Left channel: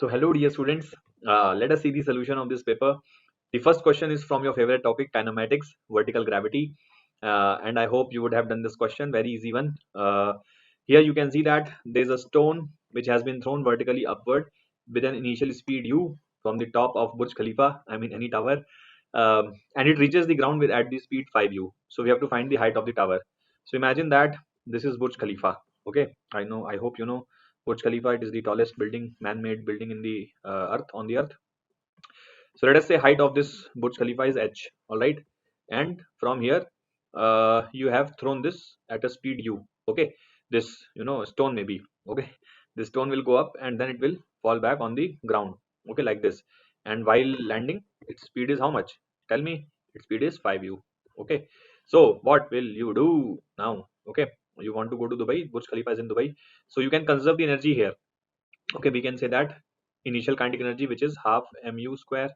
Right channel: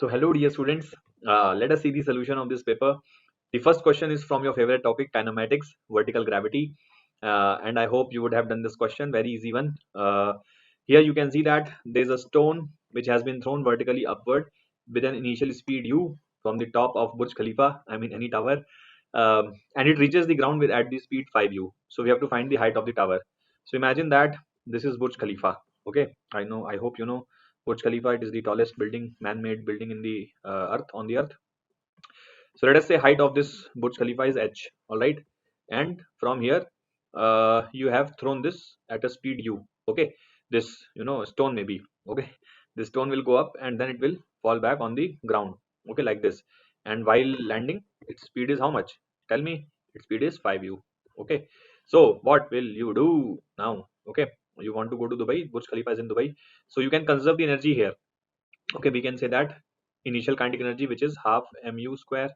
So hello dear students, let us see the solution of this paper. The first question is from your favorite topic, kinematics, vertical gravity, and I hope you would have done this question, very easy one. Here you can see that there is a stone which has been thrown vertically upward with an initial speed u from the top of Burj Khalifa, I mean any tower, and it reaches the ground with at the speed 5u. So we have to find the height of the tower. So imagine that this is Burj Khalifa. Okay, I hope you know Burj Khalifa. It is the tallest building, man-made building in the earth, on the earth. So let us say height of this Burj Khalifa is h. All right, and from here you have thrown this at a speed u. Okay, this stone maybe. Okay, this stone will go up and then it will fall back on the ground. Okay, like this. And while landing, its speed is how much? Tell me. Its speed is 5u. Okay, so what will you do now? Okay, you want to go to Dubai. Burj Khalifa is in Dubai, so you can conserve the energy here. Okay, we can say that initial kinetic energy, which is half mu square,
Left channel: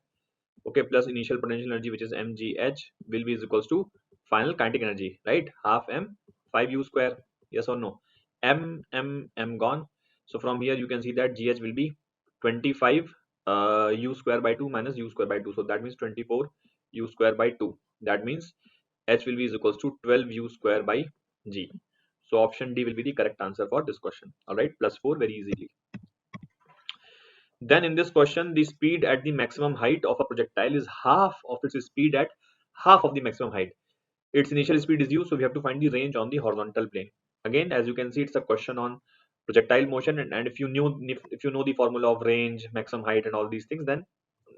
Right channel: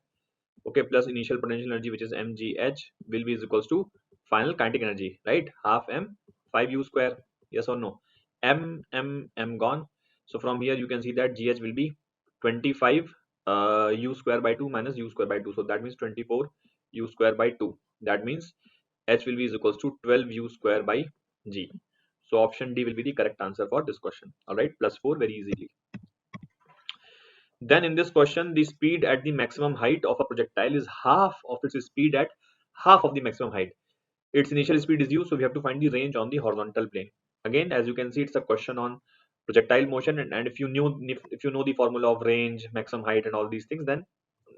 okay, plus initial potential energy, which is mgh, will be is equals to final kinetic energy, right? Half m 5u square. Yes or no? M gone. So from here you can see that gh will be 25 u square by 2 minus u square by 2, so that means 24 u square by 2. That means h will be is equals to 12 u square by g. So option D will be the correct answer for this question. All right, plus 4 very easily. Then in this question, the speed at the maximum height of a projectile is half of its speed at half of the maximum height. Its initial speed is u, so we have to find the range on the horizontal plane. Again, as you can see, it's a question on projectile motion, and if you know the formula of range, maximum height, and all these things, then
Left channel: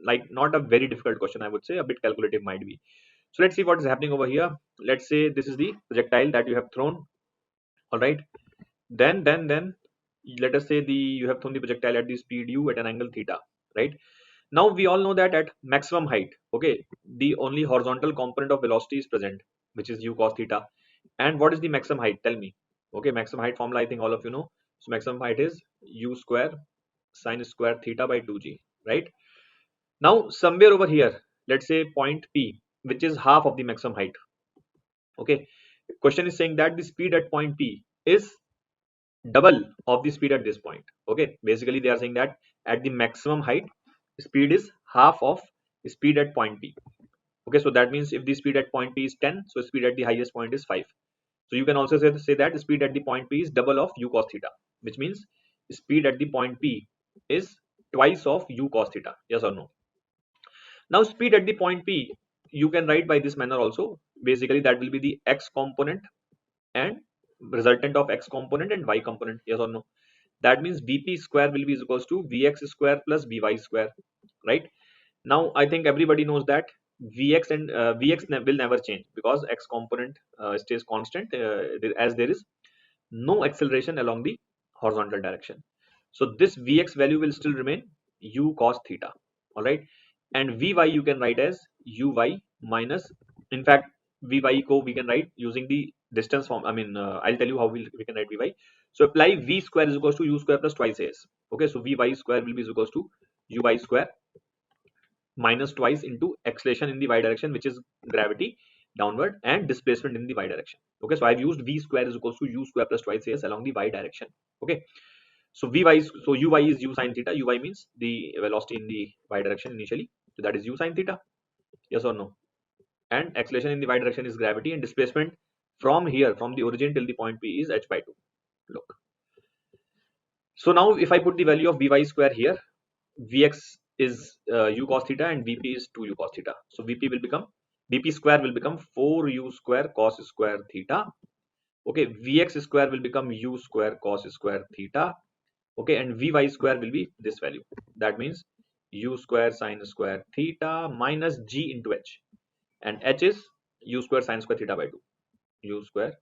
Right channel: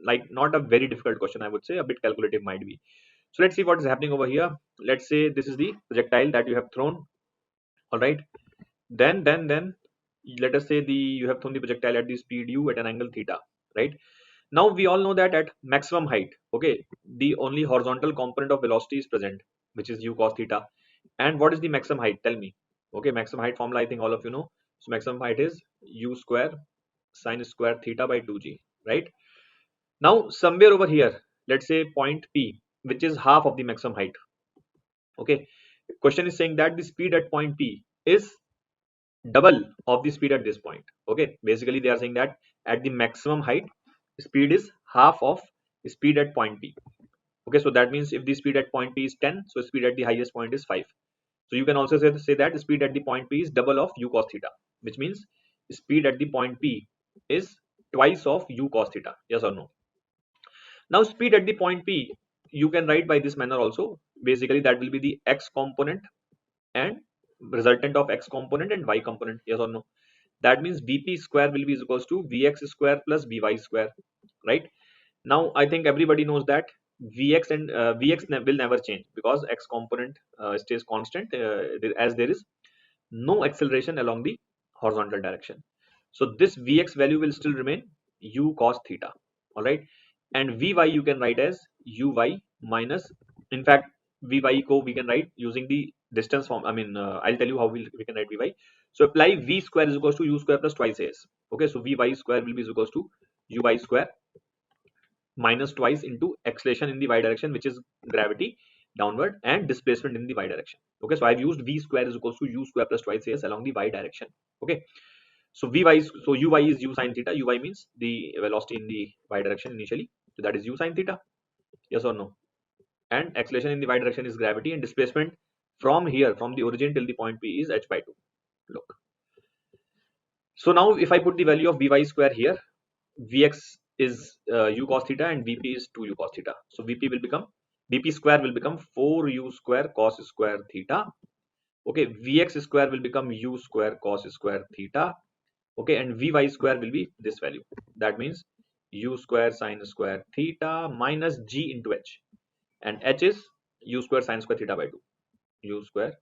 like not a very difficult question, I would say, a bit calculative might be. So let's see what is happening over here. Let's say this is the projectile that you have thrown. All right, then let us say you have thrown the projectile at the speed u at an angle theta, right? Now we all know that at maximum height, okay, the only horizontal component of velocity is present, which is u cos theta. And what is the maximum height? Tell me. Okay, maximum height formula, I think all of you know. So maximum height is u square sine square theta by 2g, right? Now somewhere over here, let's say point P, which is half of the maximum height. Okay, question is saying that the speed at point P is double of the speed at this point. Okay, basically they are saying that at the maximum height, speed is half of speed at point P. Okay, so that means if the speed at point P is 10, so speed at the highest point is 5. So you can also say that speed at the point P is double of u cos theta, which means speed at the point P is twice of u cos theta. Yes or no? Now speed at the point P, you can write by this manner also. Basically that will be the x component and resultant of x component and y component. Yes or no? That means vp square will be equals to vx square plus vy square, right? Now I think everybody knows that vx and will never change because x component stays constant as there is no acceleration along the horizontal direction. So this vx value will still remain u cos theta. All right, and vy you can write as uy minus, in fact vy ko we can write using the distance form. I mean I'll tell you how we can write vy. So apply v square is equals to u square plus twice as. Okay, so vy square will be equals to uy square minus twice into acceleration in the y direction, which is gravity downward, and displacement in the y direction. Okay, so I've used v square is equals to u square plus twice as along the y direction. Okay, so uy is u sine theta. Uy means the velocity in the y direction initially, so that is u sine theta. Yes or no? And acceleration in the y direction is gravity, and displacement from here, from the origin till the point P, is h by 2. Look, so now if I put the value of vy square here, vx is u cos theta and vp is 2u cos theta. So vp square will become 4u square cos square theta. Okay, vx square will become u square cos square theta. Okay, and vy square will be this value. That means u square sine square theta minus g into h, and h is u square sine square theta by 2. U square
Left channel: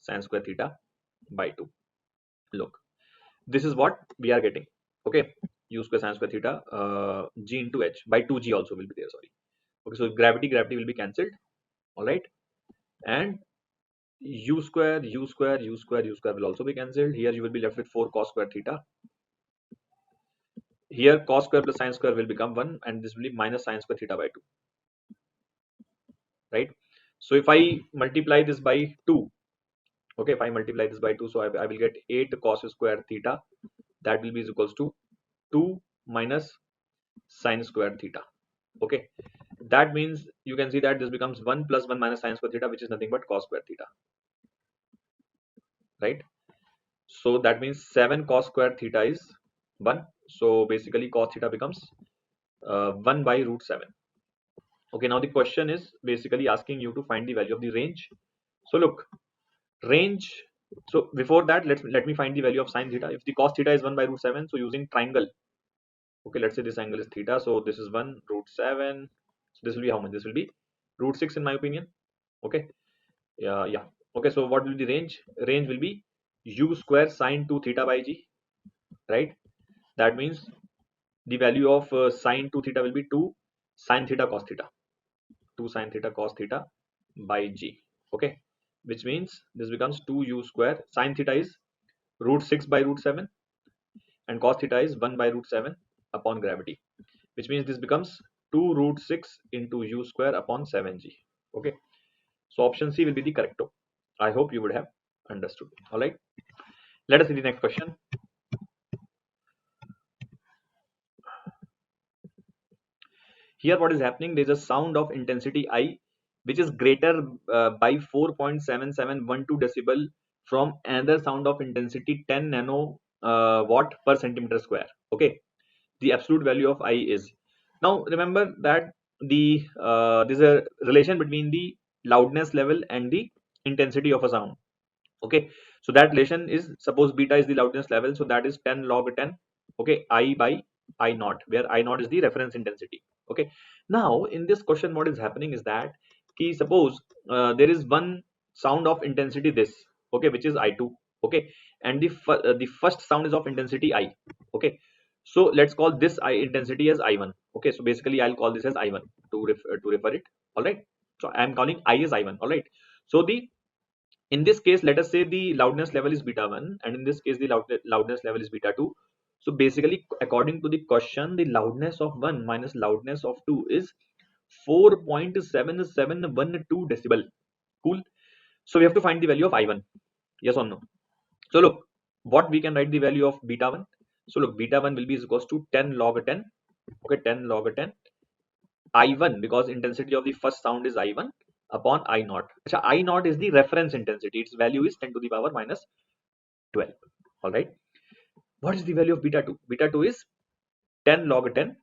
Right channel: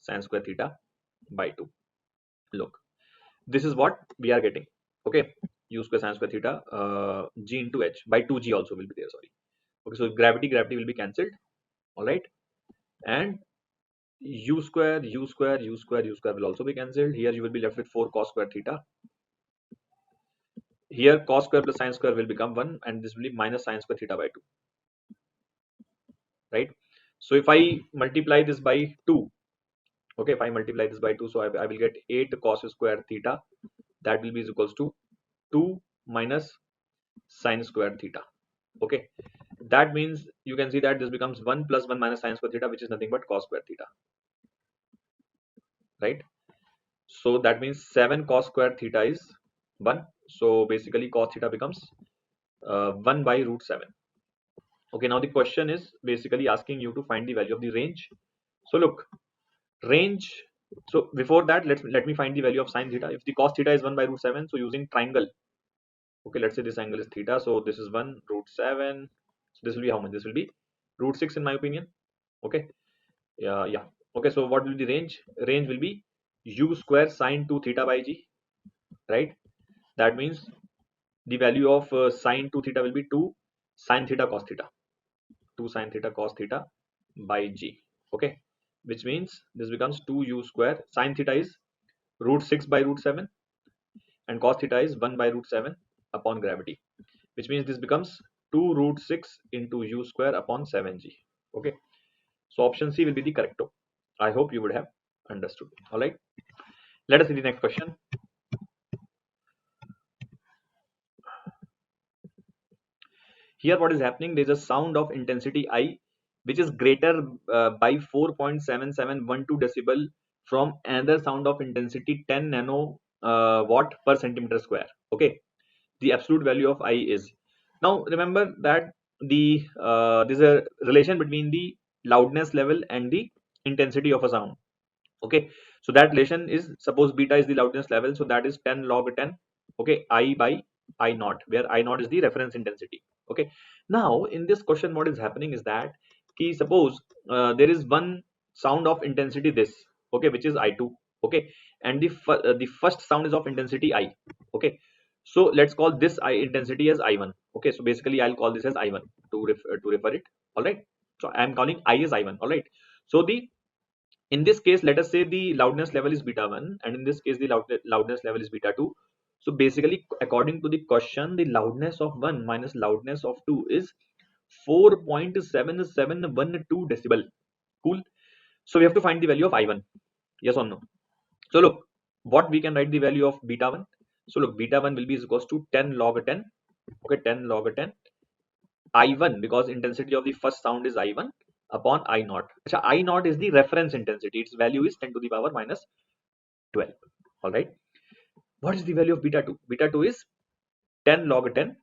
sine square theta by 2. Look, this is what we are getting. Okay, u square sine square theta g into h by 2g also will be there, sorry. Okay, so gravity will be cancelled. All right, and u square will also be cancelled. Here you will be left with 4 cos square theta. Here cos square plus sine square will become 1, and this will be minus sine square theta by 2, right? So if I multiply this by 2, okay, if I multiply this by 2, so I will get 8 cos square theta. That will be equals to 2 minus sine square theta. Okay, that means you can see that this becomes 1 plus 1 minus sine square theta, which is nothing but cos square theta, right? So that means 7 cos square theta is 1. So basically cos theta becomes 1 by root 7. Okay, now the question is basically asking you to find the value of the range. So look, range, so before that let me find the value of sine theta. If the cos theta is 1 by root 7, so using triangle, okay, let's say this angle is theta, so this is 1 root 7, so this will be how much? This will be root 6 in my opinion. Okay, yeah. Okay, so what will be the range? Range will be u square sine 2 theta by g, right? That means the value of sine 2 theta will be 2 sine theta cos theta, 2 sine theta cos theta by g. Okay, which means this becomes 2u square. Sine theta is root 6 by root 7 and cos theta is 1 by root 7 upon gravity, which means this becomes 2 root 6 into u square upon 7g. Okay, so option C will be the correcto. I hope you would have understood. All right, let us see the next question. Here what is happening, there is a sound of intensity I which is greater by 4.7712 decibel from another sound of intensity 10 nano watt per centimeter square. Okay, the absolute value of I is, now remember that the there's a relation between the loudness level and the intensity of a sound. Okay, so that relation is, suppose beta is the loudness level, so that is 10 log 10, okay, I by I naught, where I naught is the reference intensity. Okay, now in this question what is happening is that key, suppose there is one sound of intensity this, okay, which is I2. Okay, and the first sound is of intensity I. Okay, so let's call this I intensity as I1. Okay, so basically I'll call this as I1 to refer it. All right, so I'm calling I as I1. All right, so the, in this case let us say the loudness level is beta 1 and in this case the loudness level is beta 2. So basically according to the question, the loudness of 1 minus loudness of 2 is 4.7712 decibel. Cool, so we have to find the value of I1. Yes or no? So look, what we can write the value of beta 1. So look, beta 1 will be equals to 10 log 10. Okay, 10 log 10 I1, because intensity of the first sound is I1 upon I naught. Achha, I naught is the reference intensity. Its value is 10 to the power minus 12. All right. What is the value of beta 2? Beta 2 is 10 log 10,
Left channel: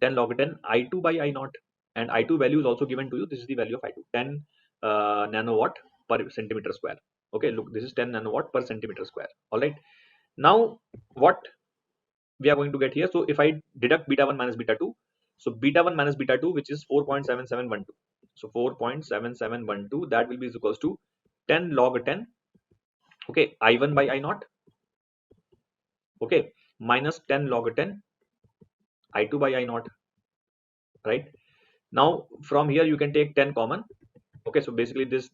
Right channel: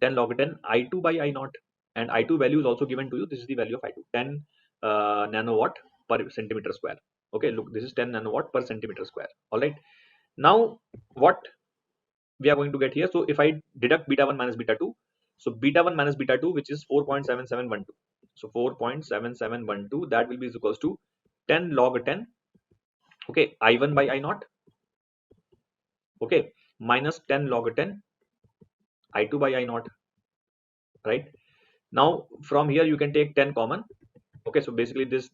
10 log 10 I2 by I naught. And I2 value is also given to you. This is the value of I2, 10 nanowatt per centimeter square. Okay, look, this is 10 nanowatt per centimeter square. All right. Now, what we are going to get here? So if I deduct beta 1 minus beta 2, so beta 1 minus beta 2, which is 4.7712. So 4.7712, that will be equals to 10 log 10, okay, I1 by I naught, okay, minus 10 log 10 I2 by I naught, right? Now from here you can take 10 common. Okay, so basically this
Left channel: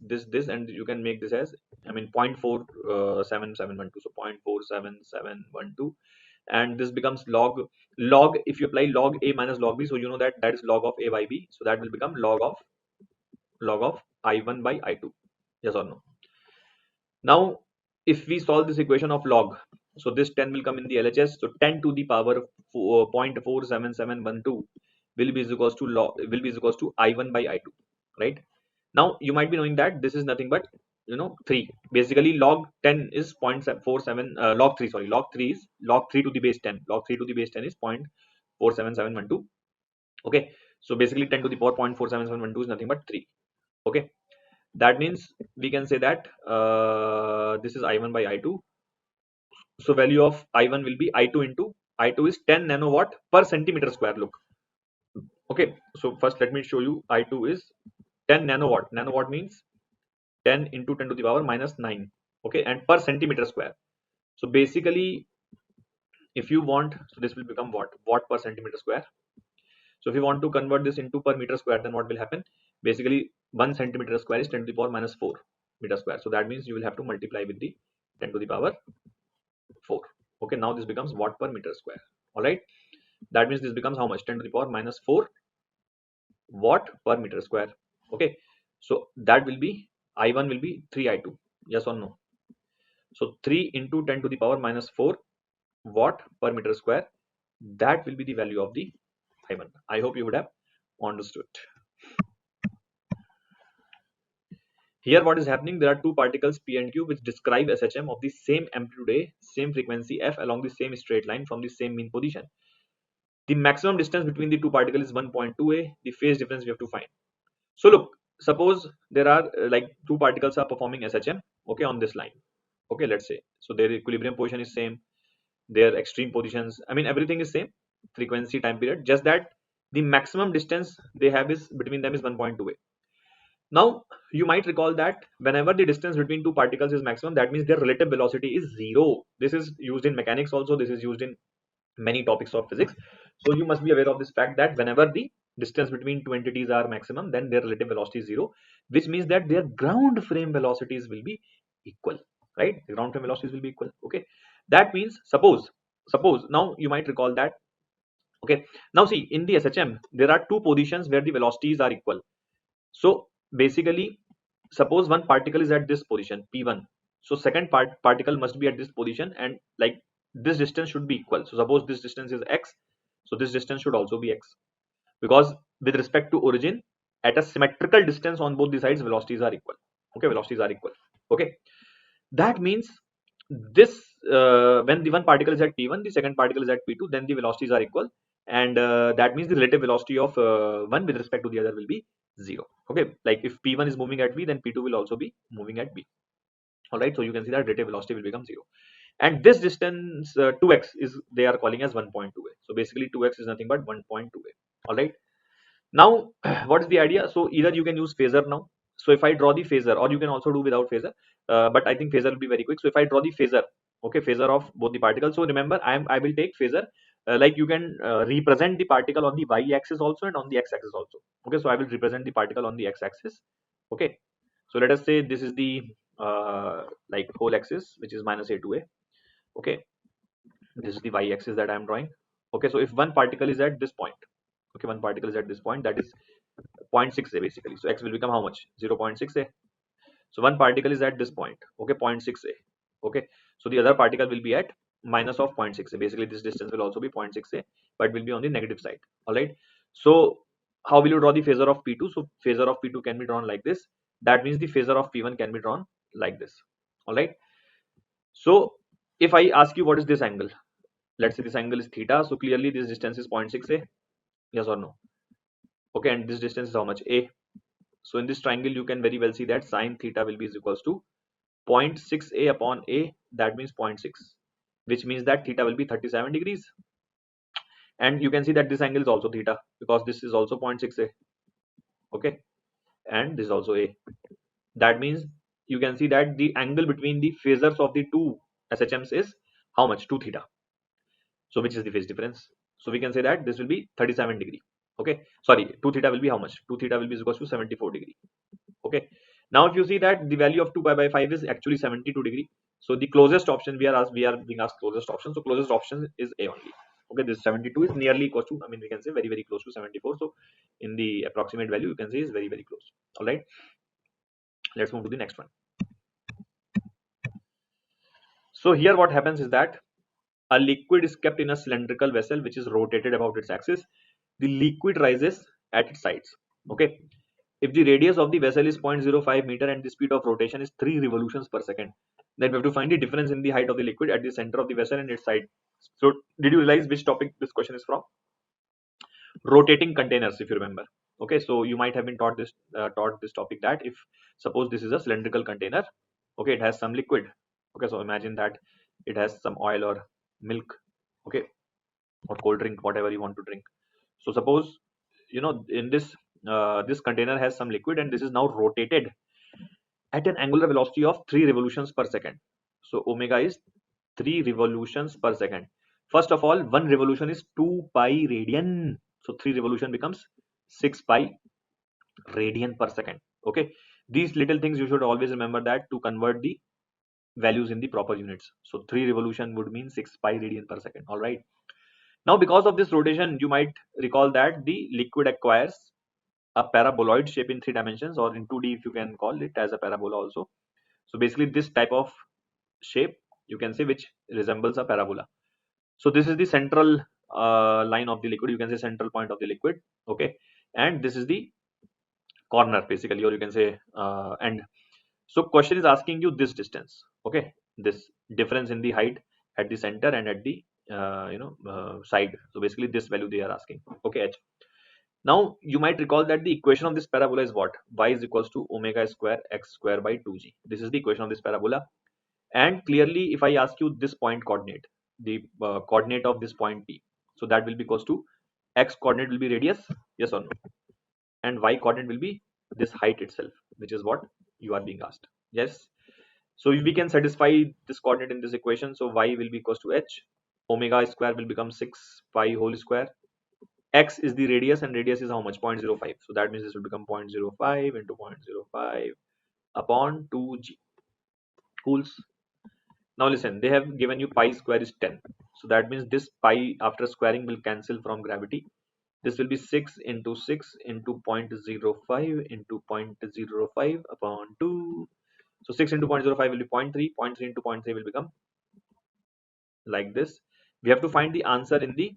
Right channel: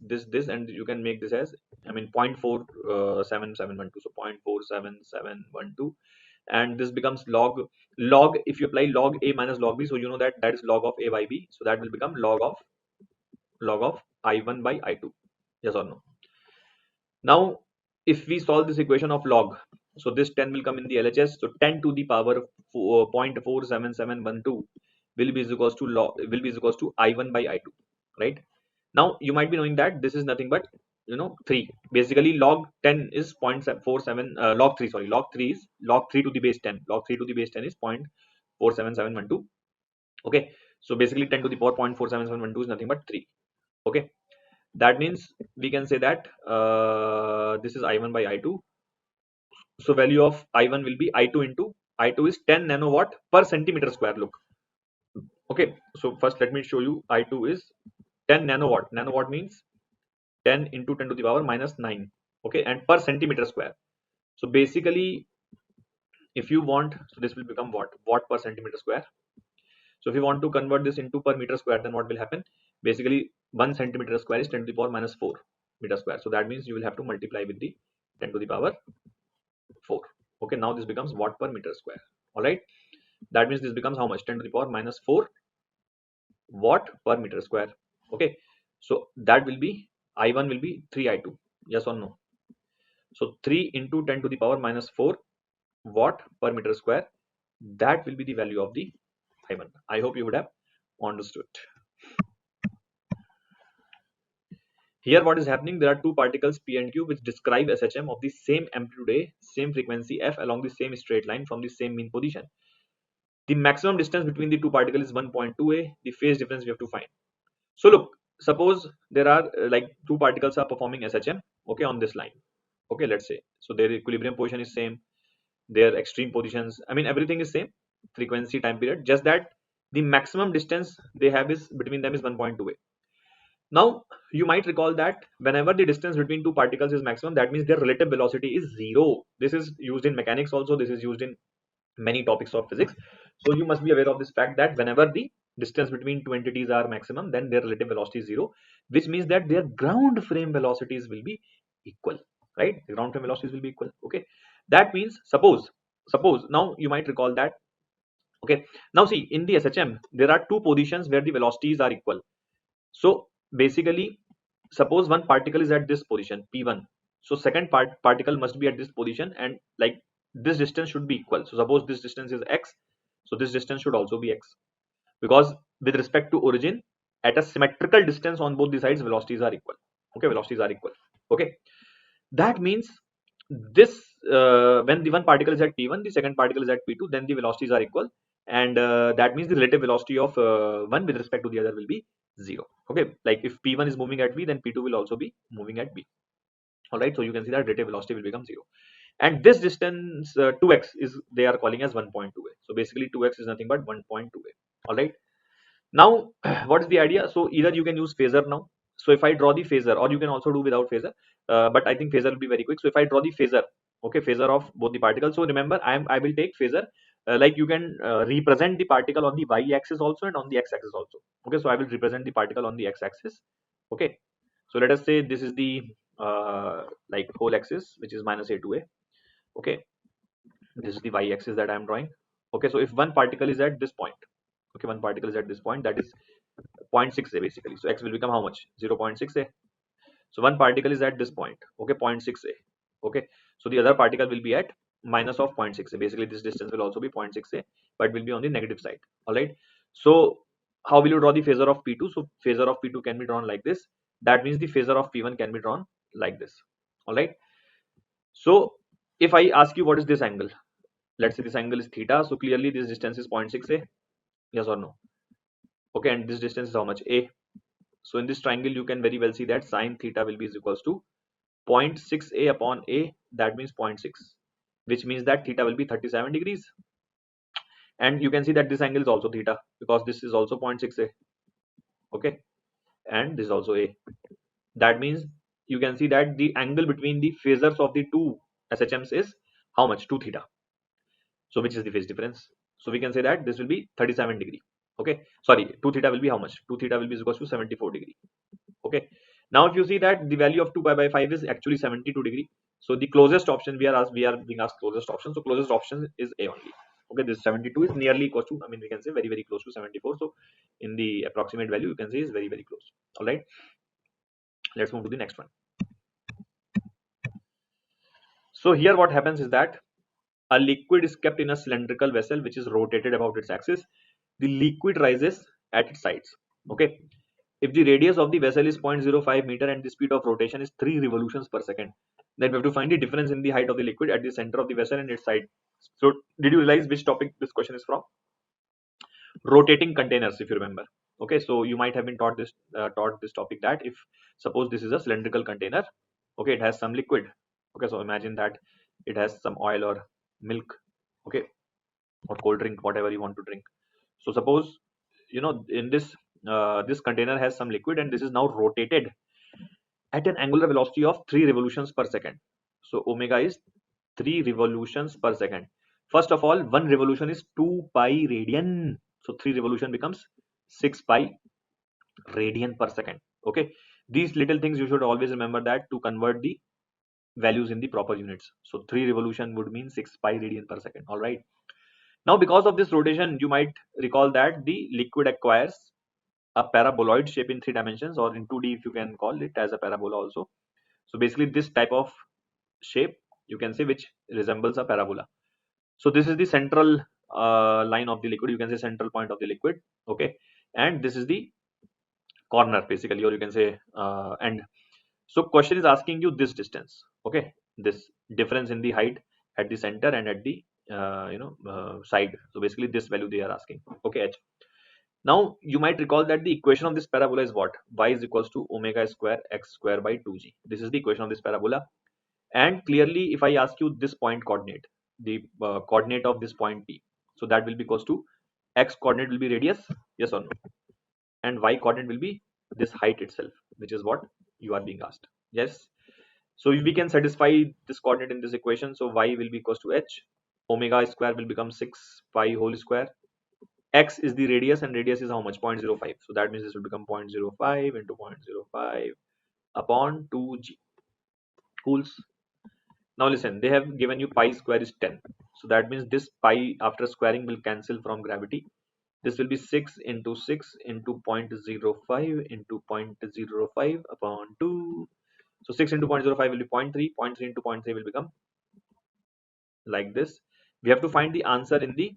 and you can make this as, I mean, 0.47712, so 0.47712, and this becomes log, if you apply log a minus log b, so you know that that is log of a by b, so that will become log of I1 by I2. Yes or no? Now if we solve this equation of log, so this 10 will come in the LHS, so 10 to the power 0.47712 will be equals to I1 by I2, right? Now you might be knowing that this is nothing but 3. Basically log 10 is 0.47, log 3 is log 3 to the base 10, log 3 to the base 10 is 0.47712. Okay, so basically 10 to the power 0.47712 is nothing but 3. Okay, that means we can say that this is I1 by I2. So value of I1 will be I2 into I2 is 10 nanowatt per centimeter square. Look, okay, so first let me show you. I2 is 10 nanowatt. Nanowatt means 10 into 10 to the power minus 9. Okay, and per centimeter square. So basically if you want, so this will become watt per centimeter square. So if you want to convert this into per meter square, then what will happen? Basically 1 centimeter square is 10 to the power minus 4 meter square. So that means you will have to multiply with the 10 to the power 4. Okay, now this becomes watt per meter square. All right, that means this becomes how much? 10 to the power minus 4 watt per meter square. Okay, so that will be, I1 will be 3 I2. Yes or no? So 3 into 10 to the power minus 4 watt per meter square That will be the value of the I1. I hope you would have understood. Here what is happening, there are two particles P and Q which describe SHM of the same amplitude A, same frequency F along the same straight line from the same mean position. The maximum distance between the two particles is 1.2 A. The phase difference we have to find. So look, suppose there are like two particles are performing SHM, okay, on this line. Okay, let's say. So their equilibrium position is same, their extreme positions, I mean everything is same, frequency, time period, just that the maximum distance they have is between them is 1.2 A. Now you might recall that whenever the distance between two particles is maximum, that means their relative velocity is zero. This is used in mechanics also, this is used in many topics of physics. So you must be aware of this fact that whenever the distance between two entities are maximum, then their relative velocity is zero, which means that their ground frame velocities will be equal, right? The ground frame velocities will be equal. Okay, that means suppose now you might recall that. Okay, now see, in the SHM there are two positions where the velocities are equal. So basically, suppose one particle is at this position P1, so second particle must be at this position, and like this distance should be equal. So suppose this distance is x, so this distance should also be x, because with respect to origin, at a symmetrical distance on both the sides, velocities are equal. Okay, velocities are equal. Okay, that means this when the one particle is at P1, the second particle is at P2, then the velocities are equal, and that means the relative velocity of one with respect to the other will be zero. Okay, like if P1 is moving at V, then P2 will also be moving at V. All right, so you can see that relative velocity will become zero, and this distance 2x is they are calling as 1.2a. So basically 2x is nothing but 1.2a. All right, now what is the idea? So either you can use phasor now. So if I draw the phasor, or you can also do without phasor, but I think phasor will be very quick. So if I draw the phasor, okay, phasor of both the particles. So remember, I will take phasor like you can represent the particle on the y-axis also and on the x-axis also. Okay, so I will represent the particle on the x-axis. Okay, so let us say this is the like whole axis, which is minus a to a. Okay, this is the y-axis that I am drawing. Okay, so if one particle is at this point, okay, one particle is at this point, that is 0.6a basically. So x will become how much? 0.6a. So one particle is at this point, okay, 0.6a. Okay, so the other particle will be at minus of 0.6a. Basically this distance will also be 0.6a, but will be on the negative side. All right, so how will you draw the phasor of P2? So phasor of P2 can be drawn like this. That means the phasor of P1 can be drawn like this. All right, so if I ask you what is this angle, let's say this angle is theta, so clearly this distance is 0.6a, yes or no? Okay, and this distance is how much? A. So in this triangle you can very well see that sine theta will be is equals to 0.6a upon a, that means 0.6, which means that theta will be 37 degrees. And you can see that this angle is also theta because this is also 0.6a. Okay, and this is also a. That means you can see that the angle between the phasors of the two SHMs is how much? 2 theta. So which is the phase difference? So we can say that this will be 37 degree. Okay, sorry, 2 theta will be how much? 2 theta will be equals to 74 degree. Okay, now if you see that the value of 2 pi by 5 is actually 72 degree, so the closest option we are being asked closest option, so closest option is a only. Okay, this 72 is nearly equal to, I mean we can say very close to 74. So in the approximate value you can say is very close. All right, let's move to the next one. So here what happens is that a liquid is kept in a cylindrical vessel which is rotated about its axis. The liquid rises at its sides. Okay, if the radius of the vessel is 0.05 meter and the speed of rotation is 3 revolutions per second, then we have to find the difference in the height of the liquid at the center of the vessel and its side. So did you realize which topic this question is from? Rotating containers, if you remember. Okay, so you might have been taught this topic, that if suppose this is a cylindrical container, okay, it has some liquid. Okay, so imagine that it has some oil or milk, okay, or cold drink, whatever you want to drink. So suppose, you know, in this this container has some liquid and this is now rotated at an angular velocity of 3 revolutions per second. So omega is 3 revolutions per second. First of all, one revolution is 2 pi radian. So 3 revolution becomes 6 pi radian per second. Okay, these little things you should always remember that to convert the values in the proper units. So 3 revolution would mean 6 pi radian per second. All right. Now because of this rotation, you might recall that the liquid acquires a paraboloid shape in 3 dimensions, or in 2D if you can call it as a parabola also. So basically this type of shape you can say which resembles a parabola. So this is the central line of the liquid, you can say central point of the liquid, okay, and this is the corner basically, or you can say end. So question is asking you this distance, okay, this difference in the height at the center and at the side. So basically this value they are asking, okay, h. Now you might recall that the equation of this parabola is what? Y is equals to omega square x square by 2g. This is the equation of this parabola. And clearly if I ask you this point coordinate, the coordinate of this point P, so that will be equals to x coordinate will be radius, yes or no, and y coordinate will be this height itself, which is what you are being asked. Yes. So if we can satisfy this coordinate in this equation, so y will be equals to h, omega square will become 6 pi whole square, x is the radius and radius is how much? 0.05. So that means this will become 0.05 into 0.05 upon 2g. Cools. Now listen, they have given you pi square is 10. So that means this pi after squaring will cancel from gravity. This will be 6 into 6 into 0.05 into 0.05 upon 2. So 6 into 0.05 will be 0.3. 0.3 into 0.3 will become like this. We have to find the answer in the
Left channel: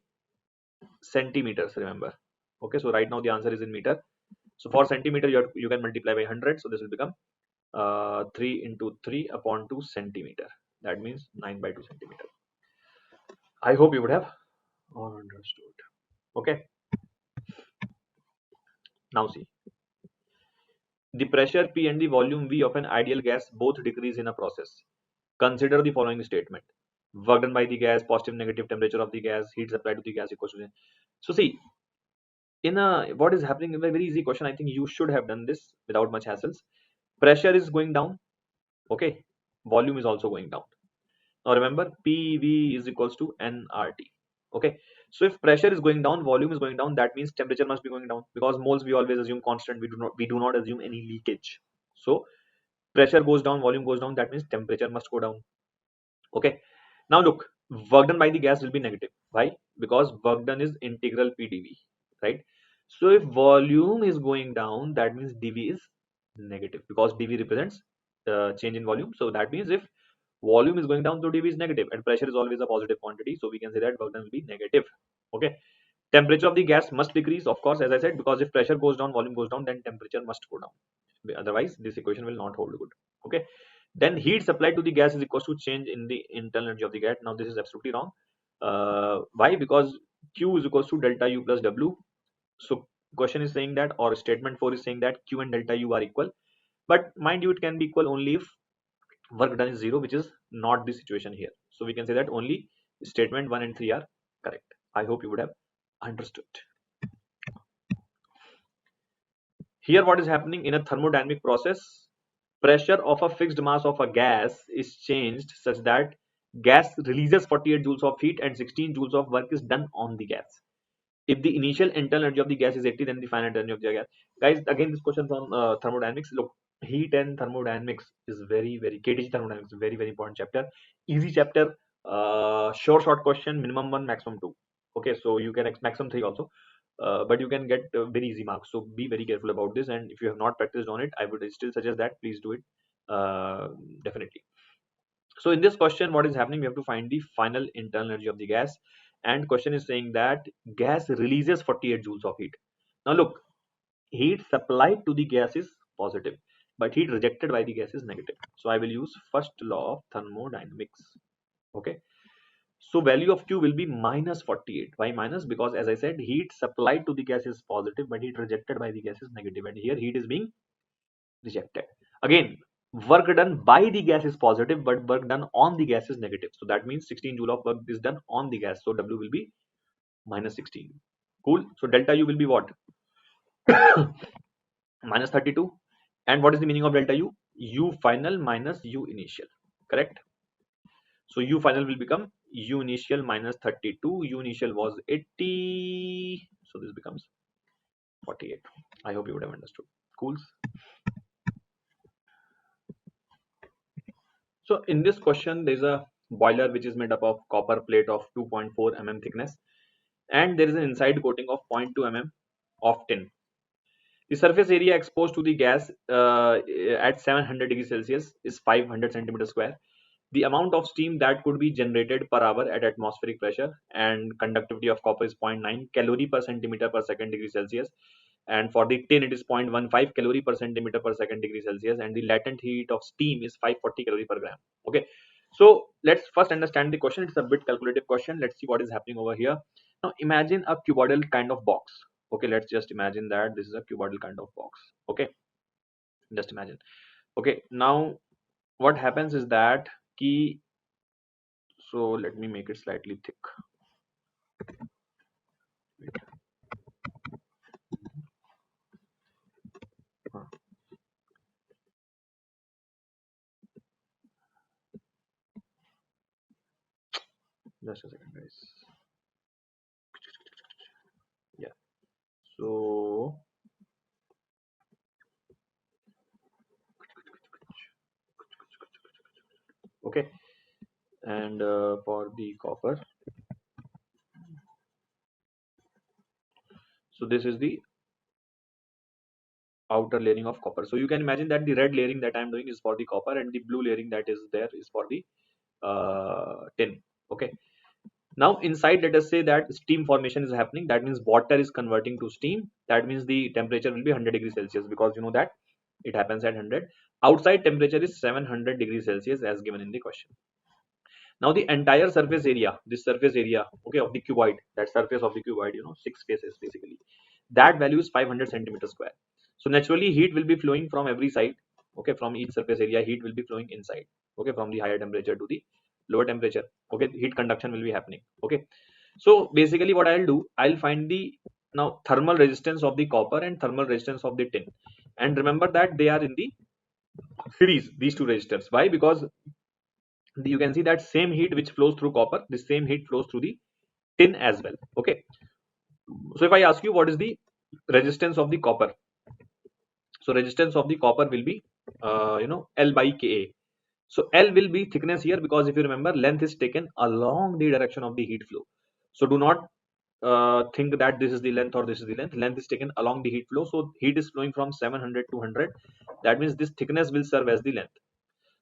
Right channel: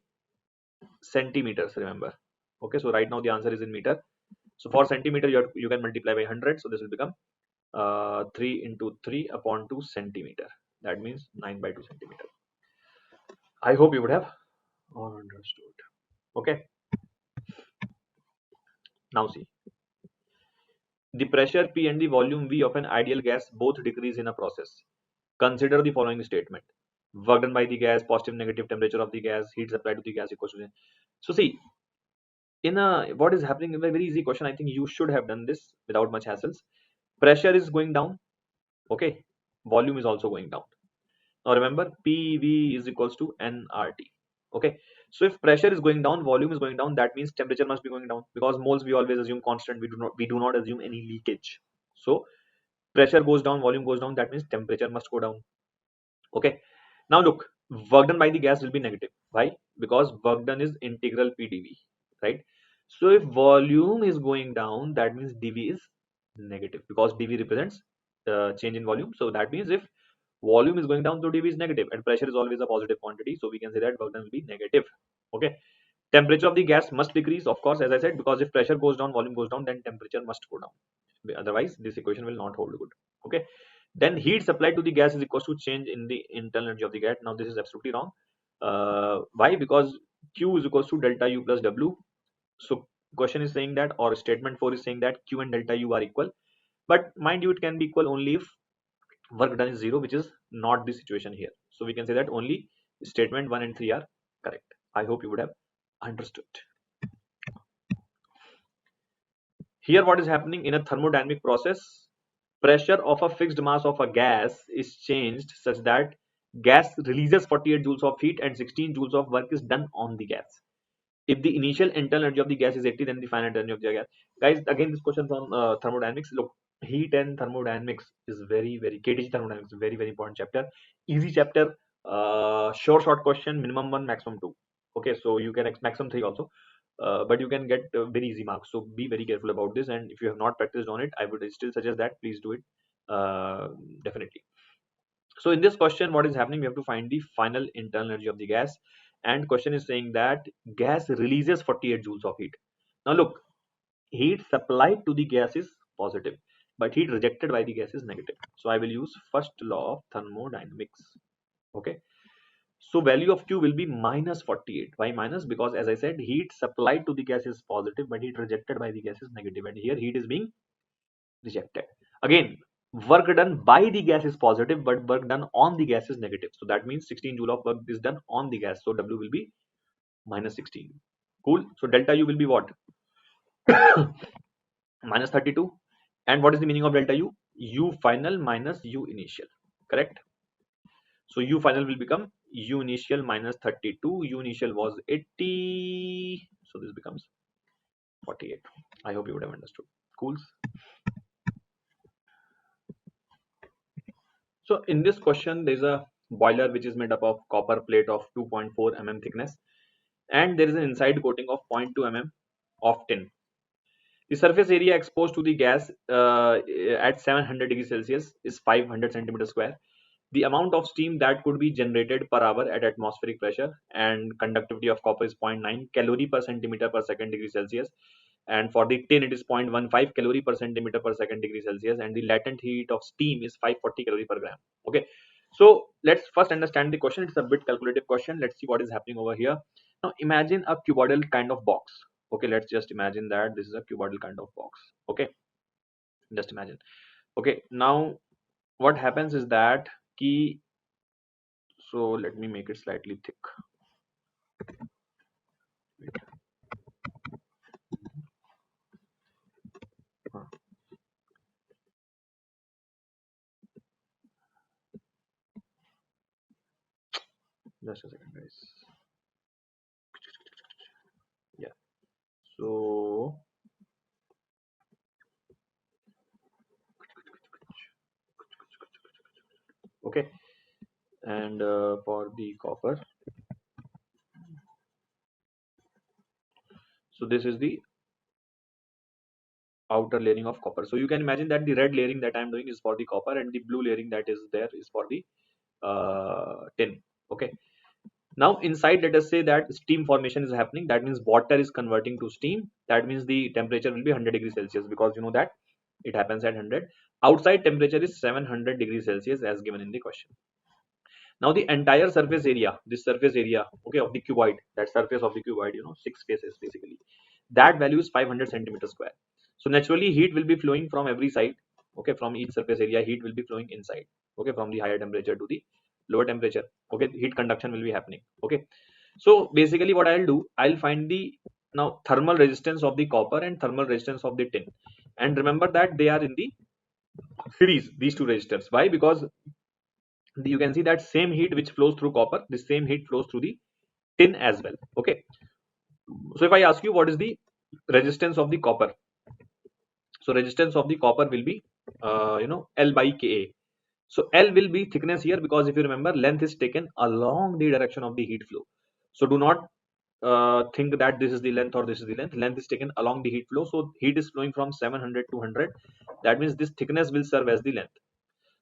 centimeters, remember. Okay, so right now the answer is in meter. So for centimeter, you can multiply by 100. So this will become 3 into 3 upon 2 centimeter. That means 9 by 2 centimeter. I hope you would have understood. Okay. Now see, the pressure P and the volume V of an ideal gas both decrease in a process. Consider the following statement. Work done by the gas, positive negative temperature of the gas, heat supplied to the gas equals to. So see, in a what is happening in a very easy question, I think you should have done this without much hassles. Pressure is going down, okay, volume is also going down. Now remember, PV is equals to nRT. Okay, so if pressure is going down, volume is going down, that means temperature must be going down, because moles we always assume constant. We do not assume any leakage. So pressure goes down, volume goes down, that means temperature must go down. Okay. Now look, work done by the gas will be negative. Why? Because work done is integral PdV, right? So if volume is going down, that means dV is negative, because dV represents change in volume. So that means if volume is going down, so dV is negative, and pressure is always a positive quantity. So we can say that work done will be negative. Okay. Temperature of the gas must decrease, of course, as I said, because if pressure goes down, volume goes down, then temperature must go down. Otherwise, this equation will not hold good. Okay. Then heat supplied to the gas is equal to change in the internal energy of the gas. Now this is absolutely wrong. Why? Because Q is equal to delta U plus W. So question is saying that, or statement 4 is saying that Q and delta U are equal. But mind you, it can be equal only if work done is 0, which is not the situation here. So we can say that only statement 1 and 3 are correct. I hope you would have understood. Here what is happening in a thermodynamic process, pressure of a fixed mass of a gas is changed such that gas releases 48 joules of heat and 16 joules of work is done on the gas. If the initial internal energy of the gas is 80, then the final energy of the gas. Guys, again this question from thermodynamics. Look, heat and thermodynamics is very KTG thermodynamics, very important chapter. Easy chapter, short question, minimum 1, maximum 2. Okay, so you can maximum 3 also. But you can get very easy marks, so be very careful about this, and if you have not practiced on it, I would still suggest that please do it, definitely. So in this question, what is happening, we have to find the final internal energy of the gas, and question is saying that gas releases 48 joules of heat. Now look, heat supplied to the gas is positive, but heat rejected by the gas is negative. So I will use first law of thermodynamics. Okay, so value of Q will be minus 48. Why minus? Because as I said, heat supplied to the gas is positive, but heat rejected by the gas is negative. And here heat is being rejected. Again, work done by the gas is positive, but work done on the gas is negative. So that means 16 joule of work is done on the gas. So W will be minus 16. Cool. So delta U will be what? Minus 32. And what is the meaning of delta U? U final minus U initial. Correct? So U final will become U initial minus 32. U initial was 80. So this becomes 48. I hope you would have understood. Cool. So in this question, there is a boiler which is made up of copper plate of 2.4 mm thickness, and there is an inside coating of 0.2 mm of tin. The surface area exposed to the gas at 700 degrees Celsius is 500 centimeters square. the amount of steam that could be generated per hour at atmospheric pressure, and conductivity of copper is 0.9 calorie per centimeter per second degree Celsius, and for the tin it is 0.15 calorie per centimeter per second degree Celsius, and the latent heat of steam is 540 calorie per gram. Okay, so let's first understand the question. It's a bit calculative question. Let's see what is happening over here. Now imagine a cuboidal kind of box. Okay, let's just imagine that this is a cuboidal kind of box. Okay, just imagine. Okay, now what happens is that key, so let me make it slightly thick. Huh, just a second guys. Yeah, so okay, and for the copper, so this is the outer layering of copper. So you can imagine that the red layering that I'm doing is for the copper, and the blue layering that is there is for the tin. Okay, now inside let us say that steam formation is happening. That means water is converting to steam. That means the temperature will be 100 degrees Celsius, because you know that it happens at 100. Outside temperature is 700 degrees Celsius as given in the question. Now the entire surface area, this surface area, okay, of the cuboid, that surface of the cuboid, you know, six faces basically, that value is 500 centimeters square. So naturally heat will be flowing from every side. Okay, from each surface area heat will be flowing inside. Okay, from the higher temperature to the lower temperature. Okay, heat conduction will be happening. Okay, so basically what I'll do, I'll find the now thermal resistance of the copper and thermal resistance of the tin, and remember that they are in the series, these two resistors. Why? Because you can see that same heat which flows through copper, the same heat flows through the tin as well. Okay, so if I ask you what is the resistance of the copper, so resistance of the copper will be L by Ka. So L will be thickness here, because if you remember, length is taken along the direction of the heat flow. So do not think that this is the length or this is the length. Length is taken along the heat flow. So heat is flowing from 700 to 100. That means this thickness will serve as the length,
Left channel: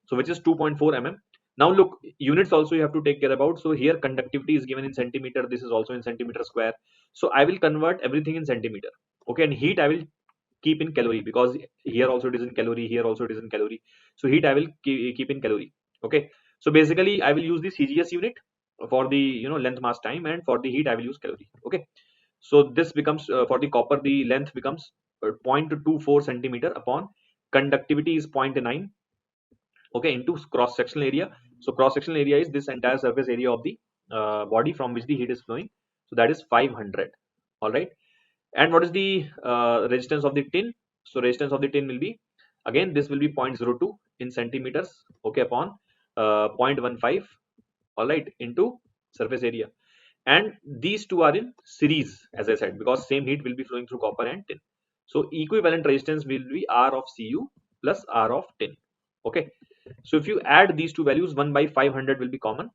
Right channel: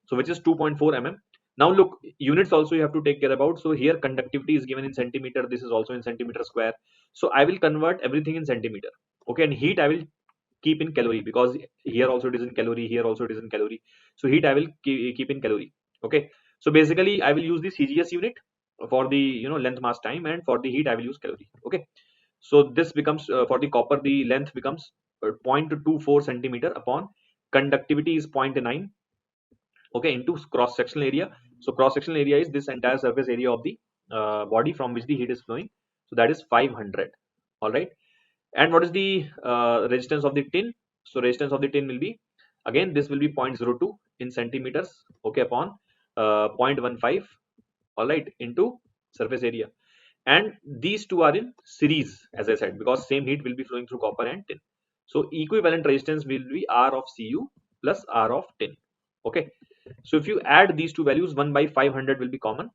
so which is 2.4 mm. Now look, units also you have to take care about. So here conductivity is given in centimeter, this is also in centimeter square. So I will convert everything in centimeter. Okay, and heat I will keep in calorie, because here also it is in calorie, here also it is in calorie. So heat I will keep in calorie. Okay, so basically I will use the CGS unit for the length mass time, and for the heat I will use calorie. Okay, so this becomes for the copper the length becomes 0.24 centimeter upon conductivity is 0.9. Okay, into cross sectional area. So cross sectional area is this entire surface area of the body from which the heat is flowing. So that is 500. All right, and what is the resistance of the tin? So resistance of the tin will be, again this will be 0.02 in centimeters, okay, upon 0.15, all right, into surface area. And these two are in series, as I said, because same heat will be flowing through copper and tin. So equivalent resistance will be R of Cu plus R of tin. Okay, so if you add these two values, 1 by 500 will be common.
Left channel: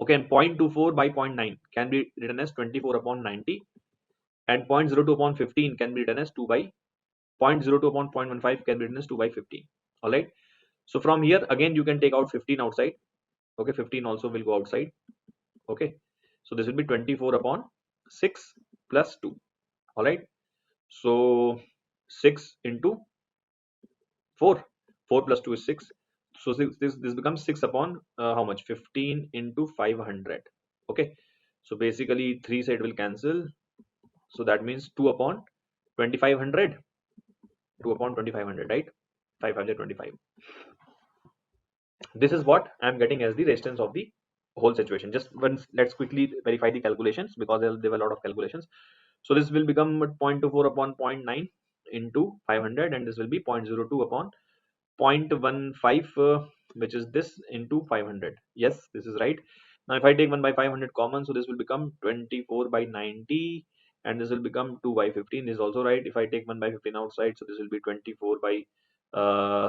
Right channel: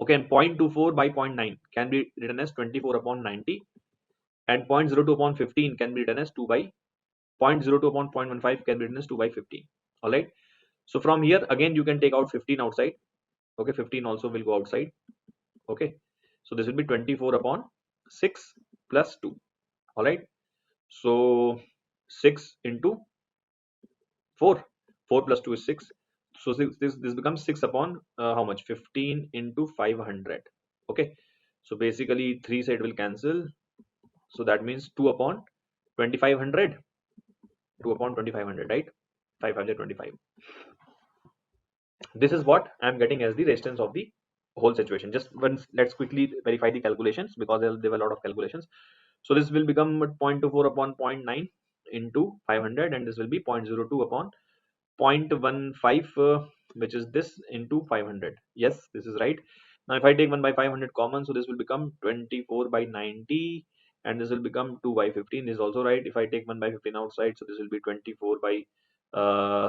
Okay, and 0.24 by 0.9 can be written as 24 upon 90, and 0.02 upon 15 can be written as 2 by 0.02 upon 0.15 can be written as 2 by 15. All right, so from here again you can take out 15 outside. Okay, 15 also will go outside. Okay, so this will be 24 upon 6 plus 2. All right, so 6 into 4, 4 plus 2 is 6. So this becomes 6 upon how much, 15 into 500. Okay, so basically 3 side will cancel, so that means 2 upon 2500, 2 upon 2500, right? 525. This is what I'm getting as the resistance of the whole situation. Just once let's quickly verify the calculations, because there were a lot of calculations. So this will become 0.24 upon 0.9 into 500, and this will be 0.02 upon 0.15, which is this, into 500. Yes, this is right. Now if I take 1 by 500 common, so this will become 24 by 90, and this will become 2 by 15. This is also right. If I take 1 by 15 outside, so this will be 24 by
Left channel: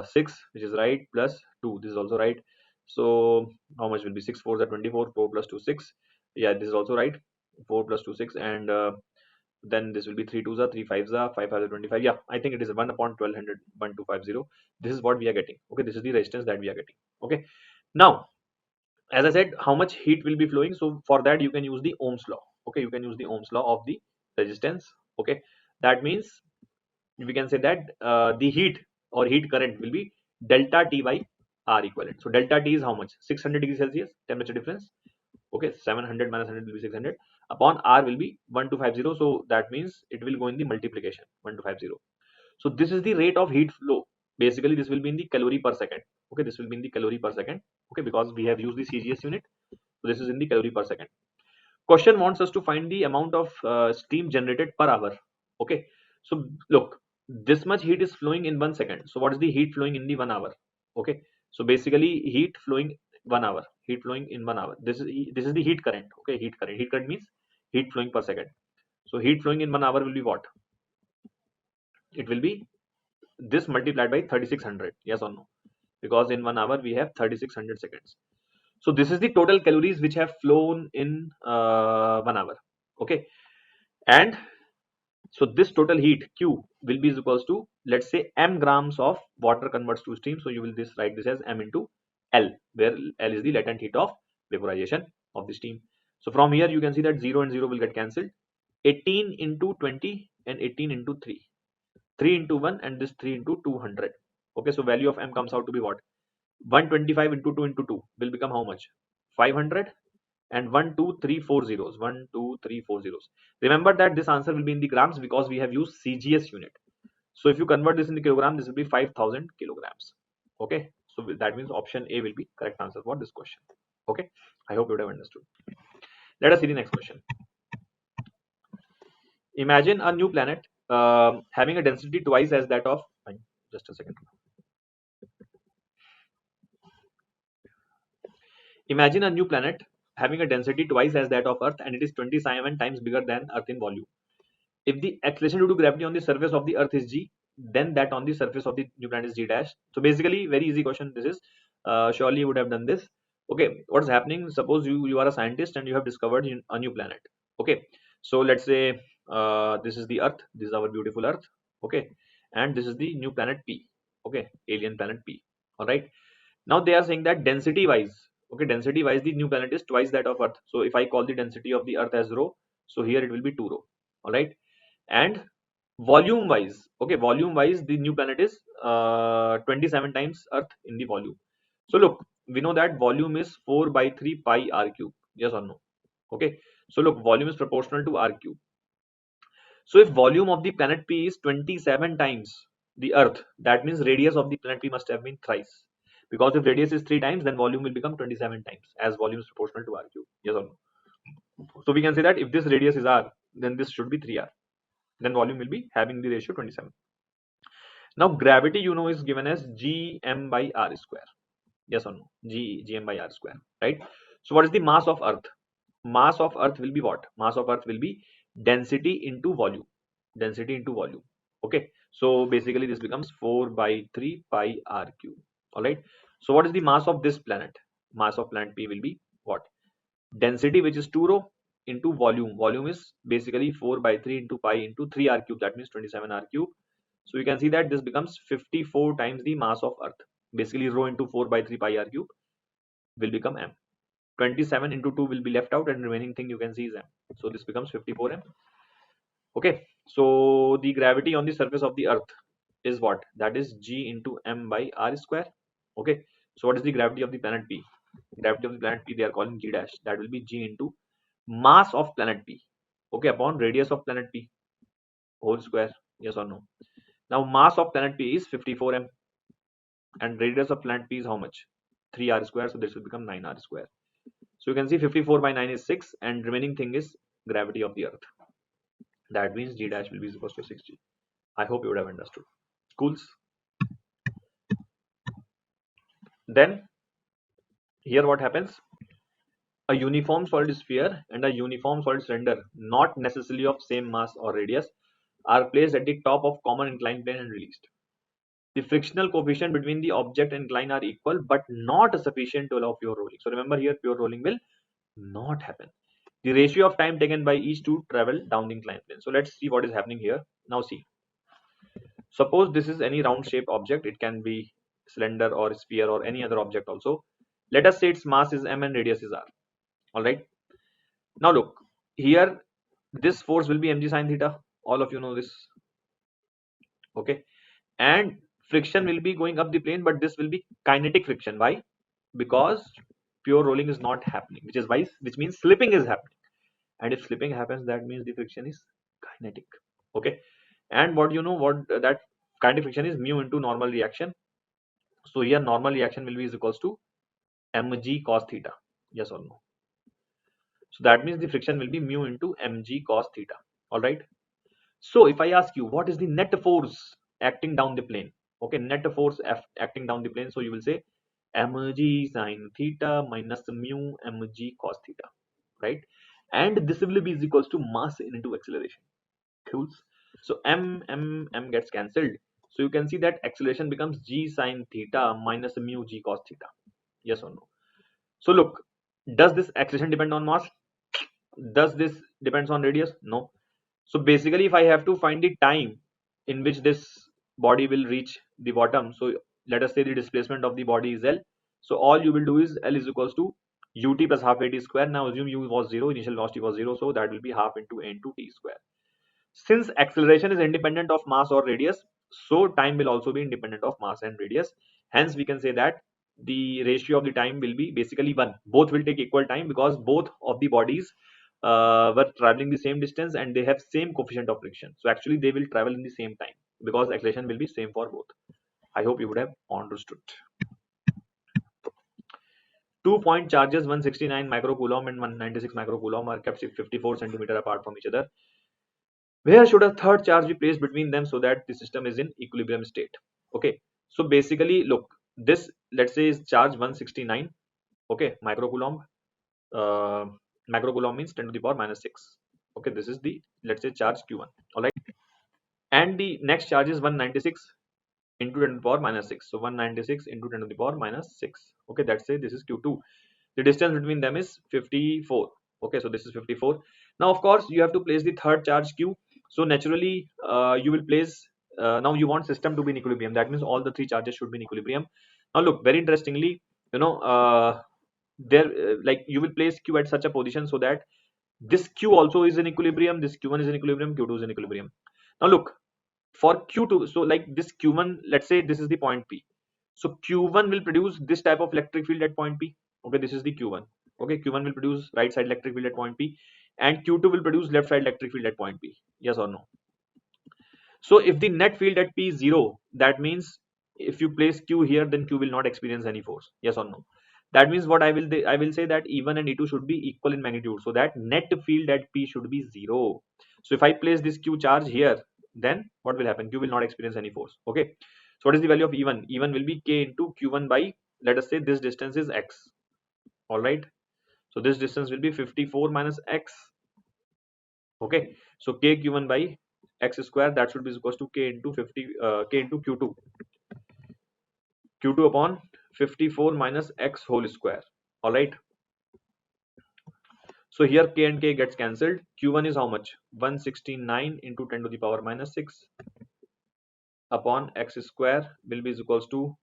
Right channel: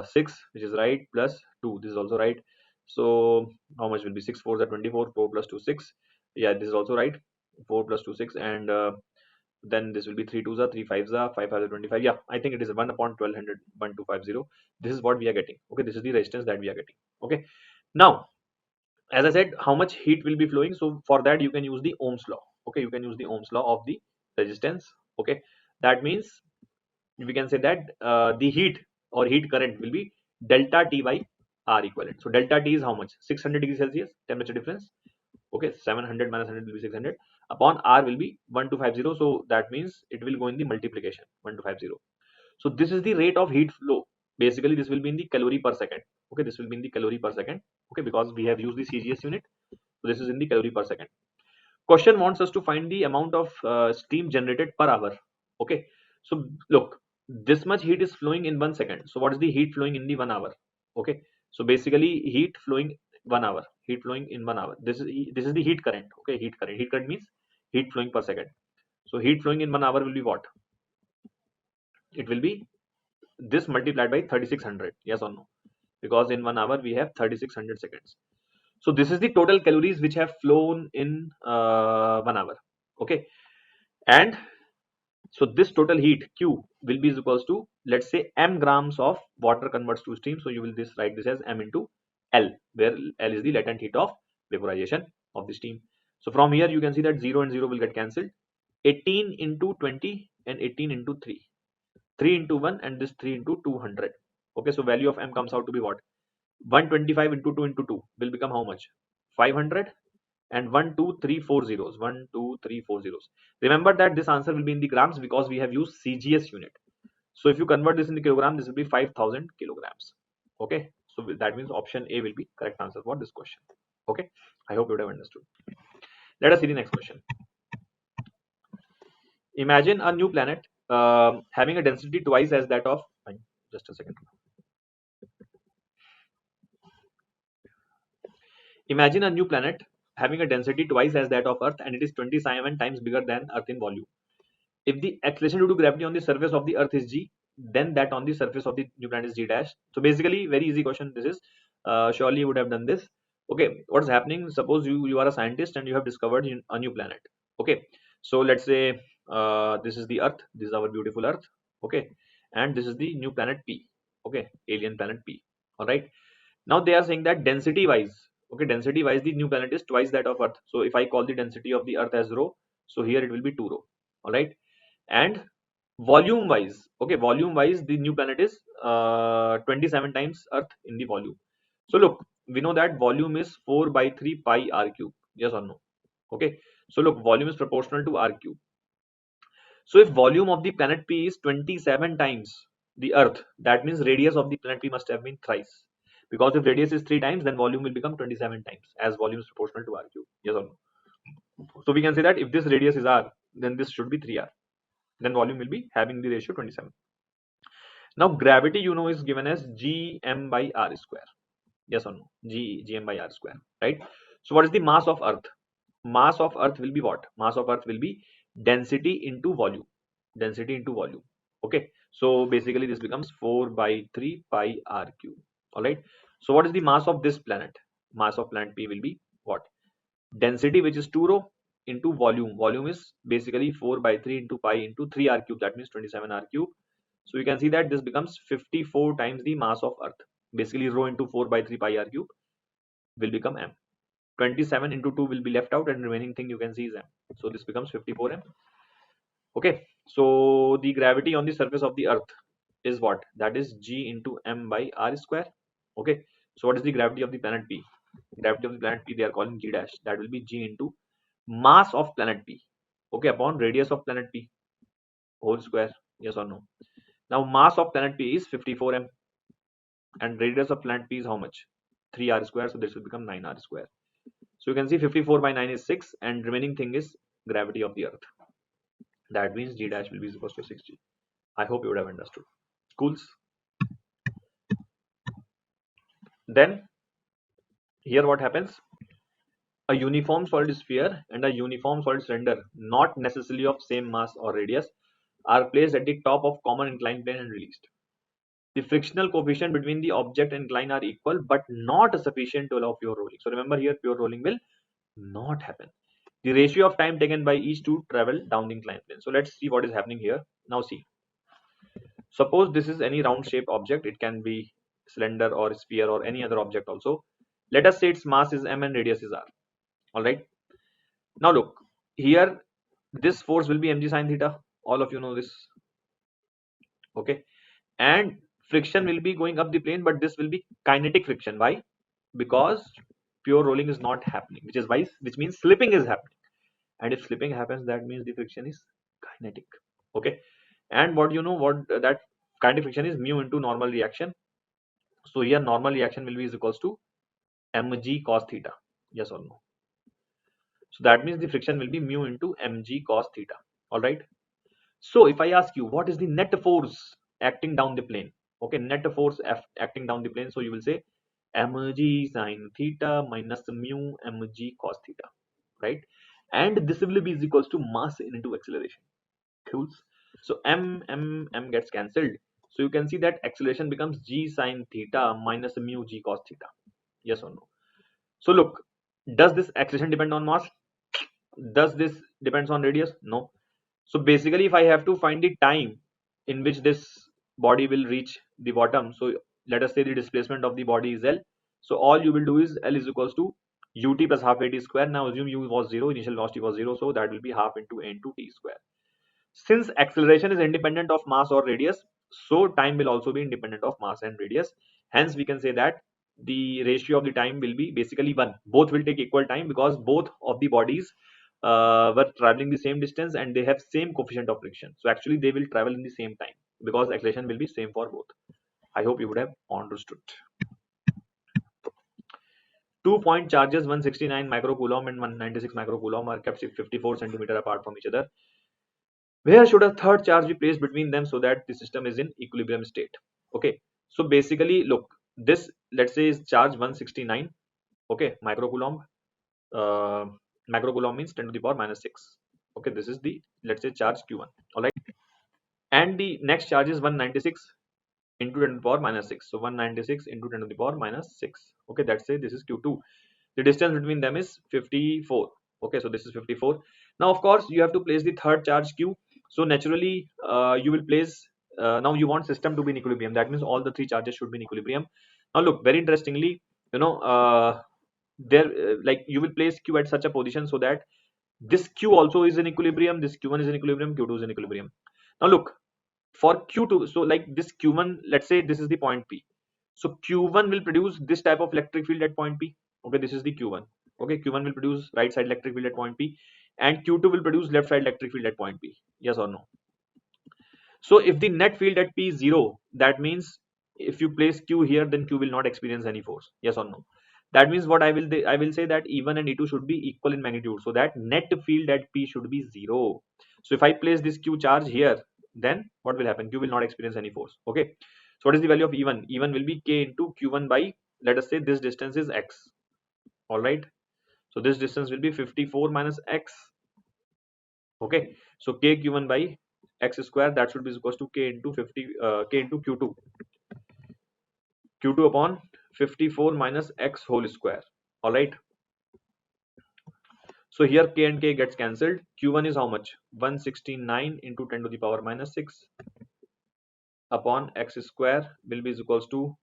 6, which is right, plus 2. This is also right. So how much will be 6 4s are 24, 4 plus 2 6. Yeah, this is also right. 4 plus 2 6, and then this will be 3 2s are 3 5s are 5 5 are 25. Yeah, I think it is 1 upon 1200, 1250. This is what we are getting. Okay, this is the resistance that we are getting. Okay, Now, as I said, how much heat will be flowing? So for that you can use the Ohm's law. Okay, you can use the Ohm's law of the resistance. Okay, that means we can say that the heat or heat current will be delta T by R equivalent. So delta T is how much? 600 degrees Celsius temperature difference. Okay, 700 minus 100 will be 600 upon R will be 1250. So that means it will go in the multiplication 1250. So this is the rate of heat flow. Basically this will be in the calorie per second. Okay, this will be in the calorie per second. Okay, because we have used the CGS unit. So this is in the calorie per second. Question wants us to find the amount of steam generated per hour. Okay, so look, this much heat is flowing in 1 second. So what is the heat flowing in the 1 hour? Okay, so basically heat flowing 1 hour, heat flowing in 1 hour. This is the heat current. Okay, heat current. Heat current means heat flowing per second. So heat flowing in 1 hour will be what? It will be this multiplied by 3600. Yes or no? Because in 1 hour we have 3600 seconds. So this is the total calories which have flown in 1 hour. Okay, and so this total heat Q will be equals to, let's say, m grams of water converts to steam. So you will write this as m into L, where L is the latent heat of vaporization of the steam. So from here you can see that 0 and 0 will get cancelled. 18 into 20 and 18 into 3. 3 into 1 and this 3 into 200. Okay, so value of m comes out to be what? 125 into 2 into 2 will become how much? 500 and 1 2 3 4 zeros. 1 2 3 4 zeros. Remember that this answer will be in the grams because we have used CGS unit. So if you convert this into kilogram, this will be 5000 kilograms. Okay, so that means option A will be correct answer for this question. Okay, I hope you would have understood. Let us see the next question. Imagine a new planet having a density twice as that of, just a second. Imagine a new planet having a density twice as that of Earth and it is 27 times bigger than Earth in volume. If the acceleration due to gravity on the surface of the Earth is g, then that on the surface of the new planet is g dash. So basically, very easy question. This is surely you would have done this. Okay, what's happening? Suppose you are a scientist and you have discovered a new planet. Okay, so let's say this is the Earth. This is our beautiful Earth. Okay, and this is the new planet P. Okay, alien planet P. All right. Now they are saying that density wise, okay, density wise the new planet is twice that of Earth. So if I call the density of the Earth as rho, so here it will be 2 rho. All right, and volume wise, okay, volume wise the new planet is 27 times Earth in the volume. So look, we know that volume is 4 by 3 pi r cube. Yes or no? Okay, so look, volume is proportional to r cube. So if volume of the planet P is 27 times the Earth, that means radius of the planet P must have been thrice. Because if radius is 3 times, then volume will become 27 times, as volume is proportional to r cube. Yes or no? So we can say that if this radius is r, then this should be 3r. Then volume will be having the ratio 27. Now gravity, you know, is given as gm by r square. Yes or no? Gm by r square, right? So what is the mass of Earth? Mass of Earth will be what? Mass of Earth will be density into volume. Density into volume. Okay. So basically this becomes 4 by 3 pi r cube. All right. So what is the mass of this planet? Mass of planet P will be what? Density, which is 2 rho, into volume. Volume is basically 4 by 3 into pi into 3 r cube. That means 27 r cube. So you can see that this becomes 54 times the mass of Earth. Basically rho into 4 by 3 pi r cube will become m. 27 into 2 will be left out and remaining thing you can see is m. So this becomes 54 m. Okay, so the gravity on the surface of the Earth is what? That is g into m by r square. Okay, so what is the gravity of the planet P? Gravity of the planet P they are calling g dash. That will be g into mass of planet P. Okay, upon radius of planet P whole square. Yes or no? Now mass of planet P is 54 m and radius of planet P is how much? 3r square. So this will become 9r square. So you can see 54 by 9 is 6 and remaining thing is gravity of the Earth. That means g dash will be equal to 6g. I hope you would have understood. Schools. Then here what happens? A uniform solid sphere and a uniform solid cylinder, not necessarily of same mass or radius, are placed at the top of common inclined plane and released. The frictional coefficient between the object and incline are equal but not sufficient to allow pure rolling. So remember here pure rolling will not happen. The ratio of time taken by each to travel down the inclined plane. So let's see what is happening here. Now see. Suppose this is any round shaped object. It can be cylinder or sphere or any other object also. Let us say its mass is m and radius is r. All right. Now look here, this force will be mg sine theta. All of you know this. Okay. And friction will be going up the plane, but this will be kinetic friction. Why? Because pure rolling is not happening, which means slipping is happening. And if slipping happens, that means the friction is kinetic. Okay. And what you know what that kinetic friction is mu into normal reaction. So here normal reaction will be is equals to mg cos theta. Yes or no? So that means the friction will be mu into mg cos theta. All right. So if I ask you what is the net force acting down the plane, okay, net force acting down the plane, so you will say mg sine theta minus mu mg cos theta, right? And this will be is equals to mass into acceleration. Cool. So m gets cancelled. So you can see that acceleration becomes g sine theta minus mu g cos theta. Yes or no? So look, does this acceleration depend on mass? Does this depends on radius? No. So basically, if I have to find the time in which this body will reach the bottom, so let us say the displacement of the body is L. So all you will do is L is equals to ut plus half at square. Now assume u was 0, initial velocity was 0, so that will be half into a into t square. Since acceleration is independent of mass or radius, so time will also be independent of mass and radius. Hence, we can say that the ratio of the time will be basically 1. Both will take equal time because both of the bodies were traveling the same distance and they have same coefficient of friction. So actually, they will travel in the same time because acceleration will be same for both. I hope you would have understood. 2-point charges 169 microcoulomb and 196 microcoulomb are kept 54 centimeter apart from each other. Where should a third charge be placed between them so that the system is in equilibrium state? Okay, so basically look, this let's say is charge 169, okay, microcoulomb. uh, Microcoulomb means 10 to the power minus 6. Okay, this is the let's say charge q1. All right, and the next charge is 196 into 10 to the power minus 6. So 196 into 10 to the power minus 6. Okay, let's say this is q2. The distance between them is 54. Okay, so this is 54. Now of course you have to place the third charge q. So naturally you will place now you want system to be in equilibrium. That means all the three charges should be in equilibrium. Now look, very interestingly, you know, there like you will place q at such a position so that this q also is in equilibrium, this q1 is in equilibrium, q2 is in equilibrium. Now look, for q2, so like this q1, let's say this is the point p. So q1 will produce this type of electric field at point p. Okay, this is the q1. Okay, q1 will produce right side electric field at point p, and q2 will produce left side electric field at point p. Yes or no? So if the net field at p is 0, that means if you place q here, then q will not experience any force. Yes or no? That means what I will say that E1 and E2 should be equal in magnitude, so that net field at p should be 0. So if I place this q charge here, then what will happen? Q will not experience any force. Okay. So what is the value of E1? E1 will be k into q1 by, let us say this distance is x. All right. So this distance will be 54 minus x. Okay. So k q1 by x square, that should be equals to k into 50 k into q2. Q2 upon 54 minus x whole square. All right. So here k and k gets cancelled. Q1 is how much? 169 into 10 to the power minus 6 upon x square will be equals to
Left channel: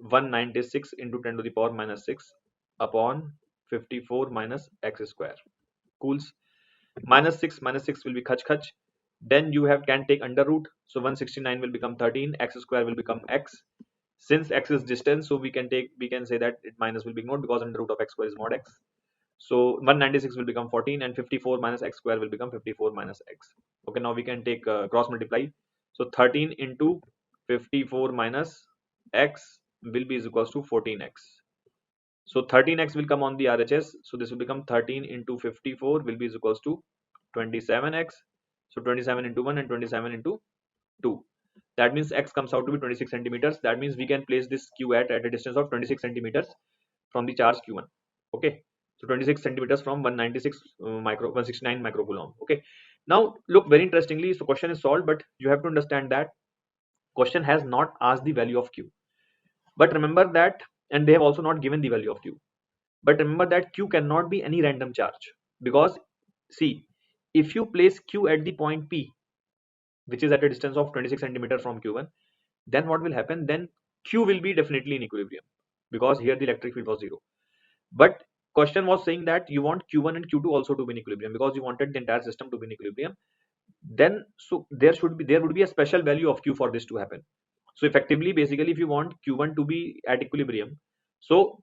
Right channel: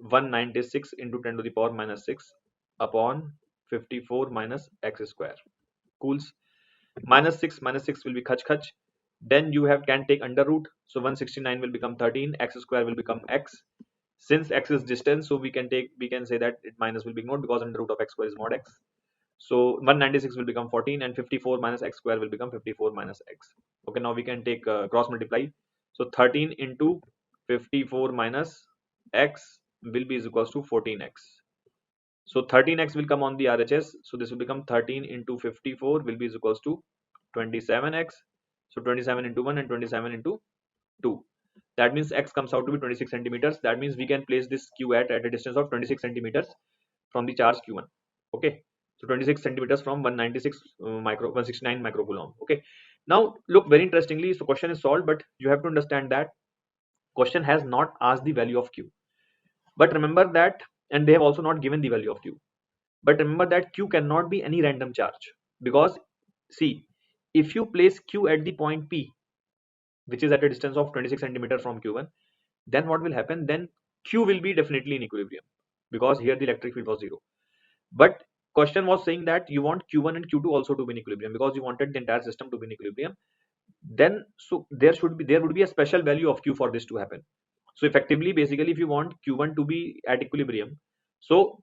196 into 10 to the power minus 6 upon 54 minus x square. Cools. Minus 6 will be khach khach. Then you have can take under root. So 169 will become 13. X square will become x. Since x is distance, so we can say that it minus will be ignored because under root of x square is mod x. So 196 will become 14 and 54 minus x square will become 54 minus x. Okay, now we can take cross multiply. So 13 into 54 minus x will be is equals to 14x. So 13x will come on the RHS. So this will become 13 into 54 will be is equals to 27x. So 27 into 1 and 27 into 2. That means x comes out to be 26 centimeters. That means we can place this q at a distance of 26 centimeters from the charge q1. Okay. So 26 centimeters from 196 169 microcoulomb. Okay. Now look, very interestingly, so question is solved, but you have to understand that question has not asked the value of q. But remember that, and they have also not given the value of q. But remember that q cannot be any random charge, because see, if you place q at the point p, which is at a distance of 26 centimeter from q1, then what will happen? Then q will be definitely in equilibrium. because here the electric field was 0. But question was saying that you want Q1 and Q2 also to be in equilibrium, because you wanted the entire system to be in equilibrium. Then so there would be a special value of Q for this to happen. So effectively, basically, if you want Q1 to be at equilibrium, so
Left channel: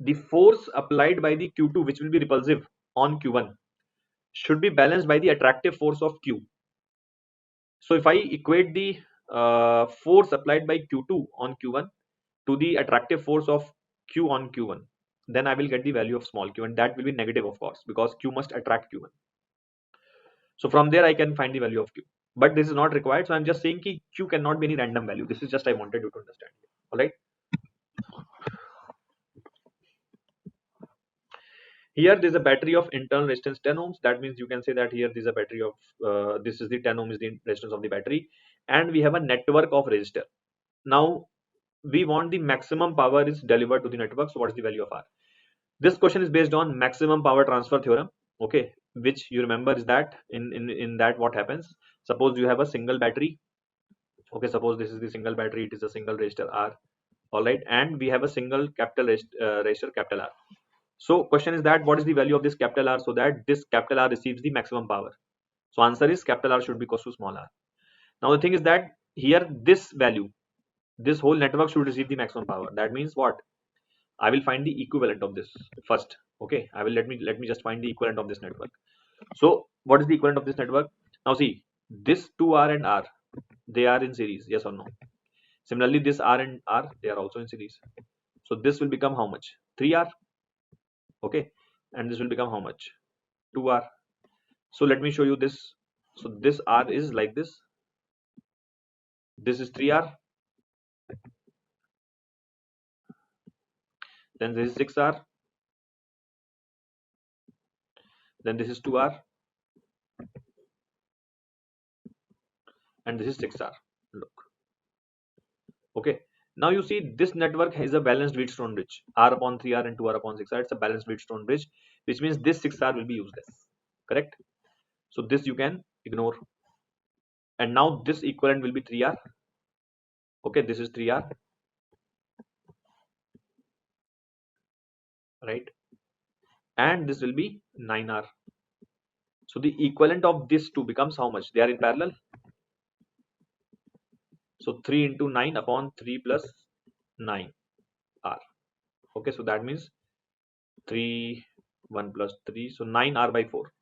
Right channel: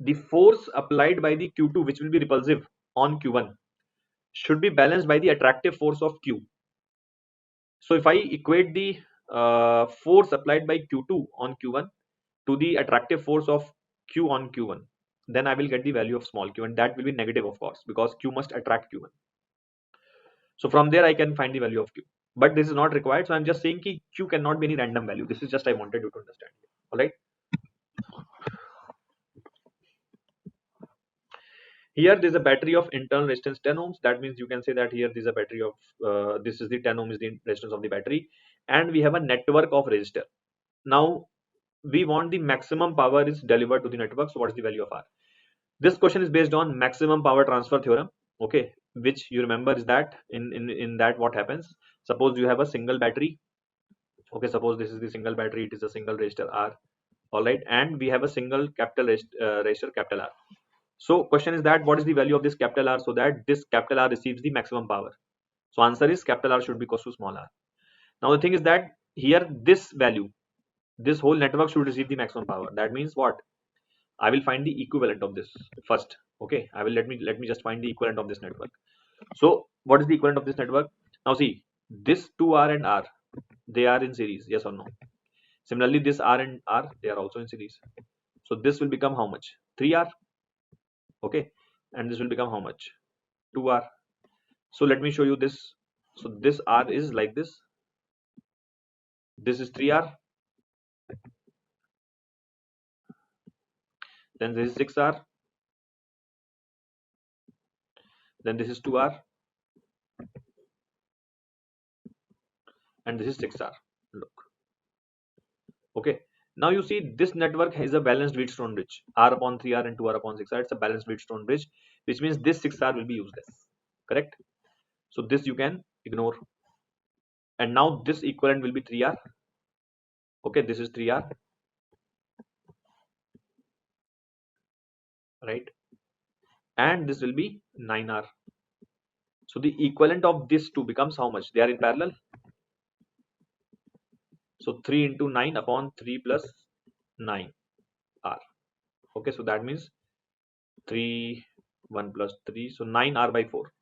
the force applied by the Q2, which will be repulsive on Q1, should be balanced by the attractive force of Q. So if I equate the force applied by Q2 on Q1 to the attractive force of Q on Q1, then I will get the value of small q, and that will be negative, of course, because Q must attract Q1. So from there I can find the value of Q. But this is not required, so I'm just saying that Q cannot be any random value. This is just I wanted you to understand. All right. Here there is a battery of internal resistance 10 ohms. That means you can say that here there is a battery of this is the 10 ohm is the resistance of the battery, and we have a network of resistor. Now we want the maximum power is delivered to the network. So what is the value of R? This question is based on maximum power transfer theorem. Okay, which you remember is that in that what happens? Suppose you have a single battery. Okay, suppose this is the single battery. It is a single resistor R. All right, and we have a single capital resistor capital R. So question is that what is the value of this capital R so that this capital R receives the maximum power? So answer is capital R should be equal to small r. Now the thing is that here this value, this whole network should receive the maximum power. That means what? I will find the equivalent of this first. Okay, I will let me just find the equivalent of this network. So what is the equivalent of this network? Now see, this 2R and R, they are in series, yes or no? Similarly, this R and R, they are also in series. So this will become how much? 3R. Okay, and this will become how much? 2R. So let me show you this. So this R is like this. This is 3R. Then this is 6R. Then this is 2R. And this is 6R. Look. Okay. Now you see this network has a balanced Wheatstone bridge. R upon 3R and 2R upon 6R. It's a balanced Wheatstone bridge, which means this 6R will be useless. Correct? So this you can ignore. And now this equivalent will be 3R. Okay, this is 3R. Right? And this will be 9R. So the equivalent of this two becomes how much? They are in parallel. So 3 into 9 upon 3 plus 9R. Okay, so that means 3, 1 plus 3. So 9R by 4.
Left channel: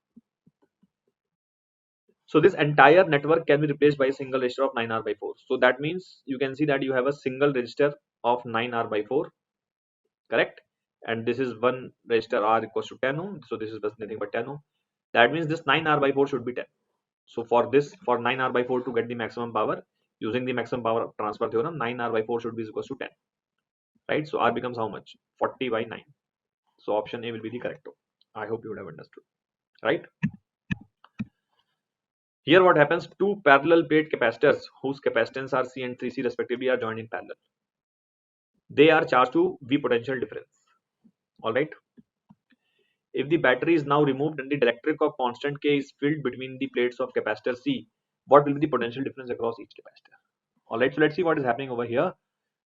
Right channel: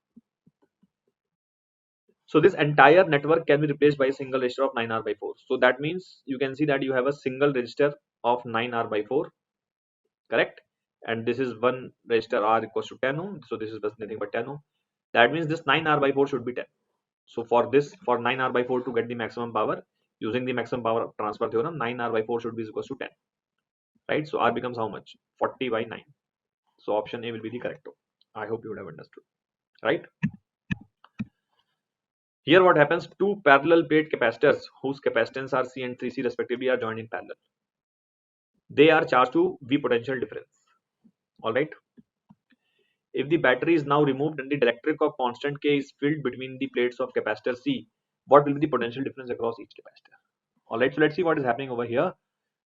So this entire network can be replaced by a single resistor of 9R by 4. So that means you can see that you have a single resistor of 9R by 4. Correct? And this is one resistor R equals to 10 ohm. So this is nothing but 10 ohm. That means this 9R by 4 should be 10. So for this, for 9R by 4 to get the maximum power, using the maximum power transfer theorem, 9R by 4 should be equals to 10. Right? So R becomes how much? 40 by 9. So option A will be the correct one. I hope you would have understood. Right? Here what happens? Two parallel plate capacitors whose capacitance are C and 3C respectively are joined in parallel. They are charged to V potential difference. Alright. If the battery is now removed and the dielectric of constant K is filled between the plates of capacitor C, what will be the potential difference across each capacitor? Alright, so let's see what is happening over here.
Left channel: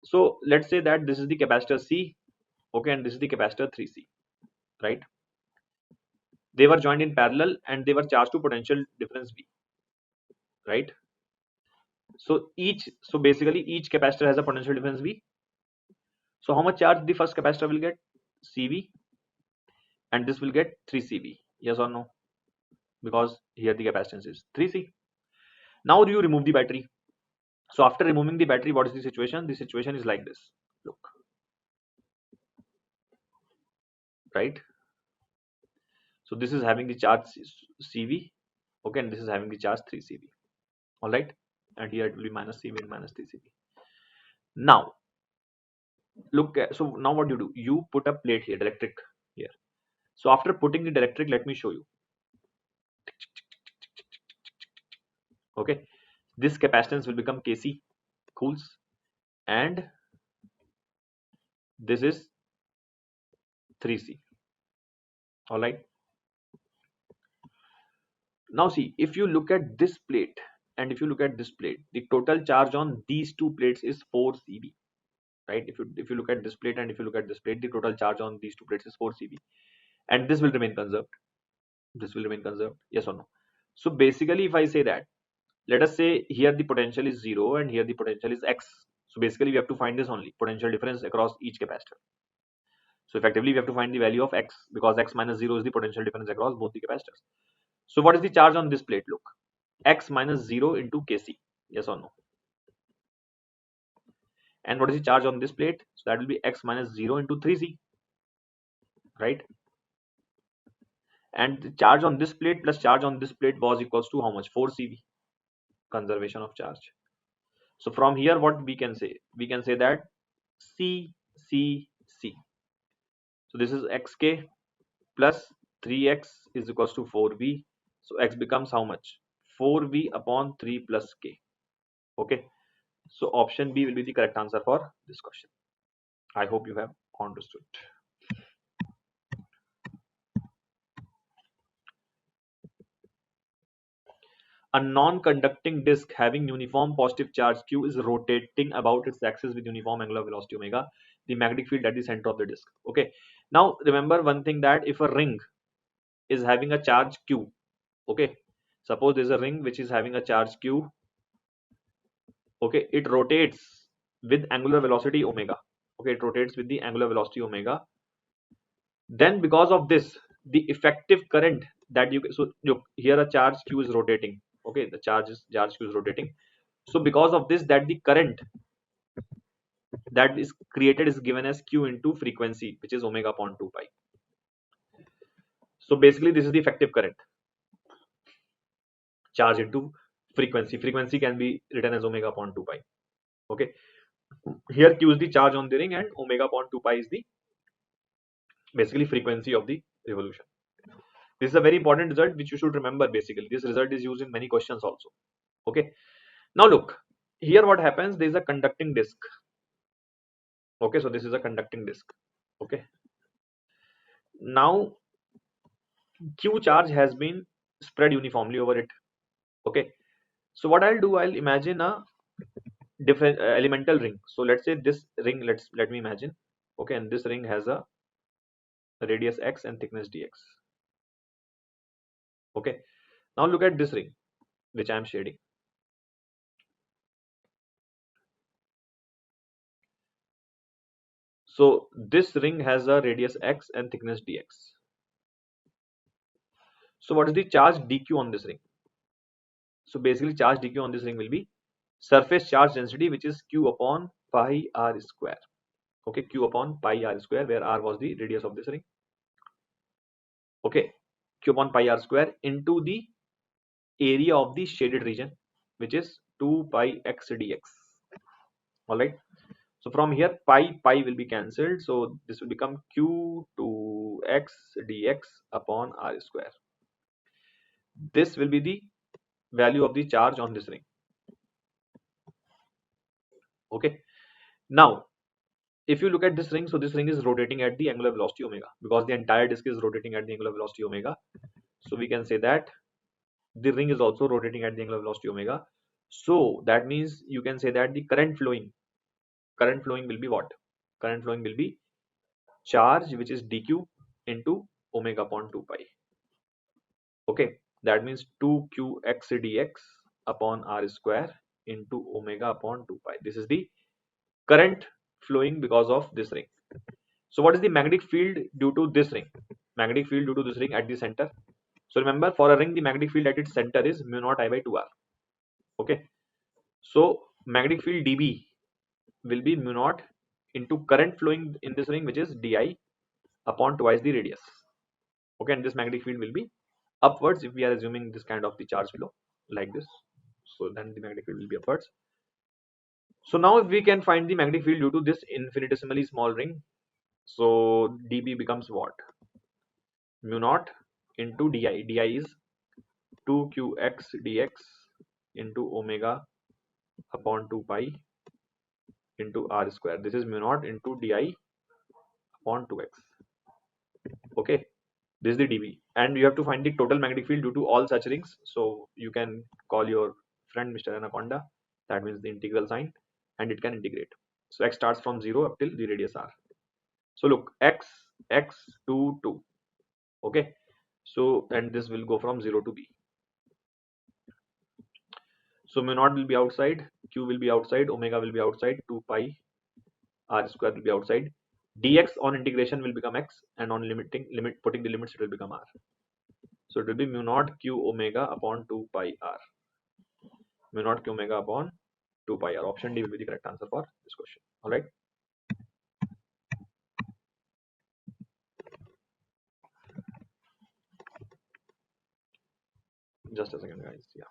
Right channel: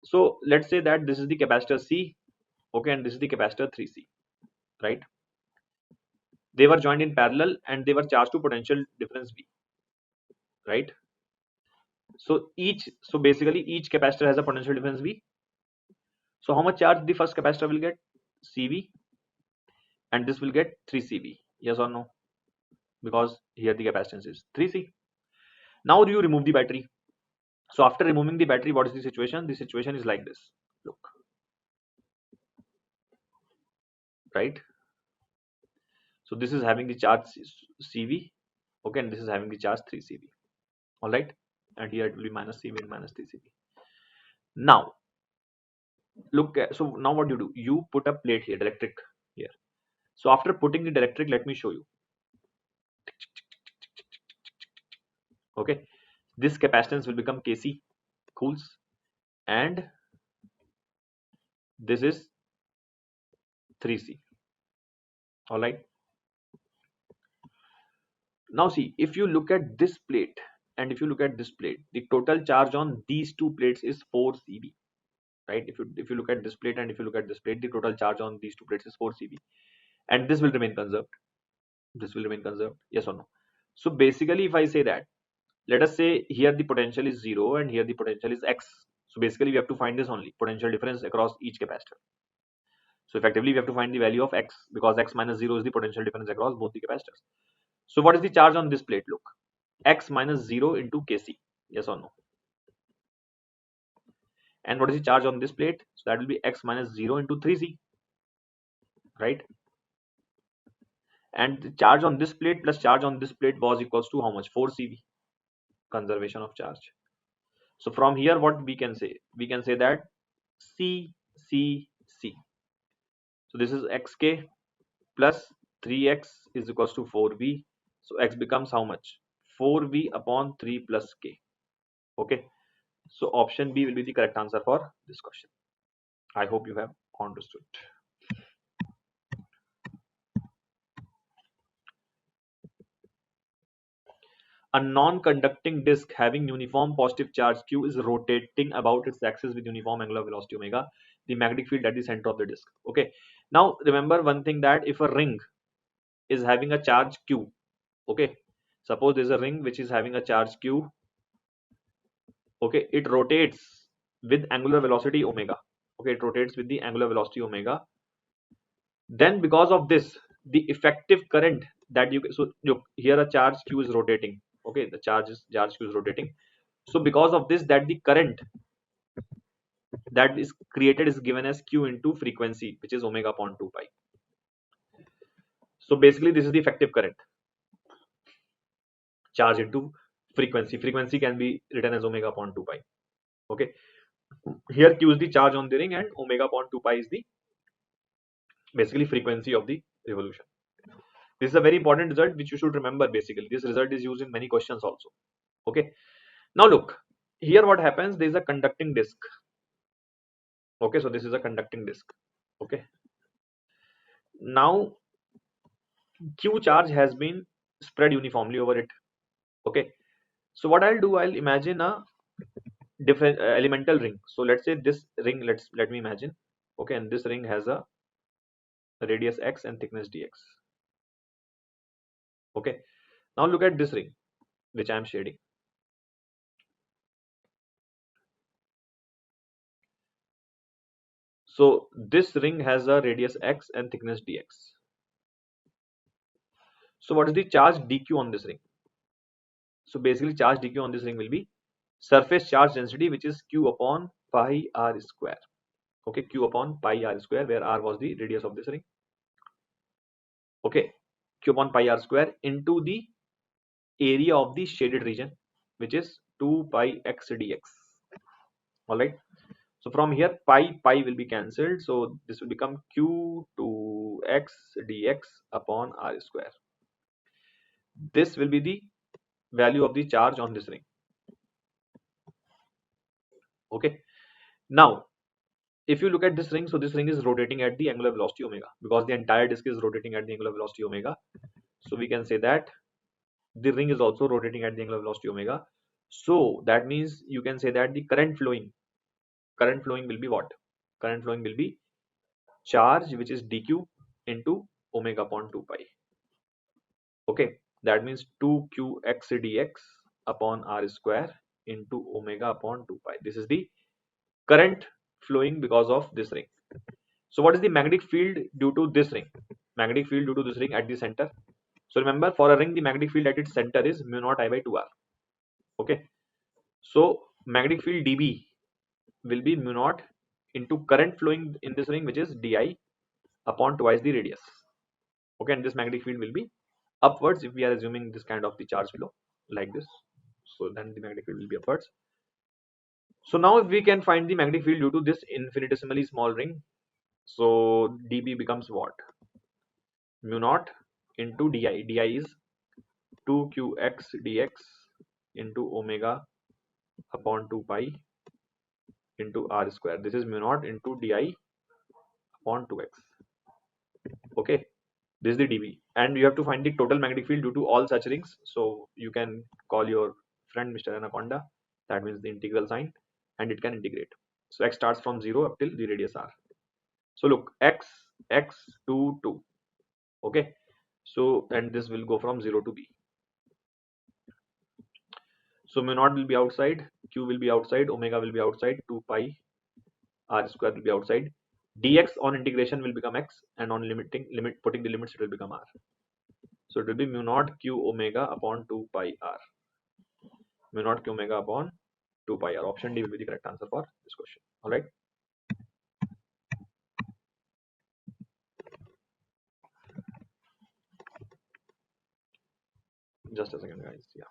So let's say that this is the capacitor C, okay, and this is the capacitor 3C, right? They were joined in parallel and they were charged to potential difference V, right? So basically each capacitor has a potential difference V. So how much charge the first capacitor will get? CV, and this will get 3CV. Yes or no? Because here the capacitance is 3C. Now do you remove the battery? So after removing the battery, what is the situation? The situation is like this. Look, right? So this is having the charge CV, okay, and this is having the charge 3CV. All right, and here it will be minus CV and minus 3CV. Now look at, so now what do? You put a plate here, dielectric here. So after putting the dielectric, let me show you. Okay, this capacitance will become Kc coulombs, and this is 3C. All right. Now see, if you look at this plate and if you look at this plate, the total charge on these two plates is 4 CV. right? If you look at this plate and if you look at this plate, the total charge on these two plates is 4 CV, and this will remain conserved. This will remain conserved, yes or no? So basically, if I say that, let us say here the potential is 0 and here the potential is x. So basically, we have to find this only potential difference across each capacitor. So effectively, we have to find the value of x, because x minus 0 is the potential difference across both the capacitors. So what is the charge on this plate? Look, x minus 0 into Kc, yes or no? And what is the charge on this plate? So that will be x minus 0 into 3c, right? And the charge on this plate plus charge on this plate was equals to how much? 4 CV, conservation of charge. So from here, what we can say? We can say that C, C, C. So this is xk plus 3x is equals to 4v. So x becomes how much? 4v upon 3 plus k. Okay. So option B will be the correct answer for this question. I hope you have understood. A non-conducting disk having uniform positive charge Q is rotating about its axis with uniform angular velocity omega. The magnetic field at the center of the disk. Okay. Now remember one thing, that if a ring is having a charge Q, okay, suppose there's a ring which is having a charge Q, okay, it rotates with angular velocity omega. Okay, it rotates with the angular velocity omega. Then because of this, the effective current that you, so look here, a charge Q is rotating. Okay, the charge Q is rotating. So because of this, that the current that is created is given as Q into frequency, which is omega upon 2 pi. So basically this is the effective current, charge into frequency. Frequency can be written as omega upon 2 pi. Okay, here Q is the charge on the ring and omega upon 2 pi is the basically frequency of the revolution. This is a very important result which you should remember. Basically this result is used in many questions also. Okay, now look here, what happens, there is a conducting disk. Okay, so this is a conducting disk. Okay, now Q charge has been spread uniformly over it. Okay, so what I'll do, I'll imagine a different elemental ring. So let's say this ring, let me imagine. Okay, and this ring has a radius x and thickness dx. Okay, now look at this ring which I am shading. So this ring has a radius x and thickness dx. So what is the charge dq on this ring? So basically charge dq on this ring will be surface charge density, which is q upon pi r square. Okay, q upon pi r square, where r was the radius of this ring. Okay, q upon pi r square into the area of the shaded region, which is 2 pi x dx. All right, so from here pi will be cancelled, so this will become q2x dx upon r square. This will be the value of the charge on this ring. Okay, now if you look at this ring, so this ring is rotating at the angular velocity omega, because the entire disk is rotating at the angular velocity omega. So we can say that the ring is also rotating at the angular velocity omega. So that means you can say that the current flowing will be what? Current flowing will be charge, which is dq into omega upon 2 pi. Okay, that means 2qx dx upon r square into omega upon 2 pi. This is the current flowing because of this ring. So what is the magnetic field due to this ring? Magnetic field due to this ring at the center. So remember, for a ring, the magnetic field at its center is mu naught I by 2r. Okay, so magnetic field dB will be mu naught into current flowing in this ring, which is di upon twice the radius. Okay, and this magnetic field will be upwards if we are assuming this kind of the charge below like this. So then the magnetic field will be upwards. So now if we can find the magnetic field due to this infinitesimally small ring, so dB becomes what? Mu naught into di. Di is 2qx dx into omega upon 2 pi into r square. This is mu naught into di upon 2x. Okay, this is the dB, and you have to find the total magnetic field due to all such rings. So you can call your friend Mr. Anaconda, that means the integral sign, and it can integrate. So x starts from 0 up till the radius r. So look, x 2 2. Okay, so and this will go from 0 to b. So mu naught will be outside, q will be outside, omega will be outside, 2 pi r square will be outside. Dx on integration will become x, and on putting the limits it will become r. So it will be mu naught q omega upon 2 pi r. Mu naught q omega upon 2 pi r. Option D will be the correct answer for this question. All right. Just a second, guys. Yeah.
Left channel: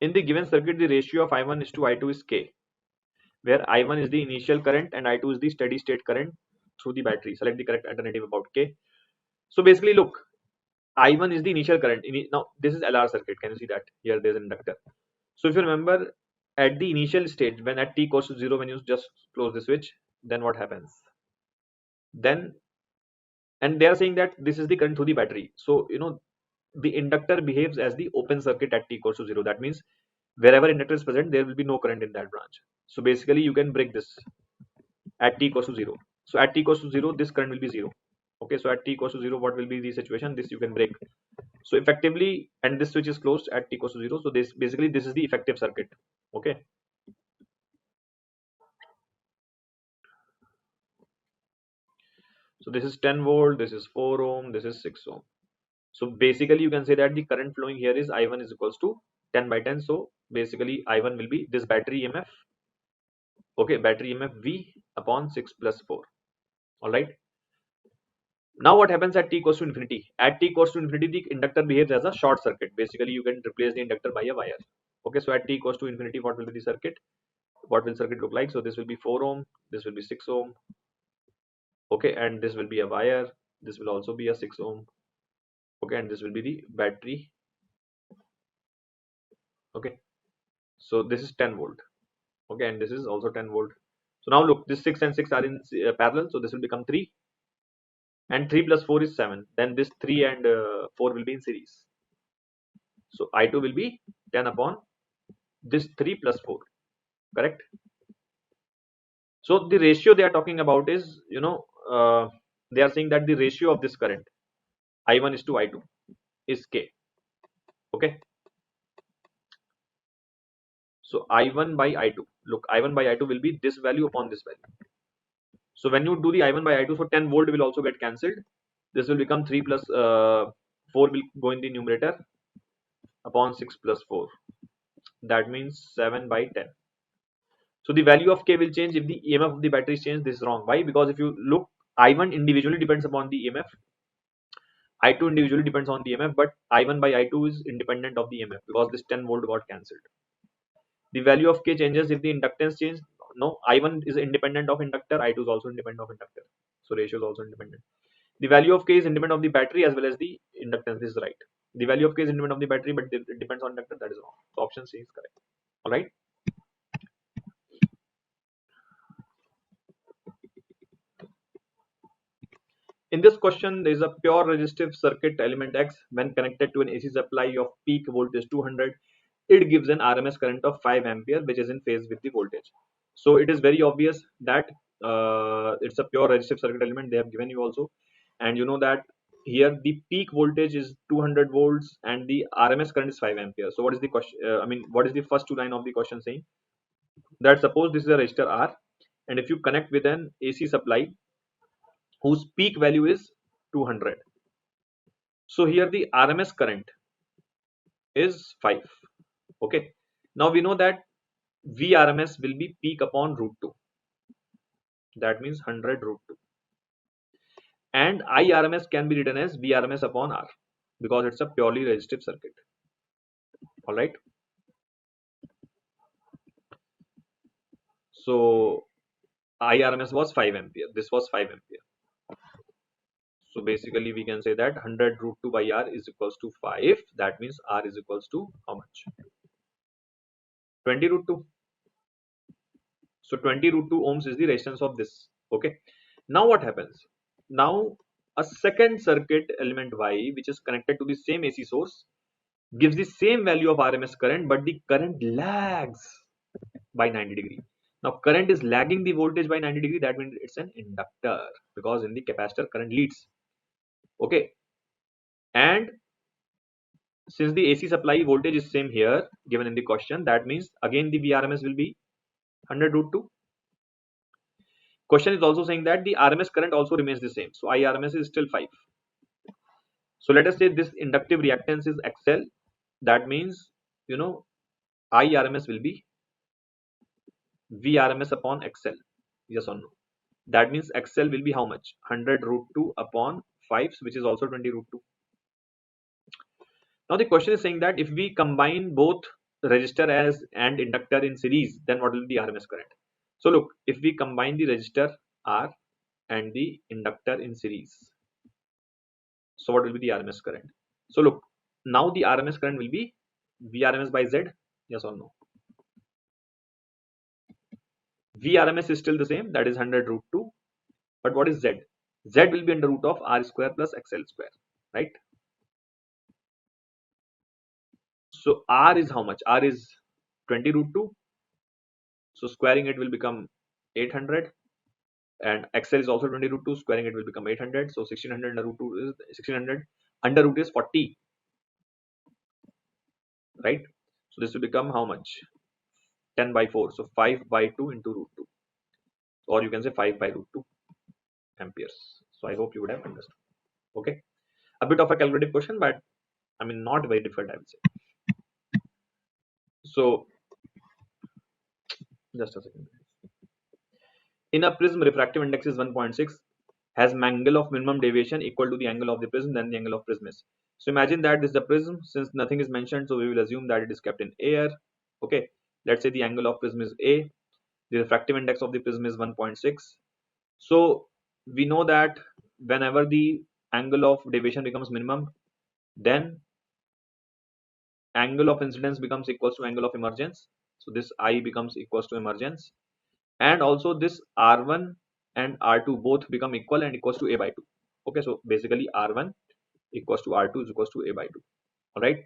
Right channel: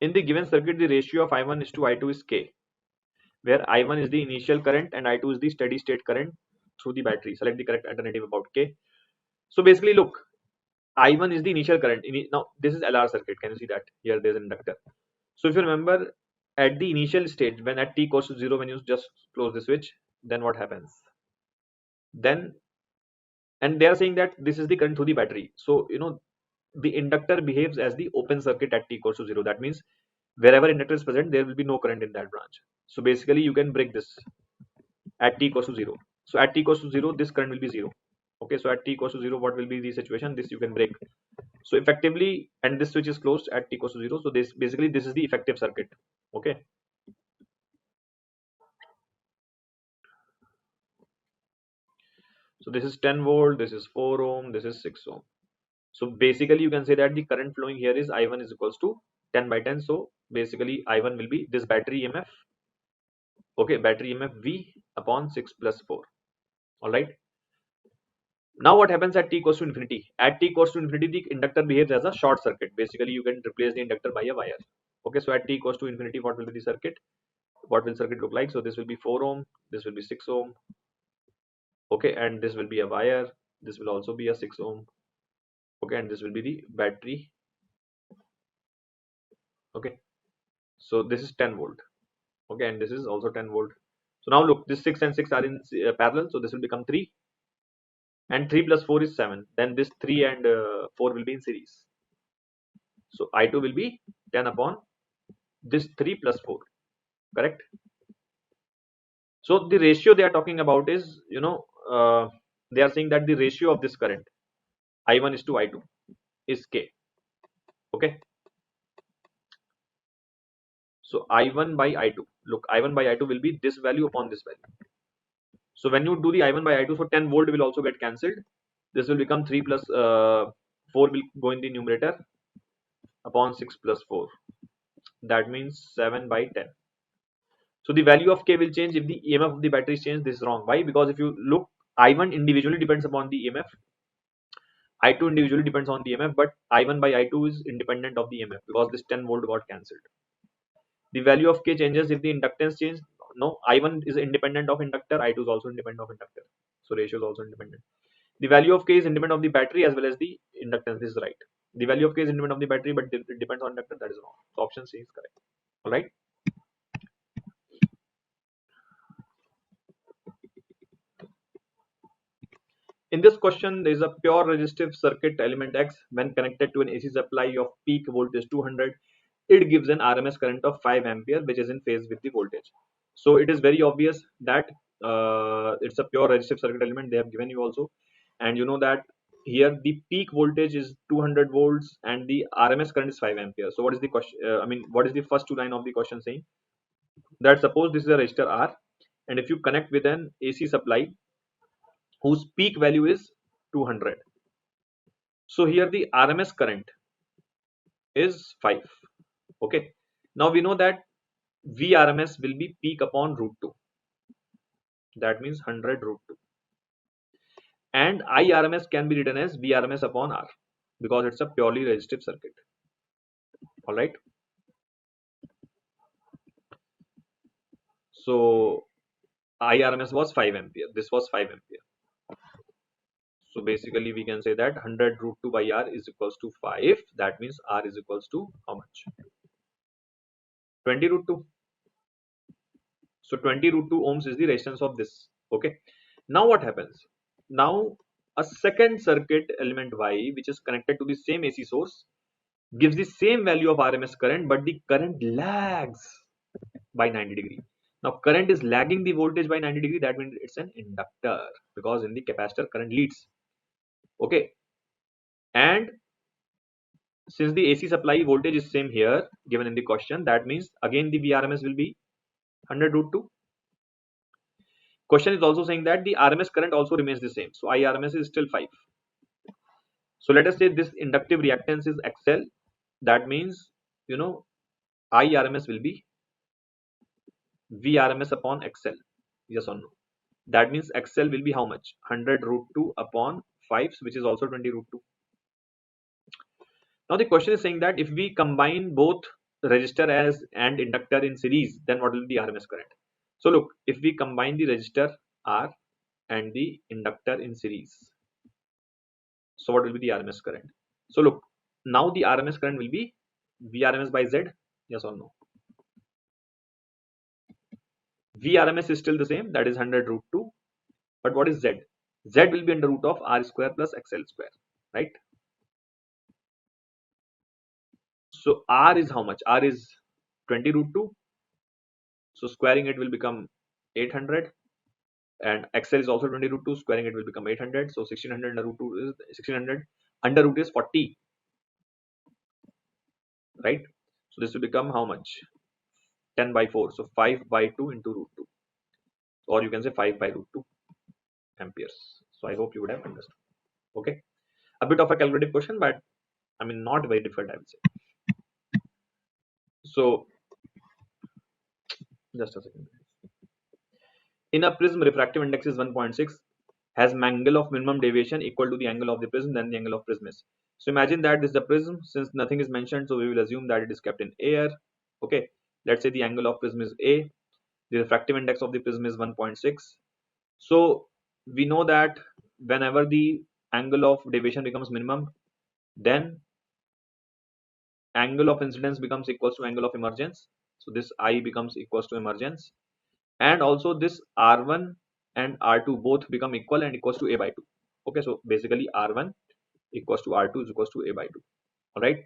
In the given circuit, the ratio of I1 is to I2 is K, where I1 is the initial current and I2 is the steady state current through the battery. Select the correct alternative about K. So basically, look, I1 is the initial current. Now, this is LR circuit. Can you see that? Here, there's an inductor. So if you remember, at the initial stage, when at t equals to 0, when you just close the switch, then what happens? Then, and they are saying that this is the current through the battery. So, the inductor behaves as the open circuit at t equals to 0. That means wherever inductor is present, there will be no current in that branch. So basically, you can break this at t equals to 0. So at t equals to 0, this current will be 0. Okay, so at t equals to 0, what will be the situation? This you can break. So effectively, and this switch is closed at t equals to 0. So this basically this is the effective circuit. Okay. So this is 10 volt, this is 4 ohm, this is 6 ohm. So basically, you can say that the current flowing here is I1 is equals to 10 by 10. So basically, I1 will be this battery EMF. Okay, battery EMF V upon 6 plus 4. All right. Now what happens at t equals to infinity? At t equals to infinity, the inductor behaves as a short circuit. Basically, you can replace the inductor by a wire. Okay, so at t equals to infinity, what will be the circuit? What will circuit look like? So this will be 4 ohm, this will be 6 ohm. Okay, and this will be a wire. This will also be a 6 ohm. Okay, and this will be the battery. Okay, so this is 10 volt. Okay, and this is also 10 volt. So now look, this 6 and 6 are in parallel, so this will become 3, and 3 plus 4 is 7. Then this 3 and 4 will be in series. So I2 will be 10 upon this 3 plus 4. Correct. So the ratio they are talking about is, they are saying that the ratio of this current I1 is to I2 is K. Okay. So I1 by I2. Look, I1 by I2 will be this value upon this value. So when you do the I1 by I2, so 10 volt will also get cancelled. This will become 3 plus 4 will go in the numerator upon 6 plus 4. That means 7 by 10. So the value of K will change if the EMF of the battery is changed. This is wrong. Why? Because if you look, I1 individually depends upon the EMF. I2 individually depends on the EMF, but I1 by I2 is independent of the EMF because this 10 volt got cancelled. The value of K changes if the inductance change. No, I1 is independent of inductor, I2 is also independent of inductor. So ratio is also independent. The value of K is independent of the battery as well as the inductance. This is right. The value of K is independent of the battery, but it depends on inductor. That is wrong. Option C is correct. All right. In this question, there is a pure resistive circuit element X. When connected to an AC supply of peak voltage 200, it gives an RMS current of 5 ampere, which is in phase with the voltage. So it is very obvious that it's a pure resistive circuit element. They have given you also, and you know that here the peak voltage is 200 volts and the RMS current is 5 ampere. So what is the question? What is the first two line of the question saying? That suppose this is a resistor R, and if you connect with an AC supply whose peak value is 200. So here the RMS current is 5. Okay. Now we know that VRMS will be peak upon root 2. That means 100 root 2. And IRMS can be written as VRMS upon R because it's a purely resistive circuit. All right. So IRMS was 5 ampere. This was 5 ampere. So basically we can say that 100 root 2 by R is equals to 5. That means R is equals to how much? 20 root 2. So 20 root 2 ohms is the resistance of this. Okay. Now what happens? Now a second circuit element Y, which is connected to the same AC source, gives the same value of RMS current, but the current lags by 90 degree. Now current is lagging the voltage by 90 degree. That means it's an inductor, because in the capacitor current leads. Okay, and since the AC supply voltage is same here given in the question, that means again the VRMS will be 100 root 2. Question is also saying that the RMS current also remains the same, so IRMS is still 5. So let us say this inductive reactance is XL. That means, you know, IRMS will be VRMS upon XL. Yes or no? That means XL will be how much? 100 root 2 upon 5, which is also 20 root 2. Now the question is saying that if we combine both resistor and inductor in series, then what will be the RMS current? So look, if we combine the resistor R and the inductor in series, so what will be the RMS current? So look, now the RMS current will be VRMS by Z. Yes or no? VRMS is still the same, that is 100 root 2. But what is Z? Z will be under root of R square plus XL square, right? So R is how much? R is 20 root 2. So squaring it will become 800. And XL is also 20 root 2. Squaring it will become 800. So 1600 under root 2 is 1600. Under root is 40. Right? So this will become how much? 10 by 4. So 5 by 2 into root 2. Or you can say 5 by root 2 amperes. So I hope you would have understood. Okay. A bit of a calculative question, but I mean not very difficult, I would say. So just a second. In a prism, refractive index is 1.6, has angle of minimum deviation equal to the angle of the prism, then the angle of prism is. So imagine that this is the prism. Since nothing is mentioned, so we will assume that it is kept in air. Okay, let's say the angle of prism is A. The refractive index of the prism is 1.6. So we know that whenever the angle of deviation becomes minimum, then angle of incidence becomes equals to angle of emergence. So this I becomes equals to emergence, and also this R1 and R2 both become equal and equals to A by 2. Okay, so basically R1 equals to R2 is equals to A by 2. All right.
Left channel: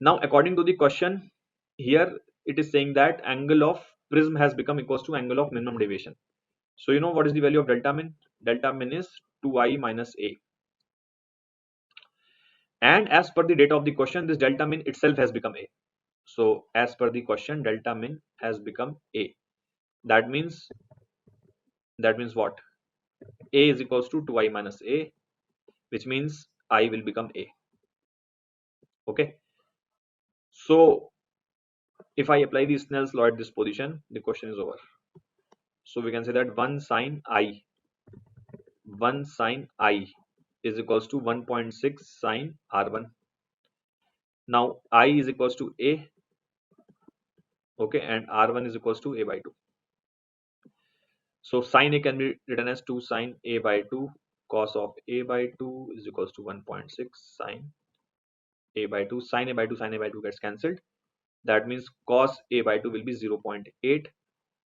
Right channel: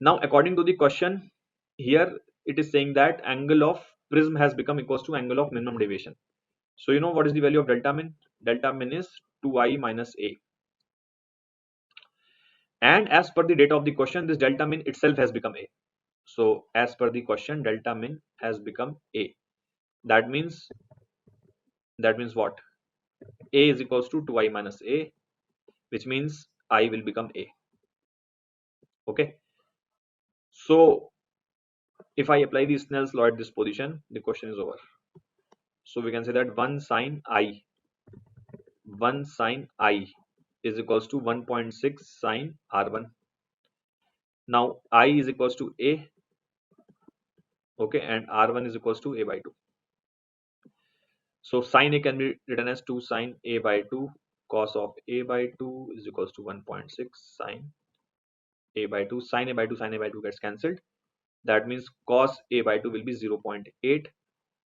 Now according to the question here, it is saying that angle of prism has become equals to angle of minimum deviation. So you know what is the value of delta min? Delta min is 2I minus A. And as per the data of the question, this delta min itself has become A. So as per the question, delta min has become A. That means what? A is equals to 2I minus A, which means I will become A. Okay. So if I apply the Snell's law at this position, the question is over. So we can say that 1 sine I is equals to 1.6 sine R1. Now I is equals to A. Okay, and R1 is equals to A by 2. So sine A can be written as 2 sine A by 2. Cos of A by 2 is equals to 1.6 sine A by 2. Sine A by 2, sine A by 2 gets cancelled. That means cos A by 2 will be 0.8,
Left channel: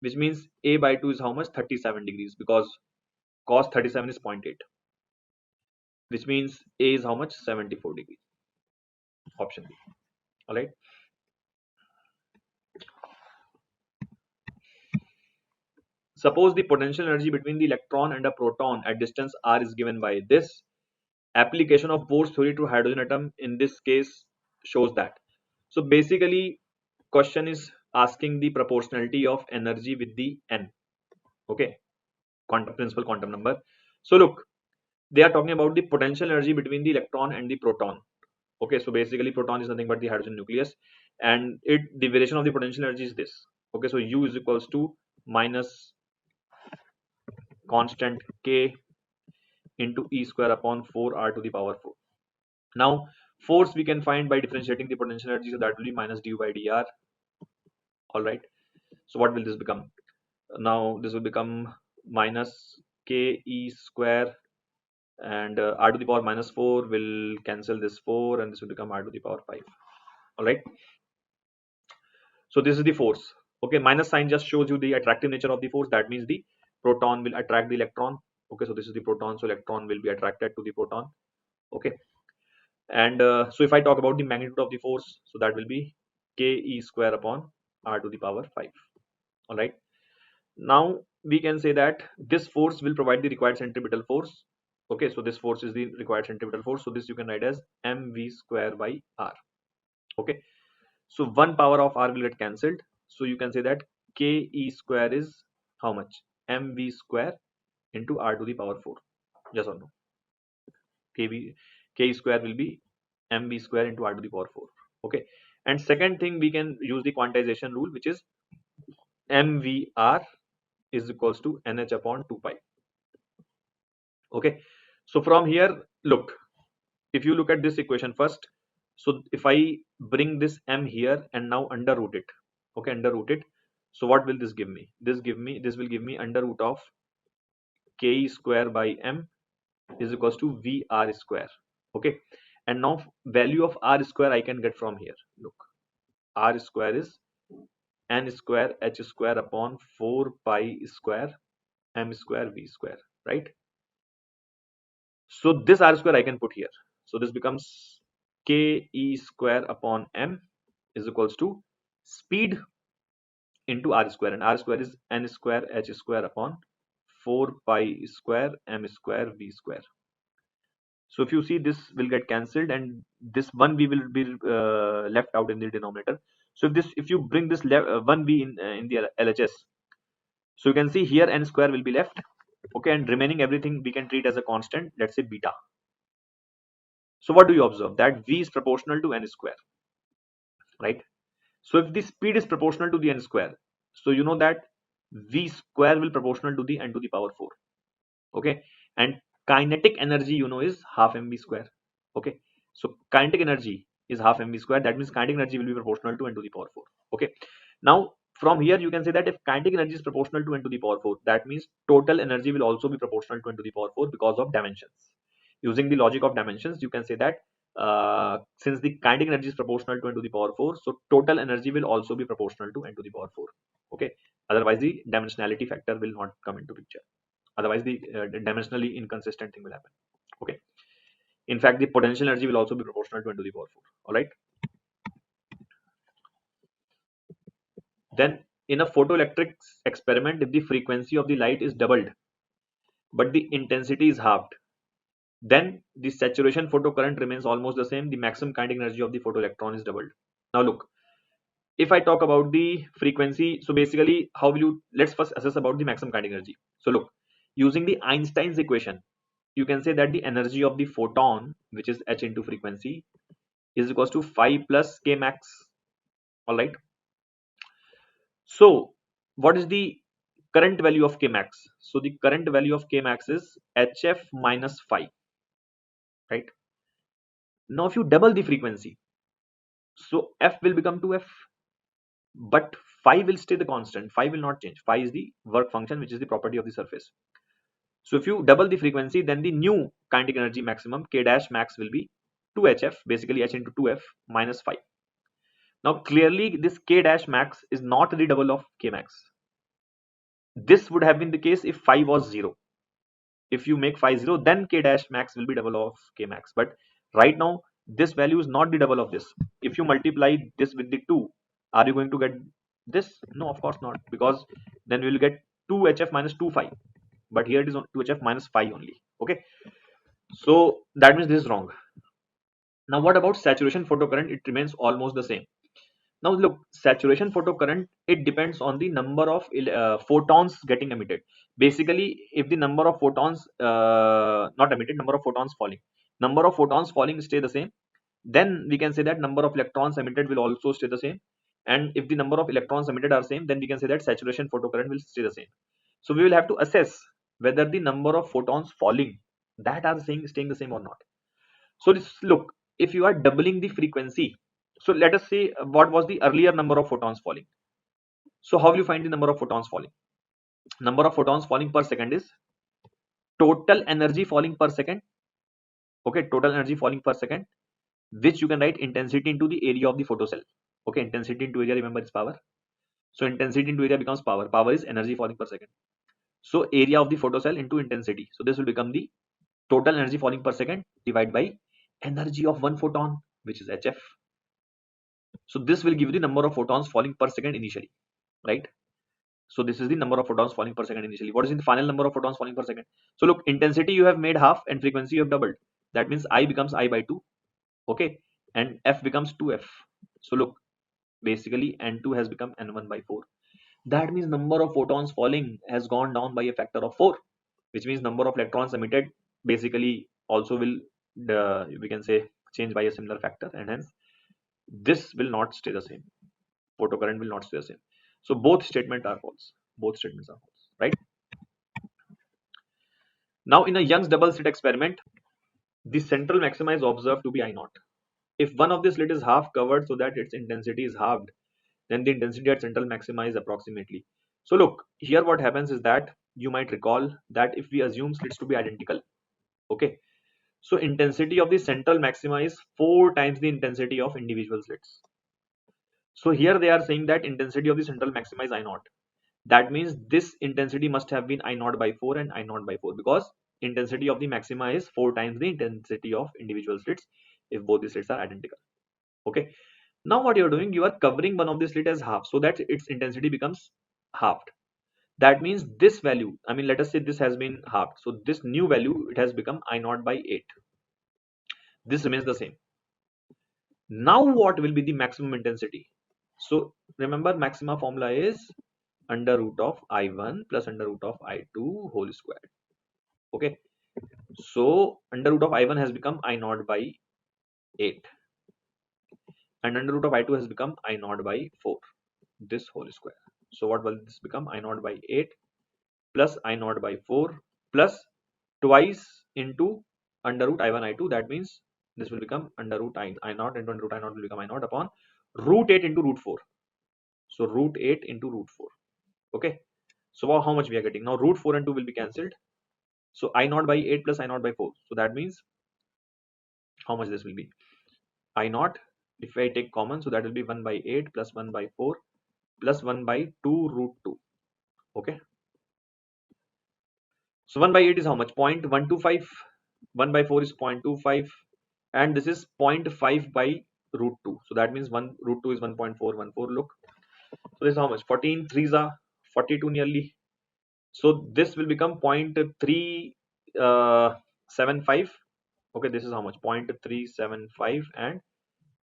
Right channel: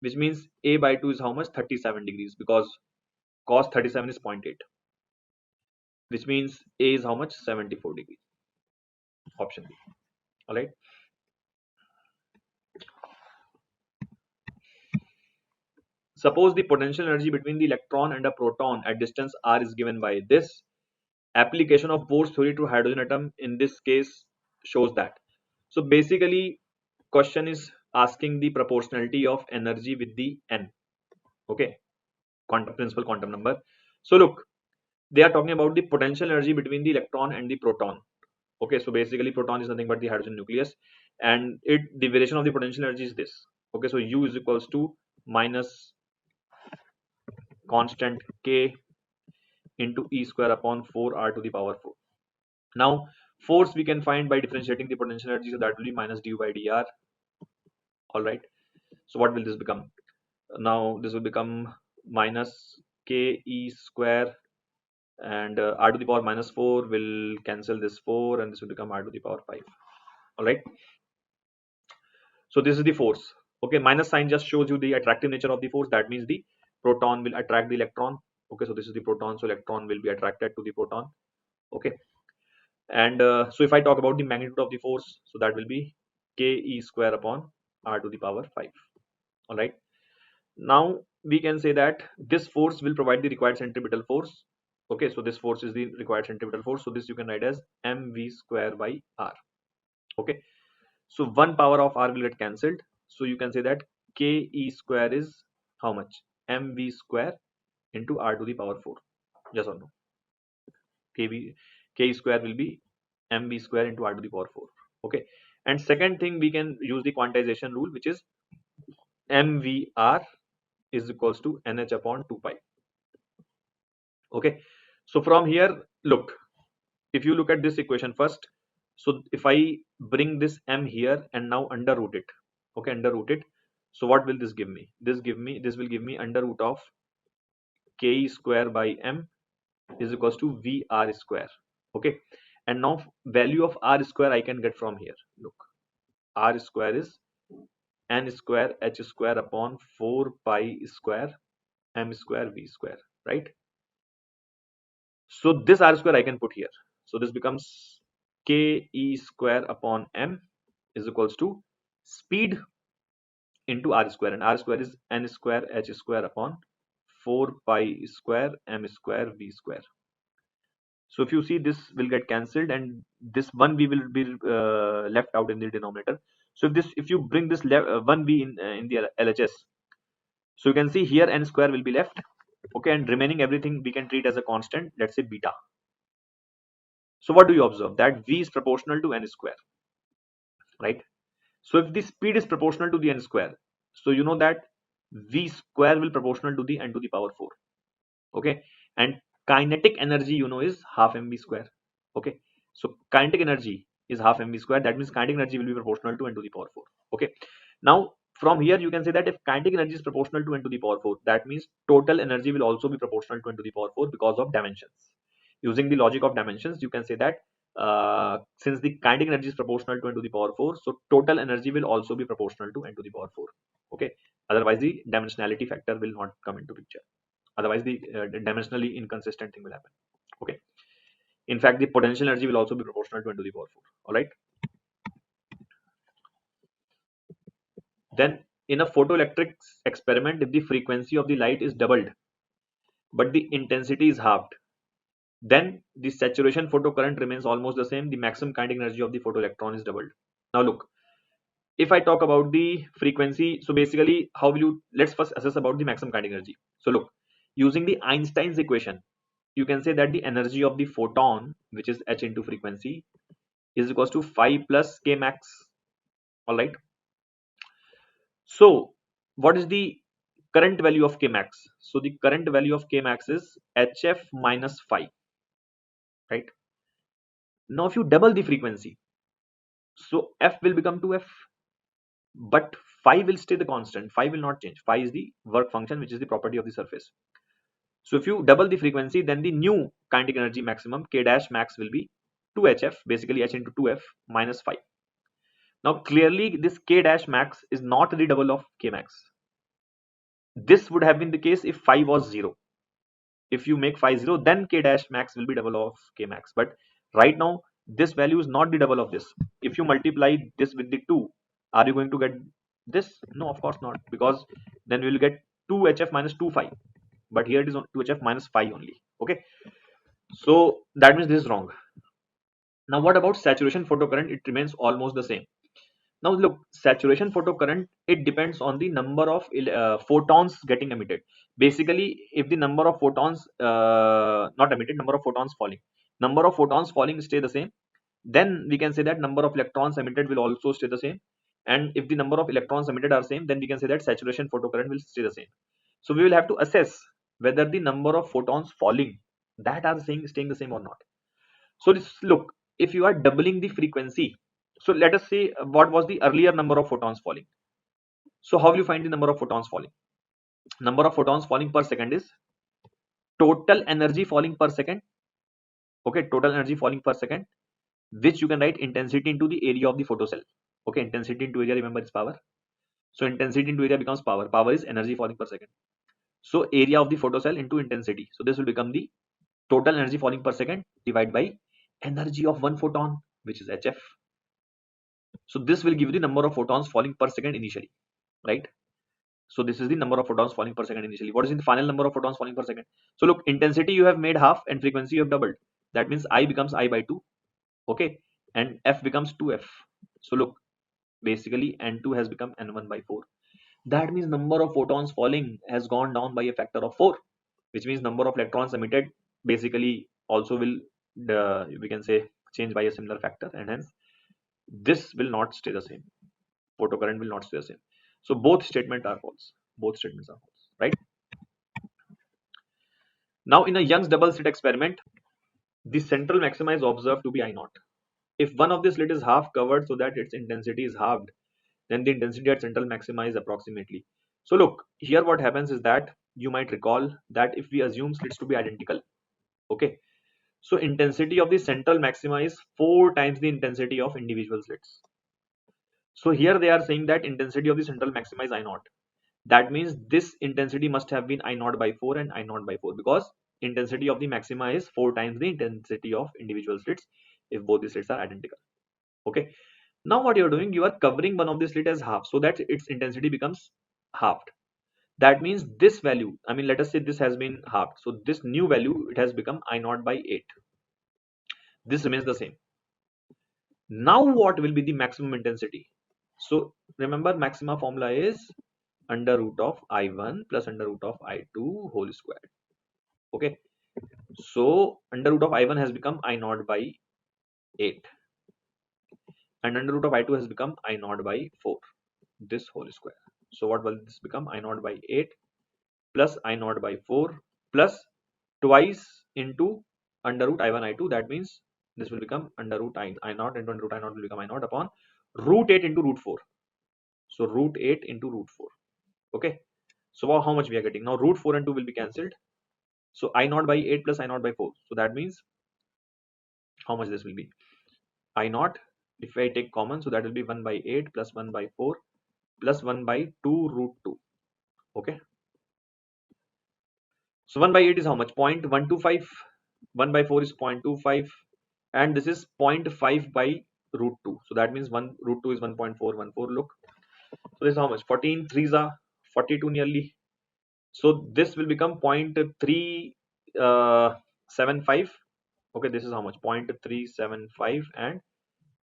which means A by 2 is how much? 37 degrees, because cos 37 is 0.8, which means A is how much? 74 degrees. Option B. All right. Suppose the potential energy between the electron and a proton at distance r is given by this. Application of Bohr's theory to hydrogen atom in this case shows that. So basically, question is asking the proportionality of energy with the n. Okay, principal quantum number. So look, they are talking about the potential energy between the electron and the proton. Okay, so basically proton is nothing but the hydrogen nucleus, and the variation of the potential energy is this. Okay, so U is equals to minus constant K into E square upon 4R to the power 4. Now force we can find by differentiating the potential energy, so that will be minus du by dr. All right, so what will this become? Now this will become minus K E square, and R to the power minus 4 will cancel this 4, and this will become R to the power 5. All right, so this is the force. Okay, minus sign just shows you the attractive nature of the force. That means the proton will attract the electron. Okay, so this is the proton, so electron will be attracted to the proton. Okay, And so if I talk about the magnitude of the force, so that will be k e square upon r to the power 5. All right. Now we can say that this force will provide the required centripetal force. Okay, so this force is the required centripetal force. So this you can write as mv square by r. Okay, so one power of r will get cancelled. So you can say that k e square is how much? mv square into r to the power 4. Yes or no? K square will be mv square into r to the power 4. Okay, and second thing, we can use the quantization rule, which is mvr is equals to nh upon 2 pi. Okay, so from here, look, if you look at this equation first, so if I bring this m here and now underroot it, okay, underroot it, so what will this give me? This will give me under root of k square by m is equals to vr square. Okay, and now value of r square I can get from here. Look, r square is n square h square upon 4 pi square m square v square, right? So this r square I can put here. So this becomes k e square upon m is equals to speed into r square, and r square is n square h square upon 4 pi square m square v square. So if you see, this will get cancelled and this 1v will be left out in the denominator. So if you bring this 1v in the LHS, so you can see here n square will be left. Okay, and remaining everything we can treat as a constant, let's say beta. So what do you observe? That v is proportional to n square, right? So if the speed is proportional to the n square, so you know that v square will proportional to the n to the power 4. Okay, and kinetic energy, you know, is half mv square. Okay, so kinetic energy is half mv square. That means kinetic energy will be proportional to n to the power 4. Okay, now from here you can say that if kinetic energy is proportional to n to the power 4, that means total energy will also be proportional to n to the power 4 because of dimensions. Using the logic of dimensions, you can say that since the kinetic energy is proportional to n to the power 4, so total energy will also be proportional to n to the power 4. Okay, otherwise the dimensionality factor will not come into picture. Otherwise the dimensionally inconsistent thing will happen. Okay, in fact the potential energy will also be proportional to n to the power 4. All right, then in a photoelectric experiment, if the frequency of the light is doubled but the intensity is halved, then the saturation photocurrent remains almost the same. The maximum kinetic energy of the photoelectron is doubled. Now look, if I talk about the frequency, so basically how will you, let's first assess about the maximum kinetic energy. So look, using the Einstein's equation, you can say that the energy of the photon, which is h into frequency, is equals to 5 plus k max. All right, so what is the current value of k max? So the current value of k max is hf minus 5, right? Now if you double the frequency, so f will become 2f, but phi will stay the constant. Phi will not change. Phi is the work function, which is the property of the surface. So if you double the frequency, then the new kinetic energy maximum k dash max will be 2hf, basically h into 2f minus 5. Now clearly this k dash max is not the double of k max. This would have been the case if phi was 0. If you make phi 0, then k dash max will be double of k max. But right now this value is not the double of this. If you multiply this with the 2, are you going to get this? No, of course not, because then we will get 2hf minus 2 phi, but here it is 2hf minus phi only. Okay, so that means this is wrong. Now what about saturation photocurrent? It remains almost the same. Now look, saturation photocurrent, it depends on the number of photons getting emitted. Basically, if the number of photons not emitted, number of photons falling stay the same, then we can say that number of electrons emitted will also stay the same. And if the number of electrons emitted are same, then we can say that saturation photocurrent will stay the same. So we will have to assess whether the number of photons falling that are staying the same or not. So look, if you are doubling the frequency, so let us say what was the earlier number of photons falling. So how will you find the number of photons falling? Number of photons falling per second is total energy falling per second. Okay, total energy falling per second, which you can write intensity into the area of the photocell. Okay, intensity into area, remember, is power. So intensity into area becomes power. Power is energy falling per second. So area of the photocell into intensity. So this will become the total energy falling per second divided by energy of one photon, which is hf. So this will give you the number of photons falling per second initially, right? So this is the number of photons falling per second initially. What is the final number of photons falling per second? So look, intensity you have made half and frequency you have doubled. That means I becomes I by 2, okay, and f becomes 2f. So look, basically n2 has become n1 by 4. That means number of photons falling has gone down by a factor of 4, which means number of electrons emitted basically also will, we can say, change by a similar factor, and hence this will not stay the same. Photocurrent will not stay the same. So both statements are false. Both statements are false, right? Now in a Young's double slit experiment, the central maxima is observed to be I naught. If one of the slit is half covered so that its intensity is halved, then the intensity at central maxima is approximately. So look, here what happens is that you might recall that if we assume slits to be identical, okay, so intensity of the central maxima is 4 times the intensity of individual slits. So here they are saying that intensity of the central maxima is I naught. That means this intensity must have been I naught by 4 and I naught by 4, because intensity of the maxima is 4 times the intensity of individual slits if both the slits are identical. Okay. Now what you're doing, you are covering one of the slit as half so that its intensity becomes halved. That means this value, I mean, let us say this has been halved. So this new value, it has become I naught by 8. This remains the same. Now what will be the maximum intensity? So remember, maxima formula is under root of I1 plus under root of I2 whole squared. Okay. So under root of I1 has become I naught by 8. And under root of I2 has become I naught by 4. This whole square. So what will this become? I naught by 8 plus I naught by 4 plus twice into under root I1 I2. That means this will become under root I naught into under root I naught will become I naught upon root 8 into root 4. So root 8 into root 4. Okay. So how much we are getting? Now root 4 and 2 will be cancelled. So I naught by 8 plus I naught by 4. So that means how much this will be? I naught, if I take common, so that will be 1 by 8 plus 1 by 4 plus 1 by 2 root 2. Okay. So 1 by 8 is how much? 0.125. 1 by 4 is 0.25. And this is 0.5 by root 2. So that means 1 root 2 is 1.414. Look. So this is how much? 14 3s are 42 nearly. So this will become 0.375. Okay, this is how much? 0.375 and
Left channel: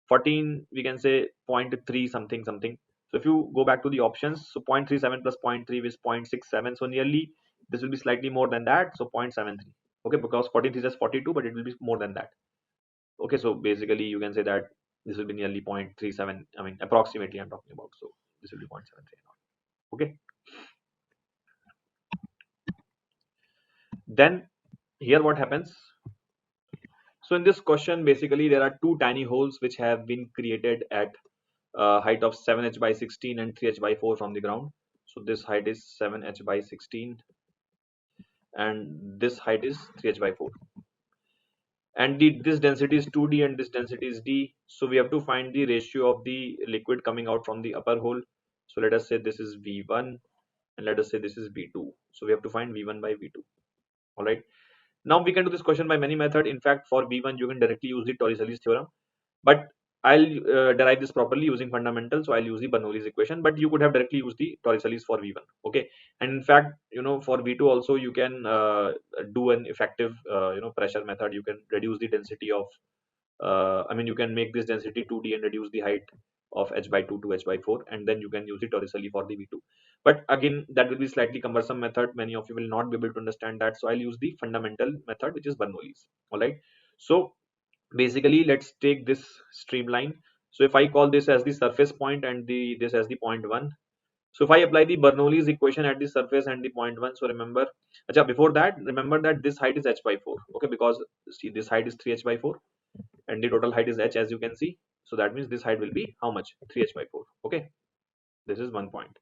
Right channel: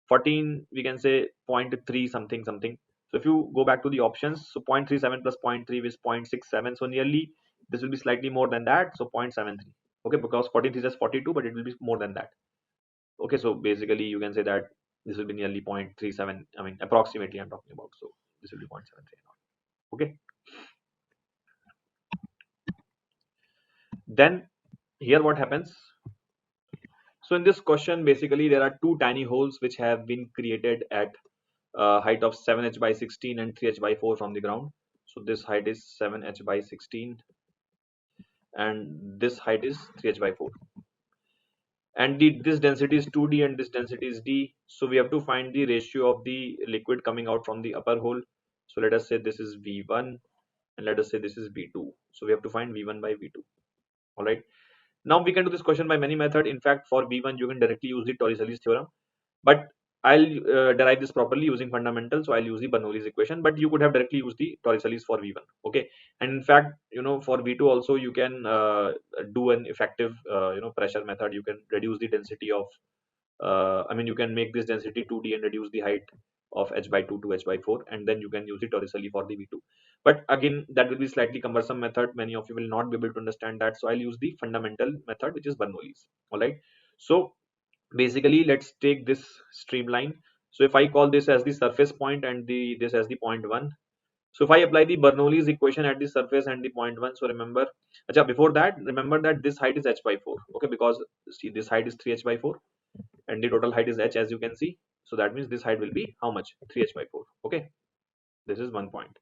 14 we can say 0.3 something something. So if you go back to the options, so 0.37 plus 0.3 is 0.67. So nearly this will be slightly more than that. So 0.73. Okay, because 43 is just 42, but it will be more than that. Okay, so basically you can say that this will be nearly 0.37. I mean, approximately I'm talking about. So this will be 0.73. Okay. Then here what happens? So in this question, basically there are two tiny holes which have been created at height of 7h by 16 and 3h by 4 from the ground. So this height is 7h by 16 and this height is 3h by 4. And this density is 2d and this density is d. So we have to find the ratio of the liquid coming out from the upper hole. So let us say this is V1 and let us say this is V2. So we have to find V1 by V2. All right. Now we can do this question by many methods. In fact, for V1 you can directly use the Torricelli's theorem, but I'll derive this properly using fundamentals. So I'll use the Bernoulli's equation, but you could have directly used the Torricelli's for V1. Okay, and in fact, for V2 also you can do an effective pressure method. You can reduce the density of I mean, you can make this density 2d and reduce the height of h by 2 to h by 4, and then you can use the Torricelli for the V2. But again, that will be slightly cumbersome method. Many of you will not be able to understand that. So I'll use the fundamental method, which is Bernoulli's. All right. So basically, let's take this streamline. So if I call this as the surface point and this as the point 1. So if I apply the Bernoulli's equation at the surface and the point 1, so remember, before that, remember that this height is h by 4. Okay, because see this height is 3h by 4 and the total height is h, as you can see. So that means this height will be how much? 3h by 4. Okay, this is 1 point.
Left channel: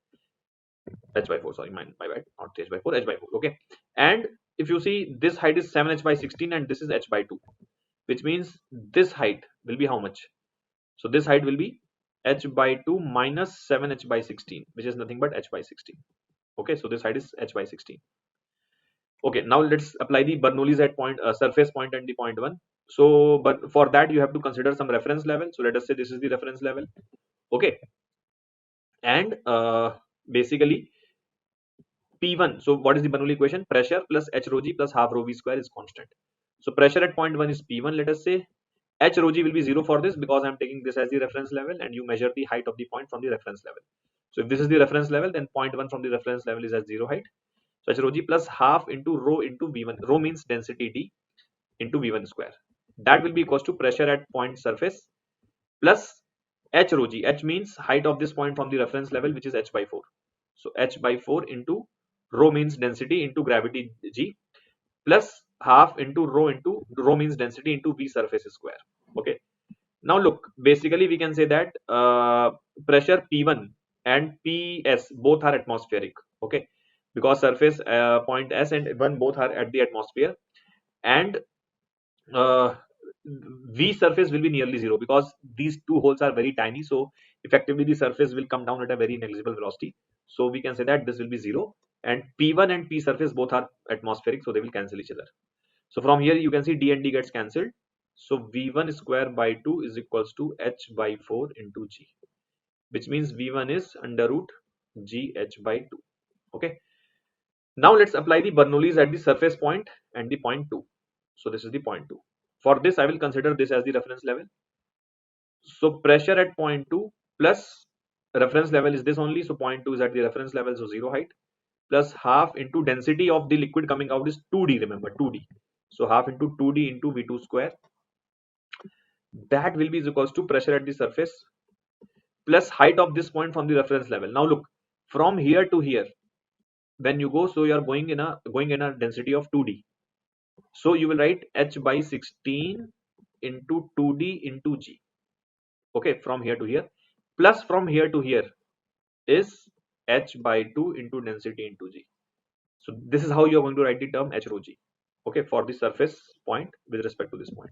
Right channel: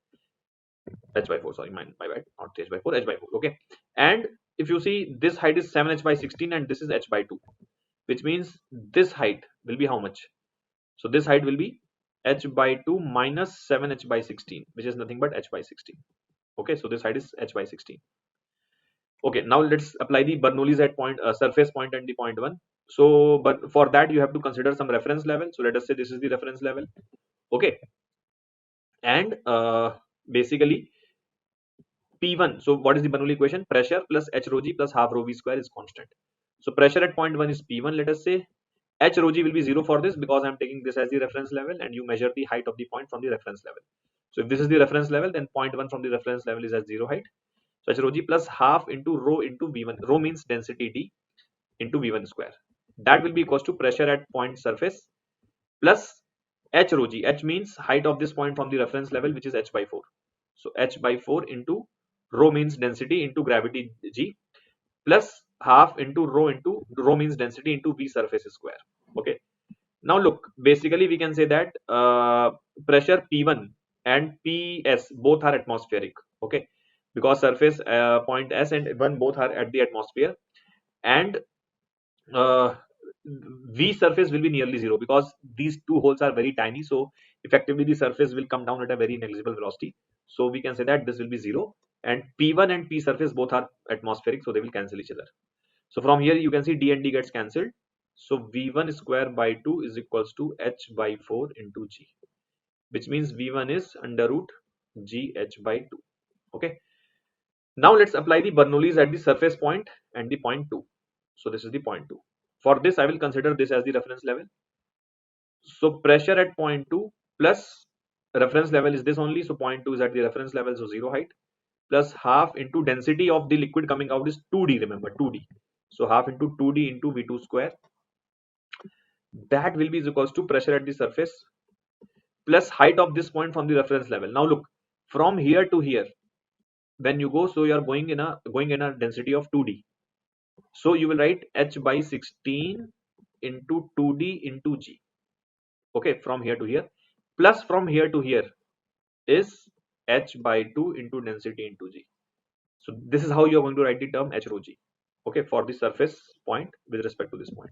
H by 4, sorry, my bad, not 3h by 4, h by 4. Okay, and if you see, this height is 7h by 16 and this is h by 2, which means this height will be how much? So this height will be h by 2 minus 7h by 16, which is nothing but h by 16. Okay, so this height is h by 16. Okay, now let's apply the Bernoulli's at point surface point and the point 1. So but for that you have to consider some reference level. So let us say this is the reference level. Okay, and basically P1. So what is the Bernoulli equation? Pressure plus h rho g plus half rho v square is constant. So pressure at point 1 is P1, let us say. H rho g will be 0 for this because I'm taking this as the reference level, and you measure the height of the point from the reference level. So if this is the reference level, then point 1 from the reference level is at 0 height. So h rho g plus half into rho into v1. Rho means density d into v1 square. That will be equals to pressure at point surface plus h rho g. H means height of this point from the reference level, which is h by 4. So h by 4 into rho means density into gravity g plus half into rho means density into v surface square. Okay, now look, basically we can say that pressure P1 and PS both are atmospheric. Okay, because surface point S and 1 both are at the atmosphere, and uh, V surface will be nearly 0 because these two holes are very tiny. So effectively the surface will come down at a very negligible velocity. So we can say that this will be 0, and P1 and P surface both are atmospheric, so they will cancel each other. So from here you can see d and d gets cancelled. So V1 square by 2 is equals to h by 4 into g, which means V1 is under root g h by 2. Okay. Now let's apply the Bernoulli's at the surface point and the point 2. So this is the point 2. For this I will consider this as the reference level. So pressure at point 2 plus reference level is this only. So point 2 is at the reference level, so 0 height, plus half into density of the liquid coming out is 2d, remember 2d. So half into 2d into V2 square, that will be equals to pressure at the surface plus height of this point from the reference level. Now look, from here to here when you go, so you are going in a density of 2d. So you will write h by 16 into 2d into g. Okay, from here to here, plus from here to here is h by 2 into density into g. So this is how you are going to write the term h rho g. Okay, for the surface point with respect to this point.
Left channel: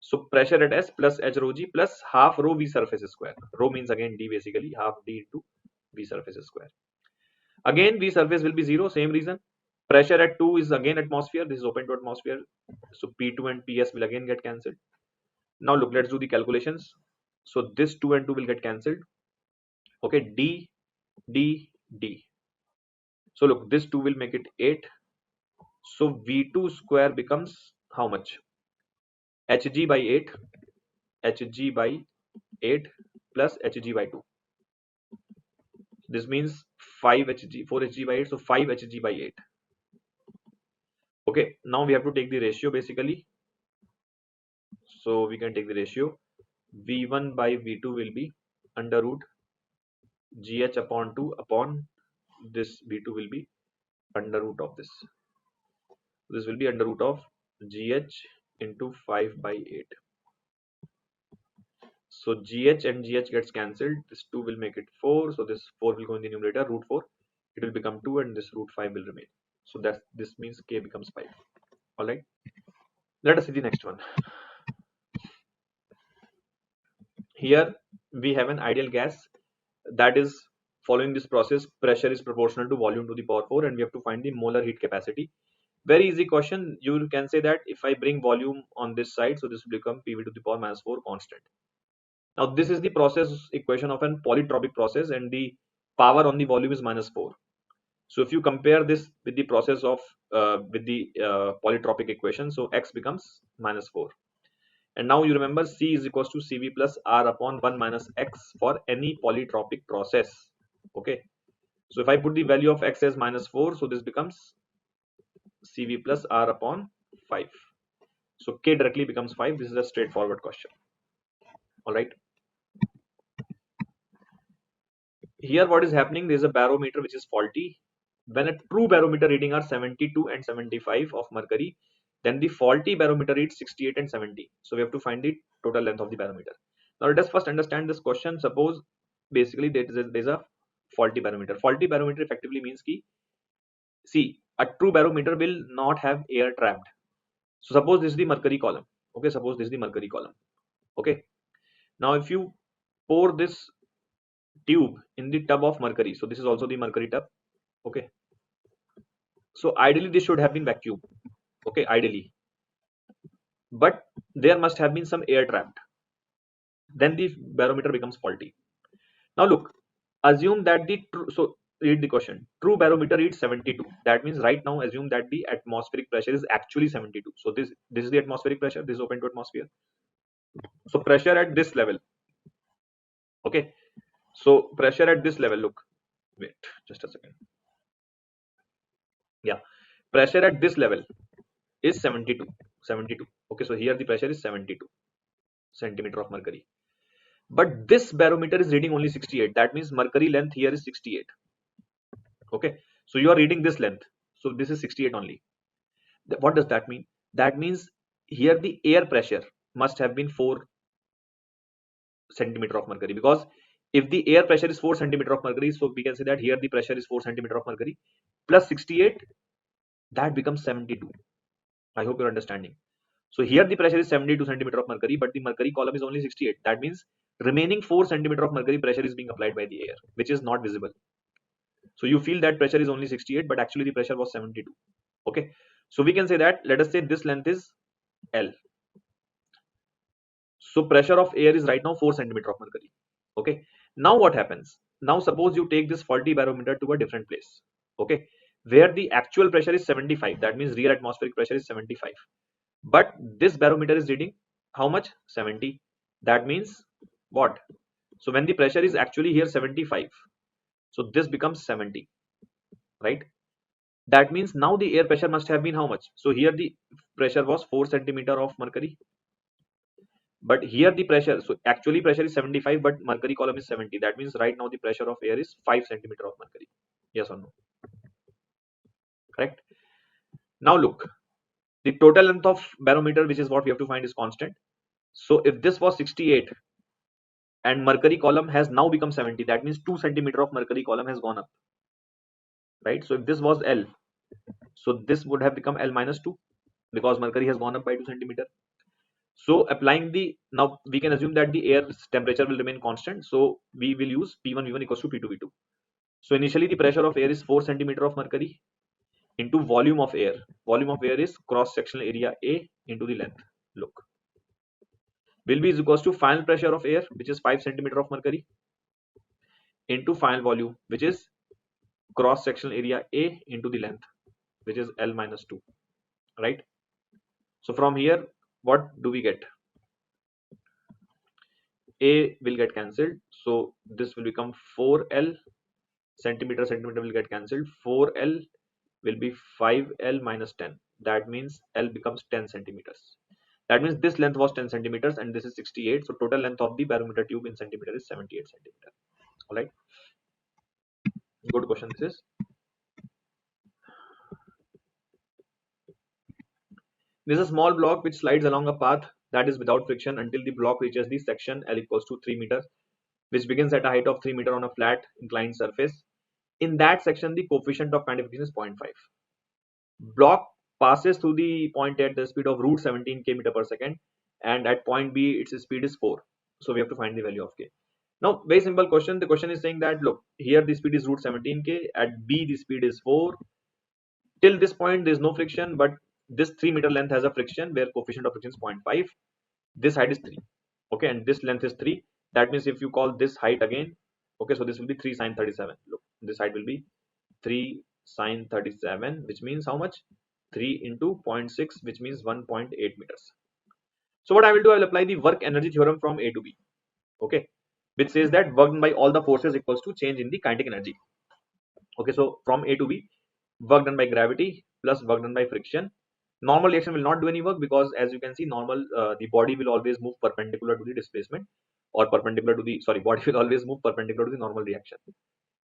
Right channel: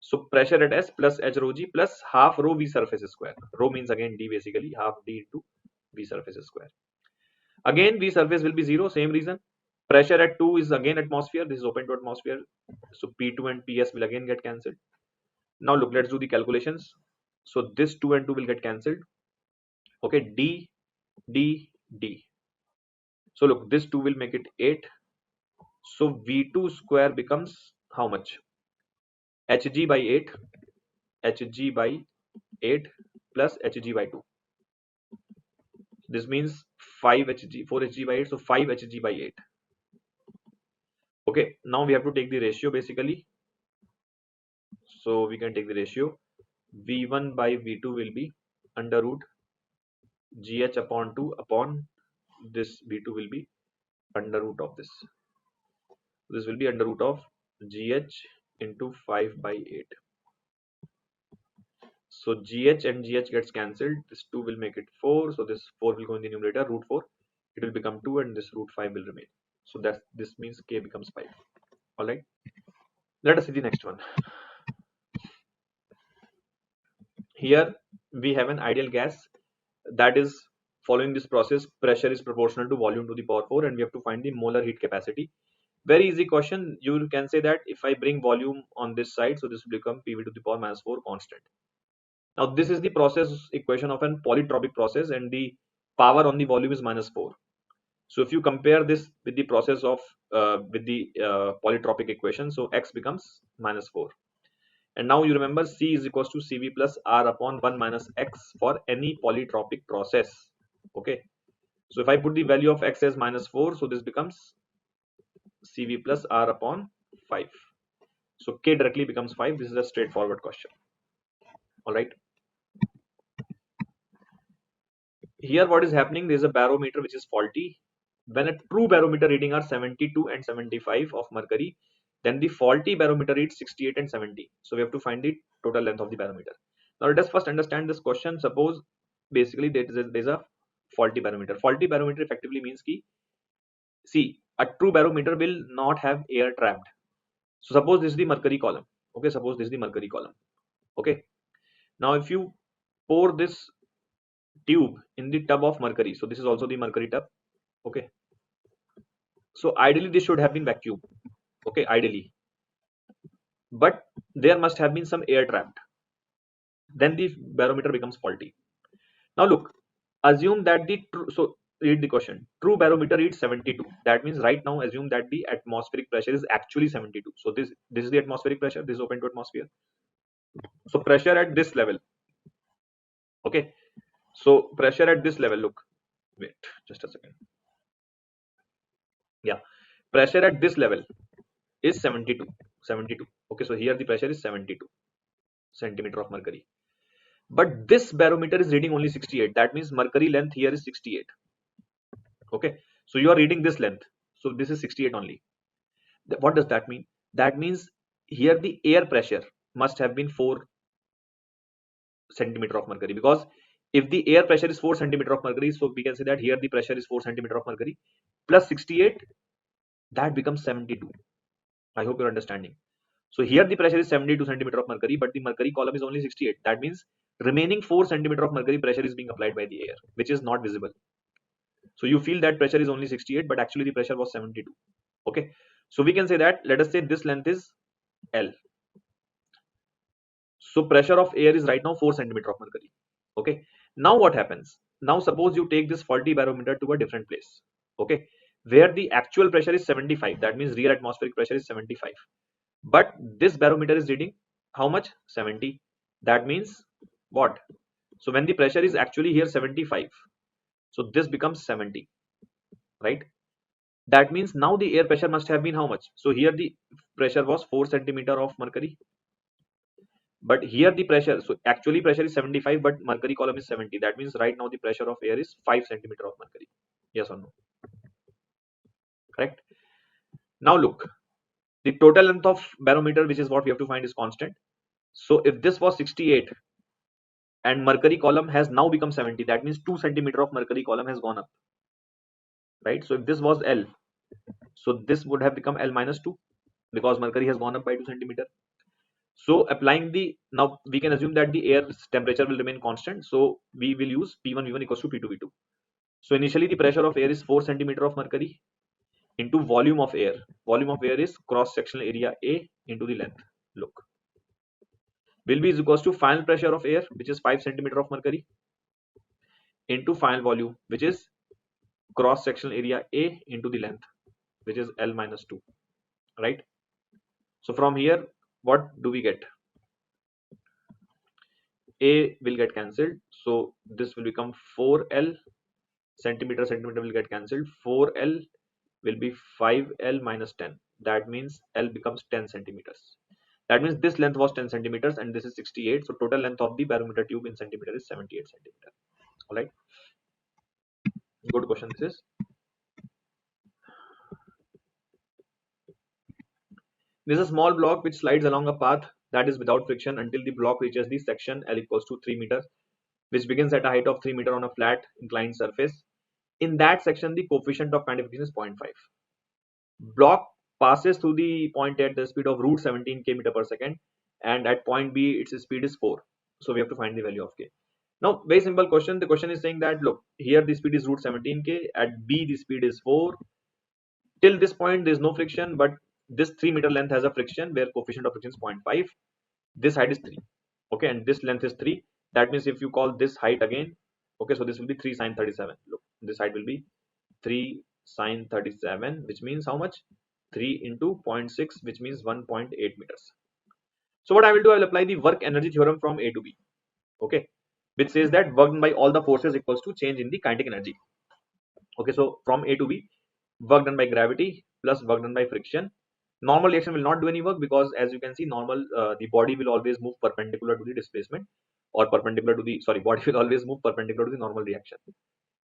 So pressure at S plus h rho g plus half rho v surface square. Rho means again d, basically half d into v surface square. Again v surface will be 0, same reason. Pressure at 2 is again atmosphere. This is open to atmosphere. So P2 and PS will again get cancelled. Now look, let's do the calculations. So this 2 and 2 will get cancelled. Okay, d, d, d. So look, this 2 will make it 8. So V2 square becomes how much? Hg by 8, Hg by 8 plus Hg by 2. This means 5 Hg, 4 Hg by 8, so 5 Hg by 8. Okay, now we have to take the ratio basically. So we can take the ratio. V1 by V2 will be under root GH upon 2 upon this V2 will be under root of this. This will be under root of GH into 5 by 8. So GH and GH gets cancelled. This 2 will make it 4. So this 4 will go in the numerator, root 4. It will become 2 and this root 5 will remain. So this means K becomes 5. Alright. Let us see the next one. Here we have an ideal gas, that is following this process pressure is proportional to volume to the power 4, and we have to find the molar heat capacity. Very easy question. You can say that if I bring volume on this side, so this will become PV to the power minus 4 constant. Now this is the process equation of an polytropic process, and the power on the volume is minus 4. So if you compare this with the process of polytropic equation, so x becomes minus 4. And now you remember C is equals to Cv plus R upon 1 minus x for any polytropic process. Okay. So if I put the value of x as minus 4, so this becomes Cv plus R upon 5. So K directly becomes 5. This is a straightforward question. Alright. Here what is happening, there is a barometer which is faulty. When a true barometer reading are 72 and 75 of mercury, then the faulty barometer reads 68 and 70. So we have to find the total length of the barometer. Now let us first understand this question. Suppose basically there is a faulty barometer. Faulty barometer effectively means ki, see, a true barometer will not have air trapped. So suppose this is the mercury column. Okay, suppose this is the mercury column. Okay. Now if you pour this tube in the tub of mercury, so this is also the mercury tub. Okay. So ideally this should have been vacuum. Okay, ideally. But there must have been some air trapped. Then the barometer becomes faulty. Now look, assume that the true, so read the question. True barometer reads 72. That means right now assume that the atmospheric pressure is actually 72. So this is the atmospheric pressure. This is open to atmosphere. So pressure at this level. Okay. So pressure at this level. Look, wait, just a second. Yeah, pressure at this level is 72. 72. Okay, so here the pressure is 72 centimeter of mercury. But this barometer is reading only 68. That means mercury length here is 68. Okay, so you are reading this length. So this is 68 only. What does that mean? That means here the air pressure must have been 4 centimeter of mercury, because if the air pressure is 4 centimeter of mercury, so we can say that here the pressure is 4 centimeter of mercury plus 68, that becomes 72. I hope you're understanding. So here the pressure is 72 centimeter of mercury, but the mercury column is only 68. That means remaining 4 centimeter of mercury pressure is being applied by the air, which is not visible. So you feel that pressure is only 68, but actually the pressure was 72. Okay, so we can say that, let us say this length is L. So pressure of air is right now 4 centimeter of mercury. Okay, now what happens? Now suppose you take this faulty barometer to a different place. Okay, where the actual pressure is 75. That means real atmospheric pressure is 75. But this barometer is reading how much? 70. That means what? So when the pressure is actually here 75, so this becomes 70, right? That means now the air pressure must have been how much? So here the pressure was 4 centimeter of mercury, but here the pressure, so actually pressure is 75, but mercury column is 70. That means right now the pressure of air is 5 centimeter of mercury. Yes or no? Correct. Now look, the total length of barometer, which is what we have to find, is constant. So if this was 68 and mercury column has now become 70, that means 2 centimeter of mercury column has gone up, right? So if this was L, so this would have become L minus 2, because mercury has gone up by 2 centimeter. So applying the, now we can assume that the air's temperature will remain constant, so we will use P1 V1 equals to P2 V2. So initially the pressure of air is 4 centimeter of mercury into volume of air. Volume of air is cross sectional area A into the length. Look, will be is equals to final pressure of air, which is 5 centimeter of mercury, into final volume, which is cross sectional area A into the length, which is L minus 2, right? So from here, what do we get? A will get cancelled, so this will become 4L. Centimeter will get cancelled. 4L will be 5L minus 10. That means L becomes 10 centimeters. That means this length was 10 centimeters and this is 68. So total length of the barometer tube in centimeter is 78 centimeter. All right. Good question. This is a small block which slides along a path that is without friction until the block reaches the section L equals to 3 meters, which begins at a height of 3 meters on a flat inclined surface. In that section, the coefficient of magnification is 0.5. Block passes through the point at the speed of root 17 km per second, and at point B its speed is 4. So we have to find the value of k. Now very simple question. The question is saying that, look, here the speed is root 17k, at B the speed is 4. Till this point there is no friction, but this 3 meter length has a friction where coefficient of friction is 0.5. This height is 3. Okay, and this length is 3. That means if you call this height again, okay, so this will be 3 sine 37. Look, this height will be 3 sine 37, which means how much? 3 into 0.6, which means 1.8 meters. So what I will do, I will apply the work energy theorem from A to B, okay, which says that work done by all the forces equals to change in the kinetic energy. Okay, so from A to B, work done by gravity plus work done by friction. Normal reaction will not do any work, because as you can see, the body will always move perpendicular to the displacement, or perpendicular to the, sorry, body will always move perpendicular to the normal reaction.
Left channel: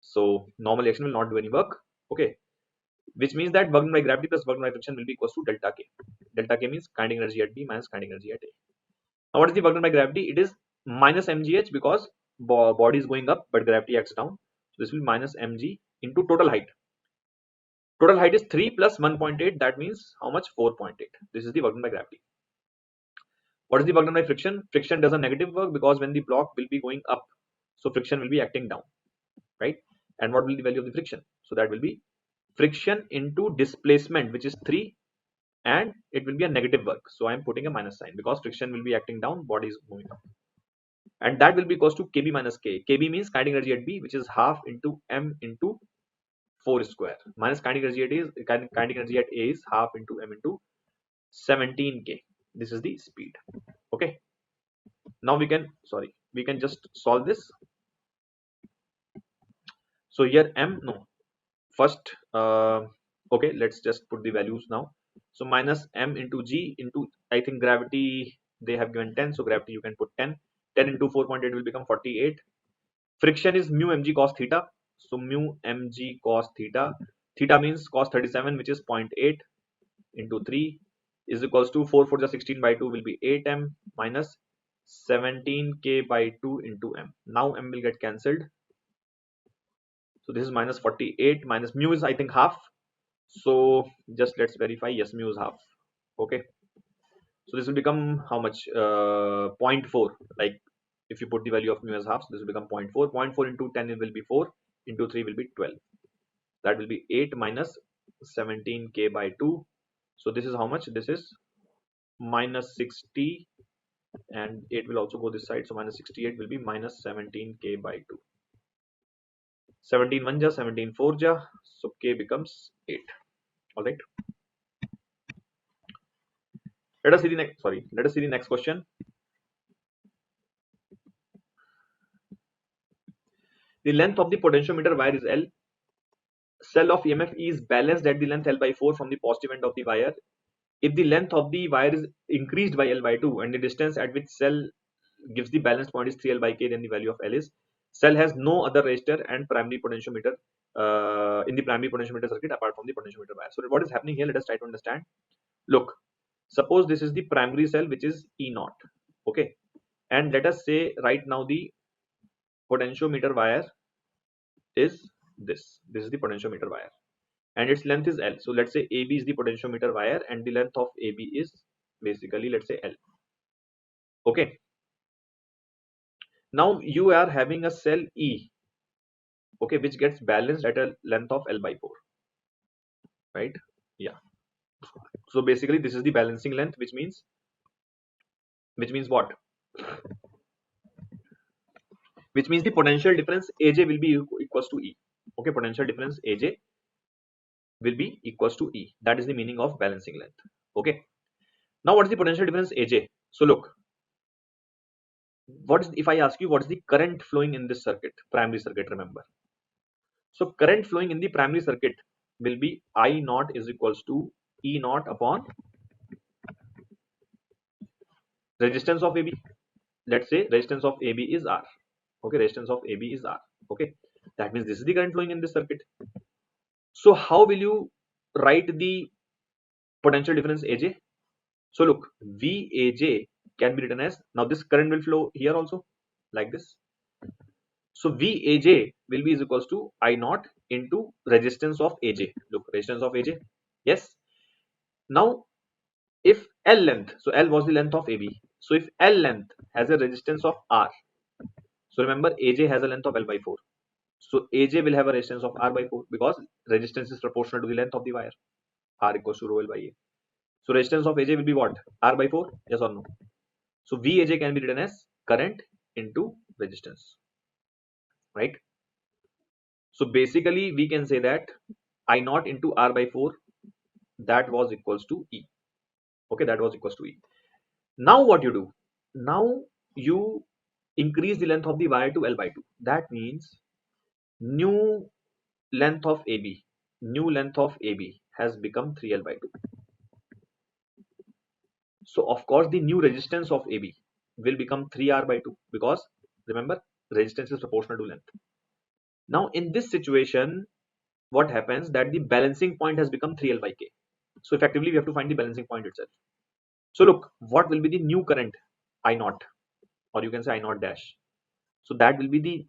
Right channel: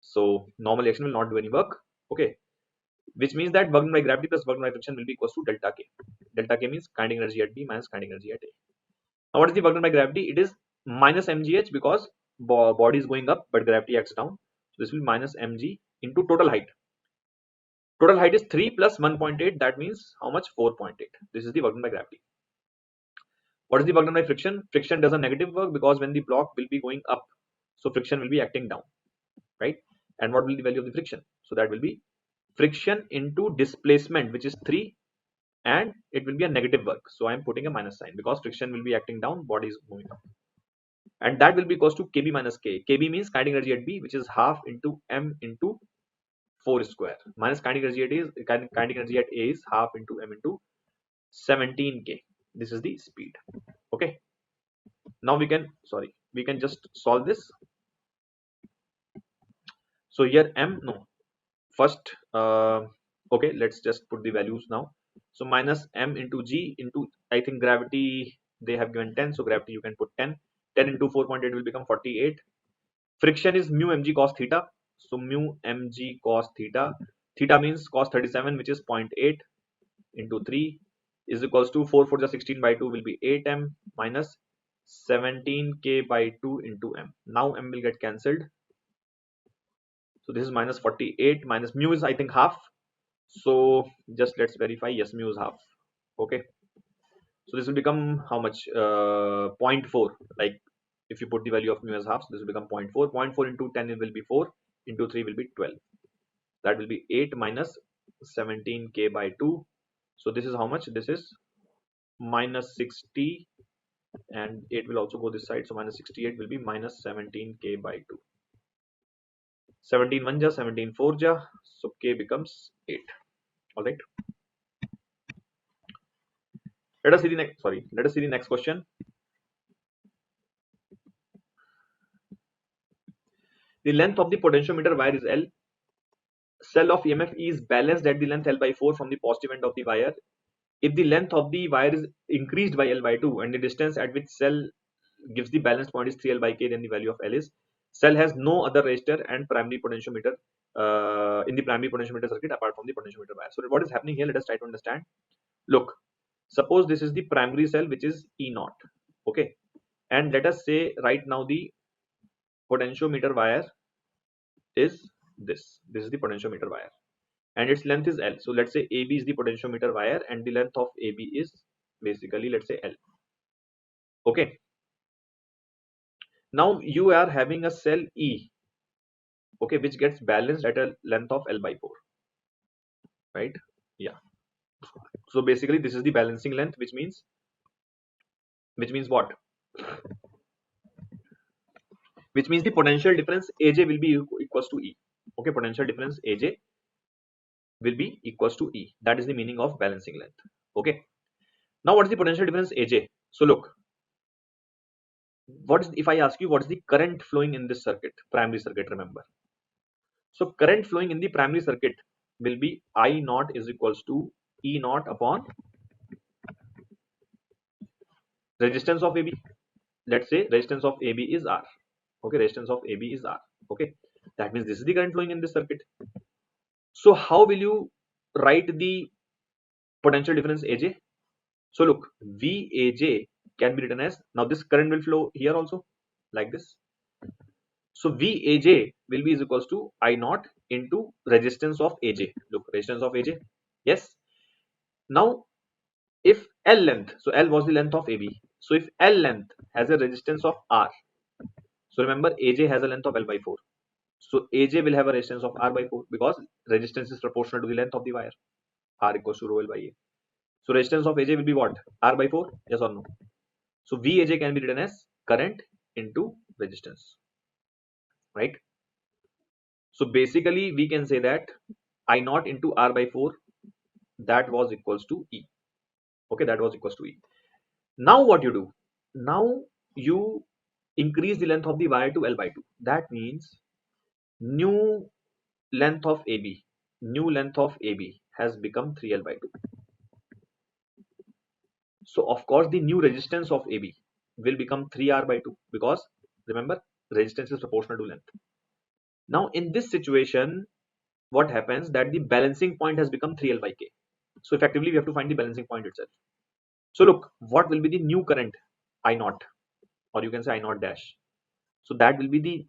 So normal reaction will not do any work. Okay, which means that work done by gravity plus work done by friction will be equals to delta K. Delta K means kinetic energy at B minus kinetic energy at A. Now what is the work done by gravity? It is minus mgh, because body is going up but gravity acts down. So this will be minus mg into total height. Total height is 3 plus 1.8. That means how much? 4.8. This is the work done by gravity. What is the work done by friction? Friction does a negative work, because when the block will be going up, so friction will be acting down, right? And what will be the value of the friction? So that will be friction into displacement, which is 3, and it will be a negative work. So I am putting a minus sign because friction will be acting down, body is moving up, and that will be equals to Kb minus K. Kb means kinetic energy at B, which is half into m into 4 square, minus kinetic energy at kinetic energy at A is half into m into 17K. This is the speed. Okay. Now we can just solve this. So here m, no, first okay, let's just put the values now. So minus m into g into, I think gravity they have given 10, so gravity you can put 10. 10 into 4.8 will become 48. Friction is mu mg cos theta, so mu mg cos theta, theta means cos 37, which is 0.8 into 3 is equals to 4 4 16 by 2 will be 8m minus 17K by 2 into m. Now m will get cancelled, so this is minus 48, minus mu is I think half, so just let's verify. Yes, mu is half. Okay, so this will become how much? 0.4. Like if you put the value of mu as half, so this will become 0.4. 0.4 into 10 it will be 4, into 3 will be 12. That will be 8 minus 17K by 2. So this is how much? This is minus 60, and 8 will also go this side, so minus 68 will be minus 17K by 2. 17 1 ja, 17 4 ja, so K becomes 8. All right. Let us see the next. Sorry, let us see the next question. The length of the potentiometer wire is L. Cell of EMF E is balanced at the length L by 4 from the positive end of the wire. If the length of the wire is increased by L by 2 and the distance at which cell gives the balance point is 3L by K, then the value of L is. Cell has no other resistor and primary potentiometer in the primary potentiometer circuit apart from the potentiometer wire. So what is happening here? Let us try to understand. Look, suppose this is the primary cell, which is E naught. Okay, and let us say right now the potentiometer wire is this. This is the potentiometer wire, and its length is L. So let's say AB is the potentiometer wire, and the length of AB is basically, let's say, L. Okay. Now you are having a cell E, okay, which gets balanced at a length of L by 4, right? Yeah. So basically, this is the balancing length, which means what? Which means the potential difference AJ will be equals to E. Okay, potential difference AJ will be equals to E. That is the meaning of balancing length. Okay. Now, what is the potential difference AJ? So look, what is, if I ask you what is the current flowing in this circuit, primary circuit, remember. So current flowing in the primary circuit will be I naught is equals to E naught upon resistance of AB. Let's say resistance of AB is R. Okay, resistance of AB is R. Okay, that means this is the current flowing in this circuit. So how will you write the potential difference AJ? So look, VAJ can be written as, now this current will flow here also like this. So VAJ will be is equals to I naught into resistance of AJ. Look, resistance of AJ. Yes. Now if L length, so L was the length of AB. So if L length has a resistance of R, so remember AJ has a length of L by 4. So AJ will have a resistance of R by 4 because resistance is proportional to the length of the wire. R equals to rho L by A. So resistance of AJ will be what? R by 4? Yes or no? So VAJ can be written as current into resistance, right? So basically we can say that I naught into R by 4, that was equals to E. Okay, that was equals to E. Now what you do? Now you increase the length of the wire to L by 2. That means new length of AB, has become 3L by 2. So of course the new resistance of AB will become 3R by 2 because remember resistance is proportional to length. Now in this situation, what happens that the balancing point has become 3L by K. So effectively we have to find the balancing point itself. So look, what will be the new current? I naught, or you can say I naught dash. So that will be the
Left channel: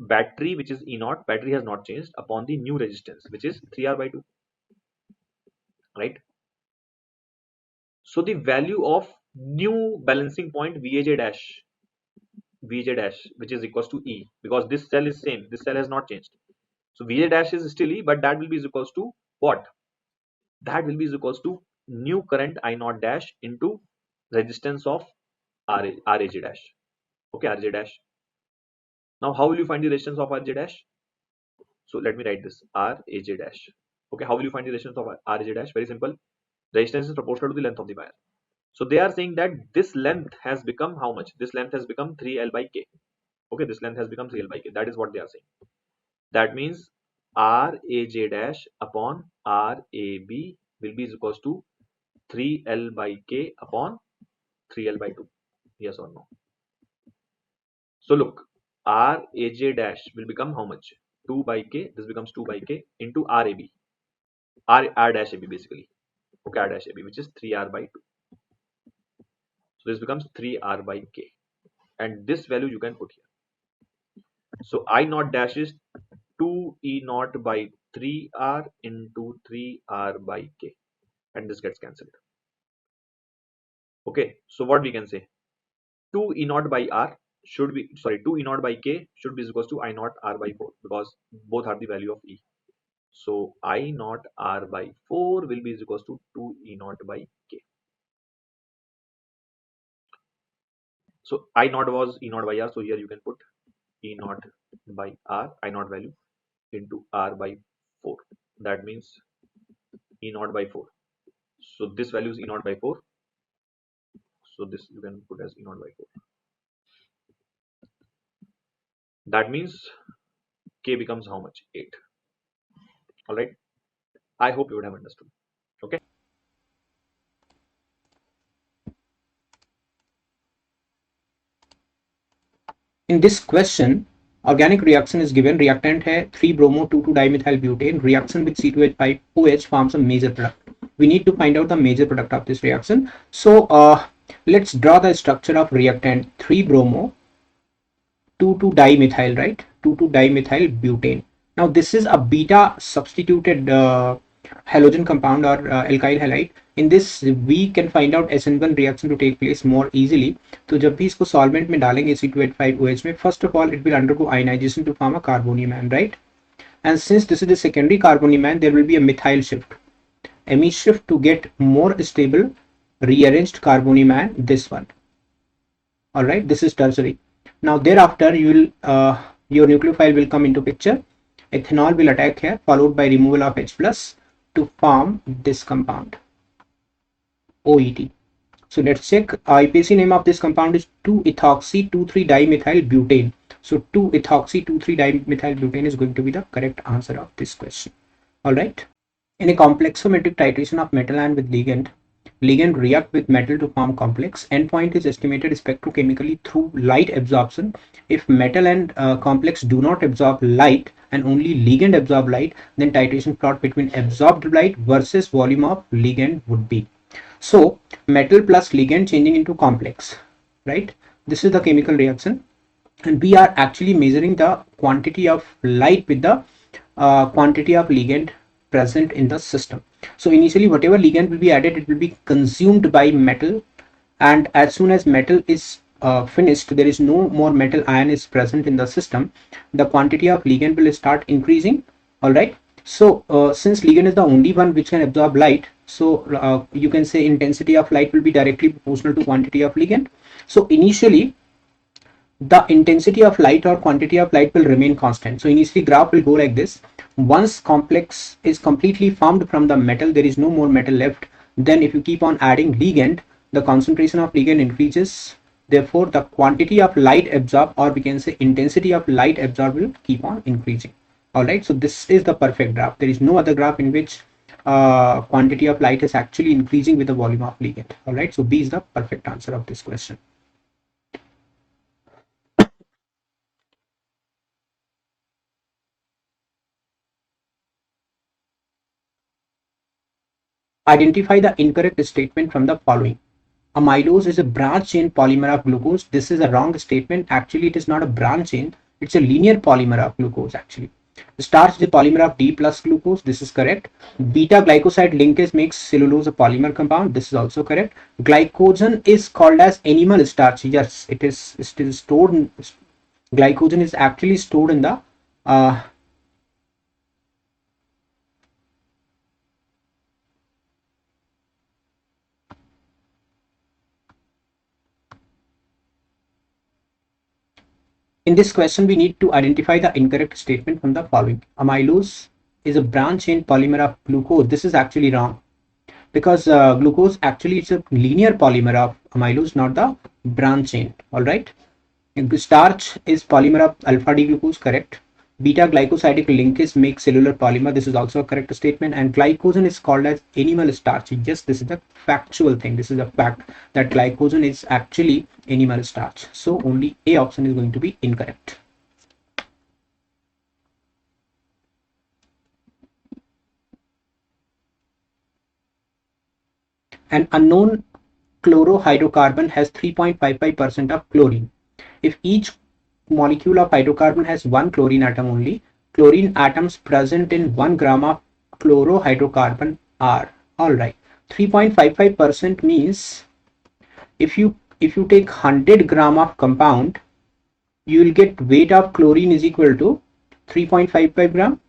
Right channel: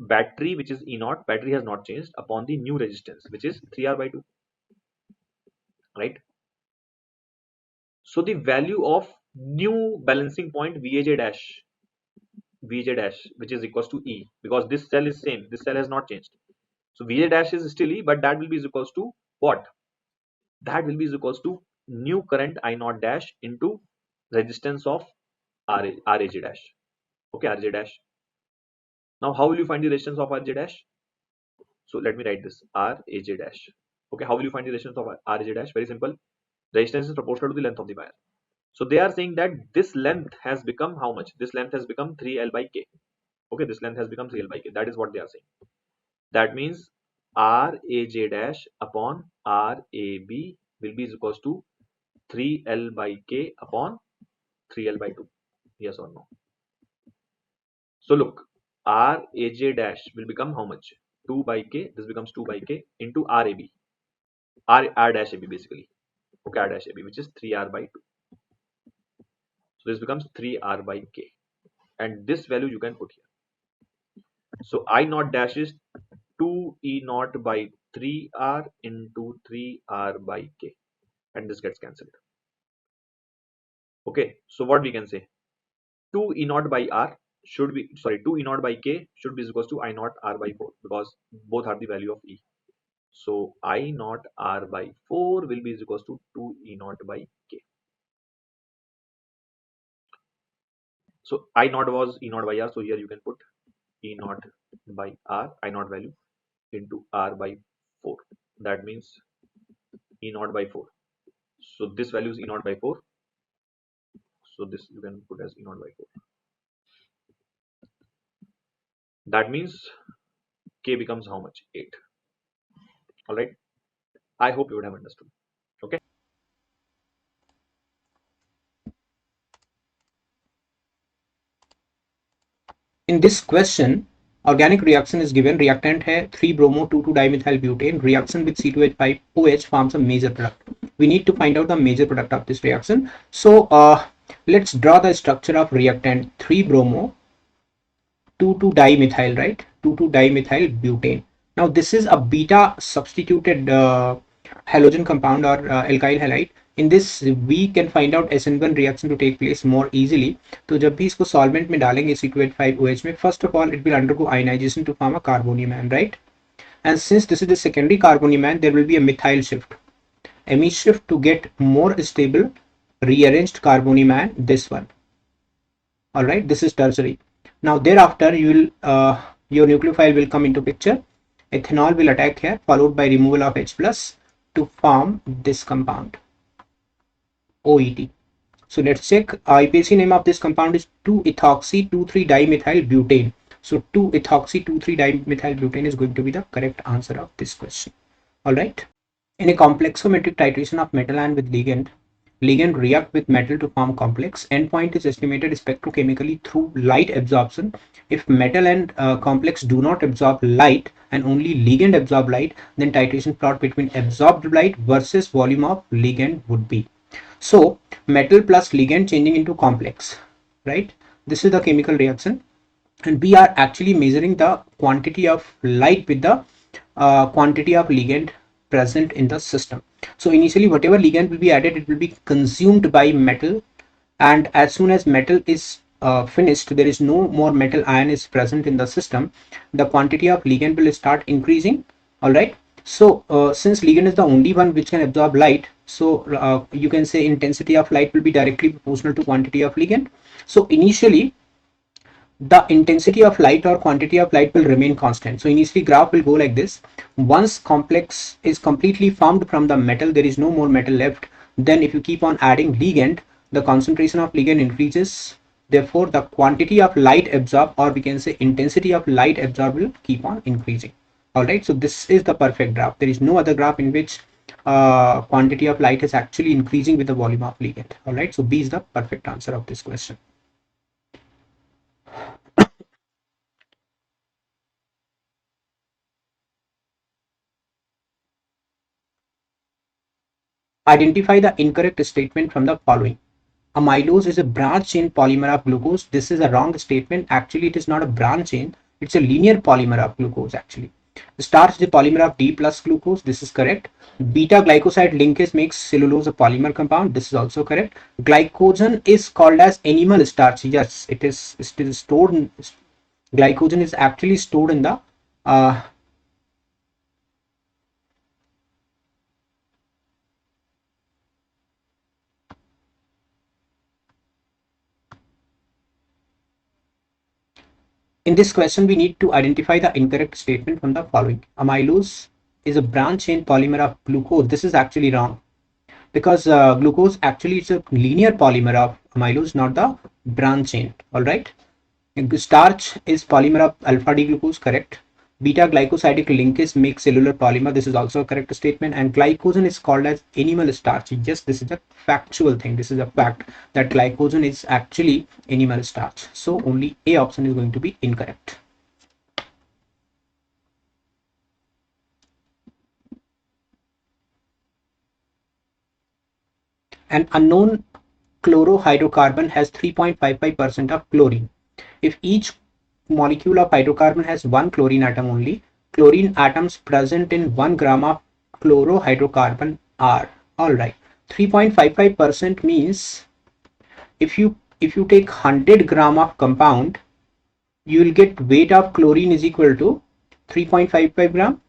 battery, which is E naught, battery has not changed, upon the new resistance, which is 3R by 2, right? So the value of new balancing point VAJ dash, which is equals to E, because this cell is same, this cell has not changed. So VAJ dash is still E, but that will be equals to what? That will be equals to new current I naught dash into resistance of Raj dash. Okay, Rj dash. Now how will you find the resistance of Rj dash? So let me write this Raj dash. Okay, how will you find the resistance of Raj dash? Very simple. Resistance is proportional to the length of the wire. So they are saying that this length has become how much? This length has become 3L by K. Okay, this length has become 3L by K. That is what they are saying. That means Raj dash upon Rab will be equals to 3L by K upon 3L by 2. Yes or no? So look, Raj dash will become how much? 2 by K. This becomes 2 by K into Rab. R dash AB basically. Okay, R dash AB, which is 3R by 2. So this becomes 3R by K. And this value you can put here. So I naught dash is 2 E naught by 3R into 3R by K. And this gets cancelled. Okay, so what we can say? 2 E naught by R should be, 2 E naught by K should be equals to I naught R by 4 because both are the value of E. So I naught R by 4 will be equals to 2 E naught by K. So I naught was E naught by R. So here you can put E naught by R, I naught value into R by 4. That means E naught by 4. So this value is E naught by 4. So this you can put as E naught by 4. That means K becomes how much? 8. Alright. I hope you would have understood. Okay. In this question, organic reaction is given. Reactant है 3-bromo 2,2-dimethyl butane. Reaction with C2H5OH forms a major product. We need to find out the major product of this reaction. So let's draw the structure of reactant 3-bromo 2,2-dimethyl, right? 2,2-dimethyl butane. Now this is a beta substituted halogen compound or alkyl halide. In this we can find out SN1 reaction to take place more easily. तो जब भी इसको solvent में डालेंगे C2H5OH में, first of all it will undergo ionization to form a carbonium ion, right? And since this is a secondary carbonium ion, there will be a methyl shift, amine shift to get more stable rearranged carbonium ion, this one. All right, this is tertiary. Now thereafter you will your nucleophile will come into picture. Ethanol will attack here, followed by removal of H plus to form this compound OET. So let's check. IPC name of this compound is 2-ethoxy-2,3-dimethyl butane. So 2-ethoxy-2,3-dimethyl butane is going to be the correct answer of this question. All right. In a complexometric titration of metal ion with ligand react with metal to form complex. Endpoint is estimated spectrochemically through light absorption. If metal and complex do not absorb light and only ligand absorb light, then titration plot between absorbed light versus volume of ligand would be. So metal plus ligand changing into complex, right? This is the chemical reaction, and we are actually measuring the quantity of light with the quantity of ligand present in the system. So initially whatever ligand will be added, it will be consumed by metal, and as soon as metal is finished, there is no more metal ion is present in the system, the quantity of ligand will start increasing. All right. So since ligand is the only one which can absorb light, so you can say intensity of light will be directly proportional to quantity of ligand. So initially the intensity of light or quantity of light will remain constant. So initially graph will go like this. Once complex is completely formed from the metal, there is no more metal left. Then if you keep on adding ligand, the concentration of ligand increases. Therefore, the quantity of light absorbed, or we can say intensity of light absorbed, will keep on increasing. All right. So this is the perfect graph. There is no other graph in which quantity of light is actually increasing with the volume of ligand. All right. So B is the perfect answer of this question. Identify the incorrect statement from the following. Amylose is a branch chain polymer of glucose. This is a wrong statement. Actually, it is not a branch chain. It's a linear polymer of glucose actually. Starch is a polymer of D plus glucose. This is correct. Beta glycoside linkage makes cellulose a polymer compound. This is also correct. Glycogen is called as animal starch. Yes, it is. It is stored in, glycogen is actually stored in the uh, In this question, we need to identify the incorrect statement from the following. Amylose is a branch chain polymer of glucose. This is actually wrong because glucose actually is a linear polymer of amylose, not the branch chain. All right. And starch is polymer of alpha D glucose, correct. Beta glycosidic linkage makes cellular polymer. This is also a correct statement. And glycogen is called as animal starch. Yes, this is a factual thing. This is a fact that glycogen is actually animal starch. So only A option is going to be incorrect. An unknown chlorohydrocarbon has 3.55% of chlorine. If each molecule of hydrocarbon has one chlorine atom only, chlorine atoms present in 1 gram of chlorohydrocarbon are, all right, 3.55% means if you take 100 gram of compound, you will get weight of chlorine is equal to 3.55 gram,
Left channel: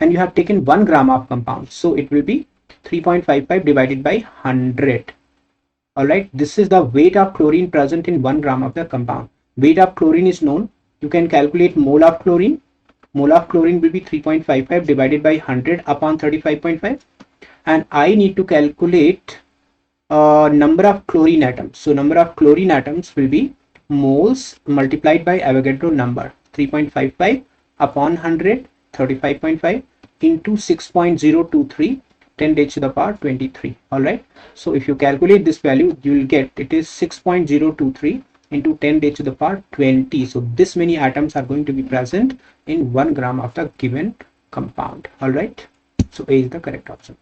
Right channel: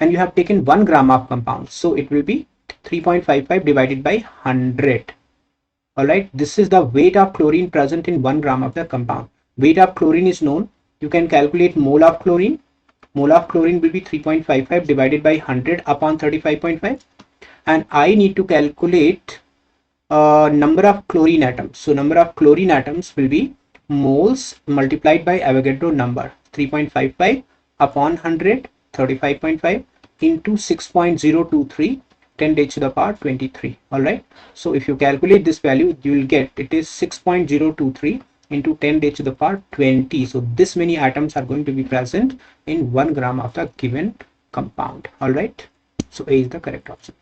and you have taken 1 gram of compound, so it will be 3.55 divided by 100. All right, this is the weight of chlorine present in 1 gram of the compound. Weight of chlorine is known. You can calculate mole of chlorine. Mole of chlorine will be 3.55 divided by 100 upon 35.5. And I need to calculate number of chlorine atoms. So number of chlorine atoms will be moles multiplied by Avogadro number. 3.55 upon 100, 35.5 into 6.023, 10 raised to the power 23. All right. So if you calculate this value, you will get it is 6.023 into 10 raised to the power 20. So this many atoms are going to be present in 1 gram of the given compound. All right. So A is the correct option.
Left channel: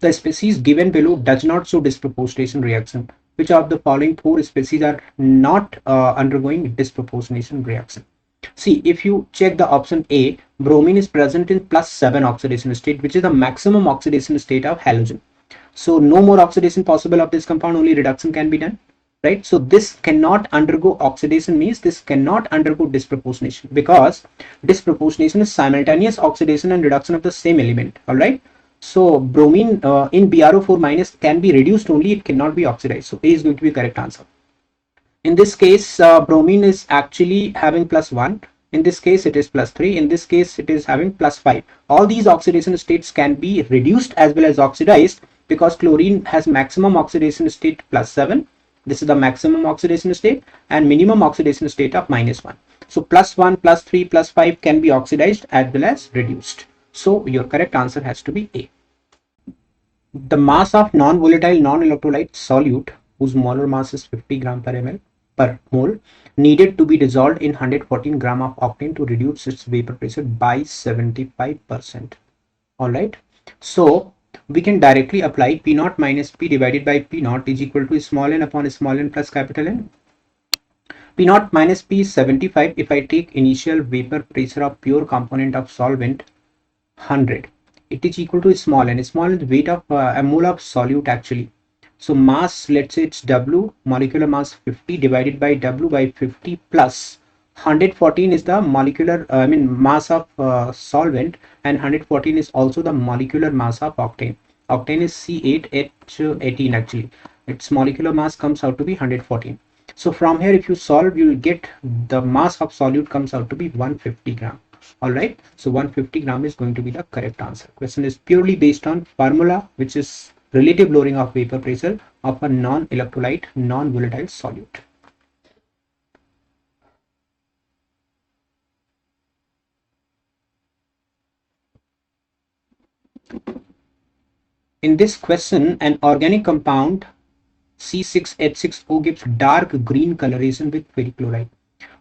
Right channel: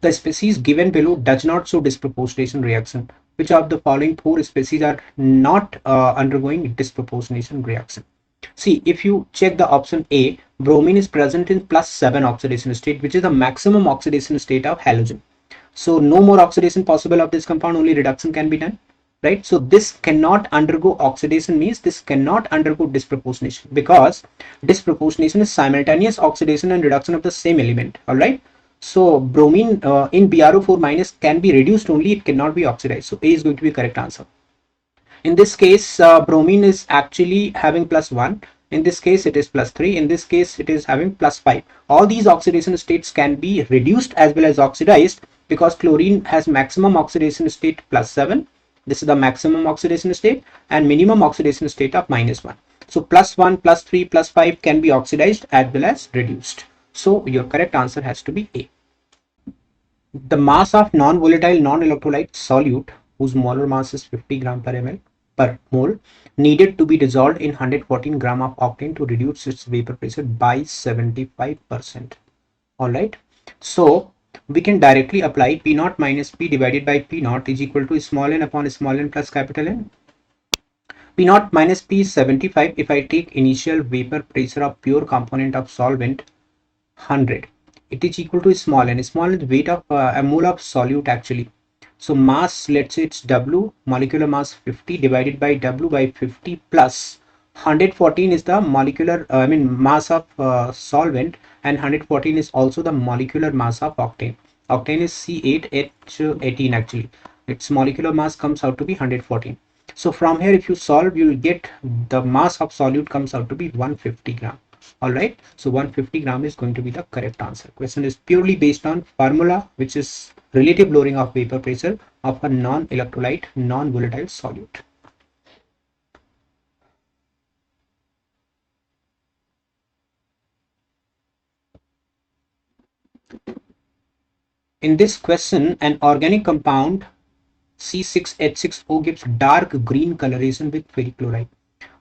The species given below does not show disproportionation reaction. Which of the following 4 species are not undergoing disproportionation reaction? See, if you check the option A, bromine is present in +7 oxidation state, which is the maximum oxidation state of halogen. So no more oxidation possible of this compound, only reduction can be done, right? So this cannot undergo oxidation, means this cannot undergo disproportionation, because disproportionation is simultaneous oxidation and reduction of the same element. All right. So bromine in BrO4 minus can be reduced only, it cannot be oxidized. So A is going to be correct answer. In this case, bromine is actually having +1. In this case, it is +3. In this case, it is having +5. All these oxidation states can be reduced as well as oxidized, because chlorine has maximum oxidation state +7. This is the maximum oxidation state, and minimum oxidation state of -1. So +1, +3, +5 can be oxidized as well as reduced. So your correct answer has to be A. The mass of non-volatile non-electrolyte solute whose molar mass is 50 gram per ml per mole needed to be dissolved in 114 gram of octane to reduce its vapor pressure by 75%. All right. So we can directly apply P naught minus P divided by P naught is equal to small n upon small n plus capital N. P naught minus P is 75. If I take initial vapor pressure of pure component of solvent 100, it is equal to small n. Small n is weight of a mole of solute actually. So mass, let's say it's W, molecular mass 50 divided by W by 50 plus 114 is the molecular, mass of solvent, and 114 is also the molecular mass of octane. Octane is C8H18 actually. Its molecular mass comes out to be 114. So from here, if you solve, you will get the mass of solute comes out to be 150 gram. All right. So 150 gram is going to be the correct answer. Question is purely based on formula, which is relative lowering of vapor pressure of a non-electrolyte, non-volatile solute. In this question, an organic compound C6H6O gives dark green coloration with ferric chloride.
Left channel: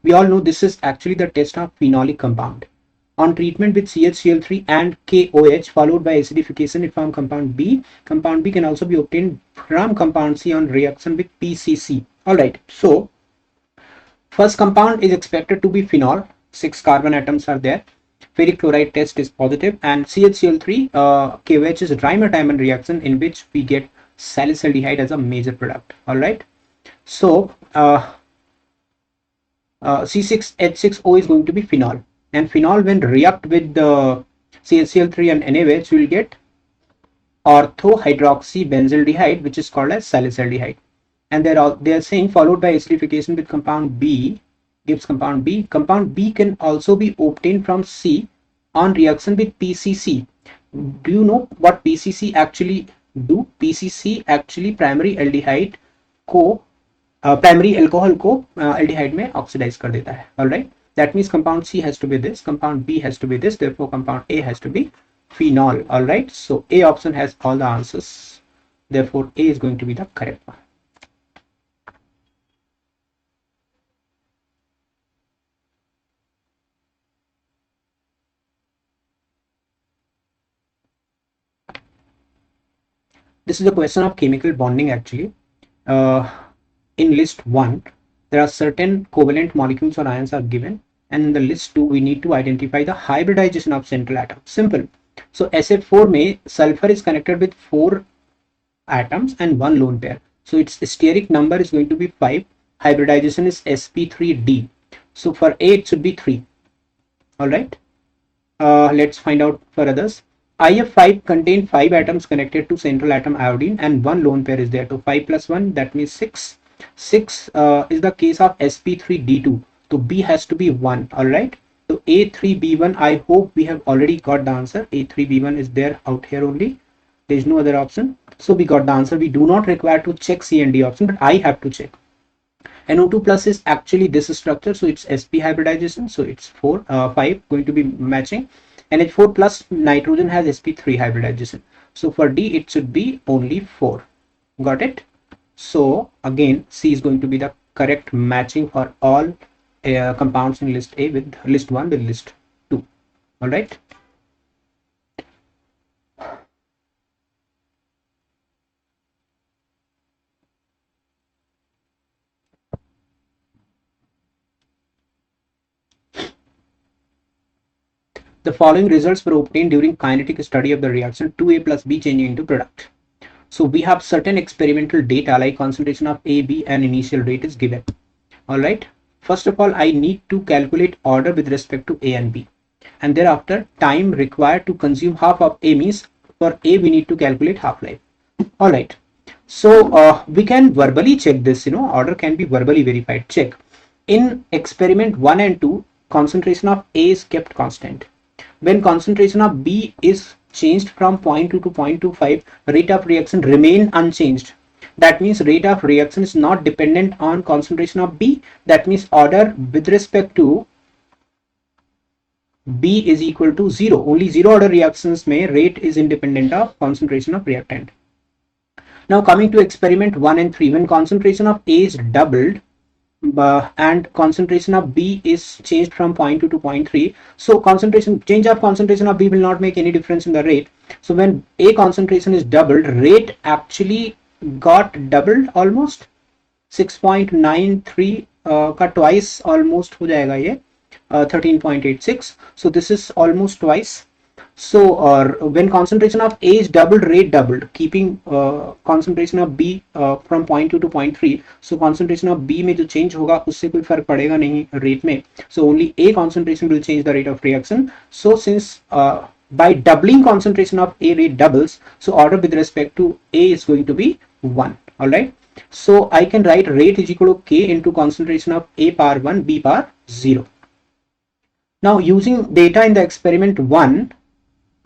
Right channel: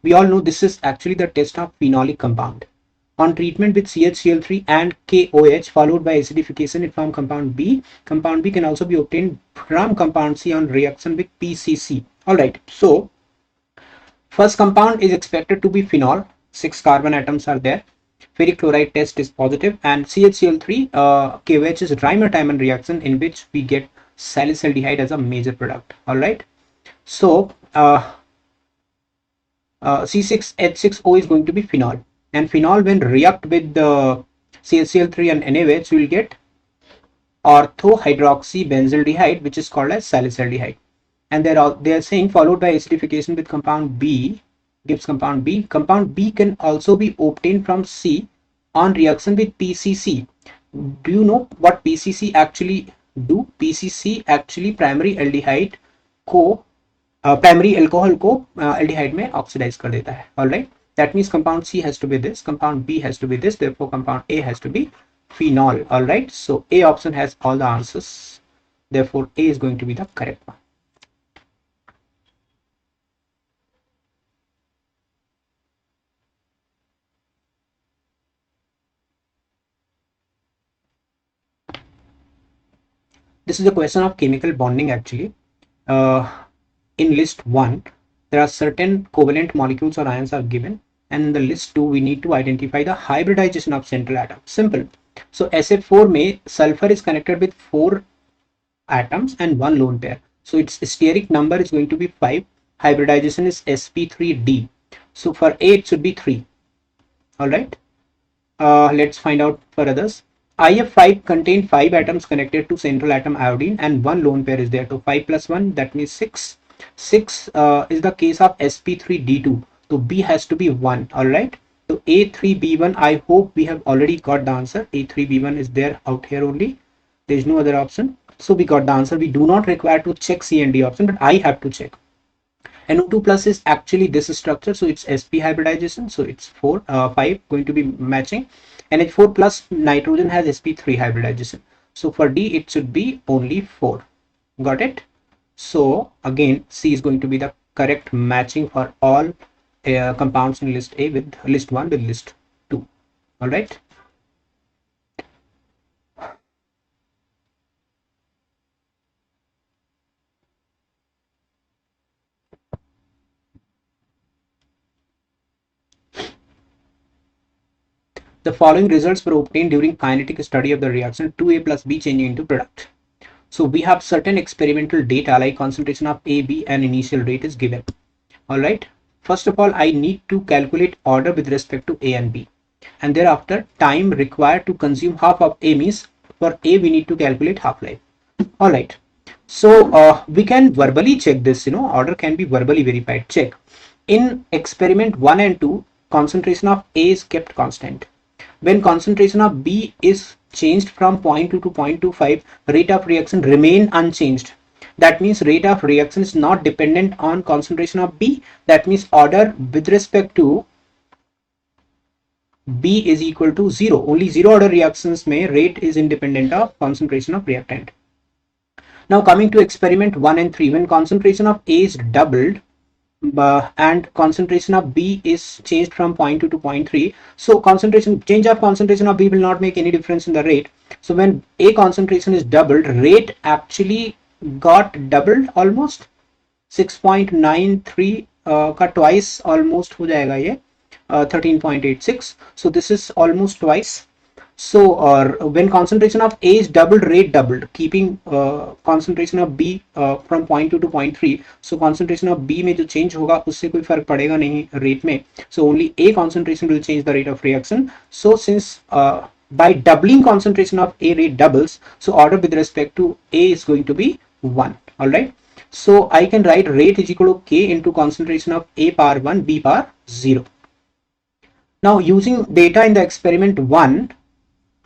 We all know this is actually the test of phenolic compound. On treatment with CHCl3 and KOH followed by acidification, it forms compound B. Compound B can also be obtained from compound C on reaction with PCC. All right. So first compound is expected to be phenol. 6 carbon atoms are there. Ferric chloride test is positive, and CHCl3 KOH is a trimer-diamond reaction in which we get salicylic as a major product. All right. So C6H6O is going to be phenol, and phenol when react with the CaCl3 and NaOH will get orthohydroxybenzaldehyde, which is called as salicylaldehyde. And they are saying followed by acidification with compound B gives compound B. Compound B can also be obtained from C on reaction with PCC. Do you know what PCC actually do? PCC actually primary aldehyde को primary alcohol को aldehyde में oxidize कर देता है. All right. That means compound C has to be this, compound B has to be this, therefore compound A has to be phenol. All right. So A option has all the answers. Therefore A is going to be the correct one. This is a question of chemical bonding actually. In list 1, there are certain covalent molecules or ions are given, and in the list 2, we need to identify the hybridization of central atom. Simple. So SF4 में sulfur is connected with 4 atoms and 1 lone pair. So its steric number is going to be 5. Hybridization is sp3d. So for A it should be 3. Alright. Let's find out for others. IF5 contain 5 atoms connected to central atom iodine and 1 lone pair is there. So 5 plus 1, that means 6. 6 is the case of sp3d2. So B has to be 1. Alright. So A3B1, I hope we have already got the answer. A3B1 is there out here only. There is no other option. So we got the answer. We do not require to check C and D option, but I have to check. NO2 plus is actually this structure, so it's sp hybridization, so it's 5 going to be matching. NH4 plus nitrogen has sp3 hybridization, so for D it should be only 4. Got it? So again C is going to be the correct matching for all compounds in list A with list 1 with list 2. All right. The following results were obtained during kinetic study of the reaction 2A plus B changing into product. So we have certain experimental data like concentration of A, B and initial rate is given. Alright. First of all, I need to calculate order with respect to A and B. And thereafter time required to consume half of A means for A we need to calculate half-life. Alright. So we can verbally check this, order can be verbally verified. Check. In experiment 1 and 2, concentration of A is kept constant. When concentration of B is changed from 0.2 to 0.25, rate of reaction remain unchanged. That means rate of reaction is not dependent on concentration of B. That means order with respect to B is equal to 0. Only 0 order reactions may rate is independent of concentration of reactant. Now coming to experiment 1 and 3, when concentration of A is doubled, and concentration of B is changed from 0.2 to 0.3. So change of concentration of B will not make any difference in the rate. So when A concentration is doubled, rate actually got doubled almost 6.93 का twice almost हो जाएगा ये 13.86. So this is almost twice. So when concentration of A is doubled, rate doubled, keeping concentration of B from 0.2 to 0.3. So concentration of B में जो change होगा उससे कोई फर्क पड़ेगा नहीं rate में. So only A concentration will change the rate of reaction. So since by doubling concentration of A, rate doubles, so order with respect to A is going to be 1. All right. So I can write rate is equal to K into concentration of A power 1, B power 0. Now using data in the experiment 1,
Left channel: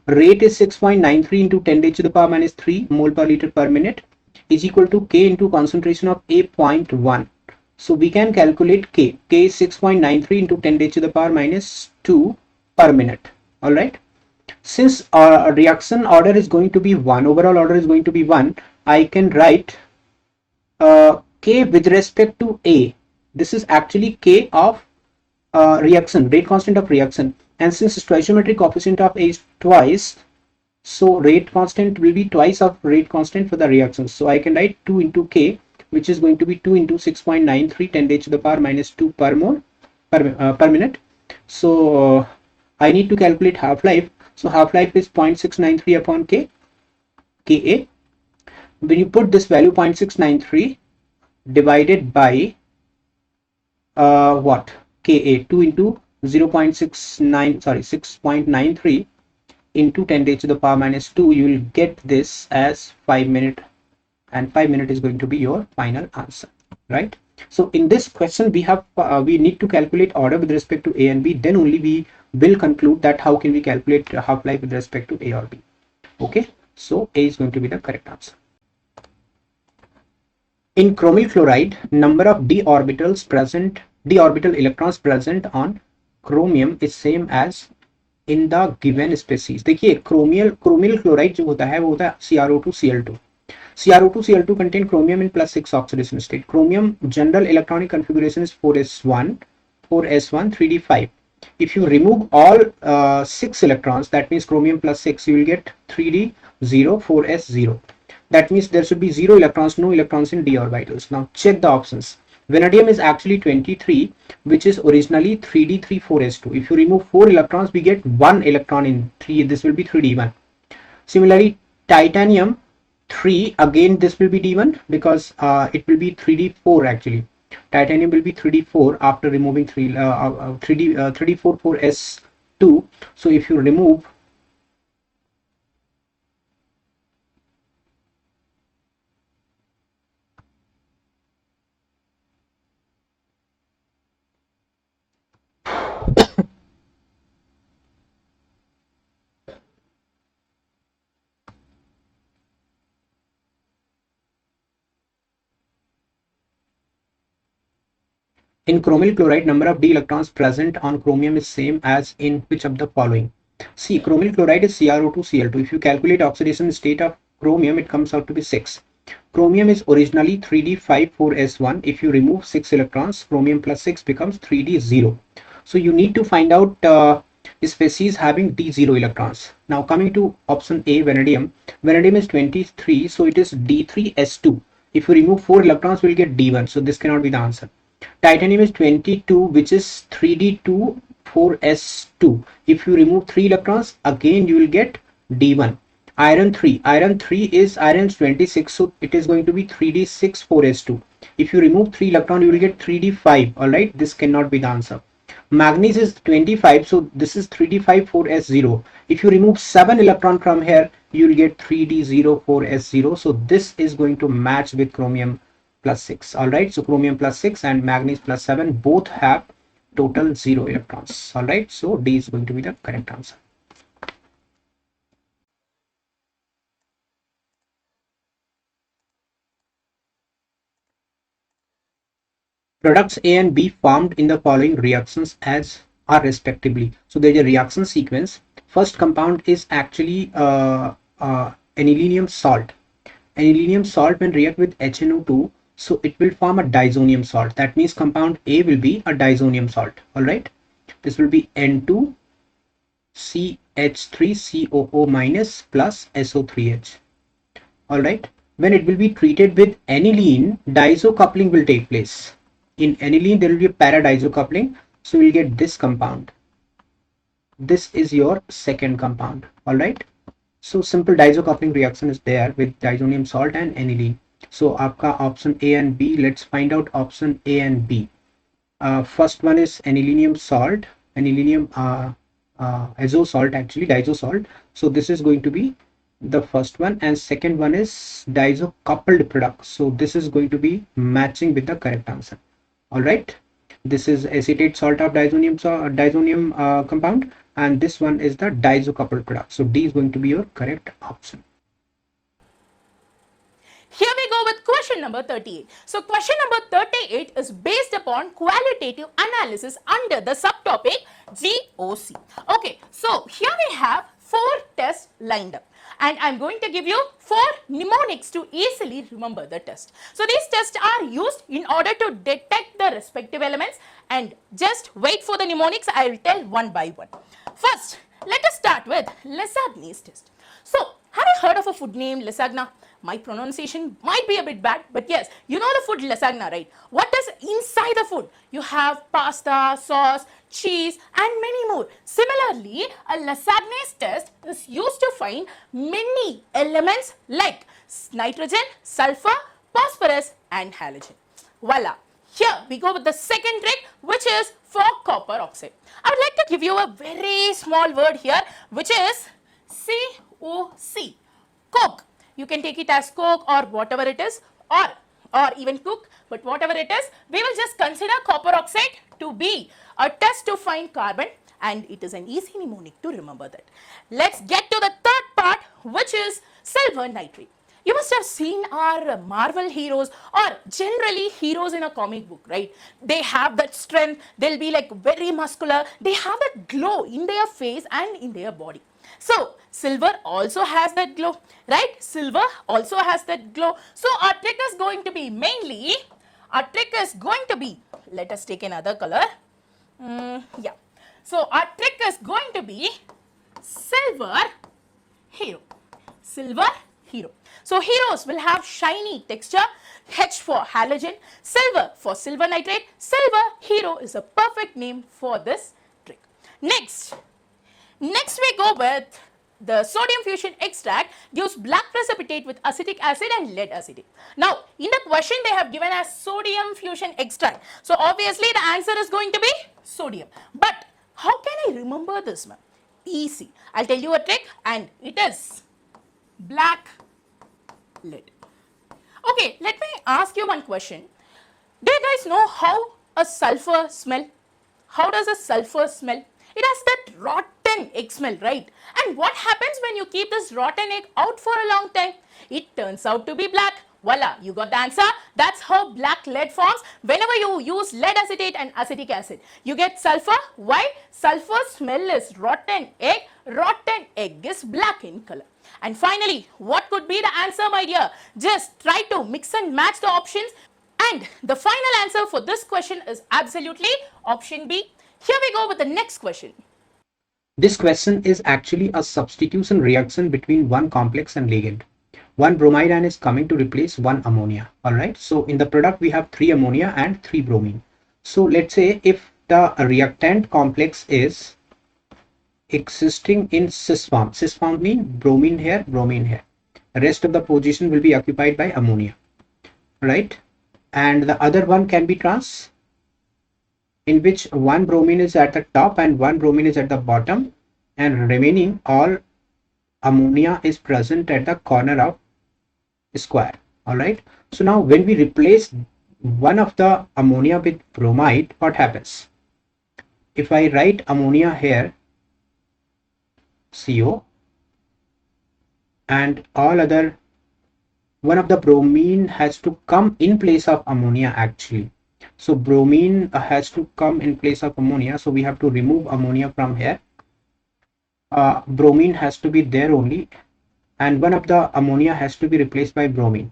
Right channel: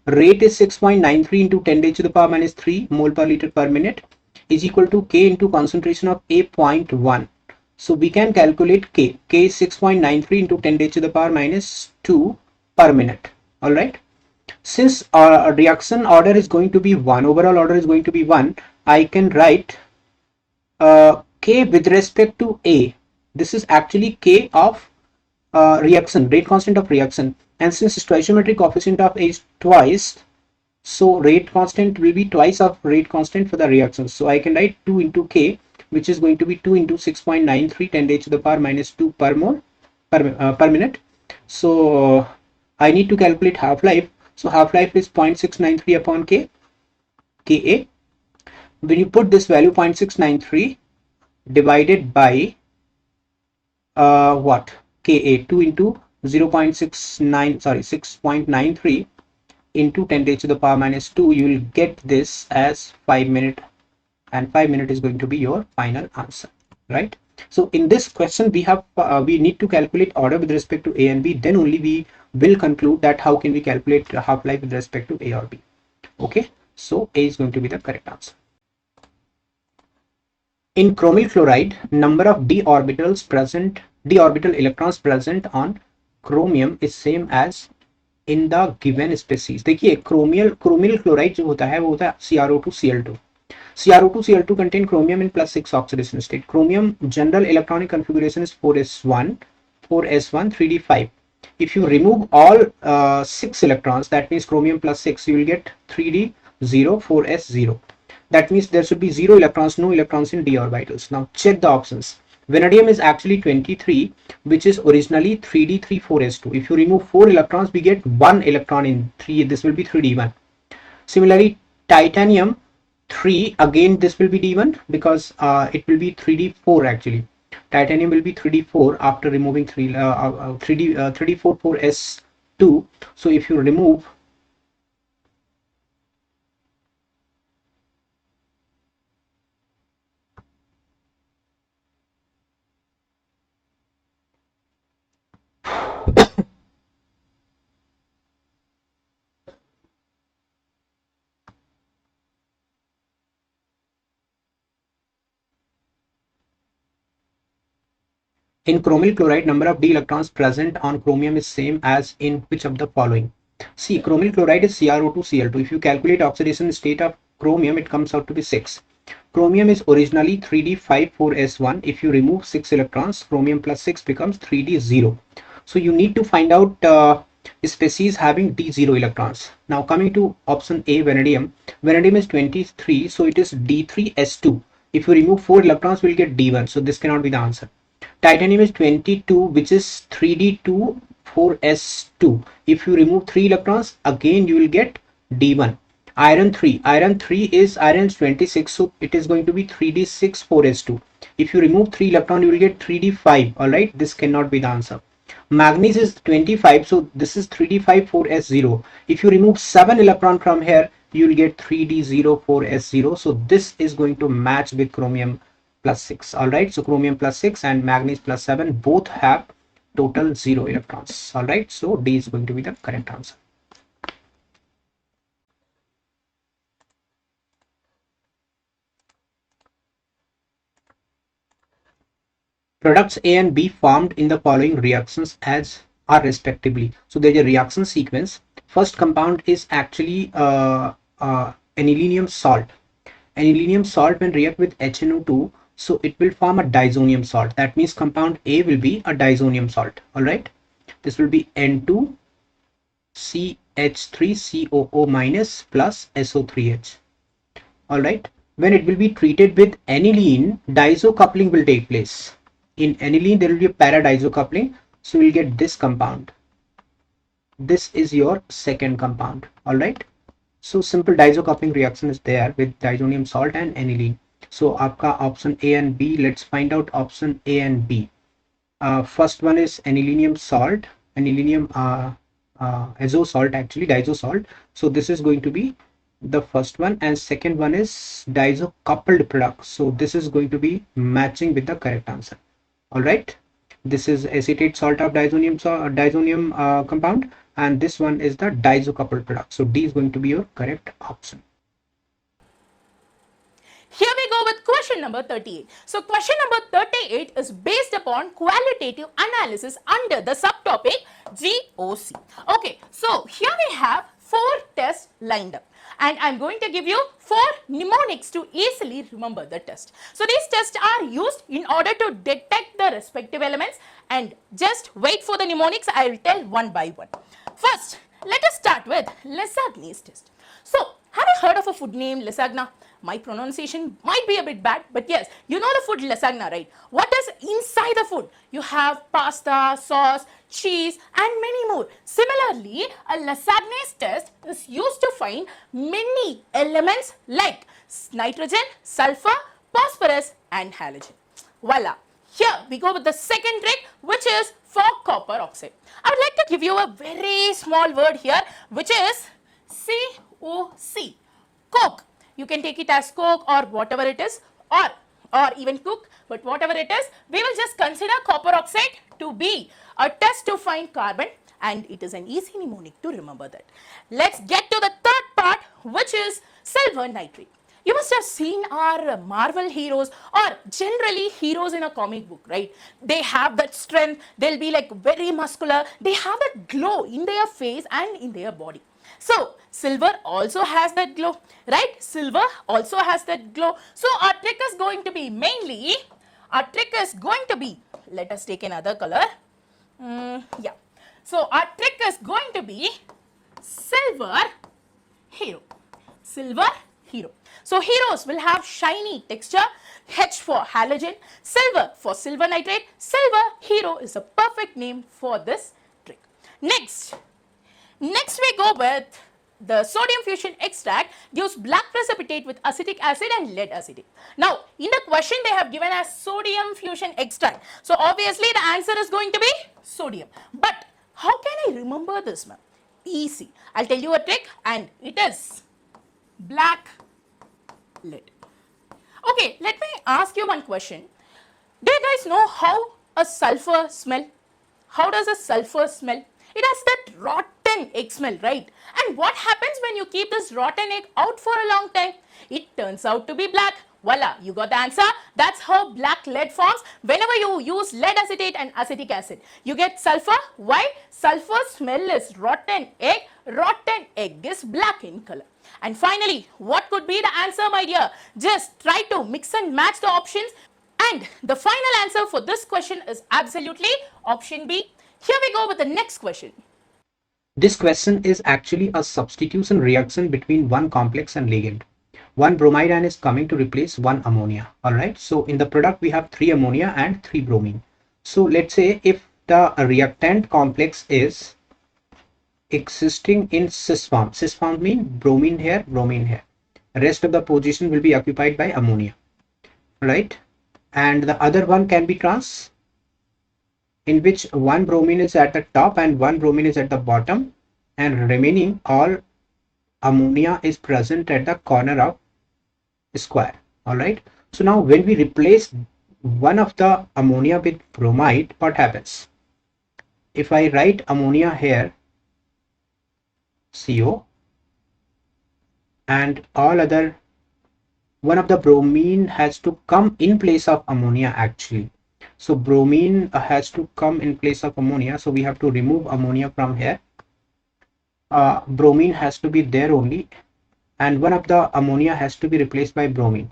rate is 6.93 into 10 raised to the power minus 3 mole per liter per minute is equal to K into concentration of A 0.1. So we can calculate K. K is 6.93 into 10 raised to the power minus 2 per minute. All right. Since our reaction order is going to be 1, overall order is going to be 1, I can write K with respect to A. This is actually K of reaction, rate constant of reaction. And since stoichiometric coefficient of A is twice, so rate constant will be twice of rate constant for the reaction. So I can write 2 into K, which is going to be 2 into 6.93 10 raised to the power minus 2 per mole per minute. So I need to calculate half-life. So half-life is 0.693 upon K, Ka. When you put this value 0.693 divided by what? Ka, 2 into 6.93, into 10 raised to the power minus 2, you will get this as 5 minutes, and 5 minutes is going to be your final answer, right? So in this question, we need to calculate order with respect to A and B. Then only we will conclude that how can we calculate half-life with respect to A or B. Okay, so A is going to be the correct answer. In chromyl chloride, number of d orbital electrons present on chromium is same as in the given species. देखिए क्रोमियल chloride जो होता है वो होता है CrO2Cl2. CrO2Cl2 contain chromium in +6 oxidation state. Chromium general electronic configuration is 4s1, 3d5. If you remove all 6 electrons, that means chromium +6, you will get 3d0, 4s0. That means there should be 0 electrons, no electrons in d orbitals. Now check the options. Vanadium is actually 23, which is originally 3d3, 4s2. If you remove 4 electrons, we get 1 electron in 3. This will be 3d1. Similarly, titanium 3, again this will be d1 because it will be 3d4 actually. Titanium will be 3d4 after removing 3d4 4s2. So if you remove in chromyl chloride, number of d electrons present on chromium is same as in which of the following? See, chromyl chloride is CrO2Cl2. If you calculate oxidation state of chromium, it comes out to be 6. Chromium is originally 3d5,4s1. If you remove 6 electrons, chromium plus 6 becomes 3d0. So you need to find out species having d0 electrons. Now coming to option A, vanadium. Vanadium is 23, so it is d3s2. If you remove 4 electrons, we'll get d1. So this cannot be the answer. Titanium is 22, which is 3d2, 4s2. If you remove 3 electrons, again you will get d1. Iron 3. Iron 3 is 26, so it is going to be 3d6, 4s2. If you remove 3 electrons, you will get 3d5. Alright, this cannot be the answer. Manganese is 25, so this is 3d5, 4s0. If you remove 7 electrons from here, you will get 3d0, 4s0. So this is going to match with chromium +6. All right, so chromium +6 and manganese +7 both have total 0 electrons. All right, so D is going to be the correct answer. Products A and B formed in the following reactions as are respectively. So there's a reaction sequence. First compound is actually anilinium salt. Anilinium salt will react with HNO2, so it will form a disonium salt. That means compound A will be a disonium salt. All right, this will be N2CH3COO minus plus SO3H. All right, when it will be treated with aniline, diisocoupling will take place. In aniline, there will be a para-diisocoupling, so we'll get this compound. This is your second compound. All right. So simple diisocoupling reaction is there with disonium salt and aniline. So आपका option A and B. Let's find out option A and B. First one is anilinium salt, anilinium azo salt, actually diisosalt. So this is going to be the first one, and second one is diisocoupled product. So this is going to be matching with the correct answer. All right. This is acetate salt of disonium compound, and this one is the diisocoupled product. So D is going to be your correct option. Here we go with question number 38. So question number 38 is based upon qualitative analysis under the subtopic GOC. Okay, so here we have 4 tests lined up. And I'm going to give you 4 mnemonics to easily remember the test. So these tests are used in order to detect the respective elements, and just wait for the mnemonics. I will tell one by one. First, let us start with Lesagne's test. So, have you heard of a food named lasagna? My pronunciation might be a bit bad, but yes, you know the food lasagna, right? What is inside the food? You have pasta, sauce, cheese, and many more. Similarly, a lasagna's test is used to find many elements like nitrogen, sulfur, phosphorus, and halogen. Voila. Here we go with the second trick, which is for copper oxide. I would like to give you a very small word here, which is COC, coke. You can take it as coke or whatever it is, or even cook, but whatever it is, we will just consider copper oxide to be a test to find carbon, and it is an easy mnemonic to remember that. Let's get to the third part, which is silver nitrate. You must have seen our Marvel heroes or generally heroes in a comic book, right? They have that strength, they'll be like very muscular, they have that glow in their face and in their body. So, silver also has that glow, right? Silver also has that glow. So, our trick is going to be mainly, let us take another color. Yeah. So, our trick is going to be silver hero. Silver hero. So heroes will have shiny texture. H for halogen, silver for silver nitrate. Silver hero is a perfect name for this trick. Next we go with the sodium fusion extract gives black precipitate with acetic acid and lead acetate. Now, in the question they have given as sodium fusion extract. So obviously the answer is going to be sodium. But how can I remember this, ma'am? Easy. I'll tell you a trick and it is black lead. Okay, let me ask you one question. Do you guys know how a sulfur smell? How does a sulfur smell? It has that rotten egg smell, right? And what happens when you keep this rotten egg out for a long time? It turns out to be black. Voila, you got the answer. That's how black lead forms. Whenever you use lead acetate and acetic acid, you get sulfur. Why? Sulfur smell is rotten egg. Rotten egg is black in color. And finally, what could be the answer, my dear? Just try to mix and match the options. And the final answer for this question is absolutely option B. Here we go with the next question. This question is actually a substitution reaction between one complex and ligand. One bromide ion is coming to replace one ammonia. All right. So in the product, we have 3 ammonia and 3 bromine. So let's say if the reactant complex is existing in cis form. Cis form means bromine here, bromine here. The rest of the position will be occupied by ammonia. Right. And the other one can be trans, in which one bromine is at the top and one bromine is at the bottom, and remaining all ammonia is present at the corner of square. All right. So now when we replace one of the ammonia with bromide, what happens? If I write ammonia here, CO, and all other, one of the bromine has to come in place of ammonia actually. So bromine has to come in place of ammonia. So we have to remove ammonia from here. Bromine has to be there only, and one of the ammonia has to be replaced by bromine.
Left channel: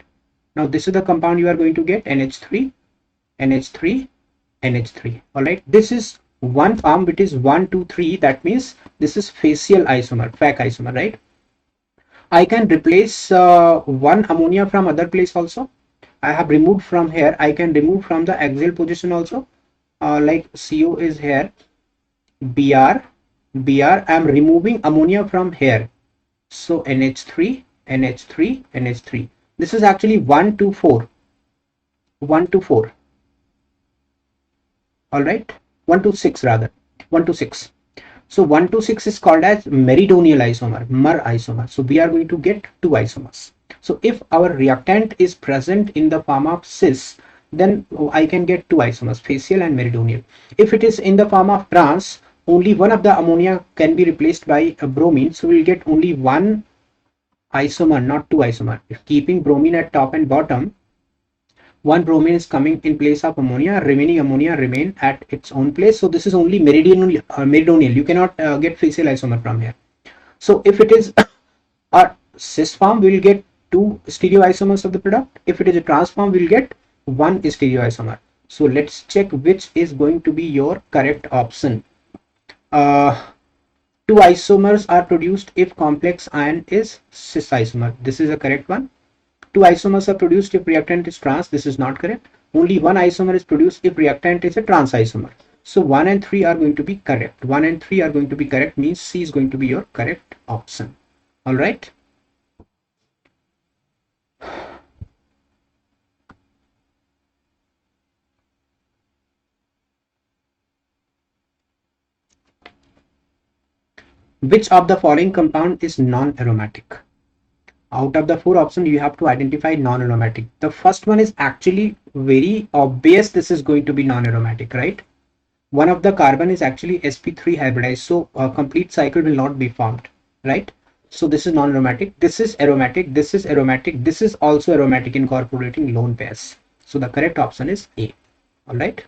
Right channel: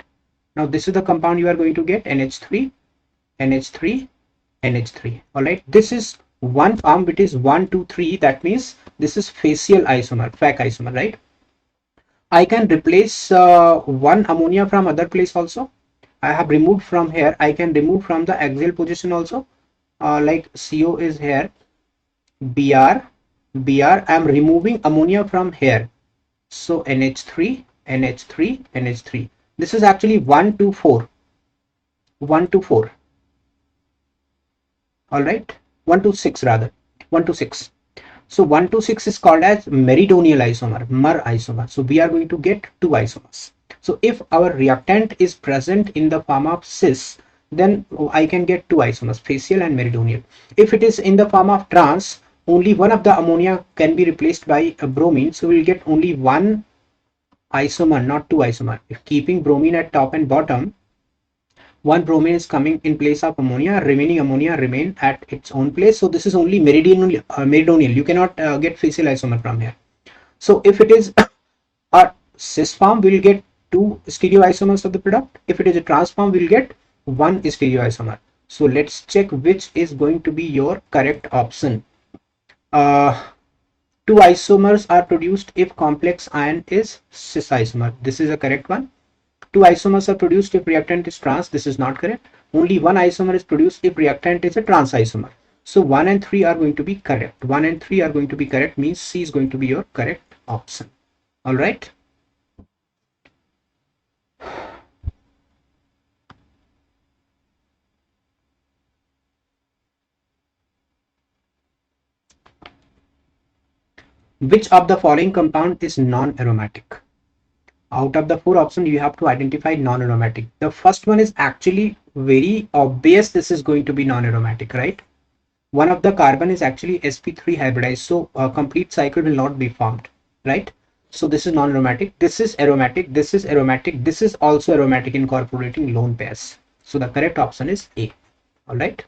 Now this is the compound you are going to get, NH3, NH3, NH3. All right. This is one form which is 1, 2, 3. That means this is facial isomer, FAC isomer, right? I can replace one ammonia from other place also. I have removed from here. I can remove from the axial position also. Like CO is here, Br, Br. I am removing ammonia from here. So NH3, NH3, NH3. This is actually 1, 2, 4. 1 to 4. All right. 1 to 6 rather. 1 to 6. So 1 to 6 is called as meridional isomer, MER isomer. So we are going to get 2 isomers. So if our reactant is present in the form of cis, then I can get 2 isomers, facial and meridional. If it is in the form of trans, only one of the ammonia can be replaced by a bromine. So we'll get only 1 isomer, not 2 isomer. If keeping bromine at top and bottom, one bromine is coming in place of ammonia, remaining ammonia remain at its own place. So this is only meridional. You cannot get facial isomer from here. So if it is a cis form, we will get 2 stereoisomers of the product. If it is a trans form, we will get 1 stereoisomer. So let's check which is going to be your correct option. 2 isomers are produced if complex ion is cis isomer. This is a correct one. 2 isomers are produced if reactant is trans. This is not correct. Only 1 isomer is produced if reactant is a trans isomer. So 1 and 3 are going to be correct. 1 and 3 are going to be correct, means C is going to be your correct option. All right. Which of the following compound is non-aromatic? Out of the four options, you have to identify non-aromatic. The first one is actually very obvious. This is going to be non-aromatic, right? One of the carbon is actually sp3 hybridized, so a complete cycle will not be formed, right? So this is non-aromatic. This is aromatic. This is aromatic. This is also aromatic, incorporating lone pairs. So the correct option is A. All right.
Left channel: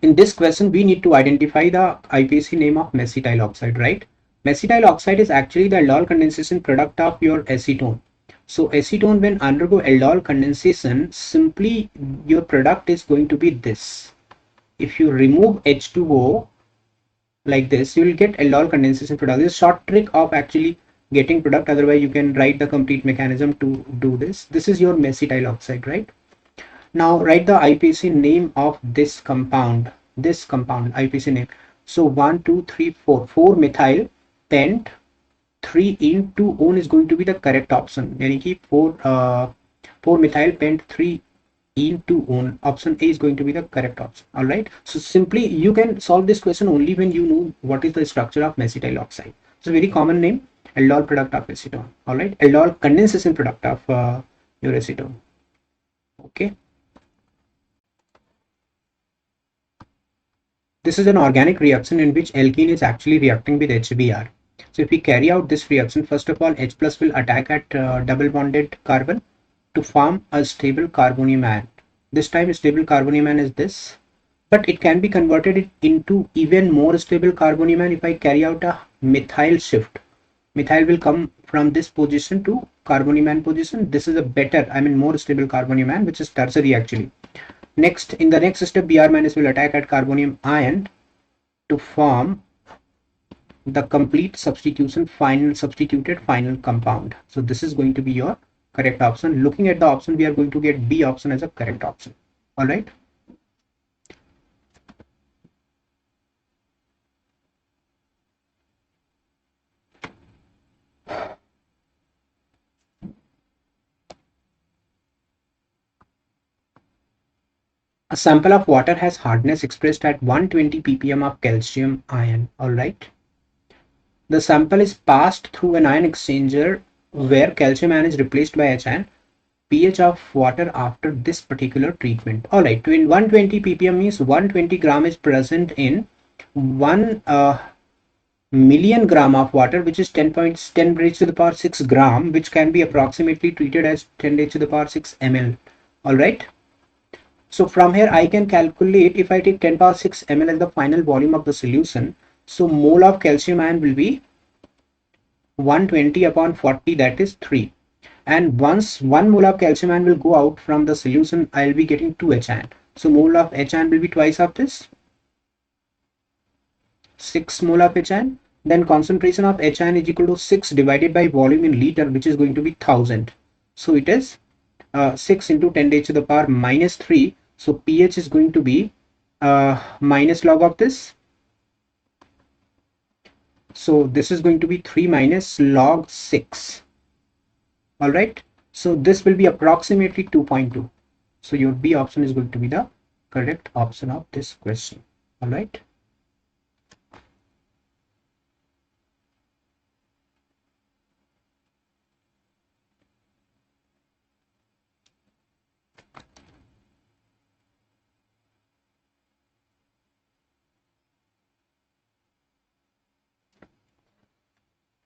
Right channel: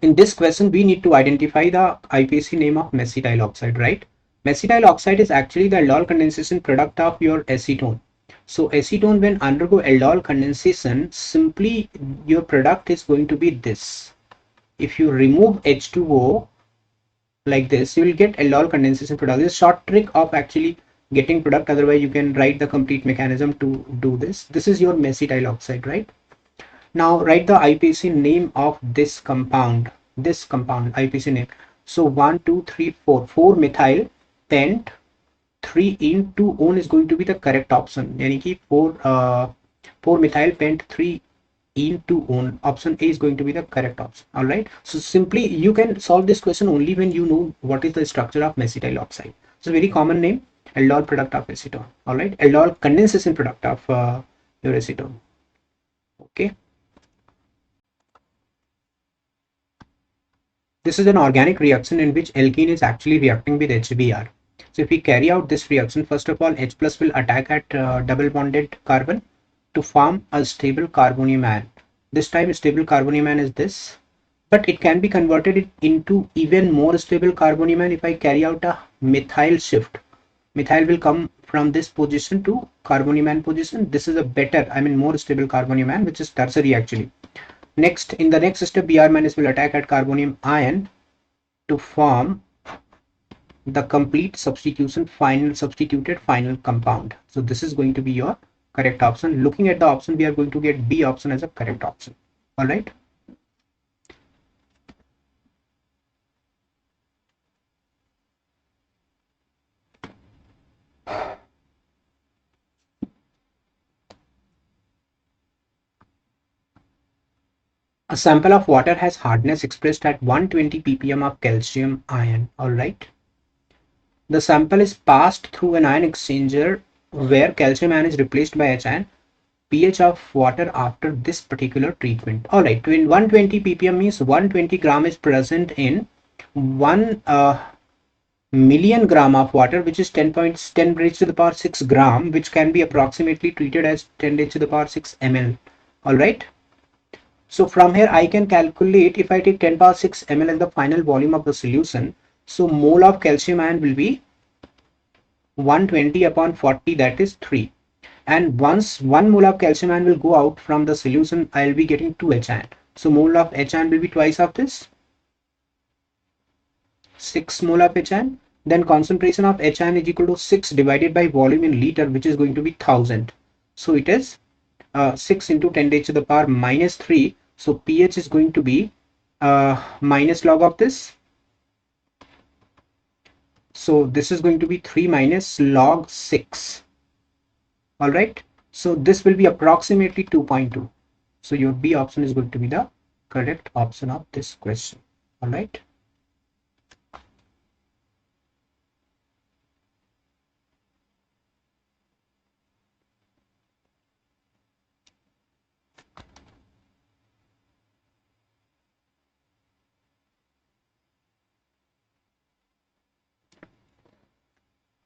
In this question, we need to identify the IPC name of mesitile oxide, right? Mesitile oxide is actually the aldol condensation product of your acetone. So acetone, when undergo aldol condensation, simply your product is going to be this. If you remove H2O like this, you will get aldol condensation product. This is a short trick of actually getting product. Otherwise, you can write the complete mechanism to do this. This is your mesitile oxide, right? Now write the IPC name of this compound. This compound IPC name. So 1, 2, 3, 4. 4-methyl pent 3-ene-2-one is going to be the correct option. यानी कि 4-methyl pent 3-ene-2-one. Option A is going to be the correct option. All right. So simply you can solve this question only when you know what is the structure of mesitile oxide. So very common name, aldol product of acetone. All right. Aldol condensation product of your acetone. Okay. This is an organic reaction in which alkene is actually reacting with HBr. So if we carry out this reaction, first of all, H plus will attack at double bonded carbon to form a stable carbonium ion. This time stable carbonium ion is this, but it can be converted into even more stable carbonium ion if I carry out a methyl shift. Methyl will come from this position to carbonium ion position. This is a better, more stable carbonium ion, which is tertiary actually. Next, in the next step, Br minus will attack at carbonium ion to form the complete substituted final compound. So this is going to be your correct option. Looking at the option, we are going to get B option as a correct option. All right. A sample of water has hardness expressed at 120 ppm of calcium ion. All right. The sample is passed through an ion exchanger where calcium ion is replaced by H ion. pH of water after this particular treatment. All right. When 120 ppm means 120 gram is present in 1 million gram of water, which is 10 raised to the power 6 gram, which can be approximately treated as 10 raised to the power 6 ml. All right. So from here I can calculate, if I take 10 power 6 ml as the final volume of the solution, so mole of calcium ion will be 120 upon 40, that is 3. And once 1 mole of calcium ion will go out from the solution, I will be getting 2 H ion. So mole of H ion will be twice of this, 6 mole of H ion. Then concentration of H ion is equal to 6 divided by volume in liter, which is going to be 1000. So it is 6 into 10 raised to the power minus 3. So pH is going to be minus log of this. So this is going to be 3 minus log 6. All right. So this will be approximately 2.2. So your B option is going to be the correct option of this question. All right.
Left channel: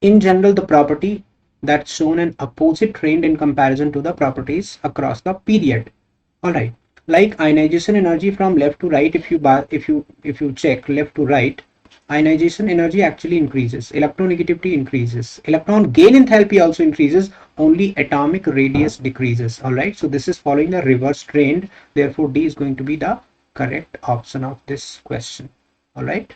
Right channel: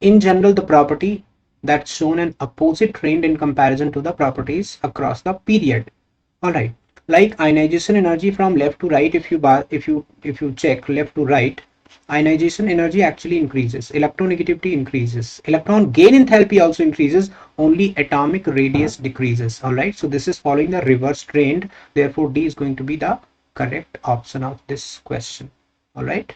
In general, the property that's shown in opposite trend in comparison to the properties across the period. All right. Like ionization energy from left to right, if you check left to right, ionization energy actually increases, electronegativity increases, electron gain enthalpy also increases, only atomic radius decreases. All right. So this is following the reverse trend. Therefore, D is going to be the correct option of this question. All right.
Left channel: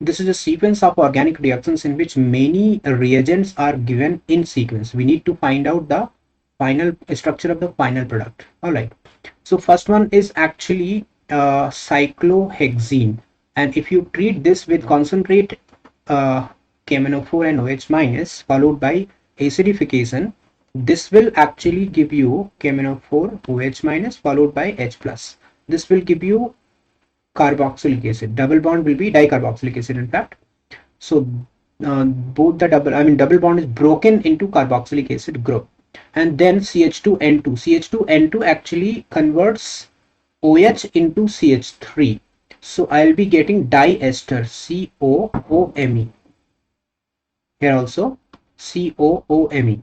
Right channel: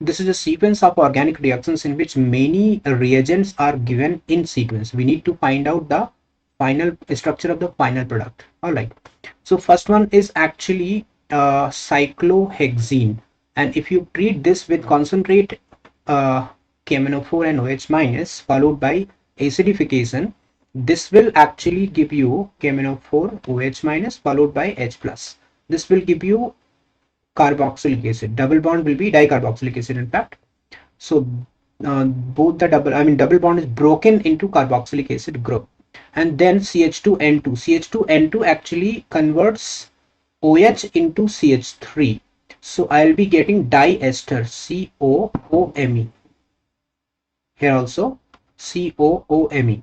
This is a sequence of organic reactions in which many reagents are given in sequence. We need to find out the final structure of the final product. All right. So first one is actually cyclohexene, and if you treat this with concentrate KMnO4 and OH minus followed by acidification, this will actually give you KMnO4 OH minus followed by H plus. This will give you carboxylic acid. Double bond will be dicarboxylic acid, in fact. So both the double bond is broken into carboxylic acid group, and then CH2N2. CH2N2 actually converts OH into CH3. So I'll be getting diester, COOMe. Here also COOMe.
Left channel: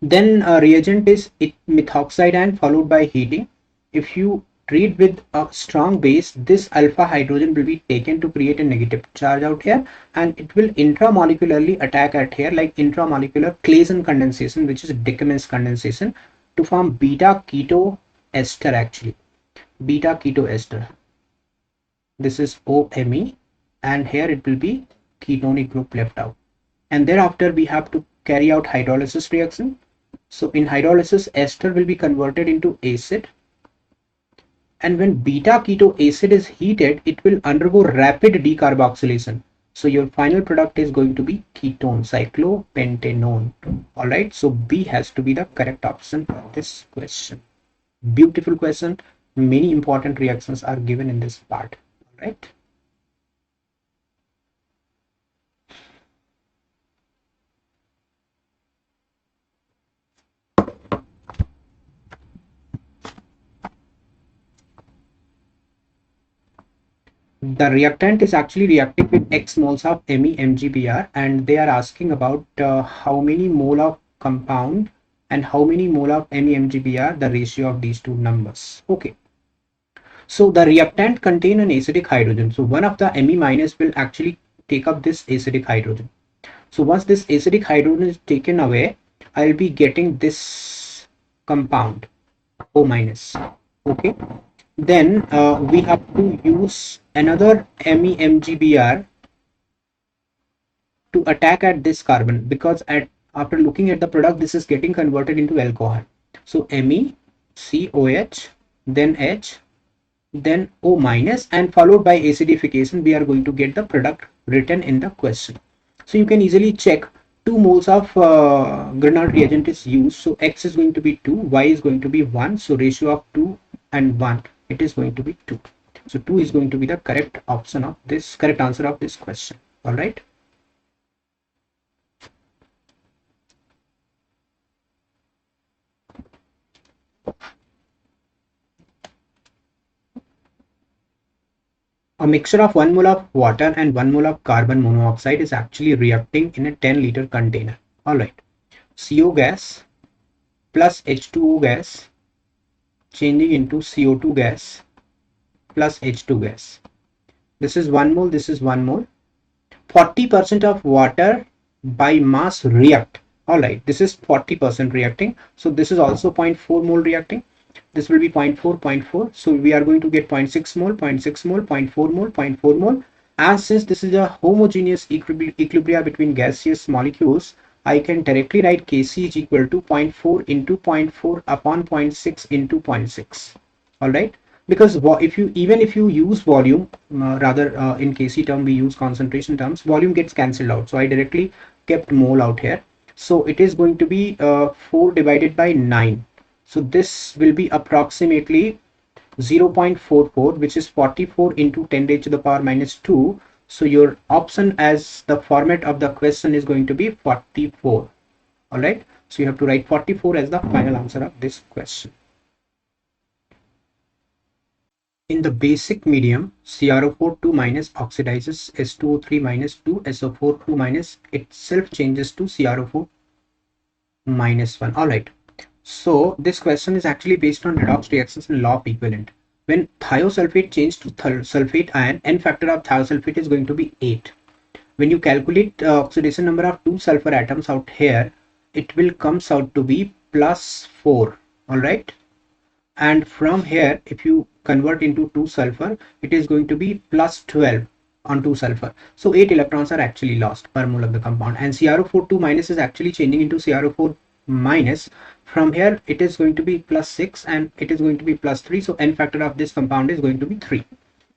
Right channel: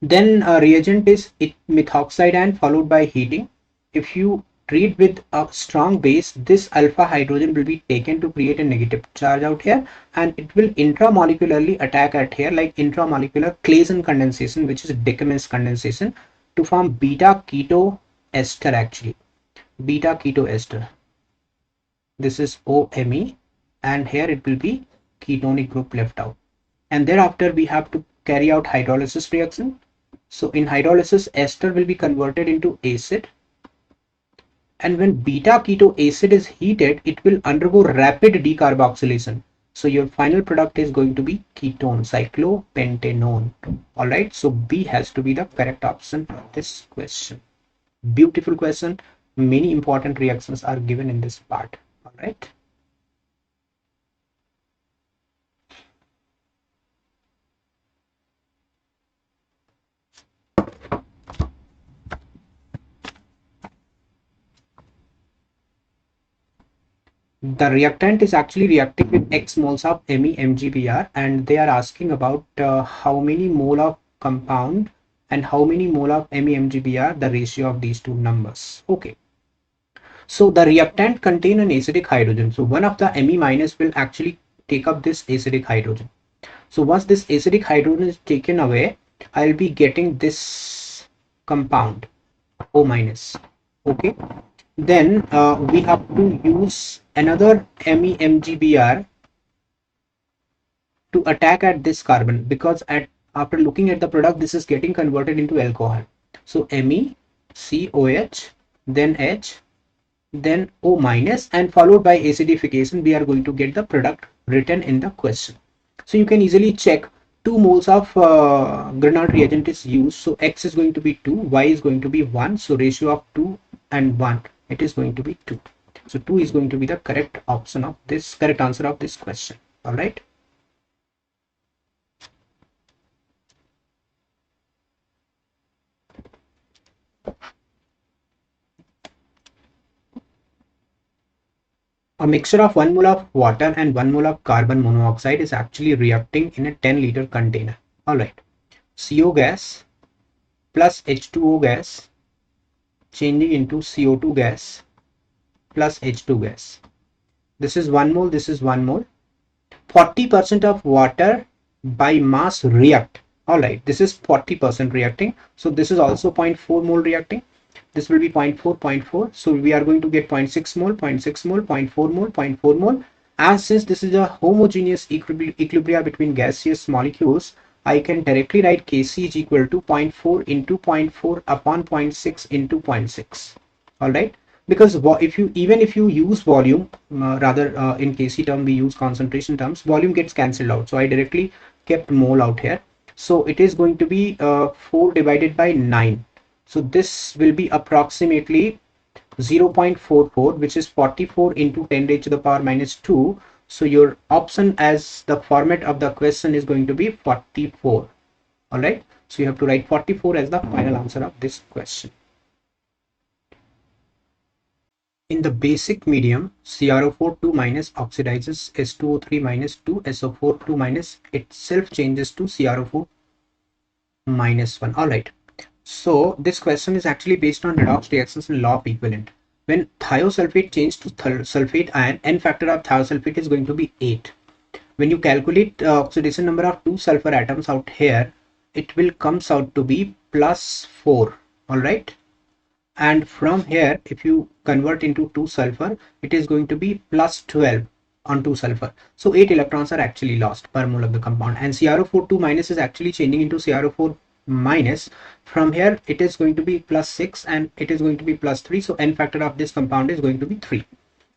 Then reagent is methoxide ion followed by heating. If you treat with a strong base, this alpha hydrogen will be taken to create a negative charge out here, and it will intramolecularly attack at here like intramolecular Claisen condensation, which is Dicamous condensation, to form beta keto ester actually. Beta keto ester. This is OMe, and here it will be ketonic group left out. And thereafter we have to carry out hydrolysis reaction. So in hydrolysis, ester will be converted into acid, and when beta keto acid is heated, it will undergo rapid decarboxylation. So your final product is going to be ketone, cyclopentanone. All right, so B has to be the correct option for this question. Beautiful question. Many important reactions are given in this part. All right. The reactant is actually reacting with X moles of MeMgBr, and they are asking about how many mole of compound and how many mole of MeMgBr, the ratio of these two numbers. Okay. So the reactant contain an acidic hydrogen. So one of the Me minus will actually take up this acidic hydrogen. So once this acidic hydrogen is taken away, I will be getting this compound O minus. Okay. Then we have to use another MeMgBr to attack at this carbon, because after looking at the product, this is getting converted into alcohol. So MeCOH, then H, then O minus, and followed by acidification, we are going to get the product written in the question. So you can easily check 2 moles of Grignard reagent is used. So X is going to be 2, Y is going to be 1. So ratio of 2 and 1, it is going to be 2. So 2 is going to be the correct option of this, correct answer of this question. All right. A mixture of 1 mole of water and 1 mole of carbon monoxide is actually reacting in a 10-liter container. All right. CO gas plus H2O gas changing into CO2 gas plus H2 gas. This is 1 mole, this is 1 mole. 40% of water by mass react. All right, this is 40% reacting. So this is also 0.4 mole reacting. This will be 0.4, 0.4. So we are going to get 0.6 mole, 0.6 mole, 0.4 mole, 0.4 mole. As since this is a homogeneous equilibrium between gaseous molecules, I can directly write Kc is equal to 0.4 into 0.4 upon 0.6 into 0.6. All right. Because if you use volume, in Kc term we use concentration terms, volume gets cancelled out. So I directly kept mole out here. So it is going to be 4 divided by 9. So this will be approximately 0.44, which is 44 into 10 raised to the power minus 2. So your option as the format of the question is going to be 44. All right. So you have to write 44 as the final answer of this question. In the basic medium, CrO4 2 minus oxidizes S2O3 minus 2, SO4 2 minus itself changes to CrO4 minus 1. All right. So this question is actually based on redox reactions in law of equivalent. When thiosulfate changes to sulfate ion, N factor of thiosulfate is going to be 8. When you calculate oxidation number of 2 sulfur atoms out here, it will comes out to be plus 4. All right. And from here, if you convert into 2 sulfur, it is going to be plus 12 on 2 sulfur. So 8 electrons are actually lost per mole of the compound, and CrO4 2 minus is actually changing into CrO4 minus From here it is going to be plus 6 and it is going to be plus 3, so n factor of this compound is going to be 3.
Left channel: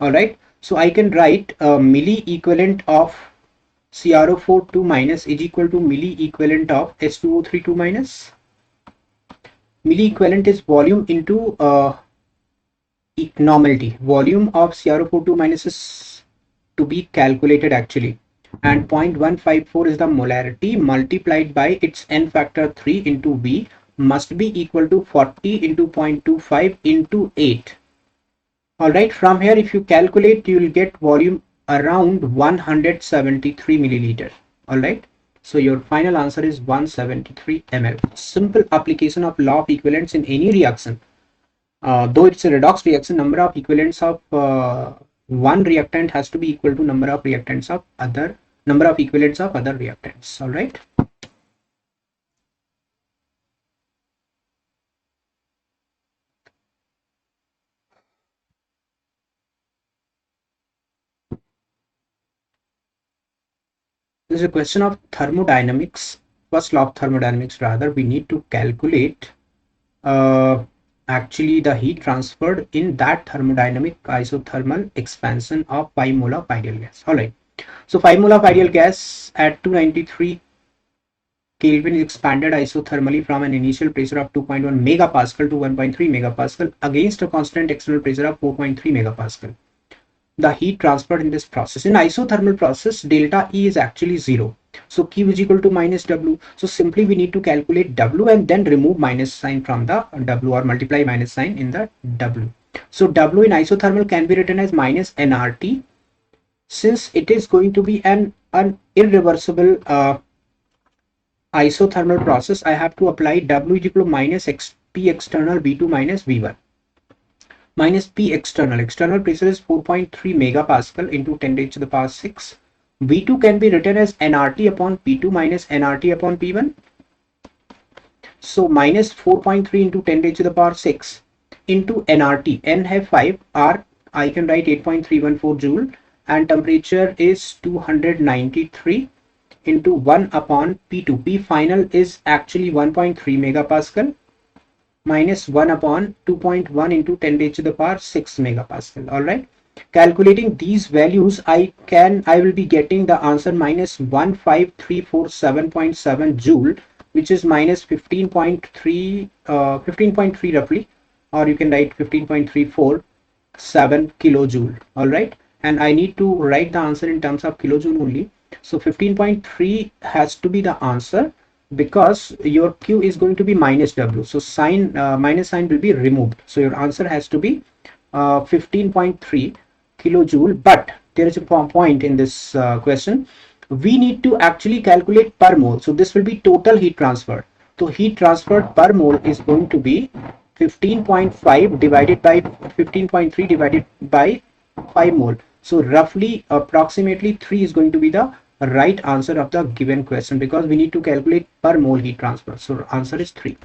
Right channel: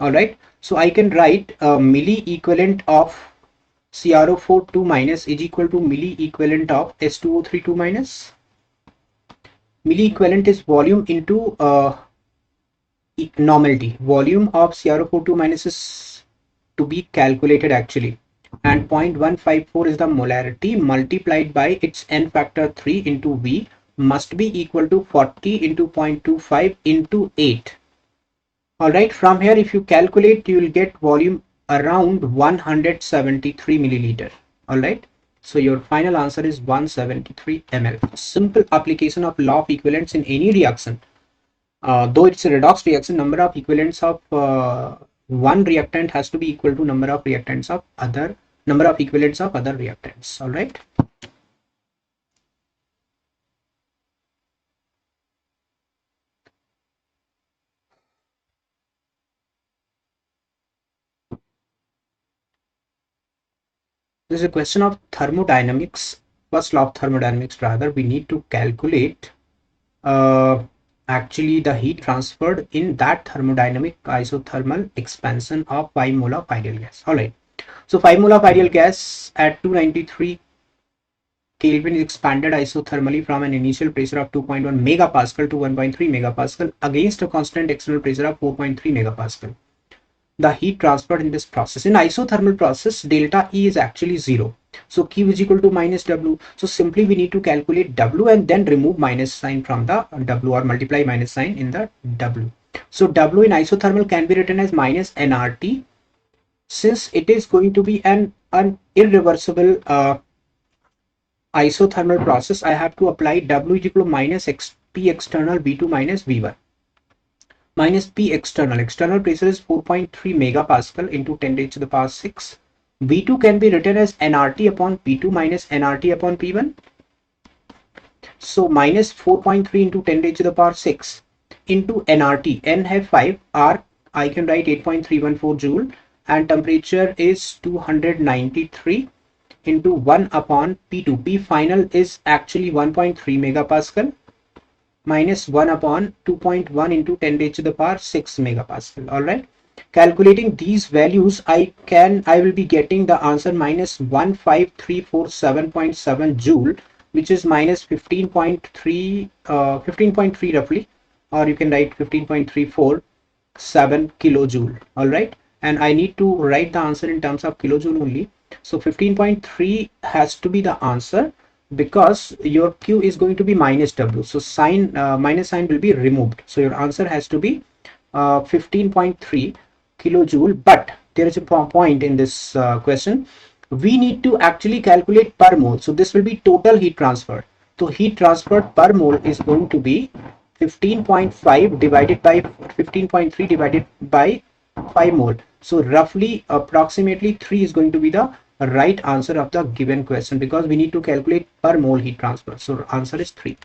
All right, so I can write a milli equivalent of CrO4 2 minus is equal to milli equivalent of H2O3 2 minus. Milli equivalent is volume into normality. Volume of CrO4 2 minus is to be calculated actually, and 0.154 is the molarity multiplied by its n factor 3 into V must be equal to 40 into 0.25 into 8. All right, from here if you calculate you will get volume around 173 milliliter. All right, so your final answer is 173 ml. Simple application of law of equivalence in any reaction. Though it's a redox reaction, number of equivalents of one reactant has to be equal to number of equivalents of other reactants. All right. There's a question of thermodynamics. First law of thermodynamics, rather, we need to calculate actually the heat transferred in that thermodynamic isothermal expansion of 5 mole of ideal gas. All right, so 5 mole of ideal gas at 293 Kelvin is expanded isothermally from an initial pressure of 2.1 megapascal to 1.3 megapascal against a constant external pressure of 4.3 megapascal. The heat transferred in this process, in isothermal process, delta E is actually 0. So Q is equal to minus W. So simply we need to calculate W and then remove minus sign from the W, or multiply minus sign in the W. So W in isothermal can be written as minus nRT. Since it is going to be an irreversible isothermal process, I have to apply W is equal to minus P external V2 minus V1 minus P external. External pressure is 4.3 megapascal into 10 raised to the power 6. V2 can be written as nRT upon P2 minus nRT upon P1. So minus 4.3 into 10 raised to the power 6 into nRT. N have 5, R I can write 8.314 joule, and temperature is 293 into 1 upon P2. P final is actually 1.3 megapascal minus 1 upon 2.1 into 10 raised to the power 6 megapascal. All right, calculating these values, I will be getting the answer minus 15347.7 joule, which is minus 15.3 roughly, or you can write 15.347 kilojoule. All right, and I need to write the answer in terms of kilojoule only. So 15.3 has to be the answer, because your Q is going to be minus W. So sign minus sign will be removed. So your answer has to be 15.3 kilojoule. But there is a point in this question. We need to actually calculate per mole. So this will be total heat transfer. So heat transfer per mole is going to be 15.5 divided by 15.3 divided by 5 mole. So roughly approximately 3 is going to be the right answer of the given question, because we need to calculate per mole heat transfer. So answer is 3.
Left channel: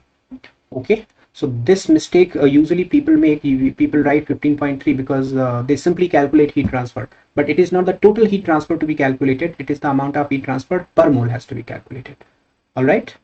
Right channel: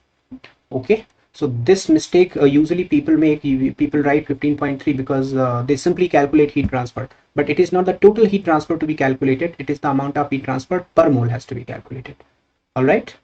Okay, so this mistake usually people make. People write 15.3 because they simply calculate heat transfer, but it is not the total heat transfer to be calculated, it is the amount of heat transfer per mole has to be calculated. All right,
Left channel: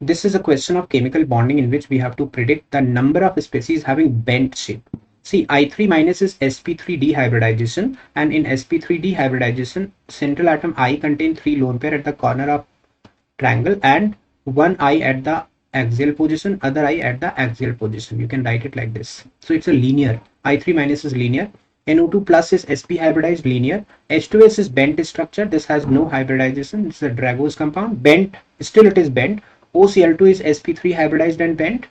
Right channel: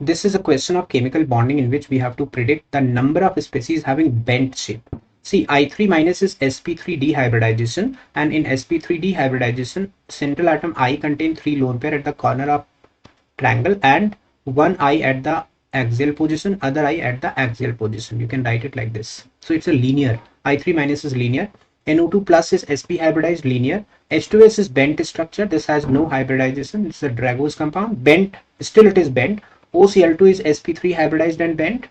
this is a question of chemical bonding in which we have to predict the number of species having bent shape. See, I3 minus is sp3 dehybridization, and in sp3 dehybridization, central atom I contains 3 lone pair at the corner of triangle and one I at the axial position, other I at the axial position. You can write it like this. So it's a linear. I3 minus is linear. NO2 plus is sp hybridized, linear. H2S is bent structure. This has no hybridization. It's a Dragos compound. Bent, still it is bent. OCl2 is sp3 hybridized and bent.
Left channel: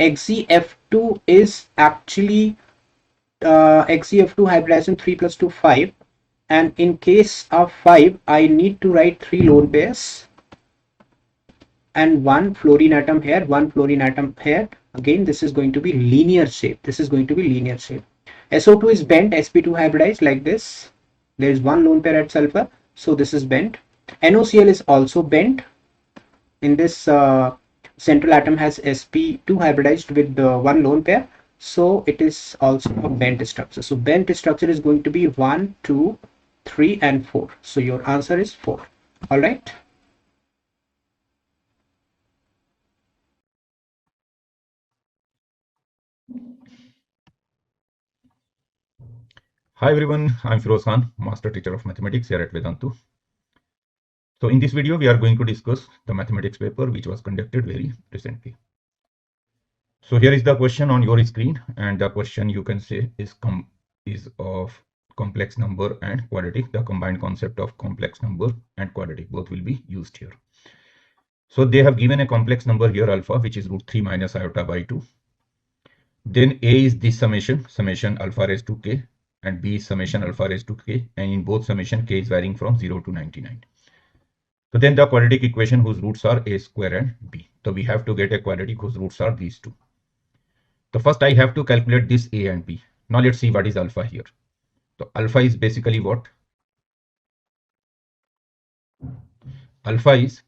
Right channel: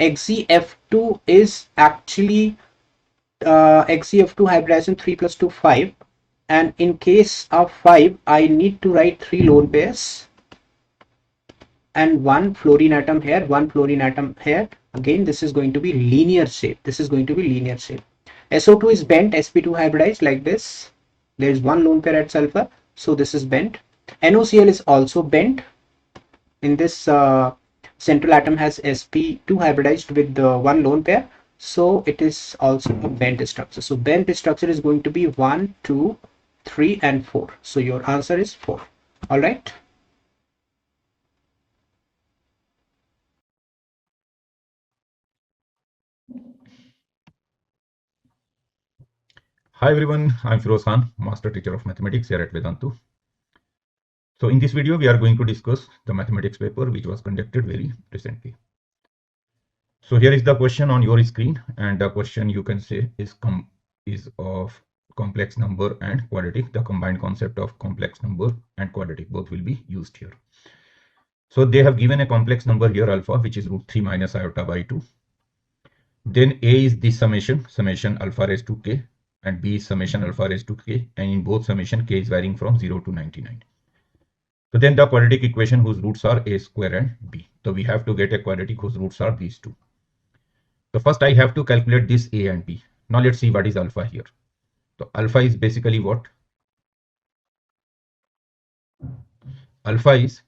XeF2 is actually XeF2 hybridization 3 plus 2 5, and in case of 5 I need to write 3 lone pairs and 1 fluorine atom here, 1 fluorine atom here. Again, this is going to be linear shape. This is going to be linear shape. SO2 is bent, sp2 hybridized like this. There is 1 lone pair at sulfur, so this is bent. NOCl is also bent. In this central atom has sp2 hybridized with 1 lone pair, So it is also a bent structure. So bent structure is going to be 1, 2, 3, and 4. So your answer is 4. All right. Hi everyone, I'm Firoz Khan, Master Teacher of Mathematics here at Vedantu. So in this video, we are going to discuss the mathematics paper which was conducted very recently. So here is the question on your screen, and the question you can say is of complex number and quadratic. The combined concept of complex number and quadratic both will be used here. So they have given a complex number here alpha, which is root 3 minus iota by 2. Then A is this summation alpha raised to k, and B is summation alpha raised to k, and in both summation k is varying from 0 to 99. So then the quadratic equation whose roots are a square and b. So we have to get a quadratic whose roots are these two. So first I have to calculate this a and b. Now let's see what is alpha here. So alpha is basically what? Alpha is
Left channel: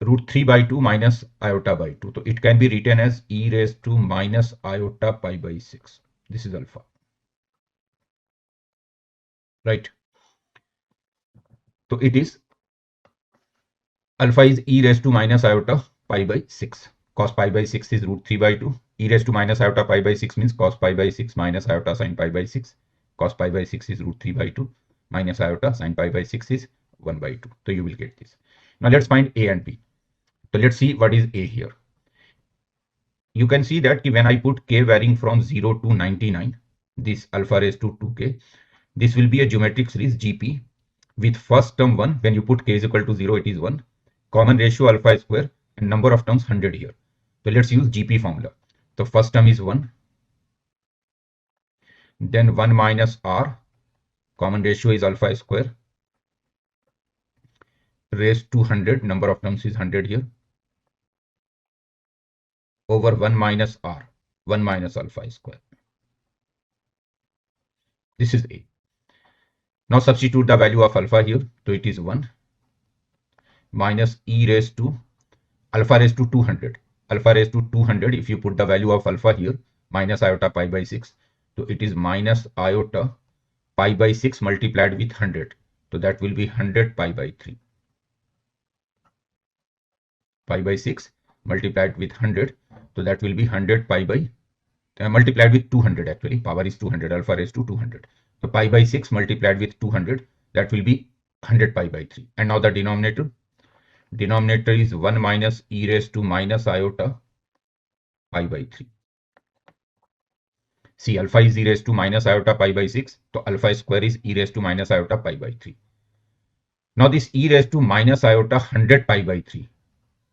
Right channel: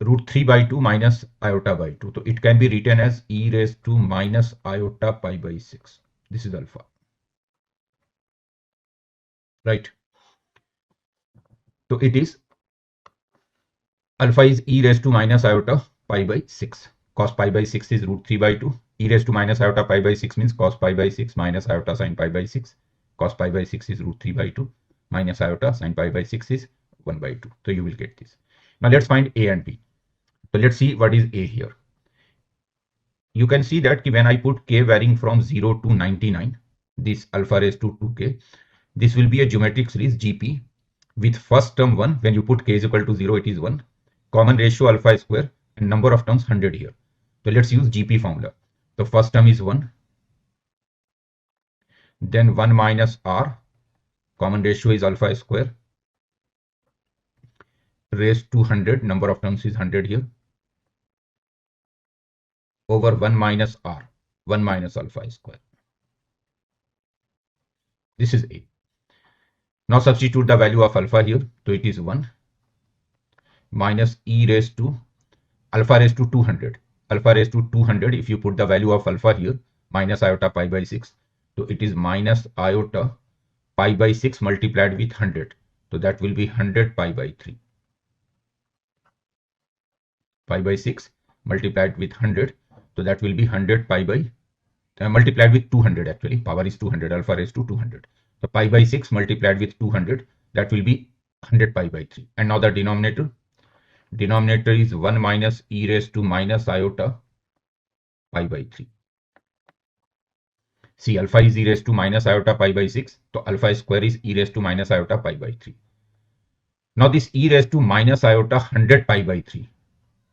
root 3 by 2 minus iota by 2. So it can be written as e raised to minus iota pi by 6. This is alpha. Right. So it is alpha is e raised to minus iota pi by 6. Cos pi by 6 is root 3 by 2. E raised to minus iota pi by 6 means cos pi by 6 minus iota sin pi by 6. Cos pi by 6 is root 3 by 2 minus iota sin pi by 6 is 1 by 2. So you will get this. Now let's find a and b. So let's see what is a here. You can see that when I put k varying from 0 to 99, this alpha raised to 2k, this will be a geometric series GP with first term 1. When you put k is equal to 0, it is 1. Common ratio alpha square and number of terms 100 here. So let's use GP formula. The first term is 1. Then 1 minus r. Common ratio is alpha square raised to 100. Number of terms is 100 here. Over 1 minus r. 1 minus alpha square. This is a. Now substitute the value of alpha here. So it is 1 minus e raised to alpha raised to 200. Alpha raised to 200. If you put the value of alpha here, minus iota pi by 6. So it is minus iota pi by 6 multiplied with 100. So that will be 100 pi by 3. Pi by 6 multiplied with 100. So that will be 100 pi by multiplied with 200 actually. Power is 200. Alpha raised to 200. So pi by 6 multiplied with 200. That will be 100 pi by 3. And now the denominator. Denominator is 1 minus e raised to minus iota pi by 3. See, alpha is e raised to minus iota pi by 6. So alpha square is e raised to minus iota pi by 3. Now this e raised to minus iota 100 pi by 3.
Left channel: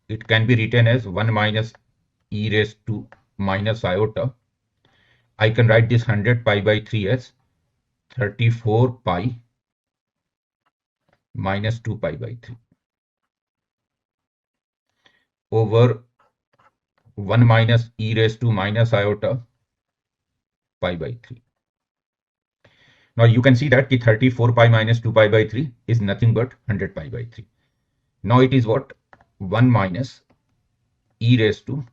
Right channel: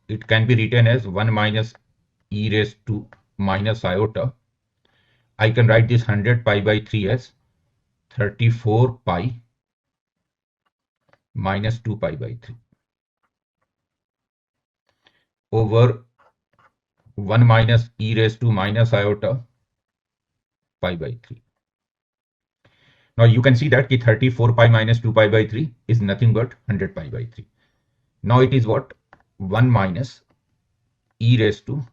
It can be written as 1 minus e raised to minus iota. I can write this 100 pi by 3 as 34 pi minus 2 pi by 3 over 1 minus e raised to minus iota pi by 3. Now you can see that 34 pi minus 2 pi by 3 is nothing but 100 pi by 3. Now it is what? 1 minus e raised to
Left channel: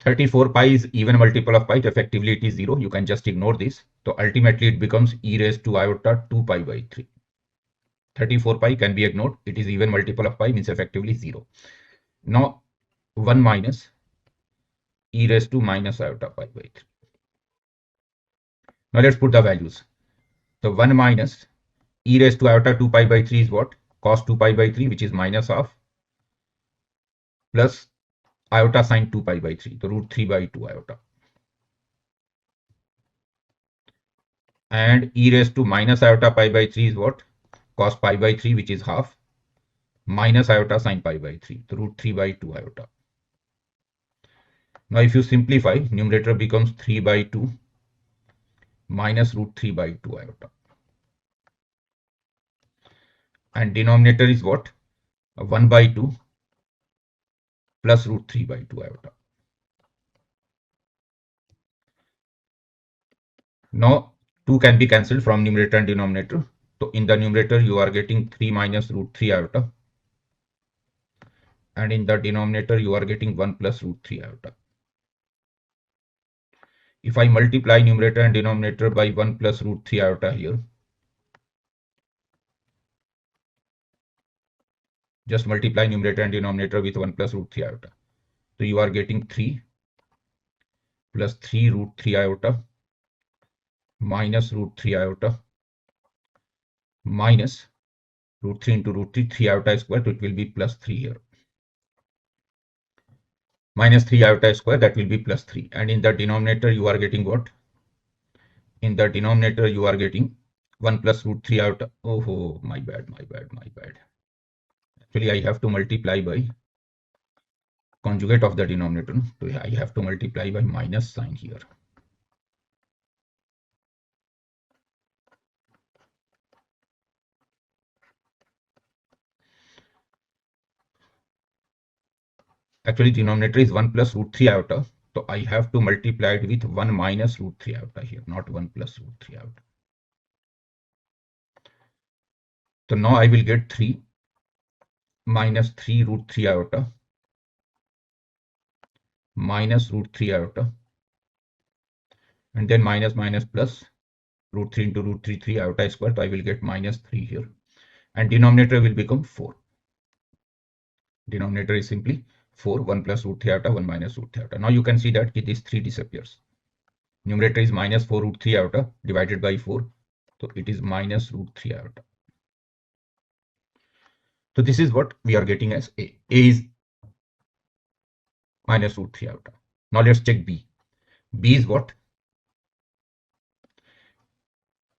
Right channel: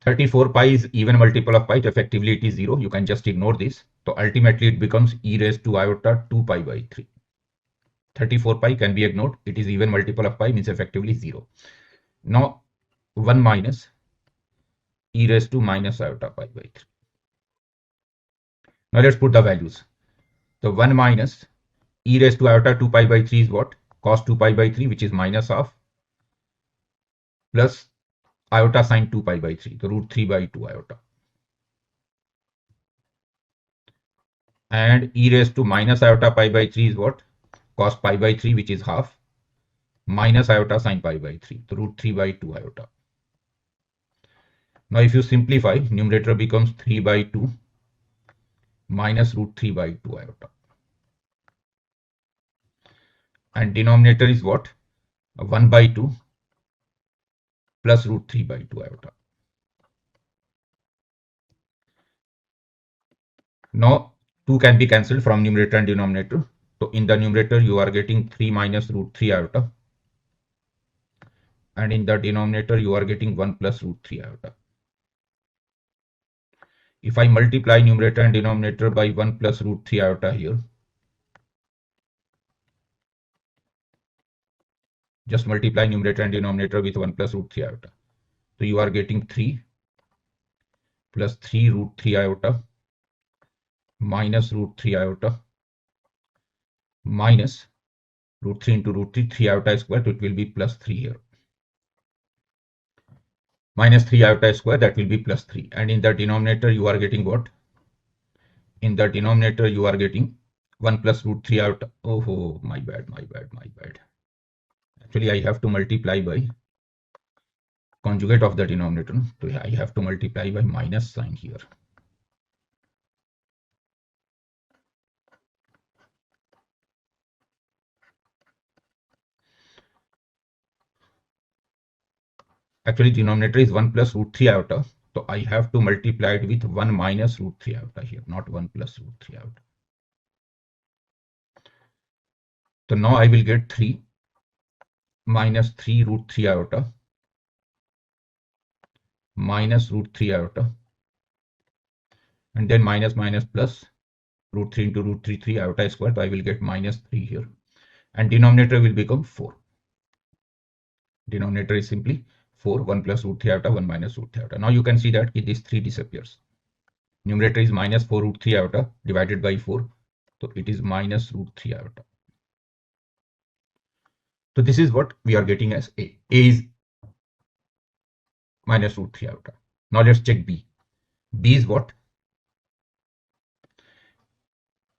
34 pi is even multiple of pi. Effectively it is 0. You can just ignore this. So ultimately it becomes e raised to iota 2 pi by 3. 34 pi can be ignored. It is even multiple of pi, means effectively 0. Now 1 minus e raised to minus iota pi by 3. Now let's put the values. So 1 minus e raised to iota 2 pi by 3 is what? Cos 2 pi by 3, which is minus half, plus iota sine 2 pi by 3, the root 3 by 2 iota. And e raised to minus iota pi by 3 is what? Cos pi by 3, which is half, minus iota sine pi by 3, the root 3 by 2 iota. Now if you simplify, numerator becomes 3 by 2 minus root 3 by 2 iota. And denominator is what? 1 by 2 plus root 3 by 2 iota. Now 2 can be cancelled from numerator and denominator. So in the numerator you are getting 3 minus root 3 iota. And in the denominator you are getting 1 plus root 3 iota. if I multiply numerator and denominator by 1 plus root 3 iota here, just multiply numerator and denominator with 1 plus root 3 iota. So you are getting 3 plus 3 root 3 iota minus root 3 iota minus root 3 into root 3, 3 iota square, so it will be plus 3 here. Minus 3 iota square, that will be plus 3. And in the denominator, you are getting what? In the denominator, you are getting 1 plus root 3 iota. Oh, my bad. Actually, I have to multiply by conjugate of the denominator. So I have to multiply by minus sign here. Actually, denominator is 1 plus root 3 iota. So I have to multiply it with 1 minus root 3 iota here, not 1 plus root 3 iota. So now I will get 3 minus 3 root 3 iota minus root 3 iota, and then minus plus root 3 into root 3, 3 iota square. So I will get minus 3 here, and denominator will become 4. Denominator is simply 4, 1 plus root 3 iota, 1 minus root 3 iota. Now you can see that this 3 disappears. Numerator is minus 4 root 3 iota divided by 4. So it is minus root 3 iota. So this is what we are getting as A. A is minus root 3 iota. Now let's check B. B is what?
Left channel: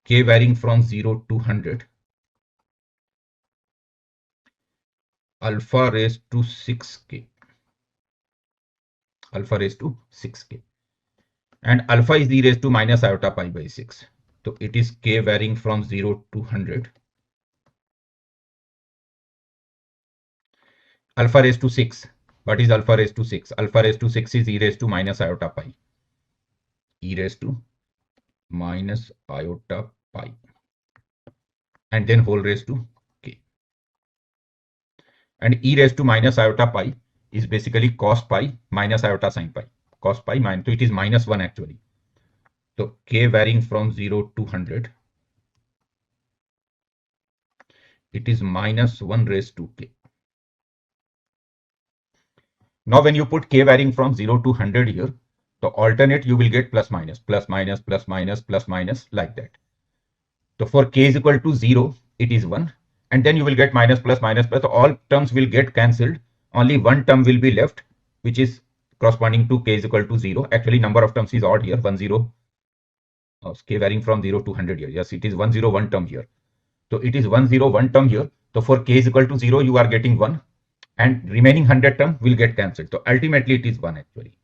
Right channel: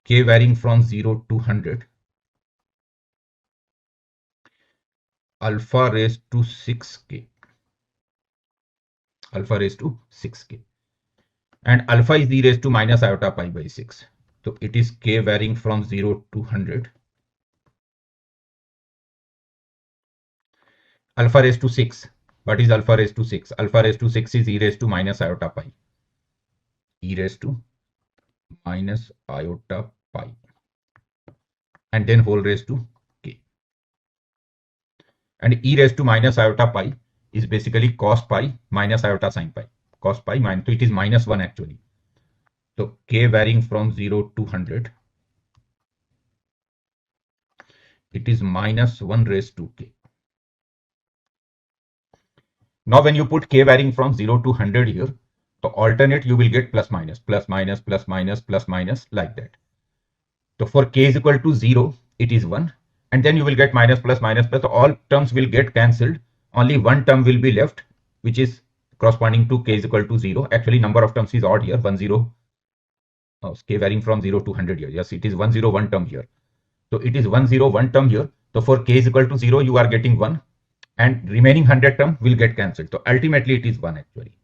K varying from 0 to 100. Alpha raised to 6k. Alpha raised to 6k. And alpha is e raised to minus iota pi by 6. So it is k varying from 0 to 100. Alpha raised to 6. What is alpha raised to 6? Alpha raised to 6 is e raised to minus iota pi. E raised to minus iota pi. And then whole raised to k. And e raised to minus iota pi is basically cos pi minus iota sin pi. Cos pi minus, so it is minus 1 actually. So k varying from 0 to 100. It is minus 1 raised to k. Now when you put k varying from 0 to 100 here, so alternate you will get plus minus like that. So for k is equal to 0, it is 1. And then you will get minus plus. All terms will get cancelled. Only one term will be left, which is corresponding to k is equal to 0. Actually, number of terms is odd here, 1 0. K varying from 0 to 100 here. Yes, it is 101 term here. So it is 101 term here. So for k is equal to 0, you are getting 1. And remaining 100 term will get cancelled. So ultimately it is 1 actually.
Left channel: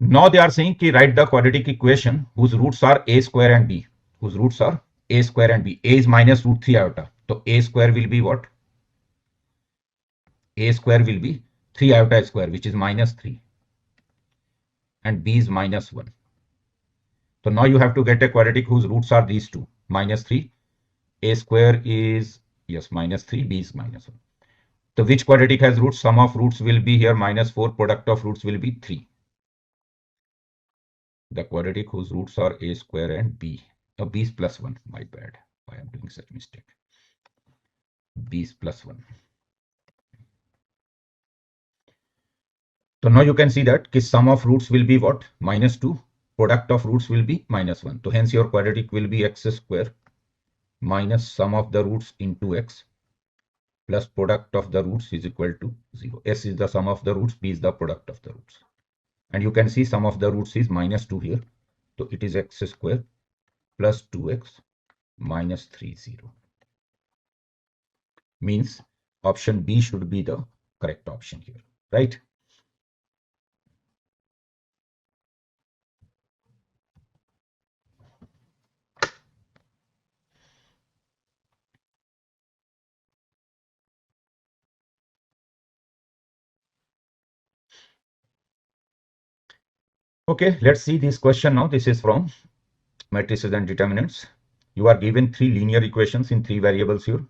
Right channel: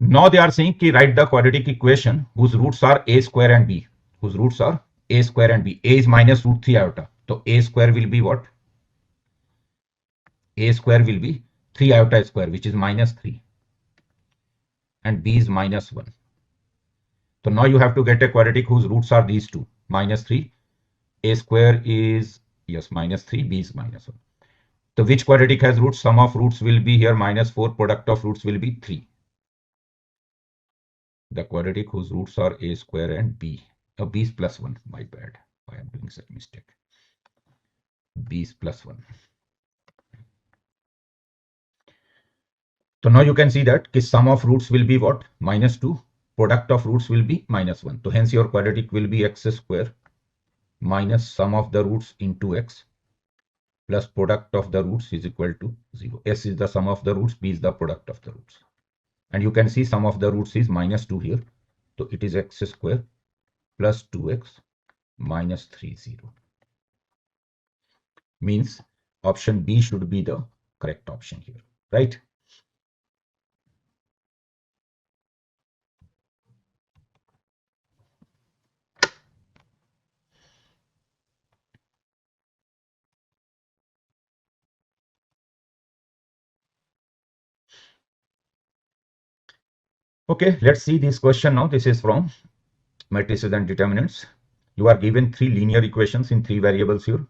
Now they are saying कि write the quadratic equation whose roots are a square and b. Whose roots are a square and b. A is minus root 3 iota. So a square will be what? A square will be 3 iota square, which is minus 3. And b is minus 1. So now you have to get a quadratic whose roots are these two. Minus 3. A square is, yes, minus 3. B is minus 1. So which quadratic has roots? Sum of roots will be here minus 4. Product of roots will be 3. The quadratic whose roots are a square and b. B is plus 1. My bad. I am doing such mistake. B is plus 1. So now you can see that sum of roots will be what? Minus 2. Product of roots will be minus 1. So hence your quadratic will be x square minus sum of the roots into x plus product of the roots is equal to 0. S is the sum of the roots. B is the product of the roots. And you can see sum of the roots is minus 2 here. So it is x square plus 2x minus 3, 0. Means option B should be the correct option here, right? Okay, let's see this question now. This is from matrices and determinants. You are given 3 linear equations in 3 variables here.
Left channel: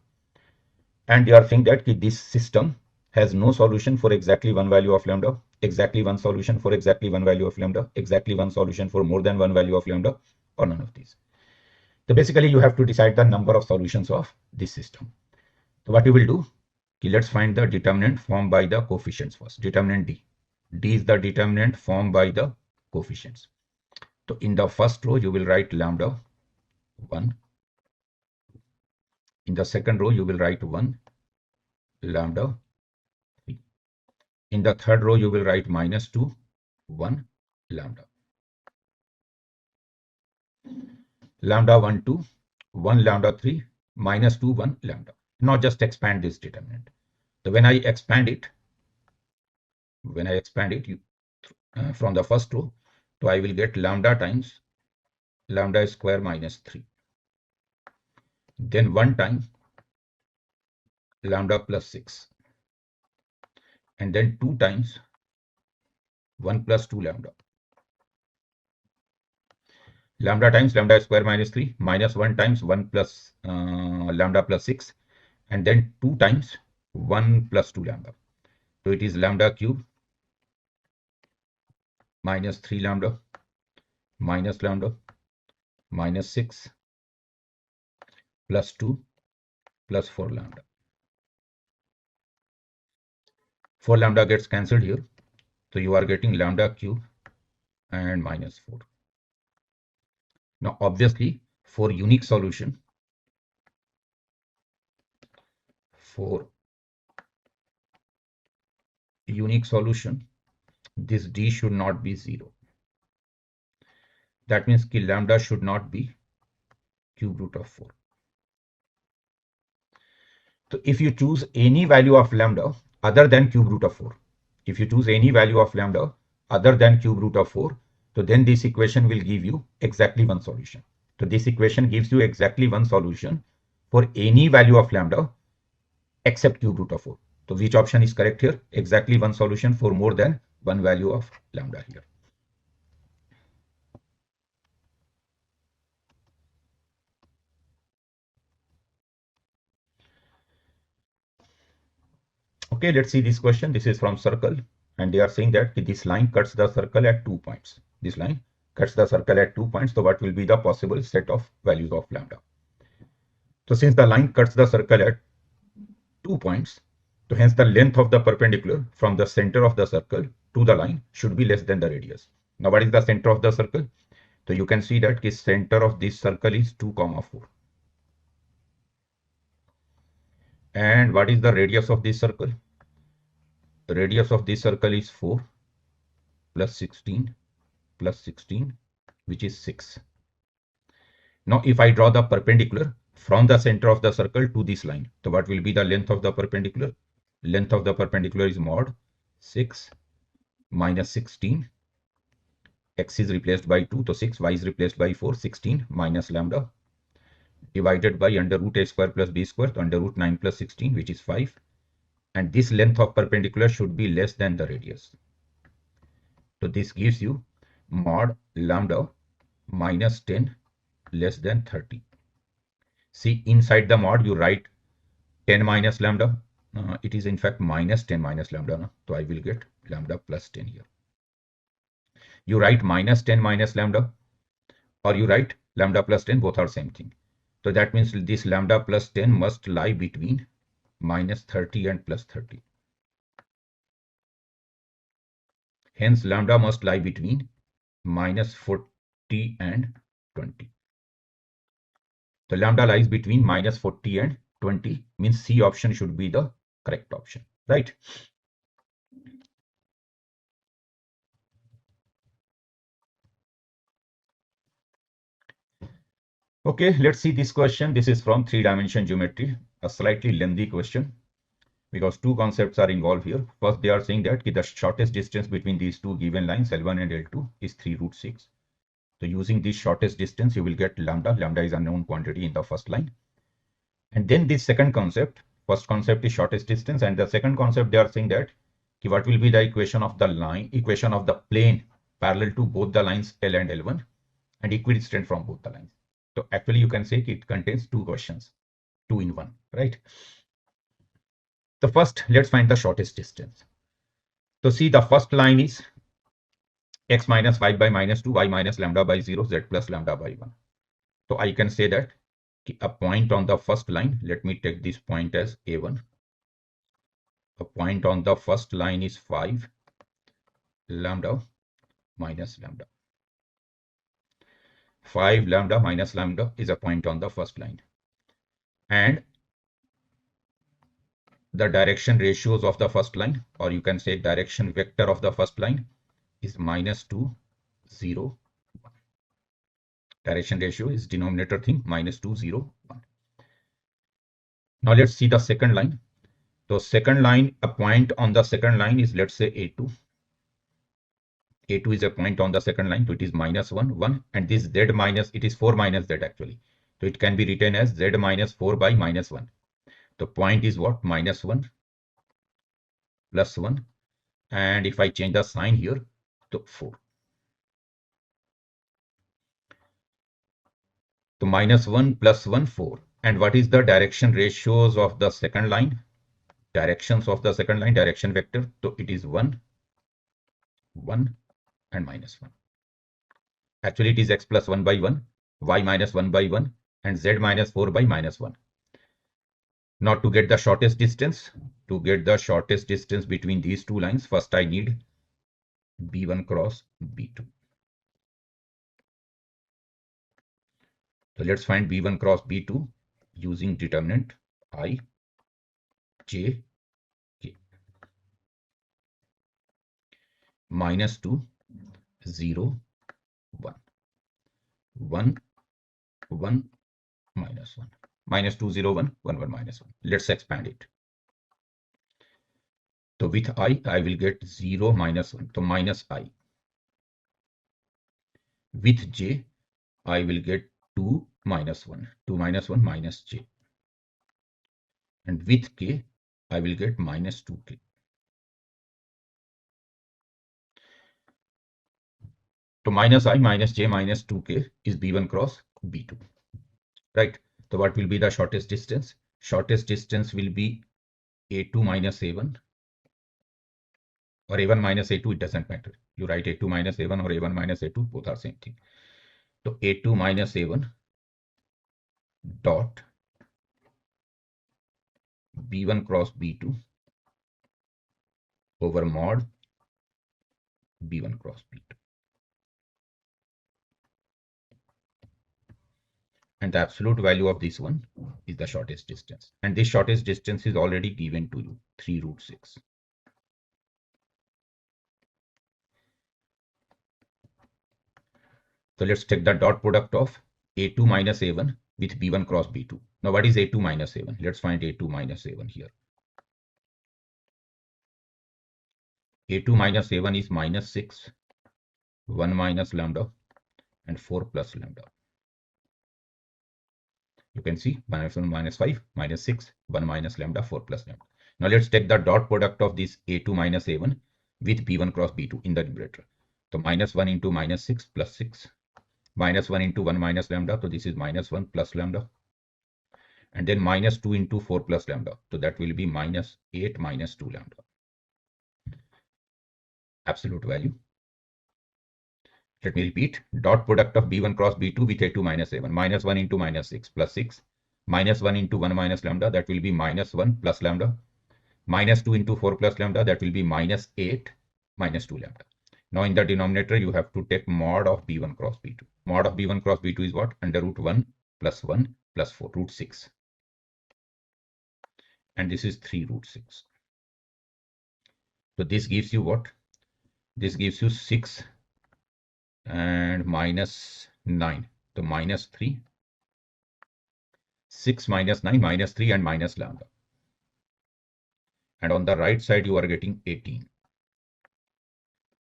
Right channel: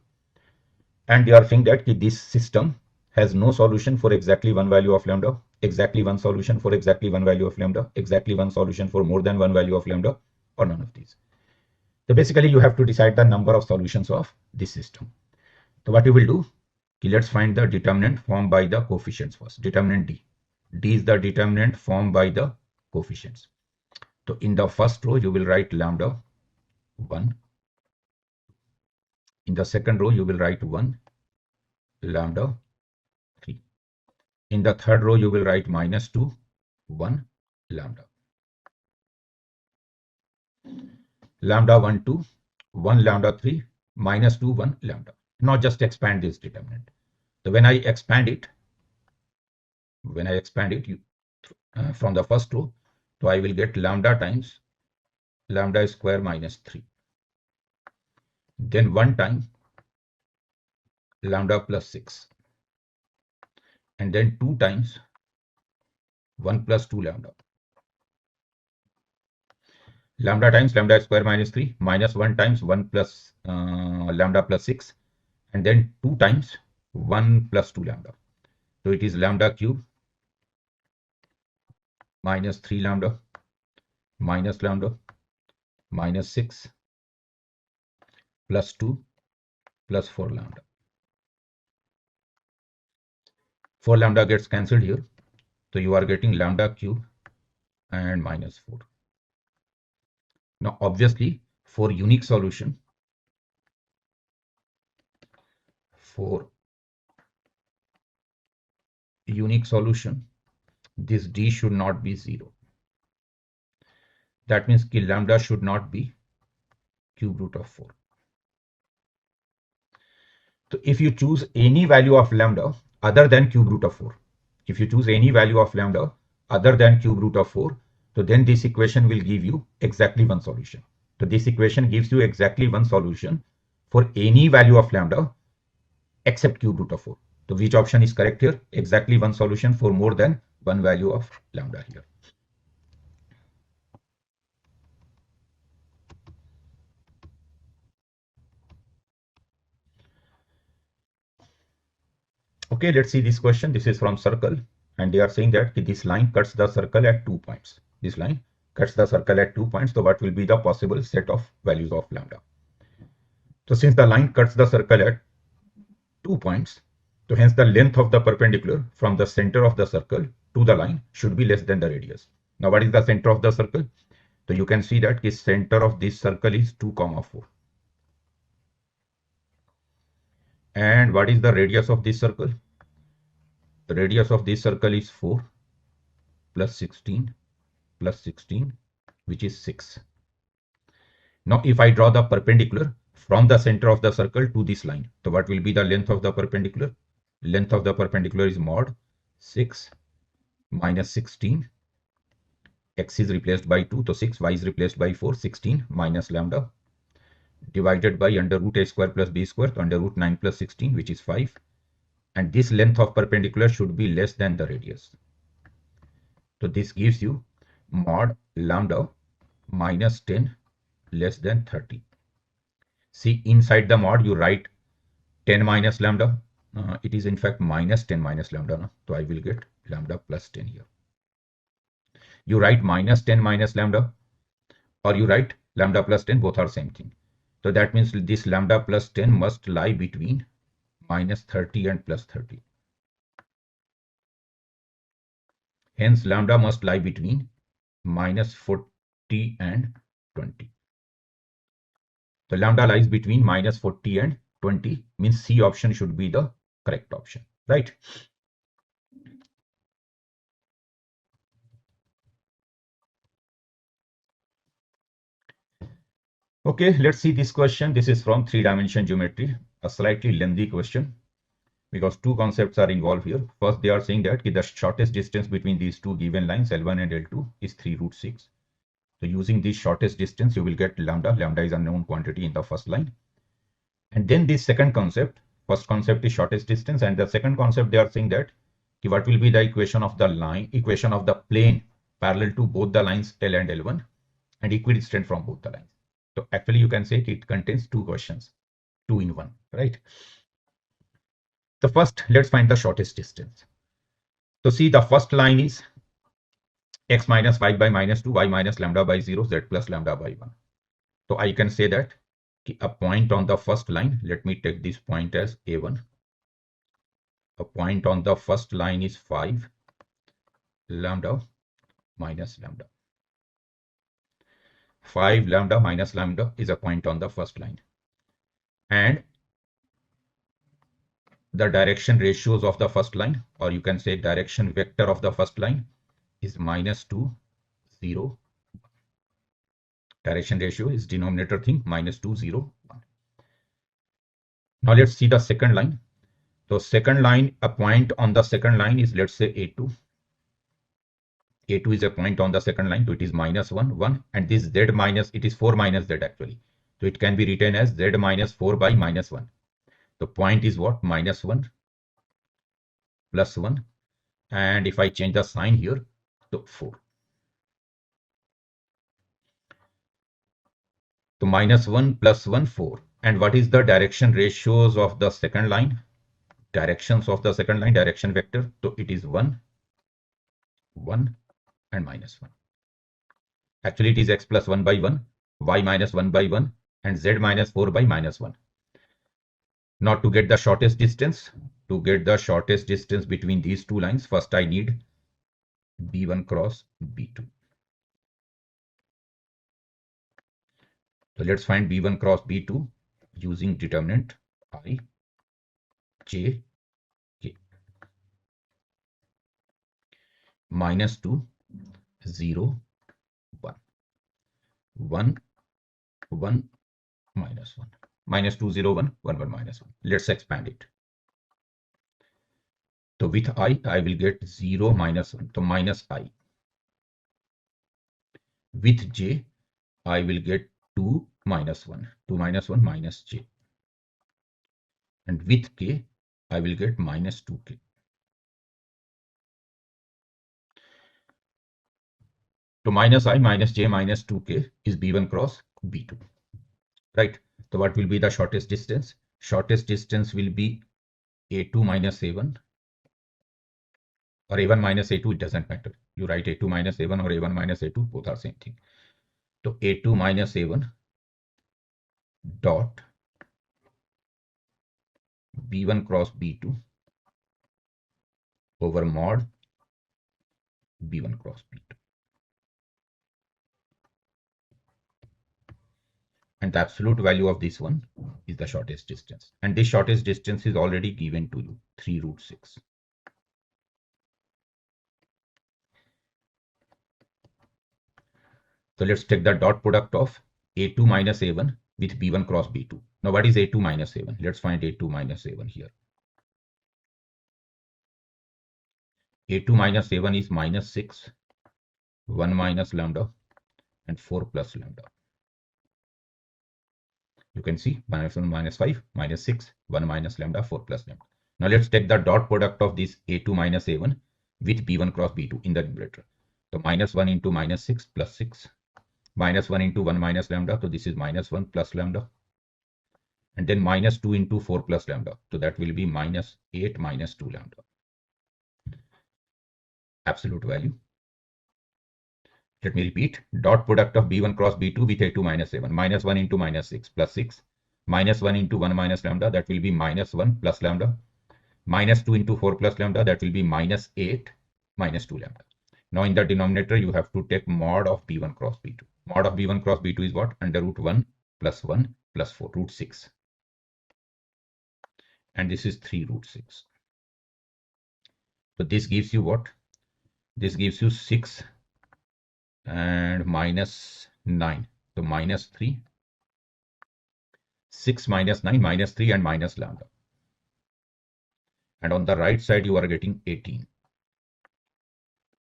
And they are saying that this system has no solution for exactly one value of lambda. exactly one solution for exactly one value of lambda, exactly one solution for more than one value of lambda, or none of these. So basically you have to decide the number of solutions of this system. So what you will do, okay, let's find the determinant formed by the coefficients first. Determinant D. D is the determinant formed by the coefficients. So in the first row you will write lambda 1. In the second row you will write 1 lambda 3. In the third row you will write -2 1 lambda. Lambda 1 2 1 lambda 3 -2 1 lambda. Now just expand this determinant. So when I expand it from the first row, so I will get lambda times lambda square -3. Then 1 time lambda plus 6. And then 2 times 1 plus 2 lambda. Lambda times lambda square -3 minus 1 times 1 plus lambda plus 6. And then 2 times 1 plus 2 lambda. So it is lambda cube minus 3 lambda minus lambda minus 6 plus 2 plus 4 lambda. 4 lambda gets cancelled here. So you are getting lambda cube and -4. Now obviously for unique solution, this D should not be 0. That means कि lambda should not be cube root of 4. So if you choose any value of lambda other than cube root of 4, so then this equation will give you exactly one solution. So this equation gives you exactly one solution for any value of lambda except cube root of 4. So which option is correct here? Exactly one solution for more than one value of lambda here. Okay, let's see this question. This is from circle, and they are saying that this line cuts the circle at 2 points. This line cuts the circle at 2 points. So what will be the possible set of values of lambda? So since the line cuts the circle at 2 points, so hence the length of the perpendicular from the center of the circle to the line should be less than the radius. Now what is the center of the circle? So you can see that the center of this circle is 2, 4. And what is the radius of this circle? The radius of this circle is 4 plus 16 plus 16, which is 6. Now if I draw the perpendicular from the center of the circle to this line, so what will be the length of the perpendicular? Length of the perpendicular is mod 6 minus 16. X is replaced by 2, so 6, y is replaced by 4, 16 minus lambda divided by under root a square plus b square, so under root 9 plus 16, which is 5. And this length of perpendicular should be less than the radius. So this gives you mod lambda minus 10 less than 30. See, inside the mod you write 10 minus lambda. It is in fact minus 10 minus lambda. No? So I will get lambda plus 10 here. You write minus 10 minus lambda, or you write lambda plus 10, both are same thing. So that means this lambda plus 10 must lie between minus 30 and plus 30. Hence lambda must lie between minus 40 and 20. The lambda lies between minus 40 and 20, means C option should be the correct option, right? Okay, let's see this question. This is from 3-dimension geometry, a slightly lengthy question because two concepts are involved here. First, they are saying that the shortest distance between these two given lines L1 and L2 is 3 root 6. So using this shortest distance, you will get lambda. Lambda is a known quantity in the first line. And then this second concept, first concept is shortest distance, and the second concept they are saying that what will be the equation of the line, equation of the plane parallel to both the lines L and L1 and equidistant from both the lines. So actually you can say it contains two questions, 2 in 1, right? The first, let's find the shortest distance. So see, the first line is x minus y by minus 2, y minus lambda by 0, z plus lambda by 1. So I can say that a point on the first line, let me take this point as a1. A point on the first line is 5 lambda minus lambda. 5 lambda minus lambda is a point on the first line. And the direction ratios of the first line, or you can say direction vector of the first line, is minus 2, 0. Direction ratio is denominator thing, minus 2, 0, 1. Now let's see the second line. So second line, a point on the second line is, let's say, a2. a2 is a point on the second line, so it is minus 1, 1. And this z minus, it is 4 minus z actually. So it can be written as z minus 4 by minus 1. The point is what? Minus 1 plus 1. And if I change the sign here, to 4. So minus 1 plus 1, 4. And what is the direction ratios of the second line? Directions of the second line, direction vector. So it is 1, 1, and minus 1. Actually, it is x plus 1 by 1, y minus 1 by 1, and z minus 4 by minus 1. Now to get the shortest distance, between these two lines, first I need b1 cross b2. So let's find b1 cross b2 using determinant I, j, k. Minus 2, 0, 1. 1, 1, minus 1. Minus 2, 0, 1, 1, 1, minus 1. Let's expand it. So with I will get 0, minus 1. So minus I. With j, I will get 2, minus 1. 2 minus 1, minus j. And with k, I will get minus 2k. So minus I, minus j, minus 2k is b1 cross b2. Right? So what will be the shortest distance? Shortest distance will be a2 minus a1. Or a1 minus a2, it doesn't matter. You write a2 minus a1 or a1 minus a2, both are same thing. So a2 minus a1 dot b1 cross b2 over mod b1 cross b2. And the absolute value of this one is the shortest distance. And this shortest distance is already given to you, 3 root 6. So let's take the dot product of a2 minus a1 with b1 cross b2. Now what is a2 minus a1? Let's find a2 minus a1 here. a2 minus a1 is minus 6, 1 minus lambda, and 4 plus lambda. You can see minus 1, minus 5, minus 6, 1 minus lambda, 4 plus lambda. Now let's take the dot product of this a2 minus a1 with b1 cross b2 in the numerator. So minus 1 into minus 6 plus 6. Minus 1 into 1 minus lambda. So this is minus 1 plus lambda. And then minus 2 into 4 plus lambda. So that will be minus 8 minus 2 lambda. Absolute value. Let me repeat. Dot product of b1 cross b2 with a2 minus a1. Minus 1 into minus 6 plus 6. Minus 1 into 1 minus lambda. That will be minus 1 plus lambda. Minus 2 into 4 plus lambda. That will be minus 8 minus 2 lambda. Now in the denominator, you have to take mod of b1 cross b2. Mod of b1 cross b2 is what? Under root 1 plus 1 plus 4, root 6. And this is 3 root 6. So this gives you what? This gives you 6 and minus 9. So minus 3. 6 minus 9, minus 3 and minus lambda. And on the right side, you are getting 18.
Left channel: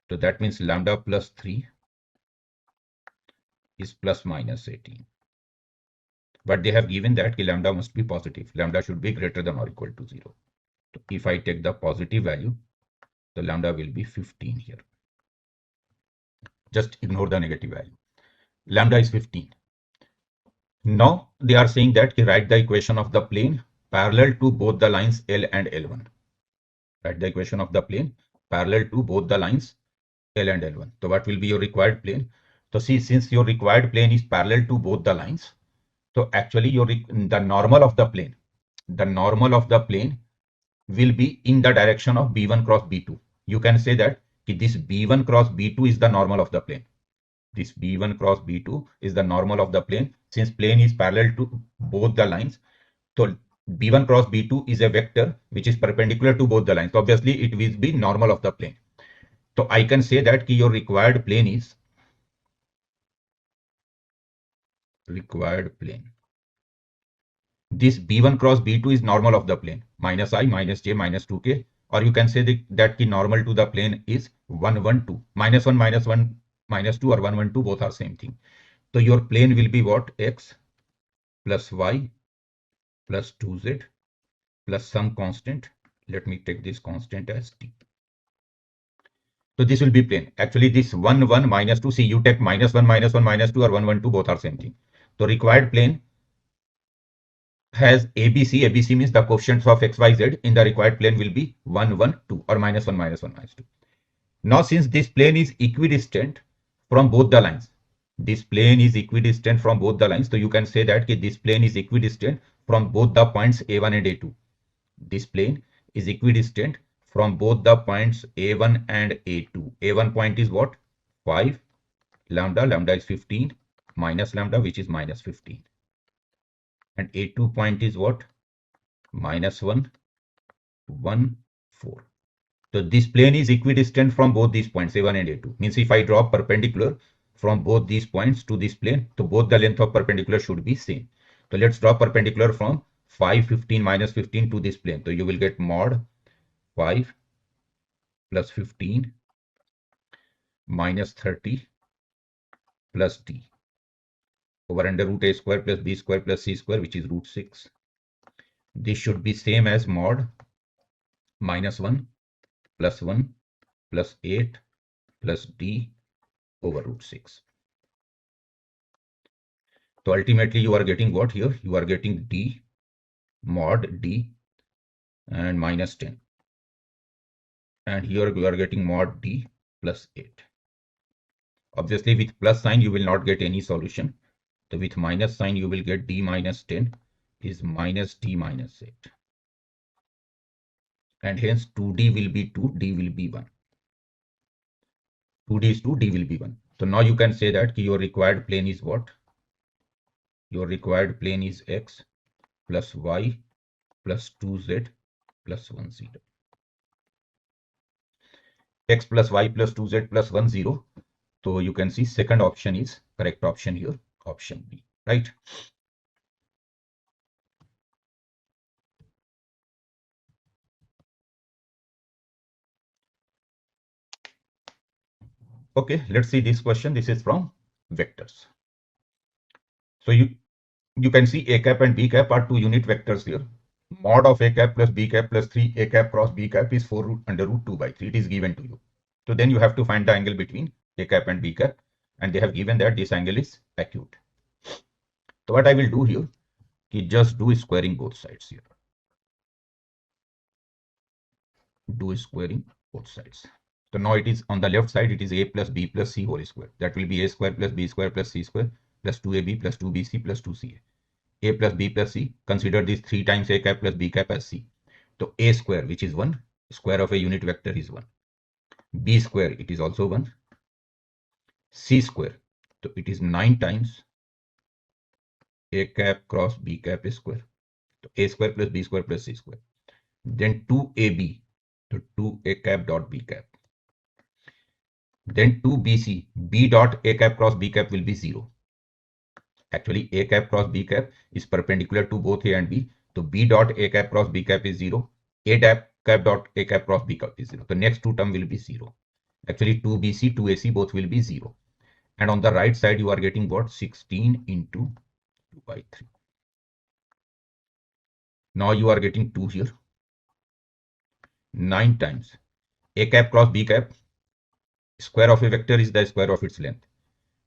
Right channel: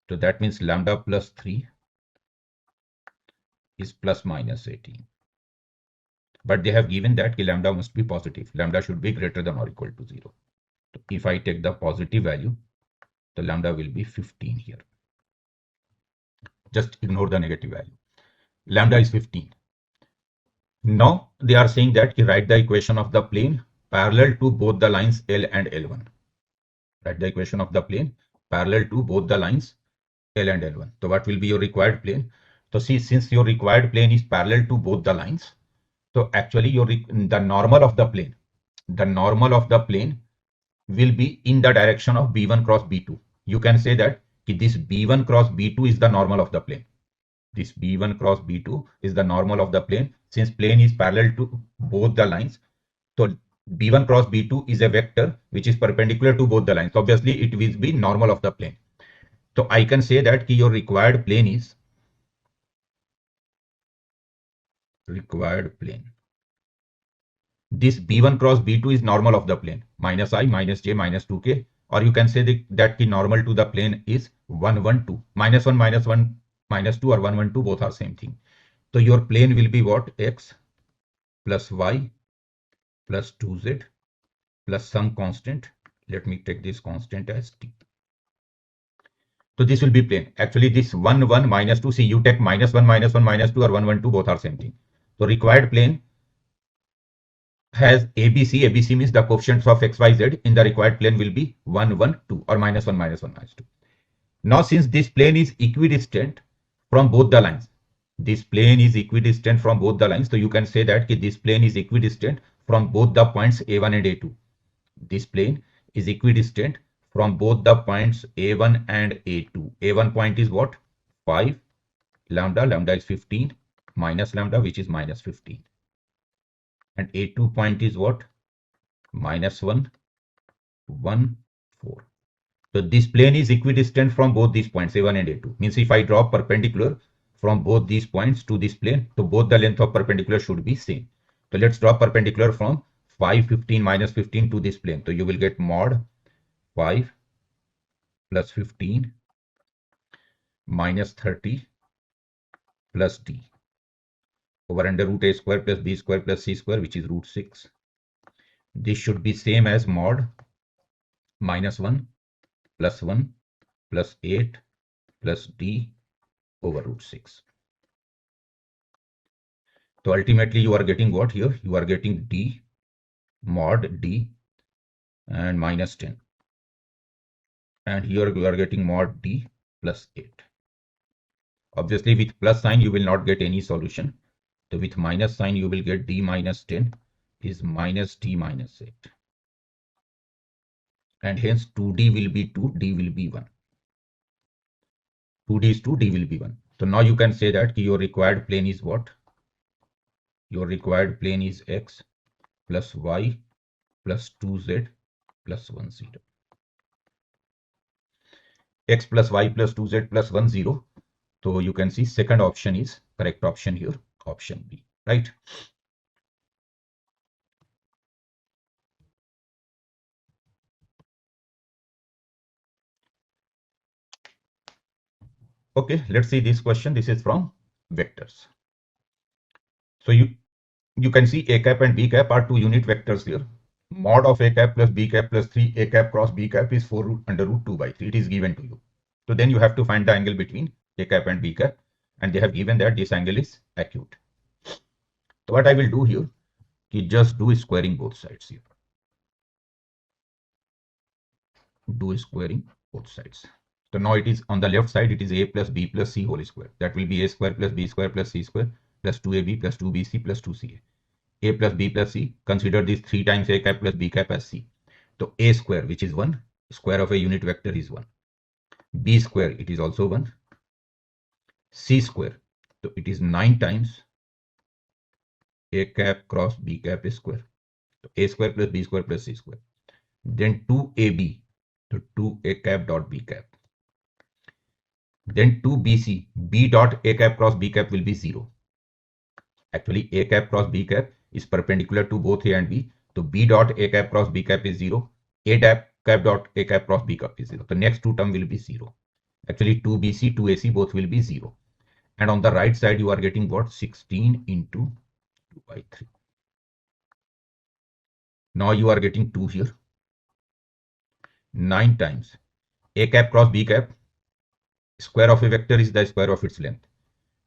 So that means lambda plus 3 is plus minus 18. But they have given that lambda must be positive. Lambda should be greater than or equal to 0. So if I take the positive value, the lambda will be 15 here. Just ignore the negative value. Lambda is 15. Now they are saying that you write the equation of the plane parallel to both the lines L and L1. Write the equation of the plane parallel to both the lines L and L1. So what will be your required plane? So see, since your required plane is parallel to both the lines, so actually the normal of the plane will be in the direction of B1 cross B2. You can say that this B1 cross B2 is the normal of the plane. This B1 cross B2 is the normal of the plane. Since plane is parallel to both the lines, so B1 cross B2 is a vector which is perpendicular to both the lines. Obviously, it will be normal of the plane. So I can say that your required plane is this B1 cross B2 is normal of the plane, minus I, minus j, minus 2k. Or you can say that the normal to the plane is 1, 1, 2. Minus 1, minus 2, or 1, 1, 2, both are same thing. So your plane will be what? X plus Y plus 2Z plus some constant. Let me take this constant as t. So this will be plane. Actually, this 1, 1, minus 2, see, you take minus 1, minus 1, minus 2, or 1, 1, 2, both are same thing. So required plane has ABC. ABC means the coefficients of x, y, z in the required plane will be 1, 1, 2, or minus 1, minus 1, minus 2. Now, since this plane is equidistant from both the lines, so you can say that this plane is equidistant from both the points A1 and A2. This plane is equidistant from both the points A1 and A2. A1 point is what? 5 lambda. Lambda is 15 minus lambda, which is minus 15. And A2 point is what? Minus 1, 1, 4. So this plane is equidistant from both these points, A1 and A2. Means if I draw perpendicular from both these points to this plane, so both the length of perpendicular should be same. So let's draw perpendicular from 5, 15, minus 15 to this plane. So you will get mod 5 plus 15 minus 30 plus d over under root a square plus b square plus c square, which is root 6. This should be same as mod minus 1 plus 1 plus 8 plus d over root 6. So ultimately you are getting what here? You are getting d mod d and minus 10. And here you are getting mod d plus 8. Obviously with plus sign you will not get any solution. So with minus sign you will get d minus 10 is minus d minus 8. And hence 2d will be 2, d will be 1. 2d is 2, d will be 1. So now you can say that your required plane is what? Your required plane is x plus y plus 2z plus 1, 0. X plus y plus 2z plus 1, 0. So you can see second option is correct option here, option B, right? Okay, let's see this question. This is from vectors. So you can see a cap and b cap are two unit vectors here. Mod of a cap plus b cap plus 3 a cap cross b cap is 4 root under root 2 by 3. It is given to you. So then you have to find the angle between a cap and b cap, and they have given that this angle is acute. So what I will do here is just do squaring both sides here. Do squaring both sides. So now it is on the left side, it is a plus b plus c whole square. That will be a square plus b square plus c square plus 2ab plus 2bc plus 2ca. A plus b plus c. Consider this 3 times a cap plus b cap as c. So a square, which is 1, square of a unit vector is 1. B square, it is also 1. C square, so it is 9 times a cap cross b cap square. A square plus b square plus c square. Then 2ab, so 2a cap dot b cap. Then 2bc, b dot a cap cross b cap will be 0. Actually, a cap cross b cap is perpendicular to both a and b. So b dot a cap cross b cap is 0. A cap dot a cap cross b cap is 0. The next two term will be 0. Actually, 2bc, 2ac both will be 0. And on the right side, you are getting what? 16 into 2 by 3. Now you are getting 2 here. 9 times a cap cross b cap. Square of a vector is the square of its length.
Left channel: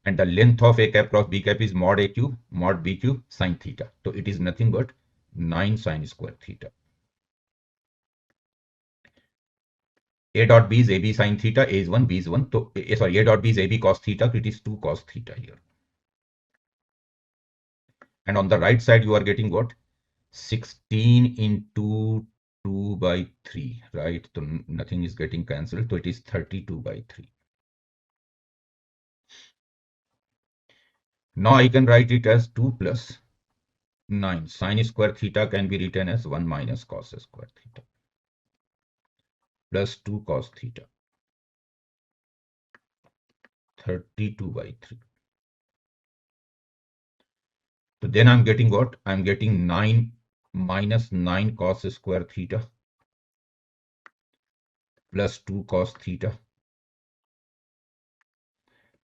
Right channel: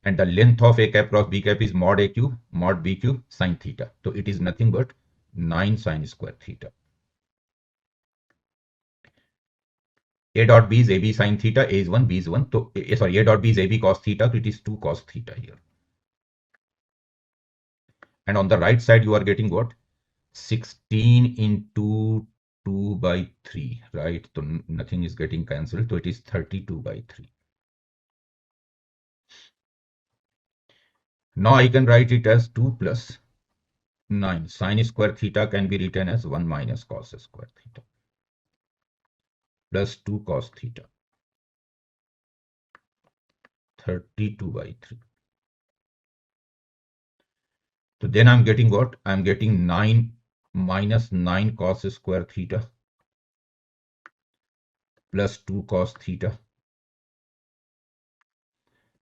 And the length of a cap cross b cap is mod a cube, mod b cube, sine theta. So it is nothing but 9 sine square theta. A dot B is AB sin theta, A is 1, B is 1. So, sorry, A dot B is AB cos theta, so it is 2 cos theta here. And on the right side, you are getting what? 16 into 2 by 3, right? So nothing is getting cancelled. So it is 32 by 3. Now I can write it as 2 plus 9. Sin square theta can be written as 1 minus cos square theta plus 2 cos theta. 32 by 3. So then I'm getting what? I'm getting 9 minus 9 cos square theta plus 2 cos theta.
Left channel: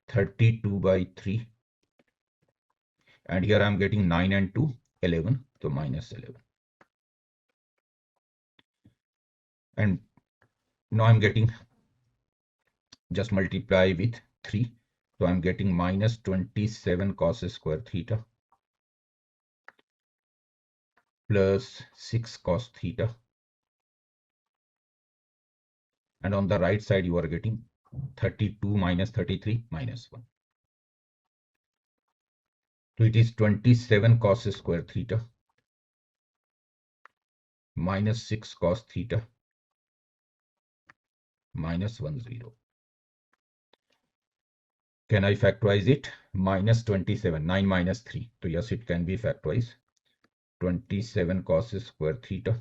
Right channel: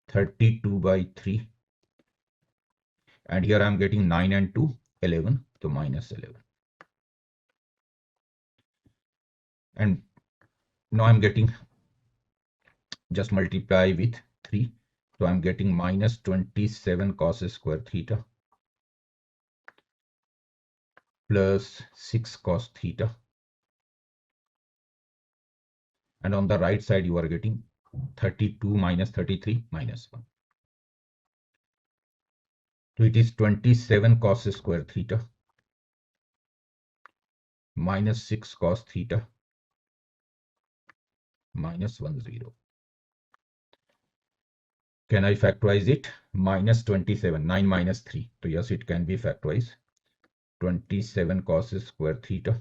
32 by 3. And here I'm getting 9 and 2, 11. So minus 11. And now I'm getting, just multiply with 3. So I'm getting minus 27 cos square theta plus 6 cos theta. And on the right side, you are getting 32 minus 33 minus 1. So it is 27 cos square theta minus 6 cos theta minus 1, 0. Can I factorize it? Minus 27, 9 minus 3. So yes, it can be factorized. 27 cos square theta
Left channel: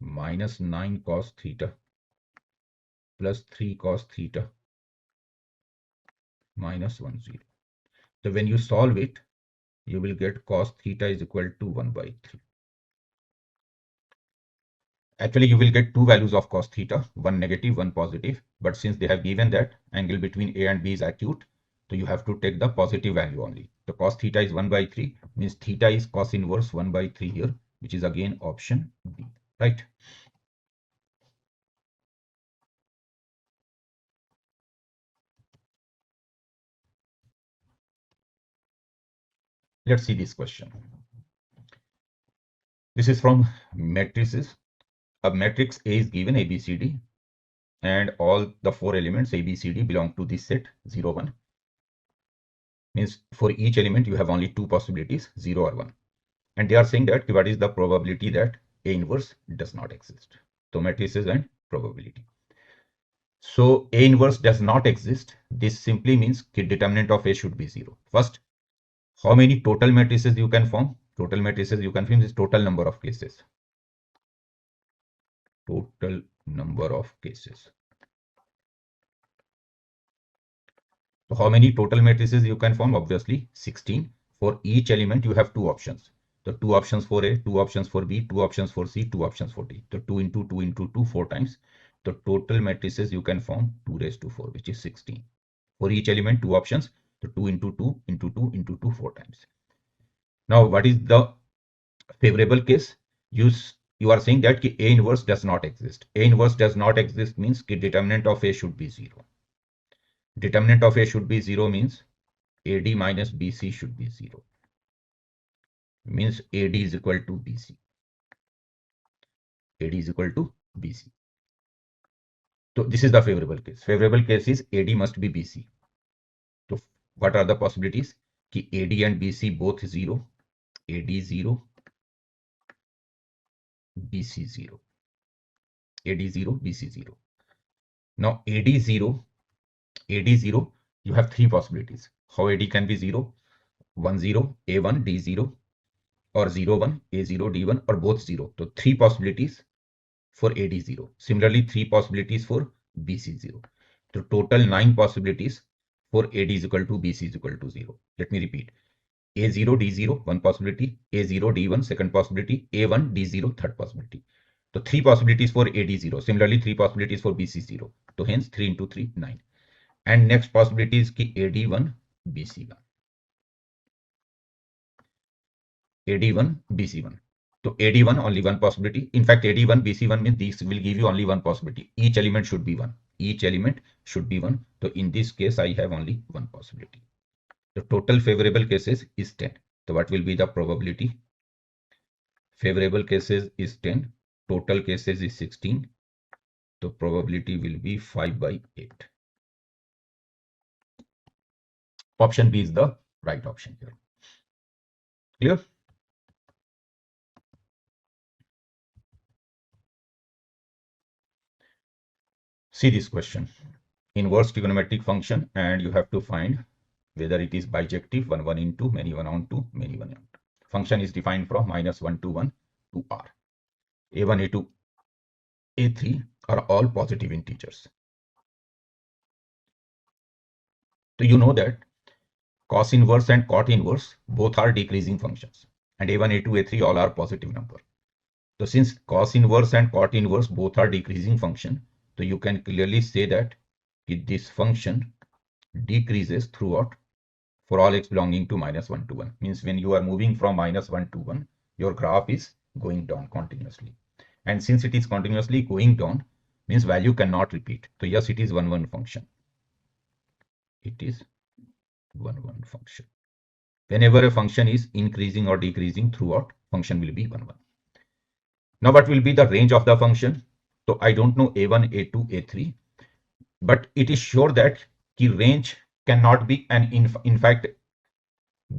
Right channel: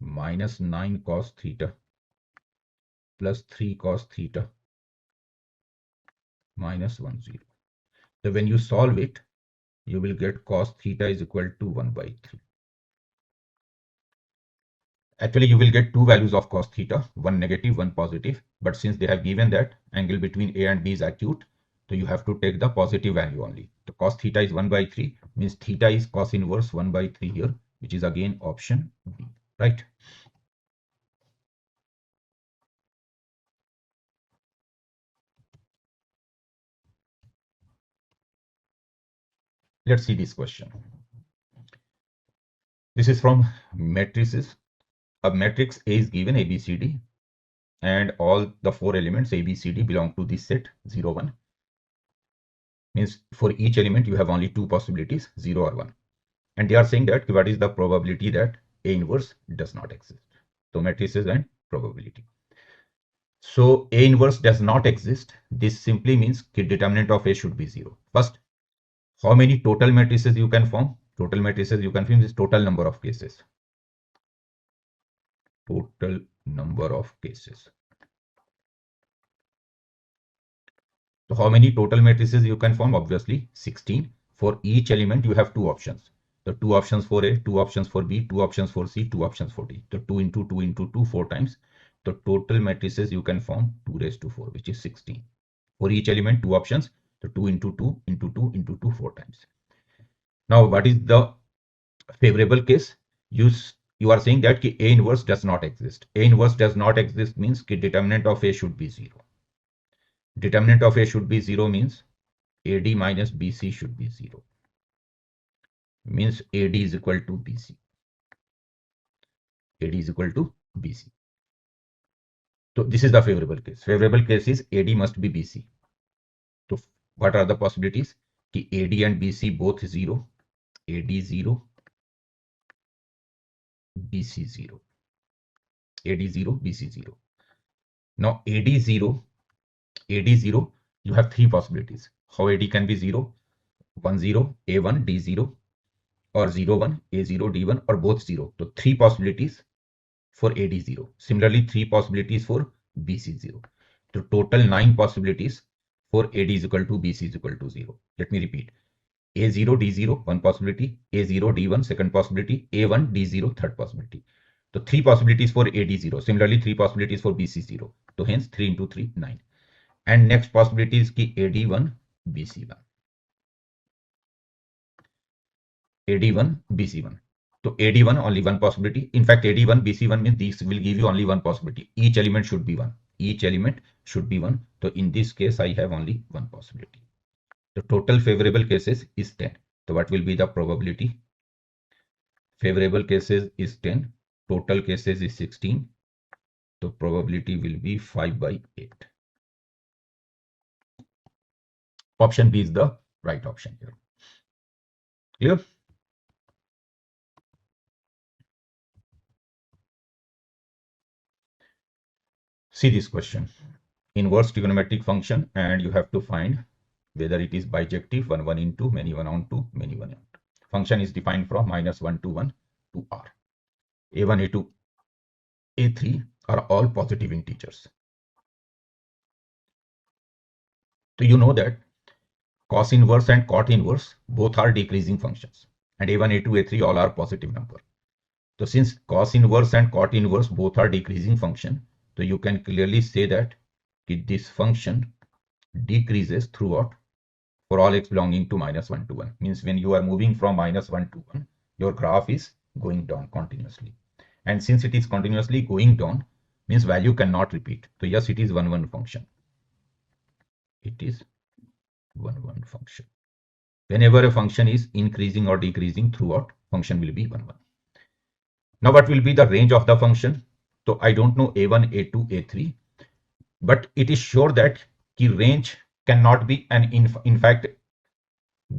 minus 9 cos theta plus 3 cos theta minus 1, 0. So when you solve it, you will get cos theta is equal to 1 by 3. Actually, you will get two values of cos theta, one negative, one positive. But since they have given that angle between A and B is acute, so you have to take the positive value only. So cos theta is 1 by 3, means theta is cos inverse 1 by 3 here, which is again option B, right? Let's see this question. This is from matrices. A matrix A is given ABCD, and all the four elements ABCD belong to this set 0, 1. Means for each element you have only two possibilities, 0 or 1. And they are saying that what is the probability that A inverse does not exist. So matrices and probability. So A inverse does not exist. This simply means the determinant of A should be 0. First, how many total matrices you can form? Total matrices you can form is total number of cases. Total number of cases. So how many total matrices you can form? Obviously 16. For each element you have two options. So two options for A, two options for B, two options for C, two options for D. So 2 into 2 into 2, 4 times. The total matrices you can form 2 raised to 4, which is 16. For each element, two options. So 2 into 2 into 2 into 2, 4 times. Now, what is the favorable case? You are saying that A inverse does not exist. A inverse does not exist means the determinant of A should be 0. Determinant of A should be 0 means AD minus BC should be 0. Means AD is equal to BC. AD is equal to BC. So this is the favorable case. Favorable case is AD must be BC. So what are the possibilities? Ki AD and BC both 0. AD 0. BC 0. AD 0, BC 0. Now AD 0, you have three possibilities. How AD can be 0? 1 0, A1, D0, or 0 1, A0, D1, or both 0. So three possibilities for AD0. Similarly, three possibilities for BC0. So total 9 possibilities for AD is equal to BC is equal to 0. Let me repeat. A0, D0, one possibility. A0, D1, second possibility. A1, D0, third possibility. So three possibilities for AD0. Similarly, three possibilities for BC0. So hence 3 into 3, 9. And next possibility is ki AD1, BC1. AD1, BC1. So AD1 only one possibility. In fact, AD1, BC1 means these will give you only one possibility. Each element should be 1. Each element should be 1. So in this case, I have only one possibility. The total favorable cases is 10. So what will be the probability? Favorable cases is 10. Total cases is 16. So probability will be 5 by 8. Option B is the right option here. Clear? See this question. Inverse trigonometric function, and you have to find whether it is bijective, 1 1 into many 1 on 2 many 1 on 2. Function is defined from -1 to 1 to r. A1, A2, A3 are all positive integers. So you know that cos inverse and cot inverse both are decreasing functions, and A1, A2, A3 all are positive number. So since cos inverse and cot inverse both are decreasing function, so you can clearly say that this function decreases throughout for all x belonging to -1 to 1. Means when you are moving from -1 to 1, your graph is going down continuously. And since it is continuously going down, means value cannot repeat. So yes, it is 1 1 function. It is 1 1 function. Whenever a function is increasing or decreasing throughout, function will be 1 1. Now what will be the range of the function? So I don't know A1, A2, A3, but it is sure that the range cannot be an in fact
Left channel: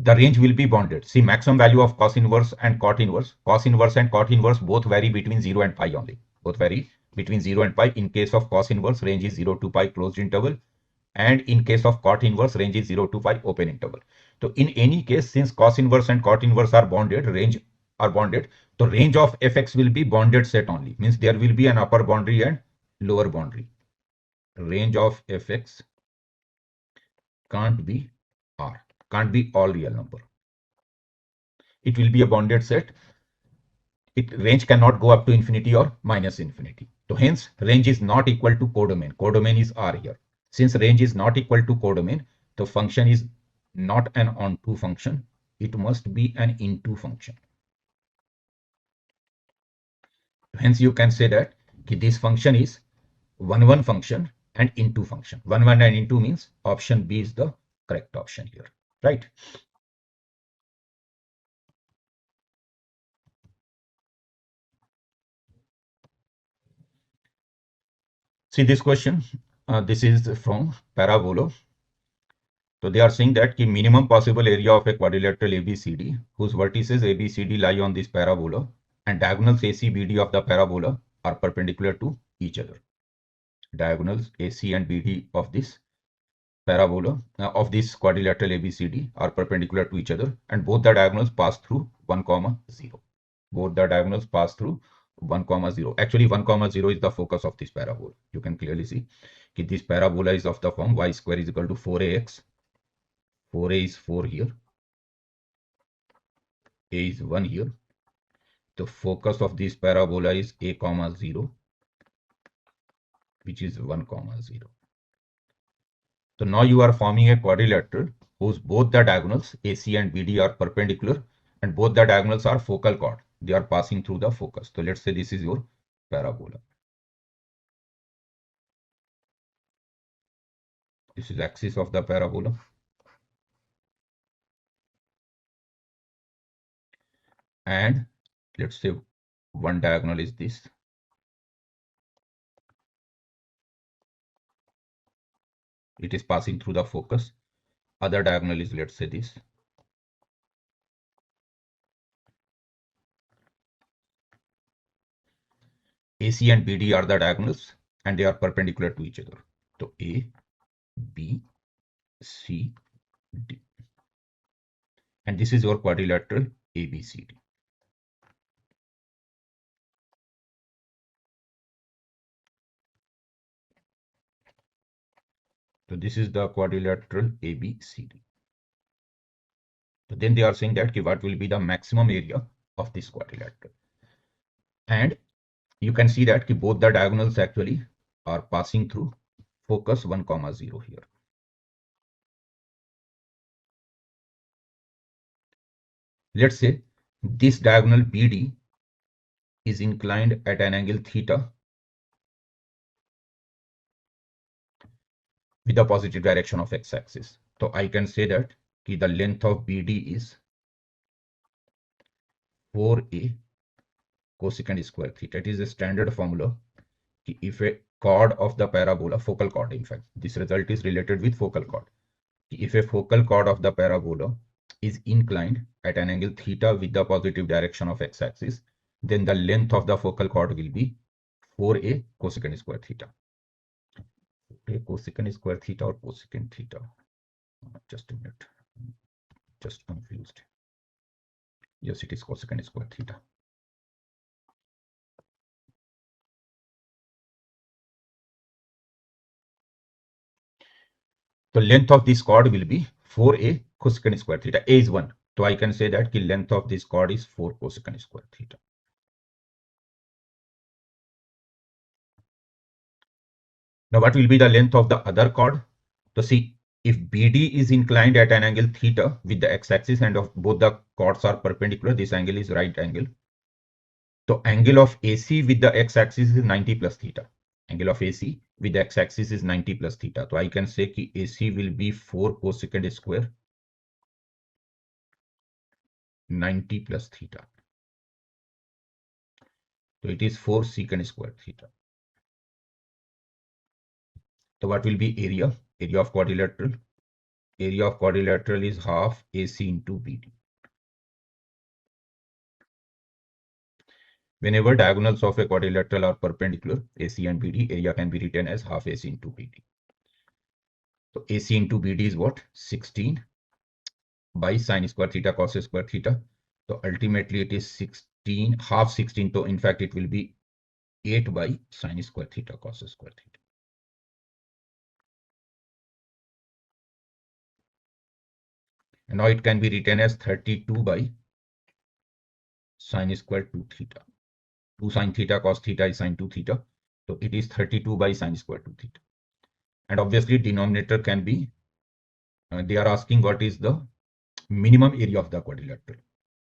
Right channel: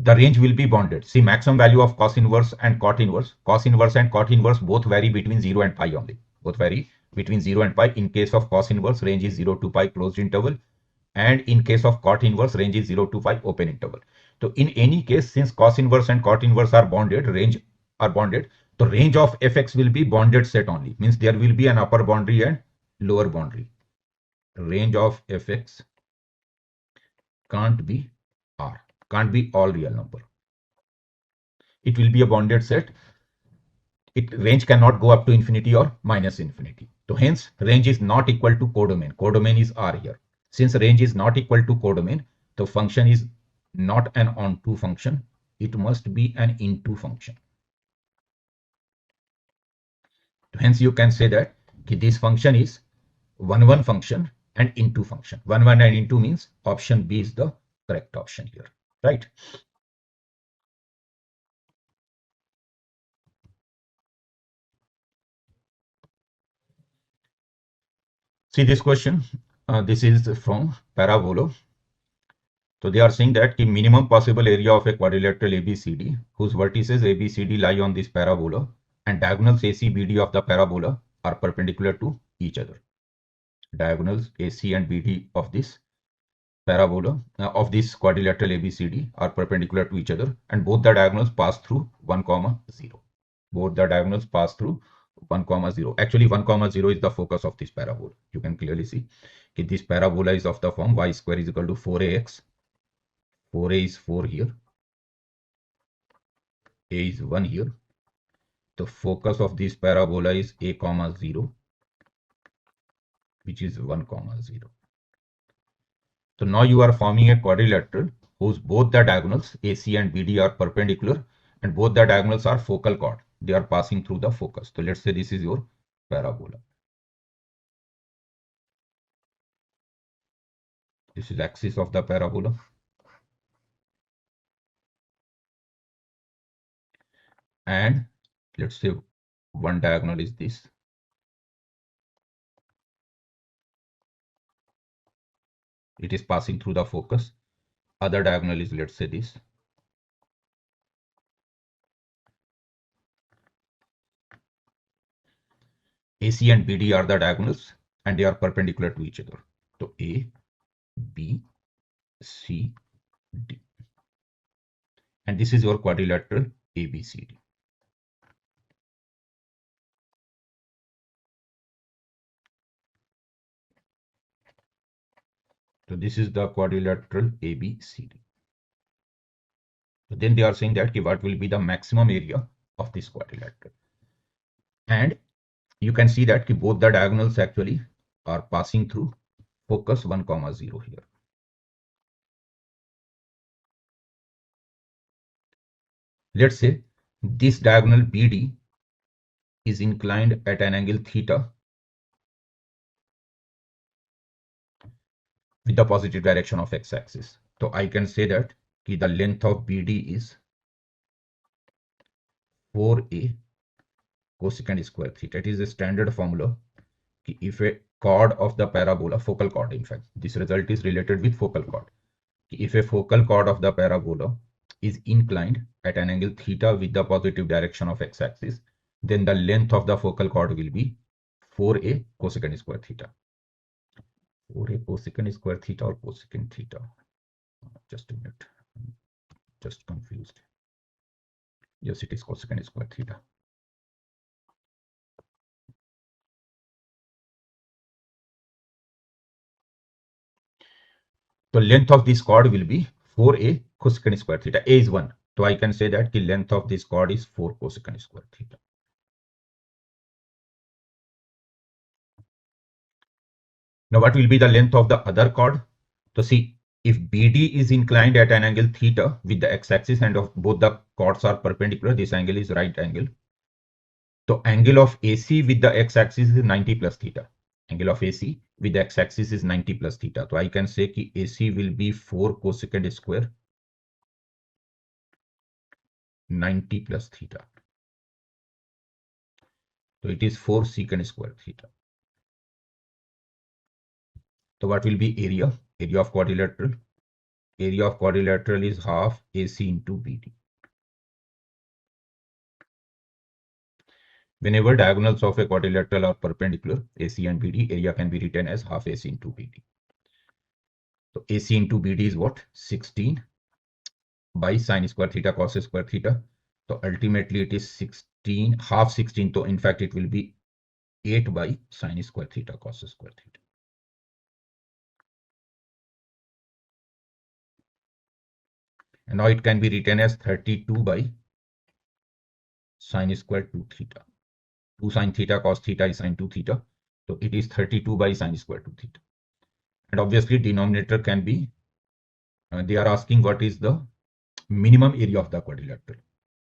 the range will be bounded. See, maximum value of cos inverse and cot inverse. Cos inverse and cot inverse both vary between 0 and pi only. Both vary between 0 and pi. In case of cos inverse, range is 0 to pi closed interval. And in case of cot inverse, range is 0 to pi open interval. So in any case, since cos inverse and cot inverse are bounded, range are bounded, the range of fx will be bounded set only. Means there will be an upper boundary and lower boundary. Range of fx can't be r, can't be all real number. It will be a bounded set. Range cannot go up to infinity or minus infinity. So hence range is not equal to codomain. Codomain is r here. Since range is not equal to codomain, the function is not an onto function. It must be an into function. Hence you can say that this function is 1 1 function and into function. 1 1 and into means option B is the correct option here, right? See this question. This is from parabola. So they are saying that the minimum possible area of a quadrilateral ABCD whose vertices ABCD lie on this parabola and diagonals ACBD of the parabola are perpendicular to each other. Diagonals AC and BD of this parabola of this quadrilateral ABCD are perpendicular to each other, and both the diagonals pass through 1, 0. Both the diagonals pass through 1, 0. Actually 1, 0 is the focus of this parabola. You can clearly see that this parabola is of the form y square is equal to 4ax. 4a is 4 here, a is 1 here. The focus of this parabola is a, 0, which is 1, 0. So now you are forming a quadrilateral whose both the diagonals AC and BD are perpendicular and both the diagonals are focal chord. They are passing through the focus. So let's say this is your parabola. This is axis of the parabola. And let's say one diagonal is this. It is passing through the focus. Other diagonal is, let's say, this. AC and BD are the diagonals and they are perpendicular to each other. So A, B, C, D. And this is your quadrilateral ABCD. So this is the quadrilateral ABCD. So then they are saying that what will be the maximum area of this quadrilateral. And you can see that both the diagonals actually are passing through focus 1, 0 here. Let's say this diagonal BD is inclined at an angle theta with the positive direction of x-axis. So I can say that the length of BD is 4a cosecant square theta. It is a standard formula. If a chord of the parabola, focal chord in fact, this result is related with focal chord. If a focal chord of the parabola is inclined at an angle theta with the positive direction of x-axis, then the length of the focal chord will be 4a cosecant square theta. 4a cosecant square theta or cosecant theta? Just a minute, just confused. Yes, it is cosecant square theta. The length of this chord will be 4a cosecant square theta. A is 1. So I can say that the length of this chord is 4 cosecant square theta. Now what will be the length of the other chord? So see, if BD is inclined at an angle theta with the x-axis and of both the chords are perpendicular, this angle is right angle. So angle of AC with the x-axis is 90 plus theta. Angle of AC with the x-axis is 90 plus theta. So I can say that AC will be 4 cosecant square 90 plus theta. So it is 4 secant square theta. So what will be area? Area of quadrilateral. Area of quadrilateral is half AC into BD. Whenever diagonals of a quadrilateral are perpendicular, AC and BD, area can be written as half AC into BD. So AC into BD is what? 16 by sine square theta cos square theta. So ultimately it is 16, half 16. So in fact it will be 8 by sine square theta cos square theta. And now it can be written as 32 by sine square 2 theta. 2 sine theta cos theta is sine 2 theta. So it is 32 by sine square 2 theta. And obviously denominator can be, they are asking what is the minimum area of the quadrilateral,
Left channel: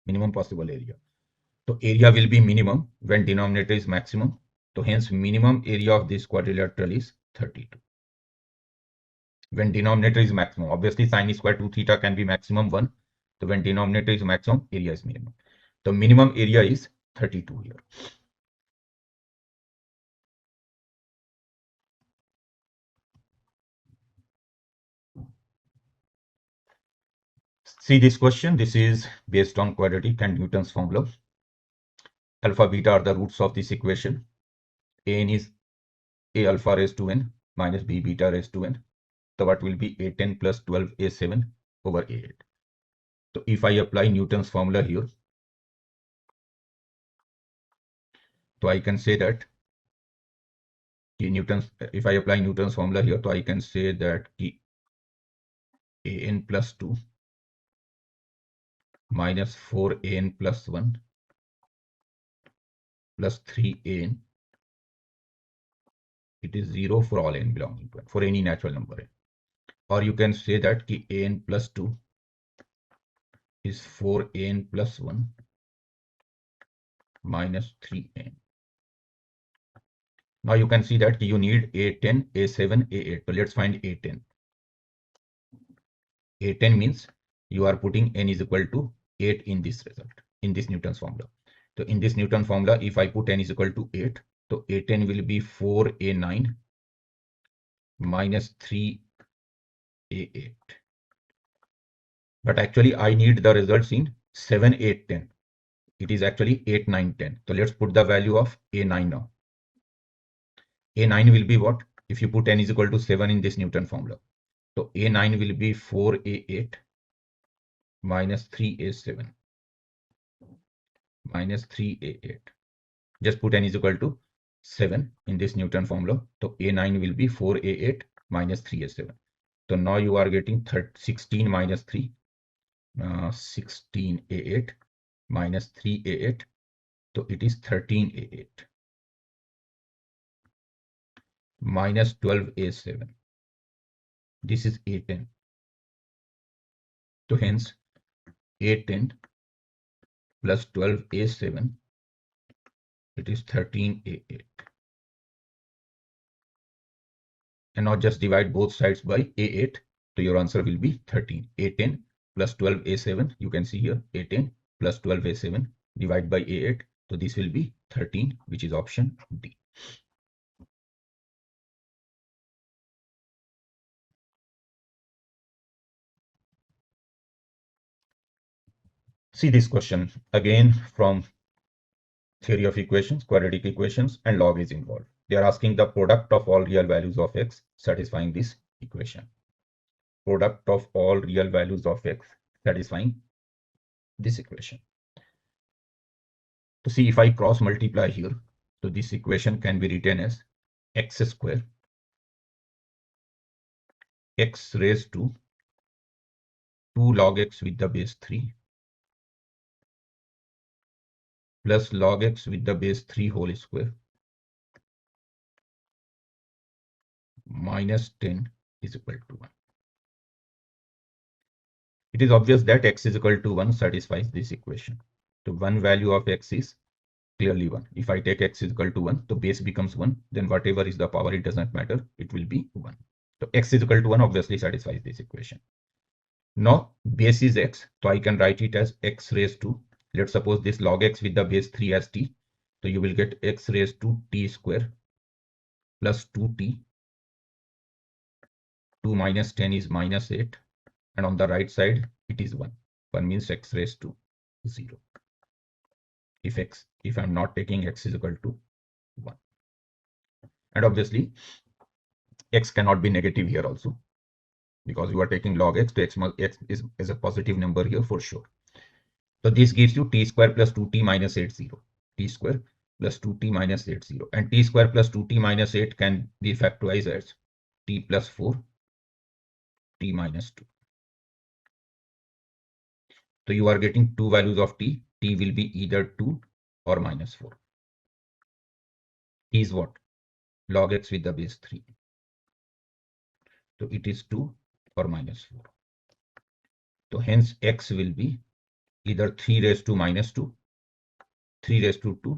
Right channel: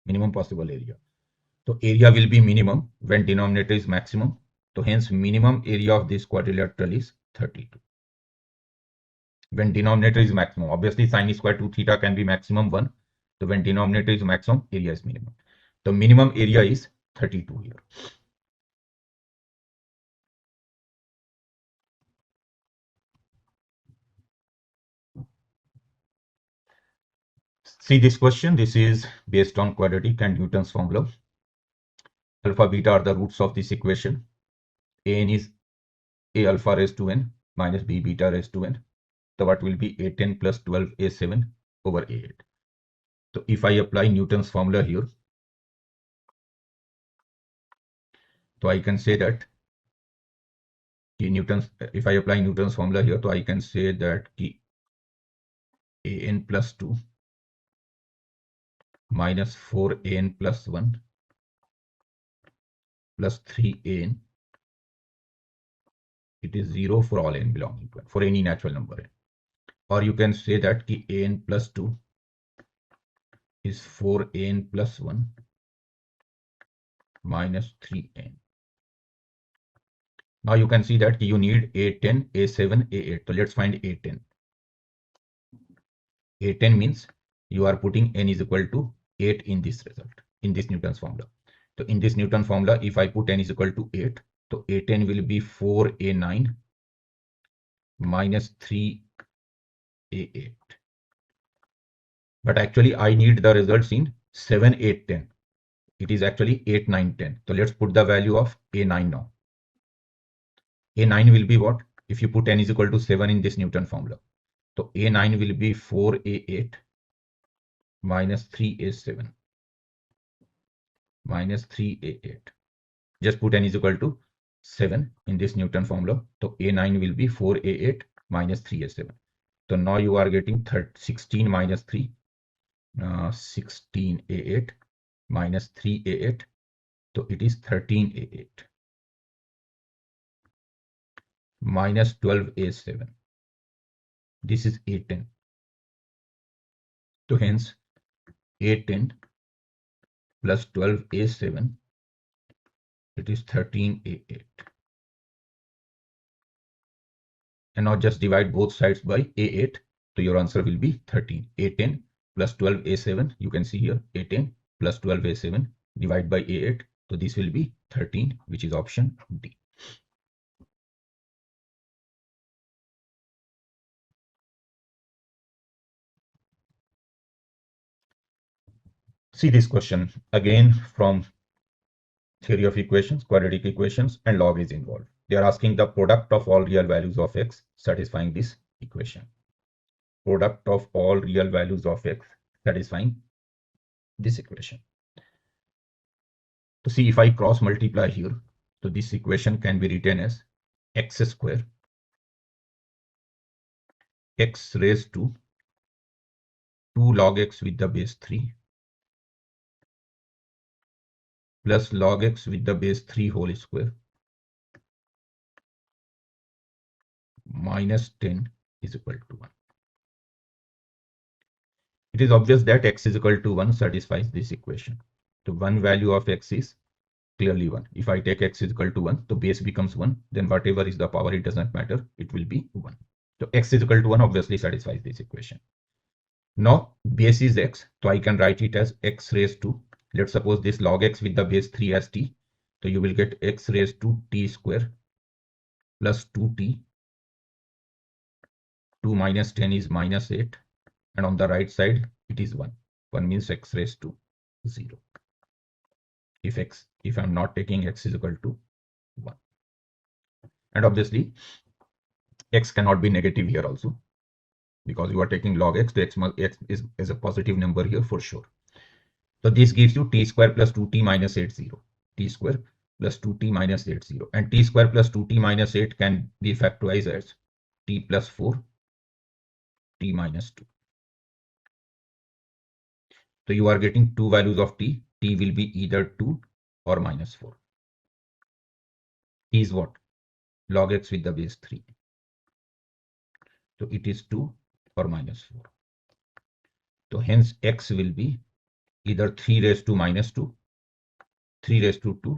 minimum possible area. So area will be minimum when denominator is maximum. So hence minimum area of this quadrilateral is 32. When denominator is maximum, obviously sine square 2 theta can be maximum 1. So when denominator is maximum, area is minimum. The minimum area is 32 here. See this question, this is based on quadratic and Newton's formula. Alpha beta are the roots of this equation. An is a alpha raised to n minus b beta raised to n. So what will be A10 plus 12 A7 over A8. So if I apply Newton's formula here, so I can say that if I apply Newton's formula here, so I can say that An plus 2 minus 4An plus 1 plus 3An, it is 0 for all n belonging to n, for any natural number n. Or you can say that An plus 2 is 4An plus 1 minus 3N. Now you can see that you need A10, A7, A8. So let's find A10. A10 means you are putting n is equal to 8 in this result, in this Newton's formula. So in this Newton formula, if I put n is equal to 8, so A10 will be 4A9 minus 3A8. But actually I need the results in 7, 8, 10. It is actually 8, 9, 10. So let's put the value of A9 now. A9 will be what? If you put n is equal to 7 in this Newton formula. So A9 will be 4A8 minus 3A7 minus 3A8. Just put n is equal to 7 in this Newton formula. So A9 will be 4A8 minus 3A7. So now you are getting 16 minus 3, 16A8 minus 3A8. So it is 13A8 minus 12A7. This is A10. So hence A10 plus 12A7, it is 13A8. And now just divide both sides by A8. So your answer will be 13. A10 plus 12A7, you can see here A10 plus 12A7 divide by A8. So this will be 13, which is option D. See this question again from theory of equations, quadratic equations, and log is involved. They are asking the product of all real values of x satisfying this equation. Product of all real values of x satisfying this equation. To see if I cross multiply here, so this equation can be written as x square x raised to 2 log x with the base 3 plus log x with the base 3 whole square minus 10 is equal to 1. It is obvious that x is equal to 1 satisfies this equation. So one value of x is clearly 1. If I take x is equal to 1, the base becomes 1, then whatever is the power, it doesn't matter, it will be 1. So x is equal to 1 obviously satisfies this equation. Now base is x, so I can write it as x raised to, let's suppose this log x with the base 3 as t, so you will get x raised to t square plus 2t. 2 minus 10 is minus 8, and on the right side it is 1. 1 means x raised to 0. If I'm not taking x is equal to 1. And obviously x cannot be negative here also, because you are taking log x, the x is a positive number here for sure. So this gives you t square plus 2t minus 8, 0. T square plus 2t minus 8, 0. And t square plus 2t minus 8 can be factorized as t plus 4, t minus 2. So you are getting two values of t. T will be either 2 or minus 4. T is what? Log x with the base 3. So it is 2 or minus 4. So hence x will be either 3 raised to minus 2, 3 raised to 2,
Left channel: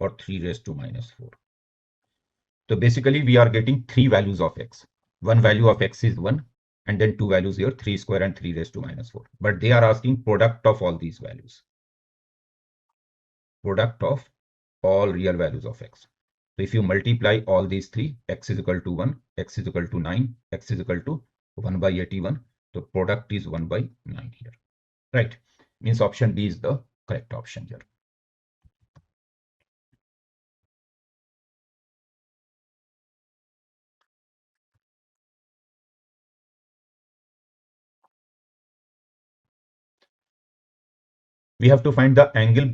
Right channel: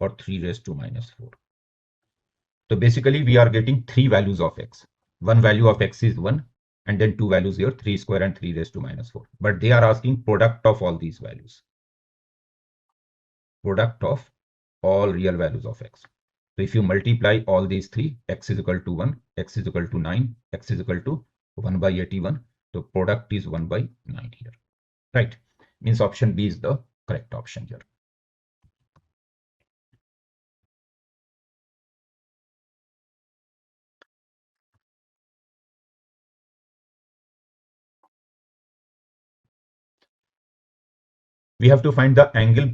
or 3 raised to minus 4. So basically we are getting three values of x. One value of x is 1, and then two values here, 3 square and 3 raised to minus 4. But they are asking product of all these values. Product of all real values of x. So if you multiply all these three, x is equal to 1, x is equal to 9, x is equal to 1 by 81. So product is 1 by 9 here. Right? Means option D is the correct option here. We have to find the angle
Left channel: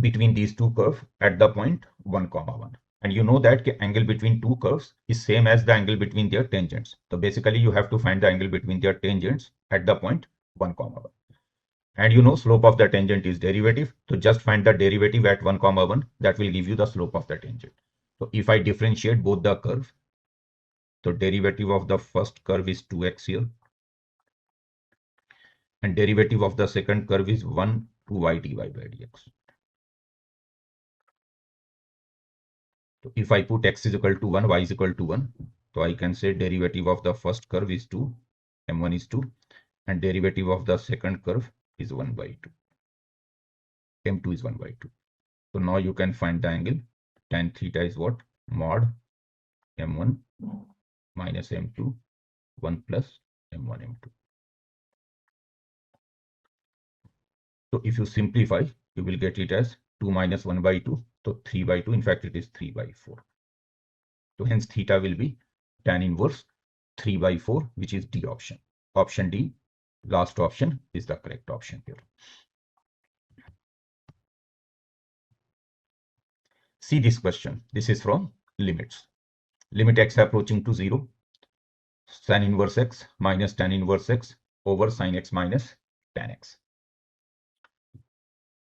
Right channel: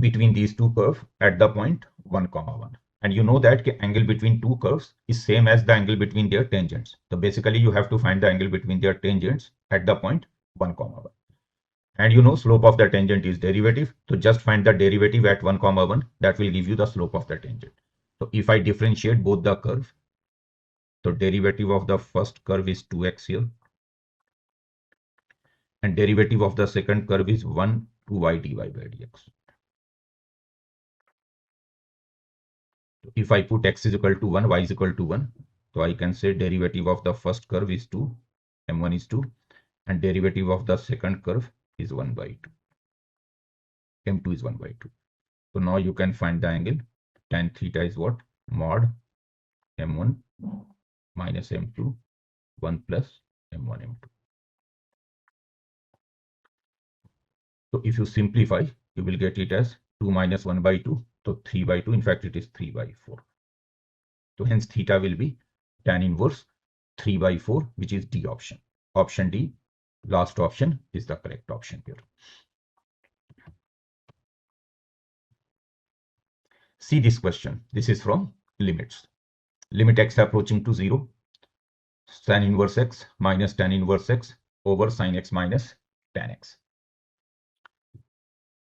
between these two curves at the point 1, 1. And you know that the angle between two curves is same as the angle between their tangents. So basically you have to find the angle between their tangents at the point 1, 1. And you know slope of the tangent is derivative. So just find the derivative at 1, 1. That will give you the slope of the tangent. So if I differentiate both the curves, so derivative of the first curve is 2x here. And derivative of the second curve is 1 2y dy by dx. So if I put x is equal to 1, y is equal to 1, so I can say derivative of the first curve is 2, m1 is 2, and derivative of the second curve is 1 by 2. m2 is 1 by 2. So now you can find the angle. Tan theta is what? Mod m1 minus m2, 1 plus m1 m2. So if you simplify, you will get it as 2 minus 1 by 2. So 3 by 2. In fact, it is 3 by 4. So hence theta will be tan inverse 3 by 4, which is D option. Option D, last option, is the correct option here. See this question. This is from limits. Limit x approaching to 0. Tan inverse x minus tan inverse x over sin x minus tan x.